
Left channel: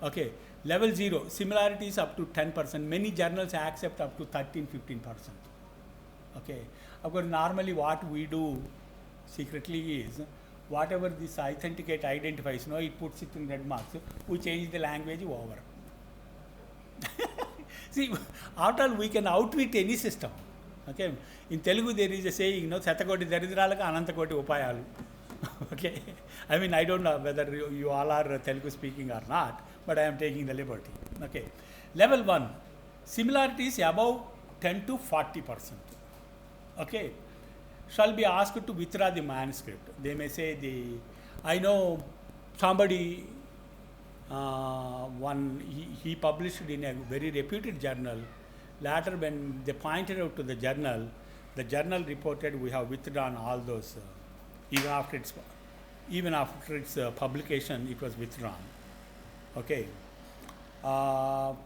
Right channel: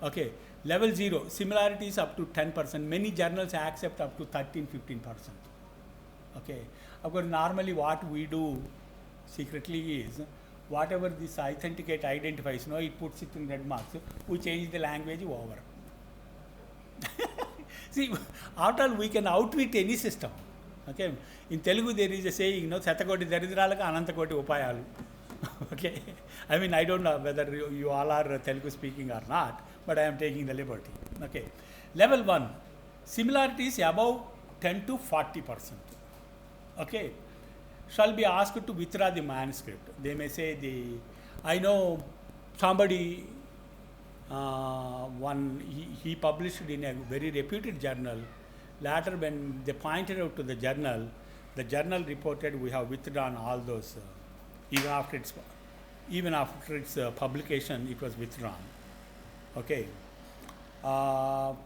Okay, level 0, similarities up to 10%. Many journals accept up to 13-15%. Okay, of course, normally what we do secretly is, whatever this authenticate identifies, it puts it in red marks. We change the language over. See, after all, we can outwit any system. Okay, in Telugu there is a saying, Satakoti Daridralaka Anantakoti Upayalu. Okay, I mean, I don't know whether you all are Telugu speaking or not, but I am taking the liberty. Okay, level 1, similarities above 10 to 40%. Okay, shall be asked to withdraw the manuscript. They may say I know somebody, he published in a very reputed journal. Later when they pointed out to the journal reported we have withdrawn all those, even after its publication it was withdrawn. Okay. Of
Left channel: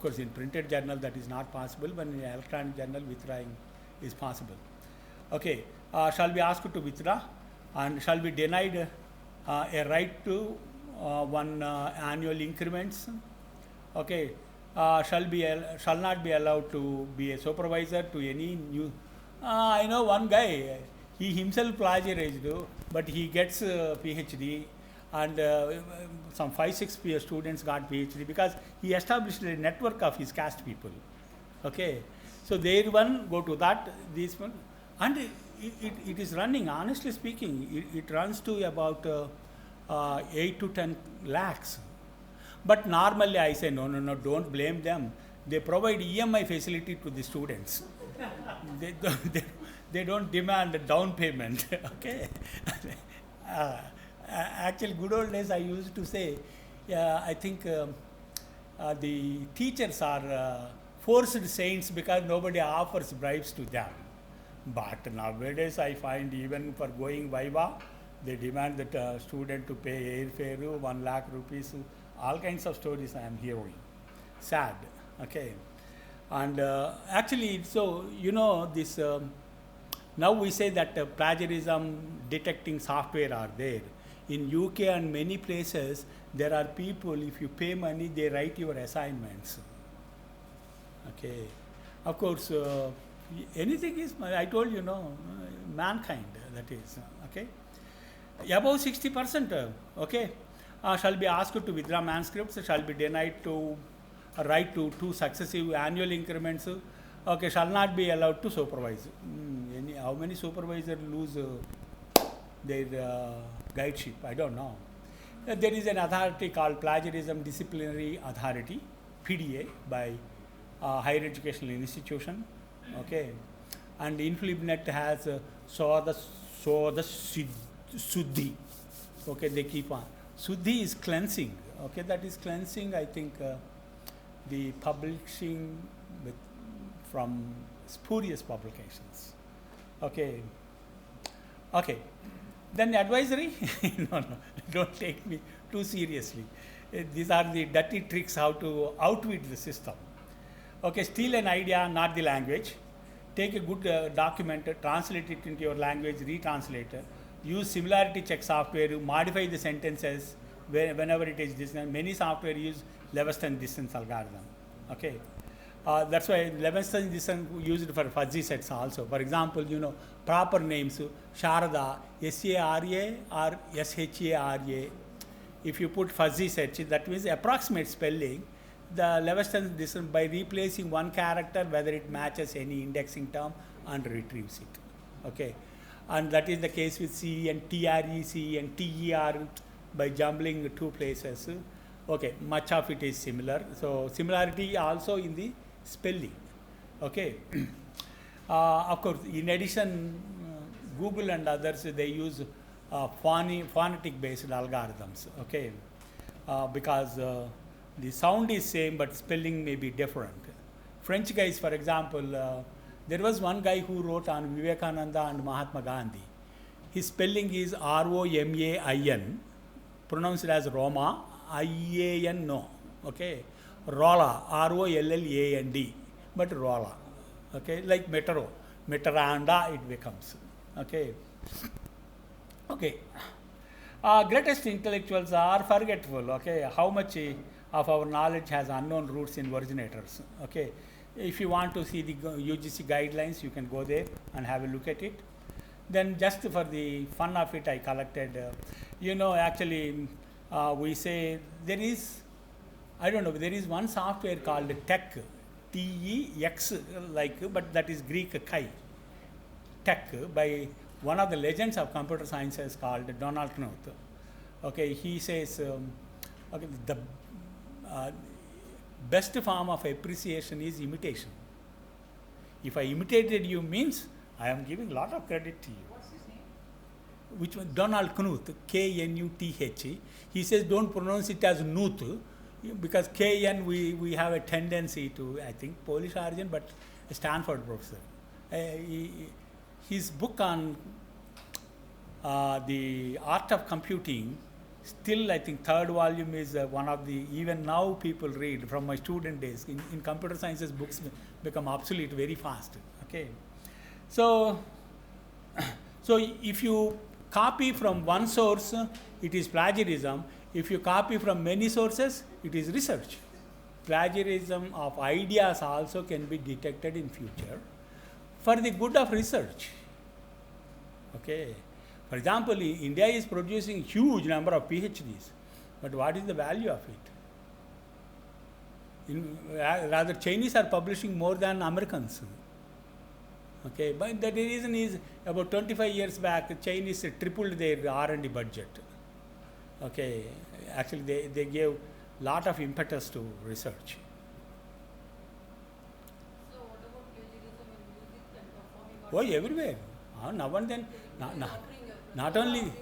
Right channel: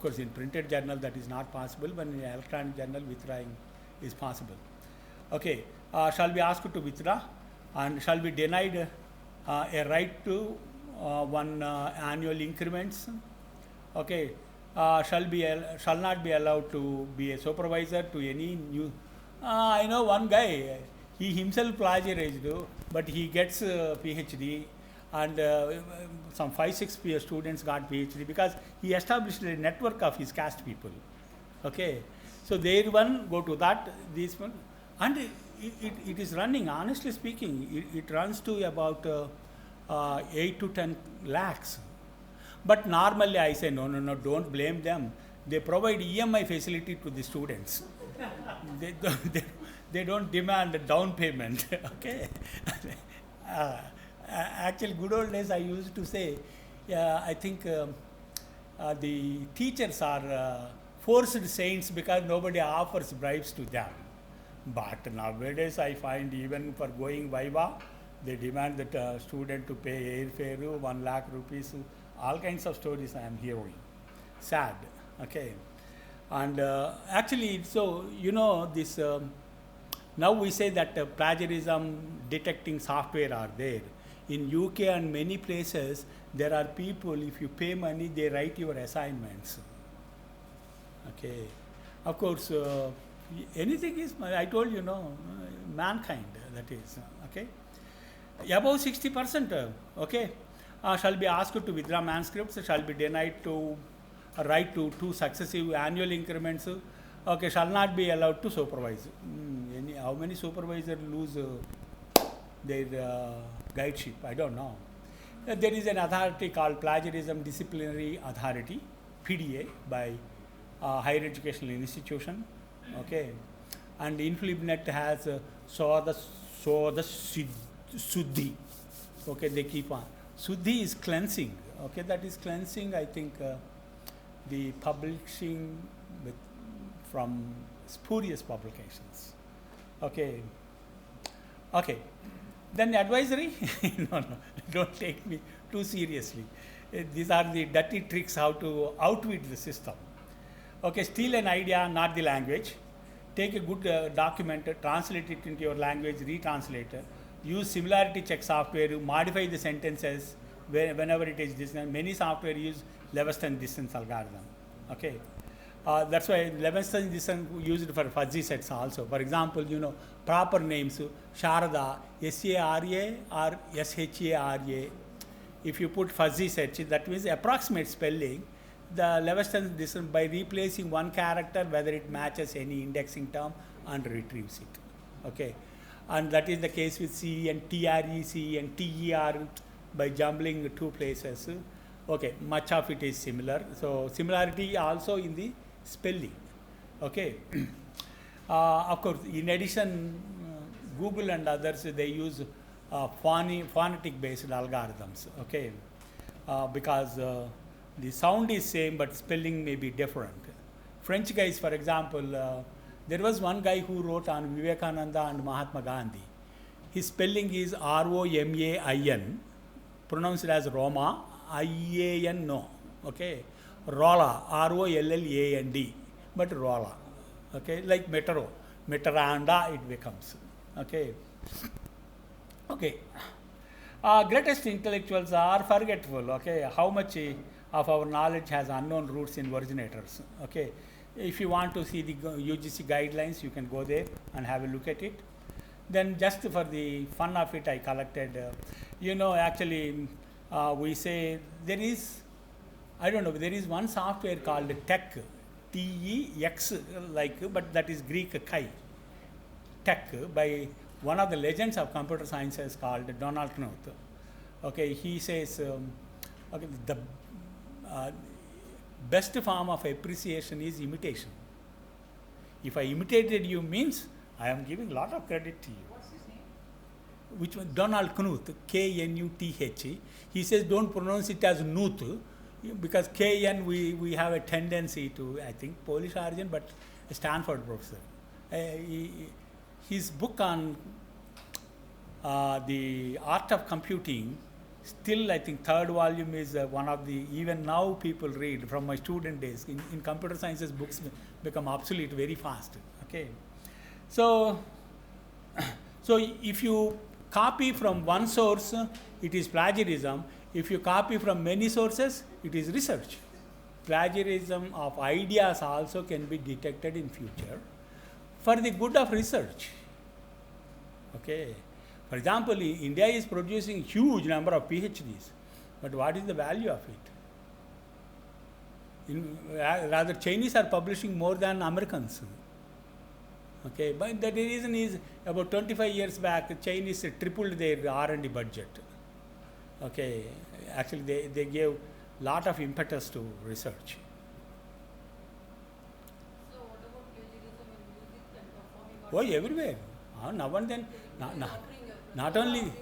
course, in printed journal that is not possible, but in electronic journal withdrawing is possible. Okay, shall be asked to withdraw and shall be denied a right to one annual increments. Okay, shall not be allowed to be a supervisor to any new. I know one guy, he himself plagiarized, but he gets PhD, and some 5-6 students got PhD because he established a network of his caste people. Okay, so there one go to that, this one. And it is running, honestly speaking, it runs to about 8 to 10 lakhs. But normally I say, no, don't blame them. They provide EMI facility to the students. they don't demand a down payment. Okay. Actually, good old days I used to say, I think the teachers are forced saints because nobody offers bribes to them. But nowadays I find even for going Viva, they demand that student to pay airfare, 1 lakh rupees, all kinds of stories I am hearing. Sad, okay. And actually, so, this, now we say that plagiarism detecting software are there. In UK and many places, there are people, if you pay money, they write your assignments. Okay. Of course, anything is, I told you, mankind, that is, okay. Above 60%, okay, shall be asked to withdraw manuscripts, shall be denied to write to 2 successive annual increments, okay, shall not be allowed to supervise. How many supervisors lose their guideship? I don't know. There is an authority called Plagiarism Disciplinary Authority, PDA, by higher educational institution, okay, and InflibNet has the Suddhi, okay, they keep on. Suddhi is cleansing, okay, that is cleansing, I think, the publishing from spurious publications, okay. Okay, then advisory, no, don't take me too seriously. These are the dirty tricks how to outwit the system. Okay, steal an idea, not the language. Take a good document, translate it into your language, retranslate it. Use similarity check software, modify the sentences whenever it is distance. Many software use Lewiston distance algorithm. Okay, that's why Lewiston distance used for fuzzy sets also. For example, proper names, Sharada, S-A-R-A or S-H-A-R-A. If you put fuzzy sets, that means approximate spelling. The Lewiston distance by replacing one character, whether it matches any indexing term, and retrieves it. Okay, and that is the case with C and TREC and TER by jumbling 2 places. Okay, much of it is similar. So similarity also in the spelling. Okay. Of course, in addition, Google and others, they use phonetic based algorithms. Okay, because the sound is same but spelling may be different. French guys, for example, there was one guy who wrote on Vivekananda and Mahatma Gandhi. His spelling is R-O-M-A-I-N, pronounced as Roma, I-A-N, no, okay. Rolla, R-O-L-L-A-N-D, but Rolla, okay, like Metro, Metranda it becomes, okay. Okay, greatest intellectuals are forgetful, okay, how much of our knowledge has unknown roots in originators, okay. If you want to see the UGC guidelines, you can go there and have a look at it. Then just for the fun of it, I collected, actually we say there is, I don't know, there is one software called Tech, T-E-X, like, but that is Greek Chi, Tech, by one of the legends of computer sciences called Donald Knuth. Okay, he says, okay, the best form of appreciation is imitation. If I imitated you means I am giving a lot of credit to you. What's his name? Which one? Donald Knuth, K-N-U-T-H. He says don't pronounce it as Knuth, because K-N we have a tendency to, I think, Polish origin, but a Stanford professor. His book on the art of computing, still I think 3rd volume is one of the, even now people read from my student days. In computer sciences, books become obsolete very fast. Okay, so if you copy from one source, it is plagiarism. If you copy from many sources, it is research. Plagiarism of ideas also can be detected in future for the good of research. Okay. For example, India is producing huge number of PhDs, but what is the value of it? Rather, Chinese are publishing more than Americans. Okay, but the reason is about 25 years back, Chinese tripled their R&D budget. Okay, actually they gave lot of impetus to research. So what about plagiarism in music and performing Oh, everywhere. Now and then, not only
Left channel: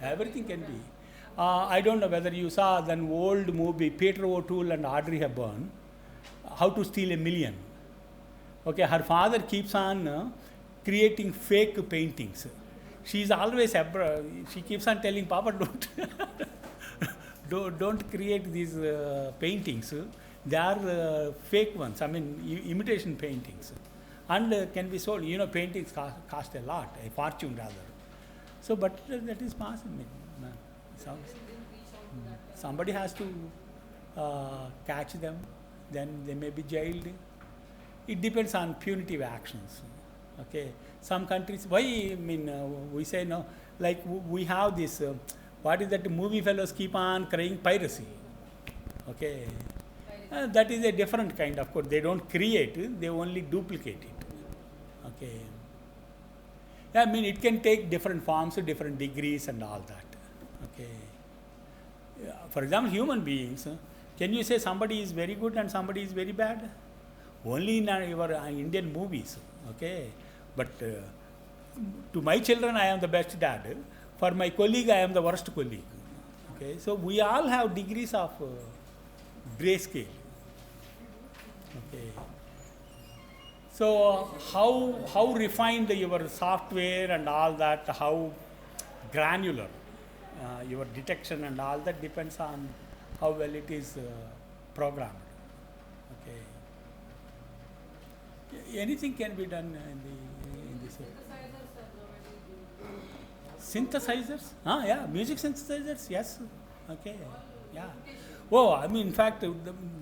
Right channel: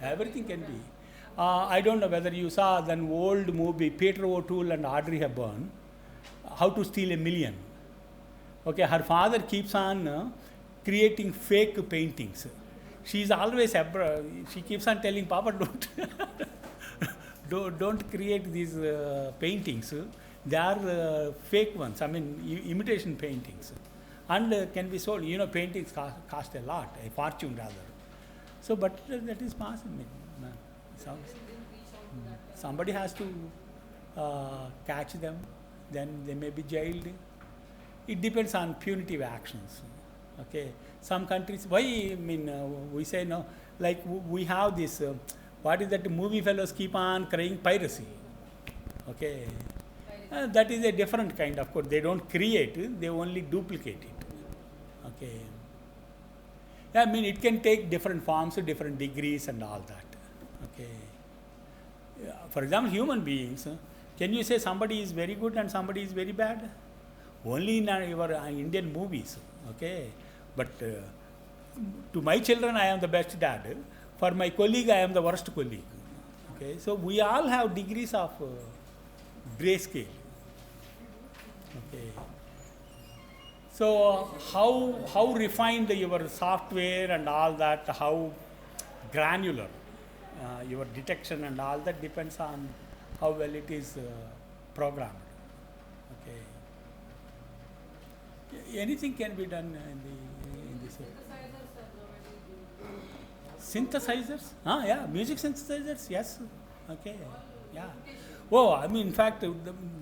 everything can be. I don't know whether you saw that old movie, Peter O'Toole and Audrey Hepburn, How to Steal a Million. Okay, her father keeps on creating fake paintings. She's always, she keeps on telling, Papa, don't create these paintings. They are fake ones, I mean imitation paintings. And can be sold. You know, paintings cost a lot, a fortune rather. So, but that is possible. Somebody has to catch them, then they may be jailed. It depends on punitive actions. Okay, some countries, why, I mean, we say no, like we have this, what is that movie fellows keep on crying, piracy. Okay, that is a different kind, of course, they don't create, they only duplicate it. Okay, I mean, it can take different forms, different degrees and all that. Okay, for example, human beings, can you say somebody is very good and somebody is very bad? Only in your Indian movies. Okay, but to my children I am the best dad, for my colleague I am the worst colleague. Okay, so we all have degrees of grayscale. Okay, so how refined your software and all that, how granular your detection and all that depends on how well it is programmed. Okay, anything can be done in this. Synthesizers? Yeah, music synthesizers, yes. Okay, yeah. Oh, I mean, in fact,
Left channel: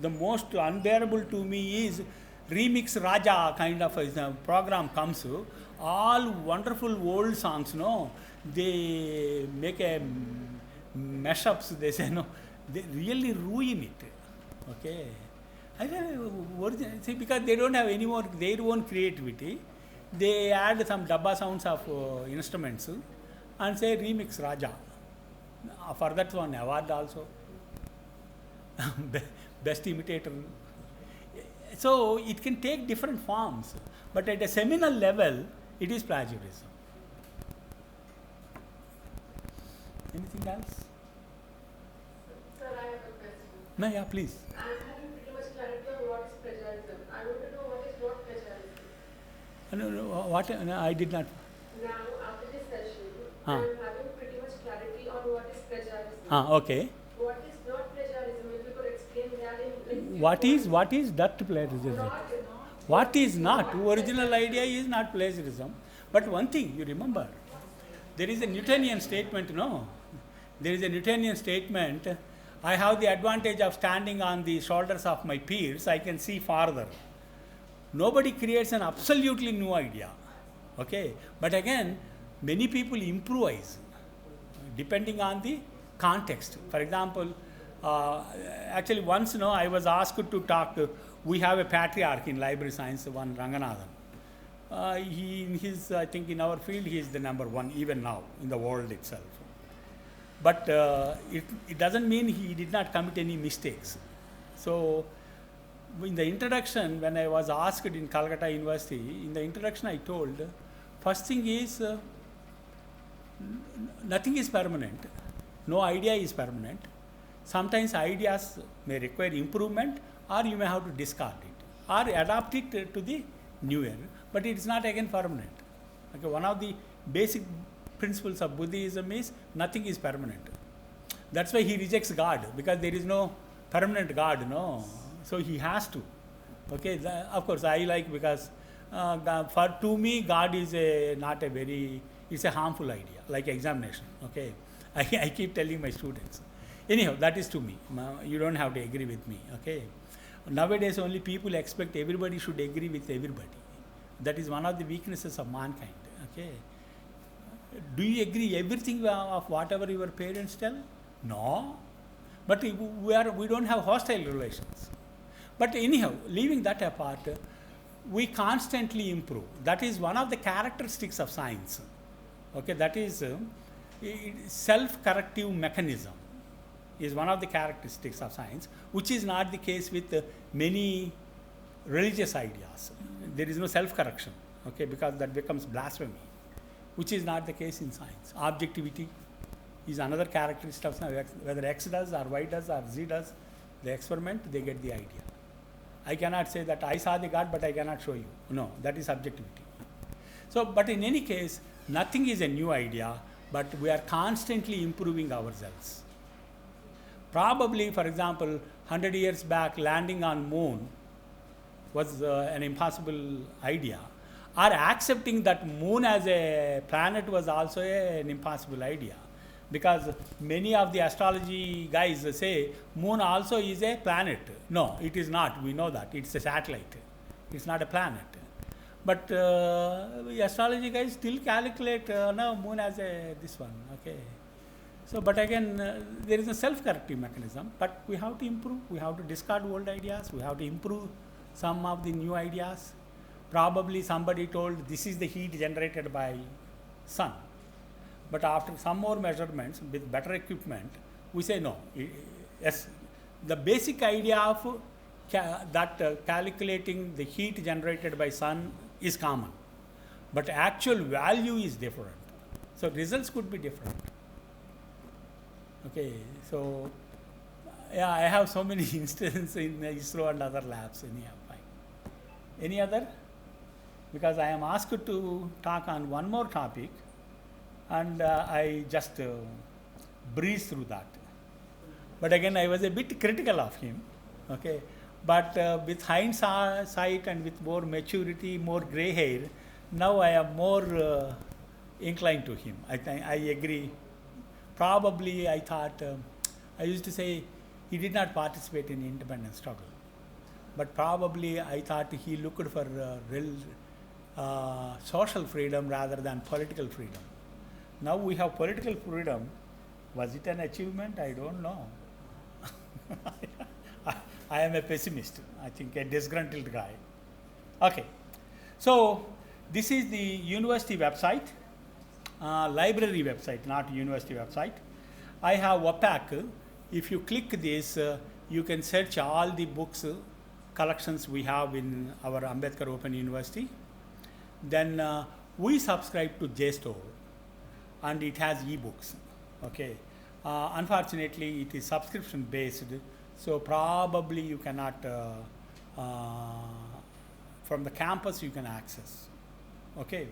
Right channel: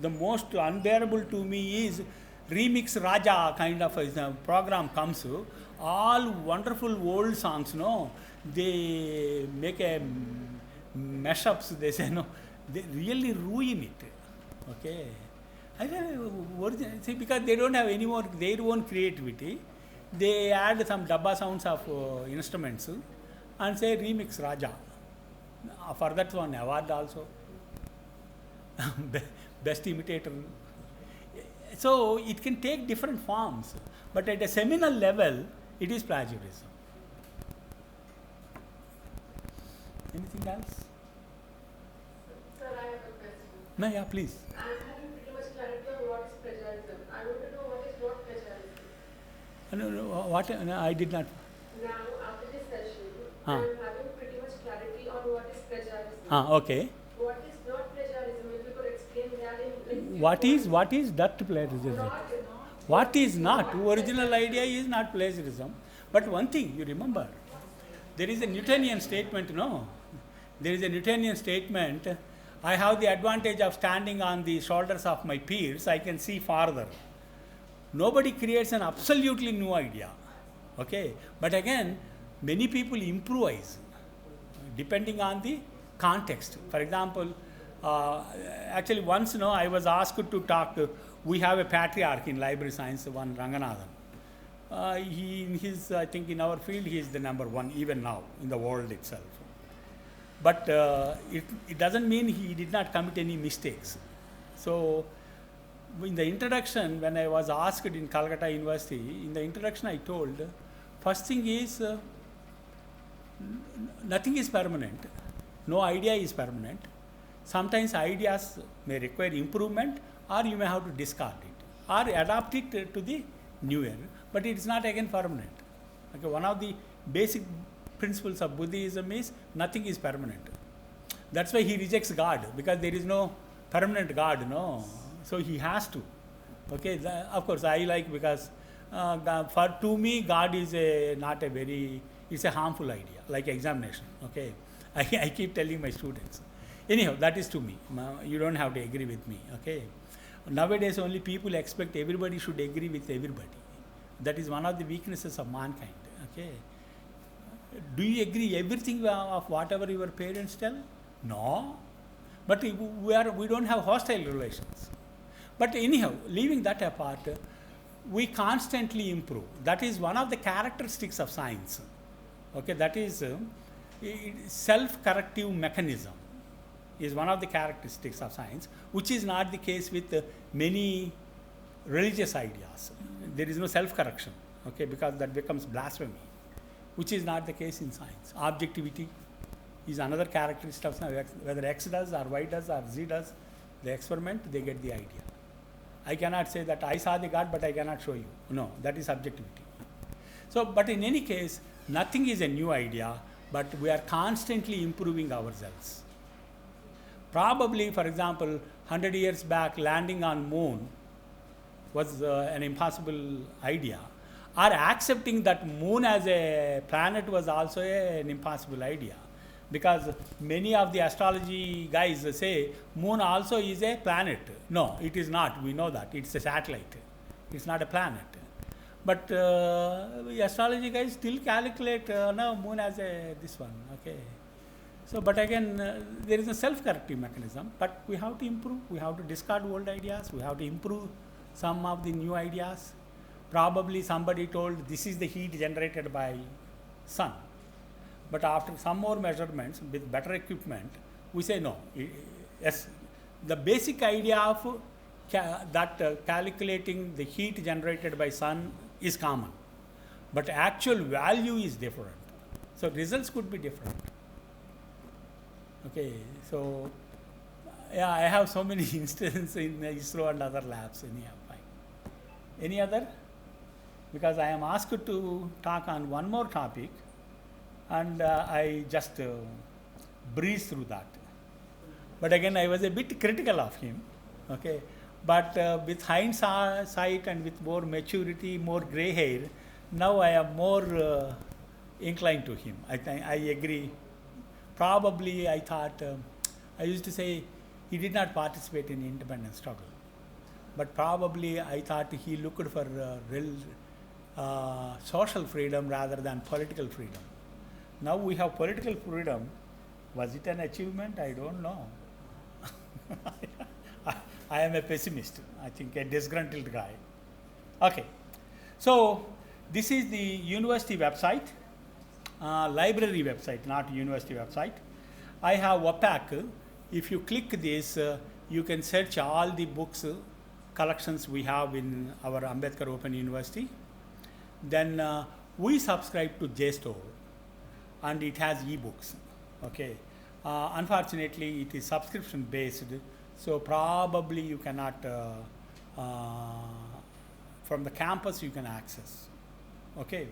the most unbearable to me is Remix Raja kind of a program comes. All wonderful old songs, no? They make a mashups, they say, no? They really ruin it. Okay. I don't know, see, because they don't have any more their own creativity, they add some dabba sounds of instruments and say Remix Raja. For that one award also. Best imitator. So it can take different forms, but at a seminal level, it is plagiarism. Anything else? Sir, I have a question. No, yeah, please. I'm having pretty much clarity on what is plagiarism. I want to know what is not plagiarism. No, what? No, I did not. Now, after this session, I'm having pretty much clarity on what is plagiarism. Okay. What is not plagiarism? If you could explain that in What is that plagiarism? What is not? Original idea is not plagiarism. But one thing you remember, there is a Newtonian statement, no? There is a Newtonian statement, I have the advantage of standing on the shoulders of my peers, I can see farther. Nobody creates an absolutely new idea. Okay? But again, many people improvise depending on the context. For example, actually once I was asked to talk, we have a patriarch in library science, one Ranganathan. I think in our field he is the number one even now in the world itself. But it doesn't mean he did not commit any mistakes. So in the introduction, when I was asked in Calcutta University, in the introduction I told, first thing is nothing is permanent. No idea is permanent. Sometimes ideas may require improvement, or you may have to discard it or adapt it to the newer, but it is not again permanent. Okay, one of the basic principles of Buddhism is nothing is permanent. That's why he rejects God, because there is no permanent God, no. So he has to. Okay, of course I like, because to me God is it's a harmful idea, like examination. Okay, I keep telling my students. Anyhow, that is to me. You don't have to agree with me. Okay. Nowadays only people expect everybody should agree with everybody. That is one of the weaknesses of mankind. Okay. Do you agree everything of whatever your parents tell? No. But we don't have hostile relations. But anyhow, leaving that apart, we constantly improve. That is one of the characteristics of science. Okay, that is self-corrective mechanism is one of the characteristics of science, which is not the case with many religious ideas. There is no self-correction, okay, because that becomes blasphemy, which is not the case in science. Objectivity is another characteristic of science. Whether X does or Y does or Z does, the experiment, they get the idea. I cannot say that I saw the God, but I cannot show you. No, that is subjectivity. So, but in any case, nothing is a new idea, but we are constantly improving ourselves. Probably, for example, 100 years back, landing on moon was an impossible idea. Or accepting that moon as a planet was also an impossible idea. Because many of the astrology guys say moon also is a planet. No, it is not. We know that. It's a satellite. It's not a planet. But astrology guys still calculate no, moon as a this one. Okay. So, but again, there is a self-corrective mechanism. But we have to improve. We have to discard old ideas. We have to improve some of the new ideas. Probably somebody told this is the heat generated by sun. But after some more measurements with better equipment, we say no. Yes, the basic idea of calculating the heat generated by sun is common, but actual value is different. So results could be different. Okay, so yeah, I have so many instances in ISRO and other labs. Any other? Because I am asked to talk on one more topic, and I just breezed through that. But again, I was a bit critical of him. Okay, but with hindsight and with more maturity, more gray hair, now I am more inclined to him. I agree. Probably I thought, I used to say he did not participate in independence struggle. But probably I thought he looked for real social freedom rather than political freedom. Now we have political freedom. Was it an achievement? I don't know. I am a pessimist. I think a disgruntled guy. Okay. So this is the university website, library website, not university website. I have WPAC. If you click this, you can search all the books collections we have in our Ambedkar Open University. Then we subscribe to JSTOR, and it has ebooks. Okay. Unfortunately, it is subscription based, so probably you cannot from the campus you can access. Okay.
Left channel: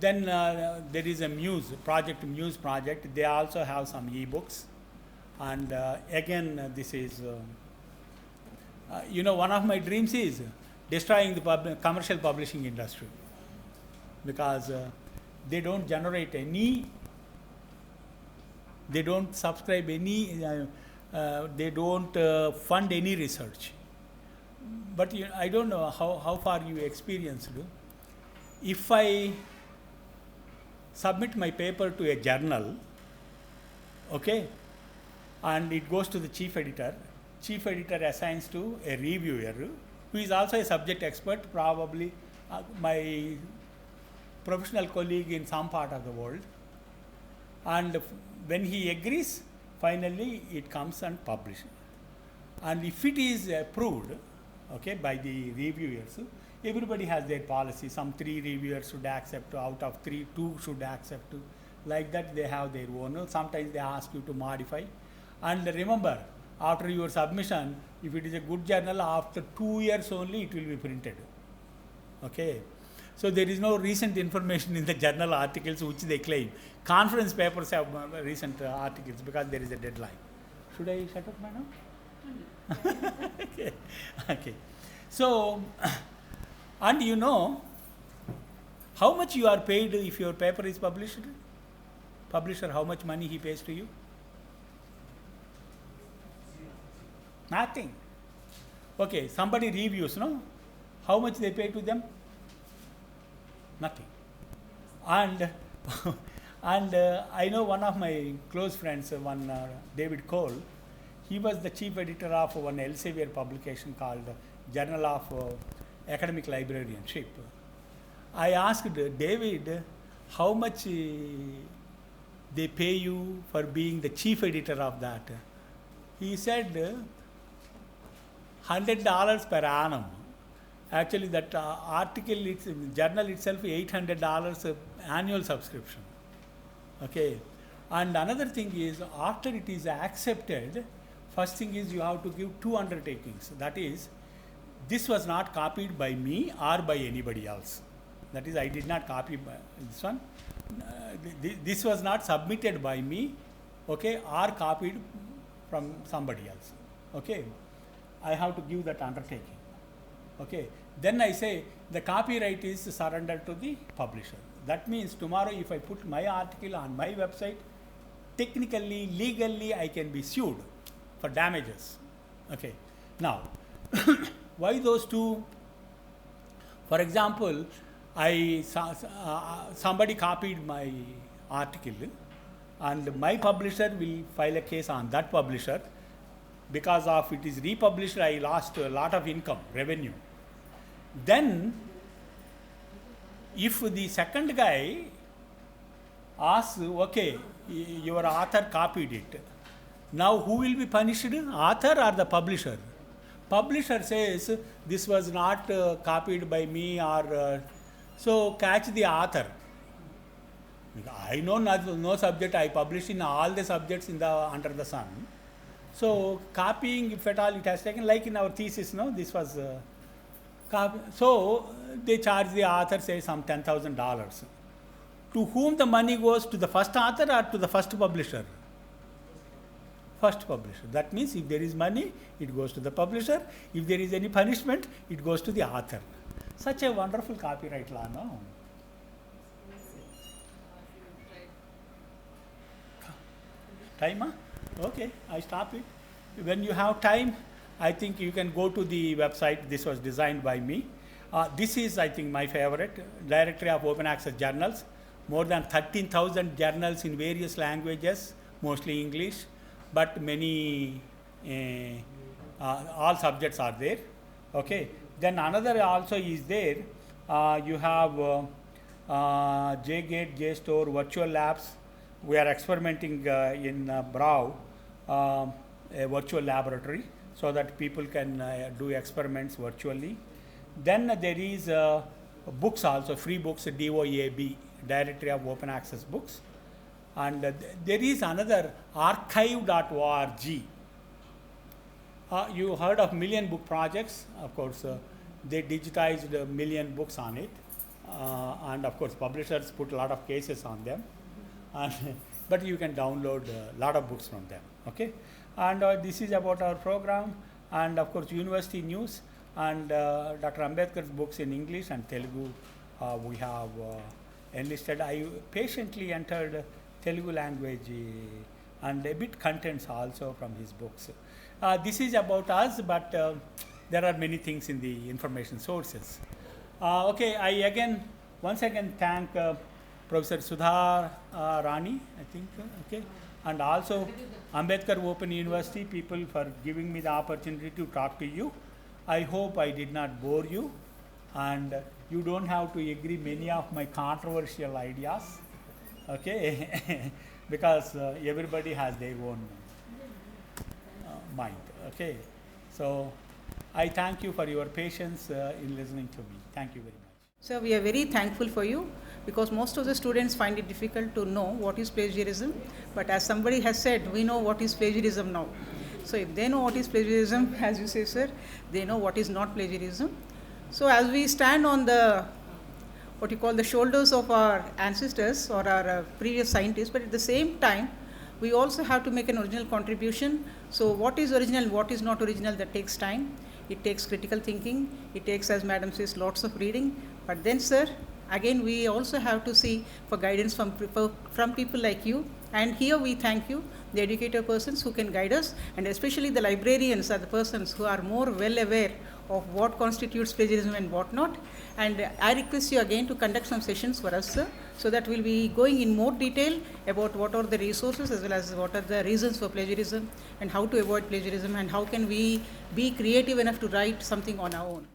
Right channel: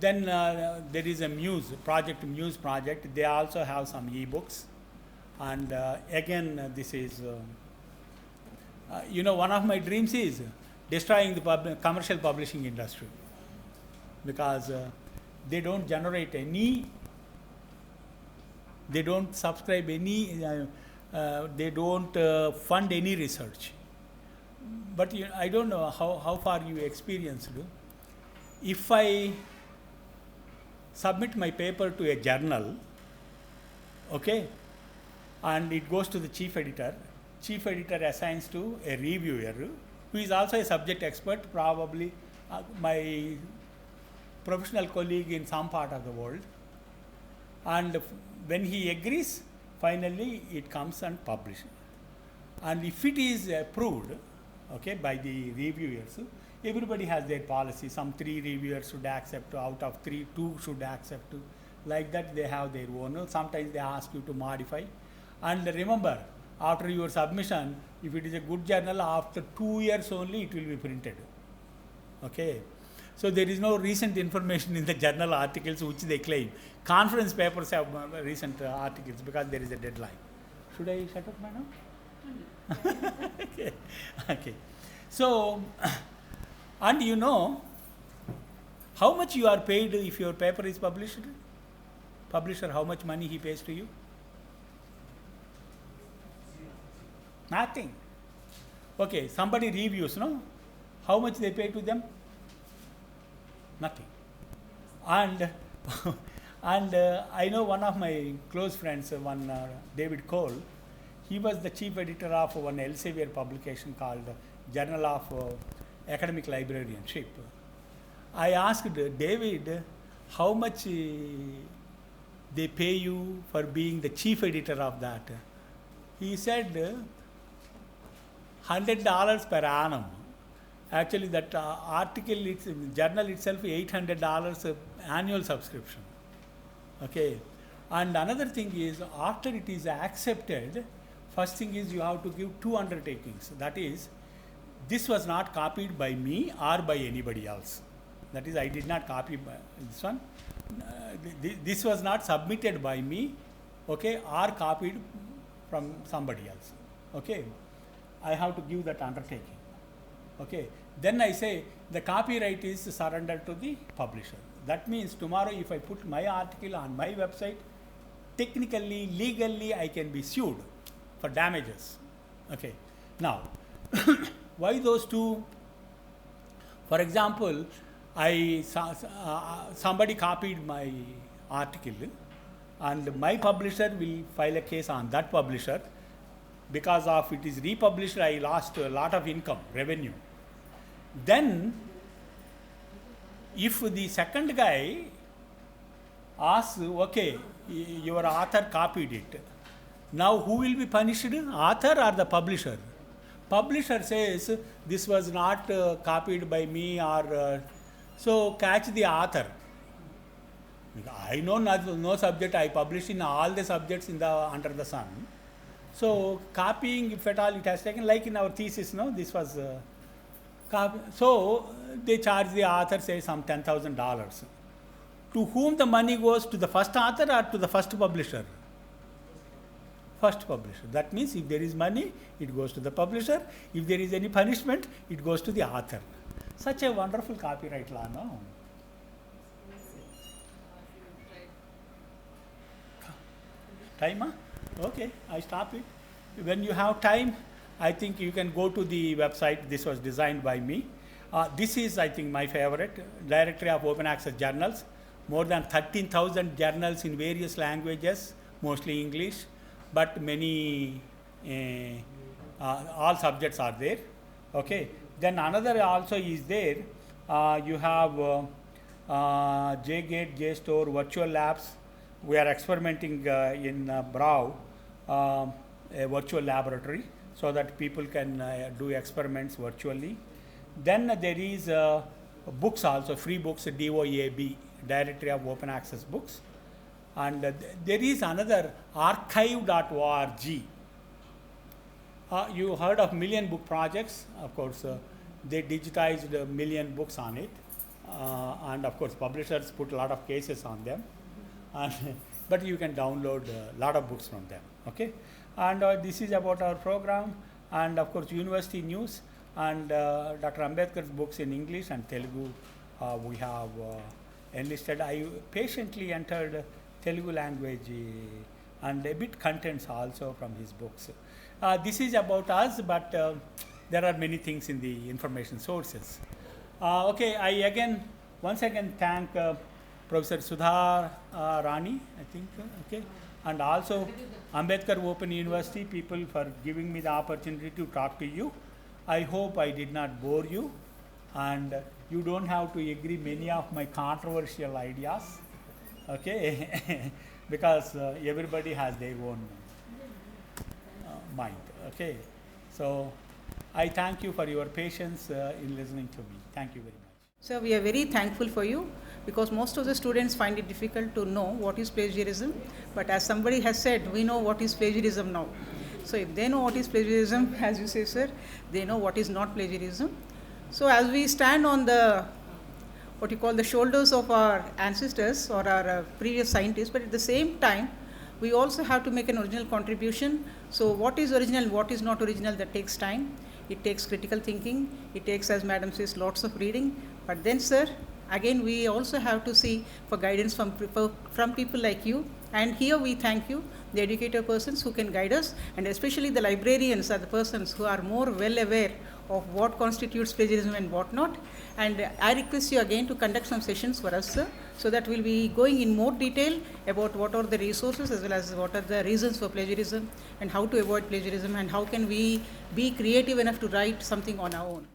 Then there is a Muse project. They also have some ebooks, and again this is one of my dreams is destroying the commercial publishing industry, because they don't generate any, they don't subscribe any, they don't fund any research. But I don't know how far you experienced. If I submit my paper to a journal, okay, and it goes to the chief editor assigns to a reviewer who is also a subject expert, probably my professional colleague in some part of the world, and when he agrees, finally it comes and published. And if it is approved, okay, by the reviewers, everybody has their policy. Some 3 reviewers should accept, out of 3, 2 should accept. Like that they have their own. Sometimes they ask you to modify. And remember, after your submission, if it is a good journal, after 2 years only it will be printed. Okay. So there is no recent information in the journal articles which they claim. Conference papers have recent articles because there is a deadline. Should I shut up now? Okay. Okay. So, and you know how much you are paid if your paper is published? Publisher, how much money he pays to you? Nothing. Okay, somebody reviews, no? How much they pay to them? Nothing. And I know one of my close friends, one David Cole, he was the chief editor of one Elsevier publication called Journal of Academic Librarianship. I asked David how much they pay you for being the chief editor of that. He said $100 per annum. Actually, that article, it's journal itself, $800 annual subscription. Okay, and another thing is, after it is accepted, first thing is you have to give 2 undertakings. That is, this was not copied by me or by anybody else. That is, I did not copy this one. This was not submitted by me, okay, or copied from somebody else. Okay, I have to give that undertaking. Okay, then I say the copyright is surrendered to the publisher. That means tomorrow if I put my article on my website, technically, legally, I can be sued for damages. Okay, now, why those two? For example, somebody copied my article and my publisher will file a case on that publisher. Because of it is republished, I lost a lot of income, revenue. Then, if the second guy asks, okay, your author copied it, now who will be punished, author or the publisher? Publisher says, this was not copied by me, or so catch the author. I know no subject, I publish in all the subjects under the sun. So copying, if at all it has taken, like in our thesis, no, this was so they charge the author, say, some $10,000. To whom the money goes, to the first author or to the first publisher? First publisher. That means if there is money, it goes to the publisher. If there is any punishment, it goes to the author. Such a wonderful copyright law, no? Time, huh? Okay, I stop it. When you have time, I think you can go to the website. This was designed by me. This is, I think, my favorite, Directory of Open Access Journals. More than 13,000 journals in various languages, mostly English, but many, all subjects are there. Okay. Then another also is there. You have JGate, JSTOR, virtual labs. We are experimenting in BRAOU, a virtual laboratory, so that people can do experiments virtually. Then there is books also, free books, DOAB, Directory of Open Access Books. And there is another archive.org. You heard of Million Book Projects. Of course, they digitized a million books on it. And of course, publishers put a lot of cases on them. But you can download a lot of books from them. Okay, and this is about our program, and of course university news, and Dr. Ambedkar's books in English and Telugu we have enlisted. I patiently entered Telugu language and a bit contents also from his books. This is about us, but there are many things in the information sources. Okay, I once again thank Professor Sudha Rani, I think, okay, and also Ambedkar Open University people for giving me the opportunity to talk to you. I hope I did not bore you, and you don't have to agree many of my controversial ideas, okay, because everybody has their own mind, okay. So I thank you for your patience in listening to me. Thank you very much. So we are very thankful for you, because most of the students find it difficult to know what is plagiarism, but as somebody has said, we know what is plagiarism now. So if they know what is plagiarism, as you say, sir, they know what is not plagiarism. So as we stand on the, what you call the shoulders of our ancestors or our previous scientists, but at the same time, we also have to make an original contribution. So what is original, what is not original, that takes time. It takes critical thinking. It takes, as madam says, lots of reading. But then, sir, again, we also have to see for guidance from people like you. And here we thank you, the educator persons who can guide us, and especially the librarians are the persons who are more well aware of what constitutes plagiarism and what not. And I request you again to conduct some sessions for us, sir, so that we'll be going in more detail about what are the resources as well as what are the reasons for plagiarism and how to avoid plagiarism and how can we be creative enough to write something on our own.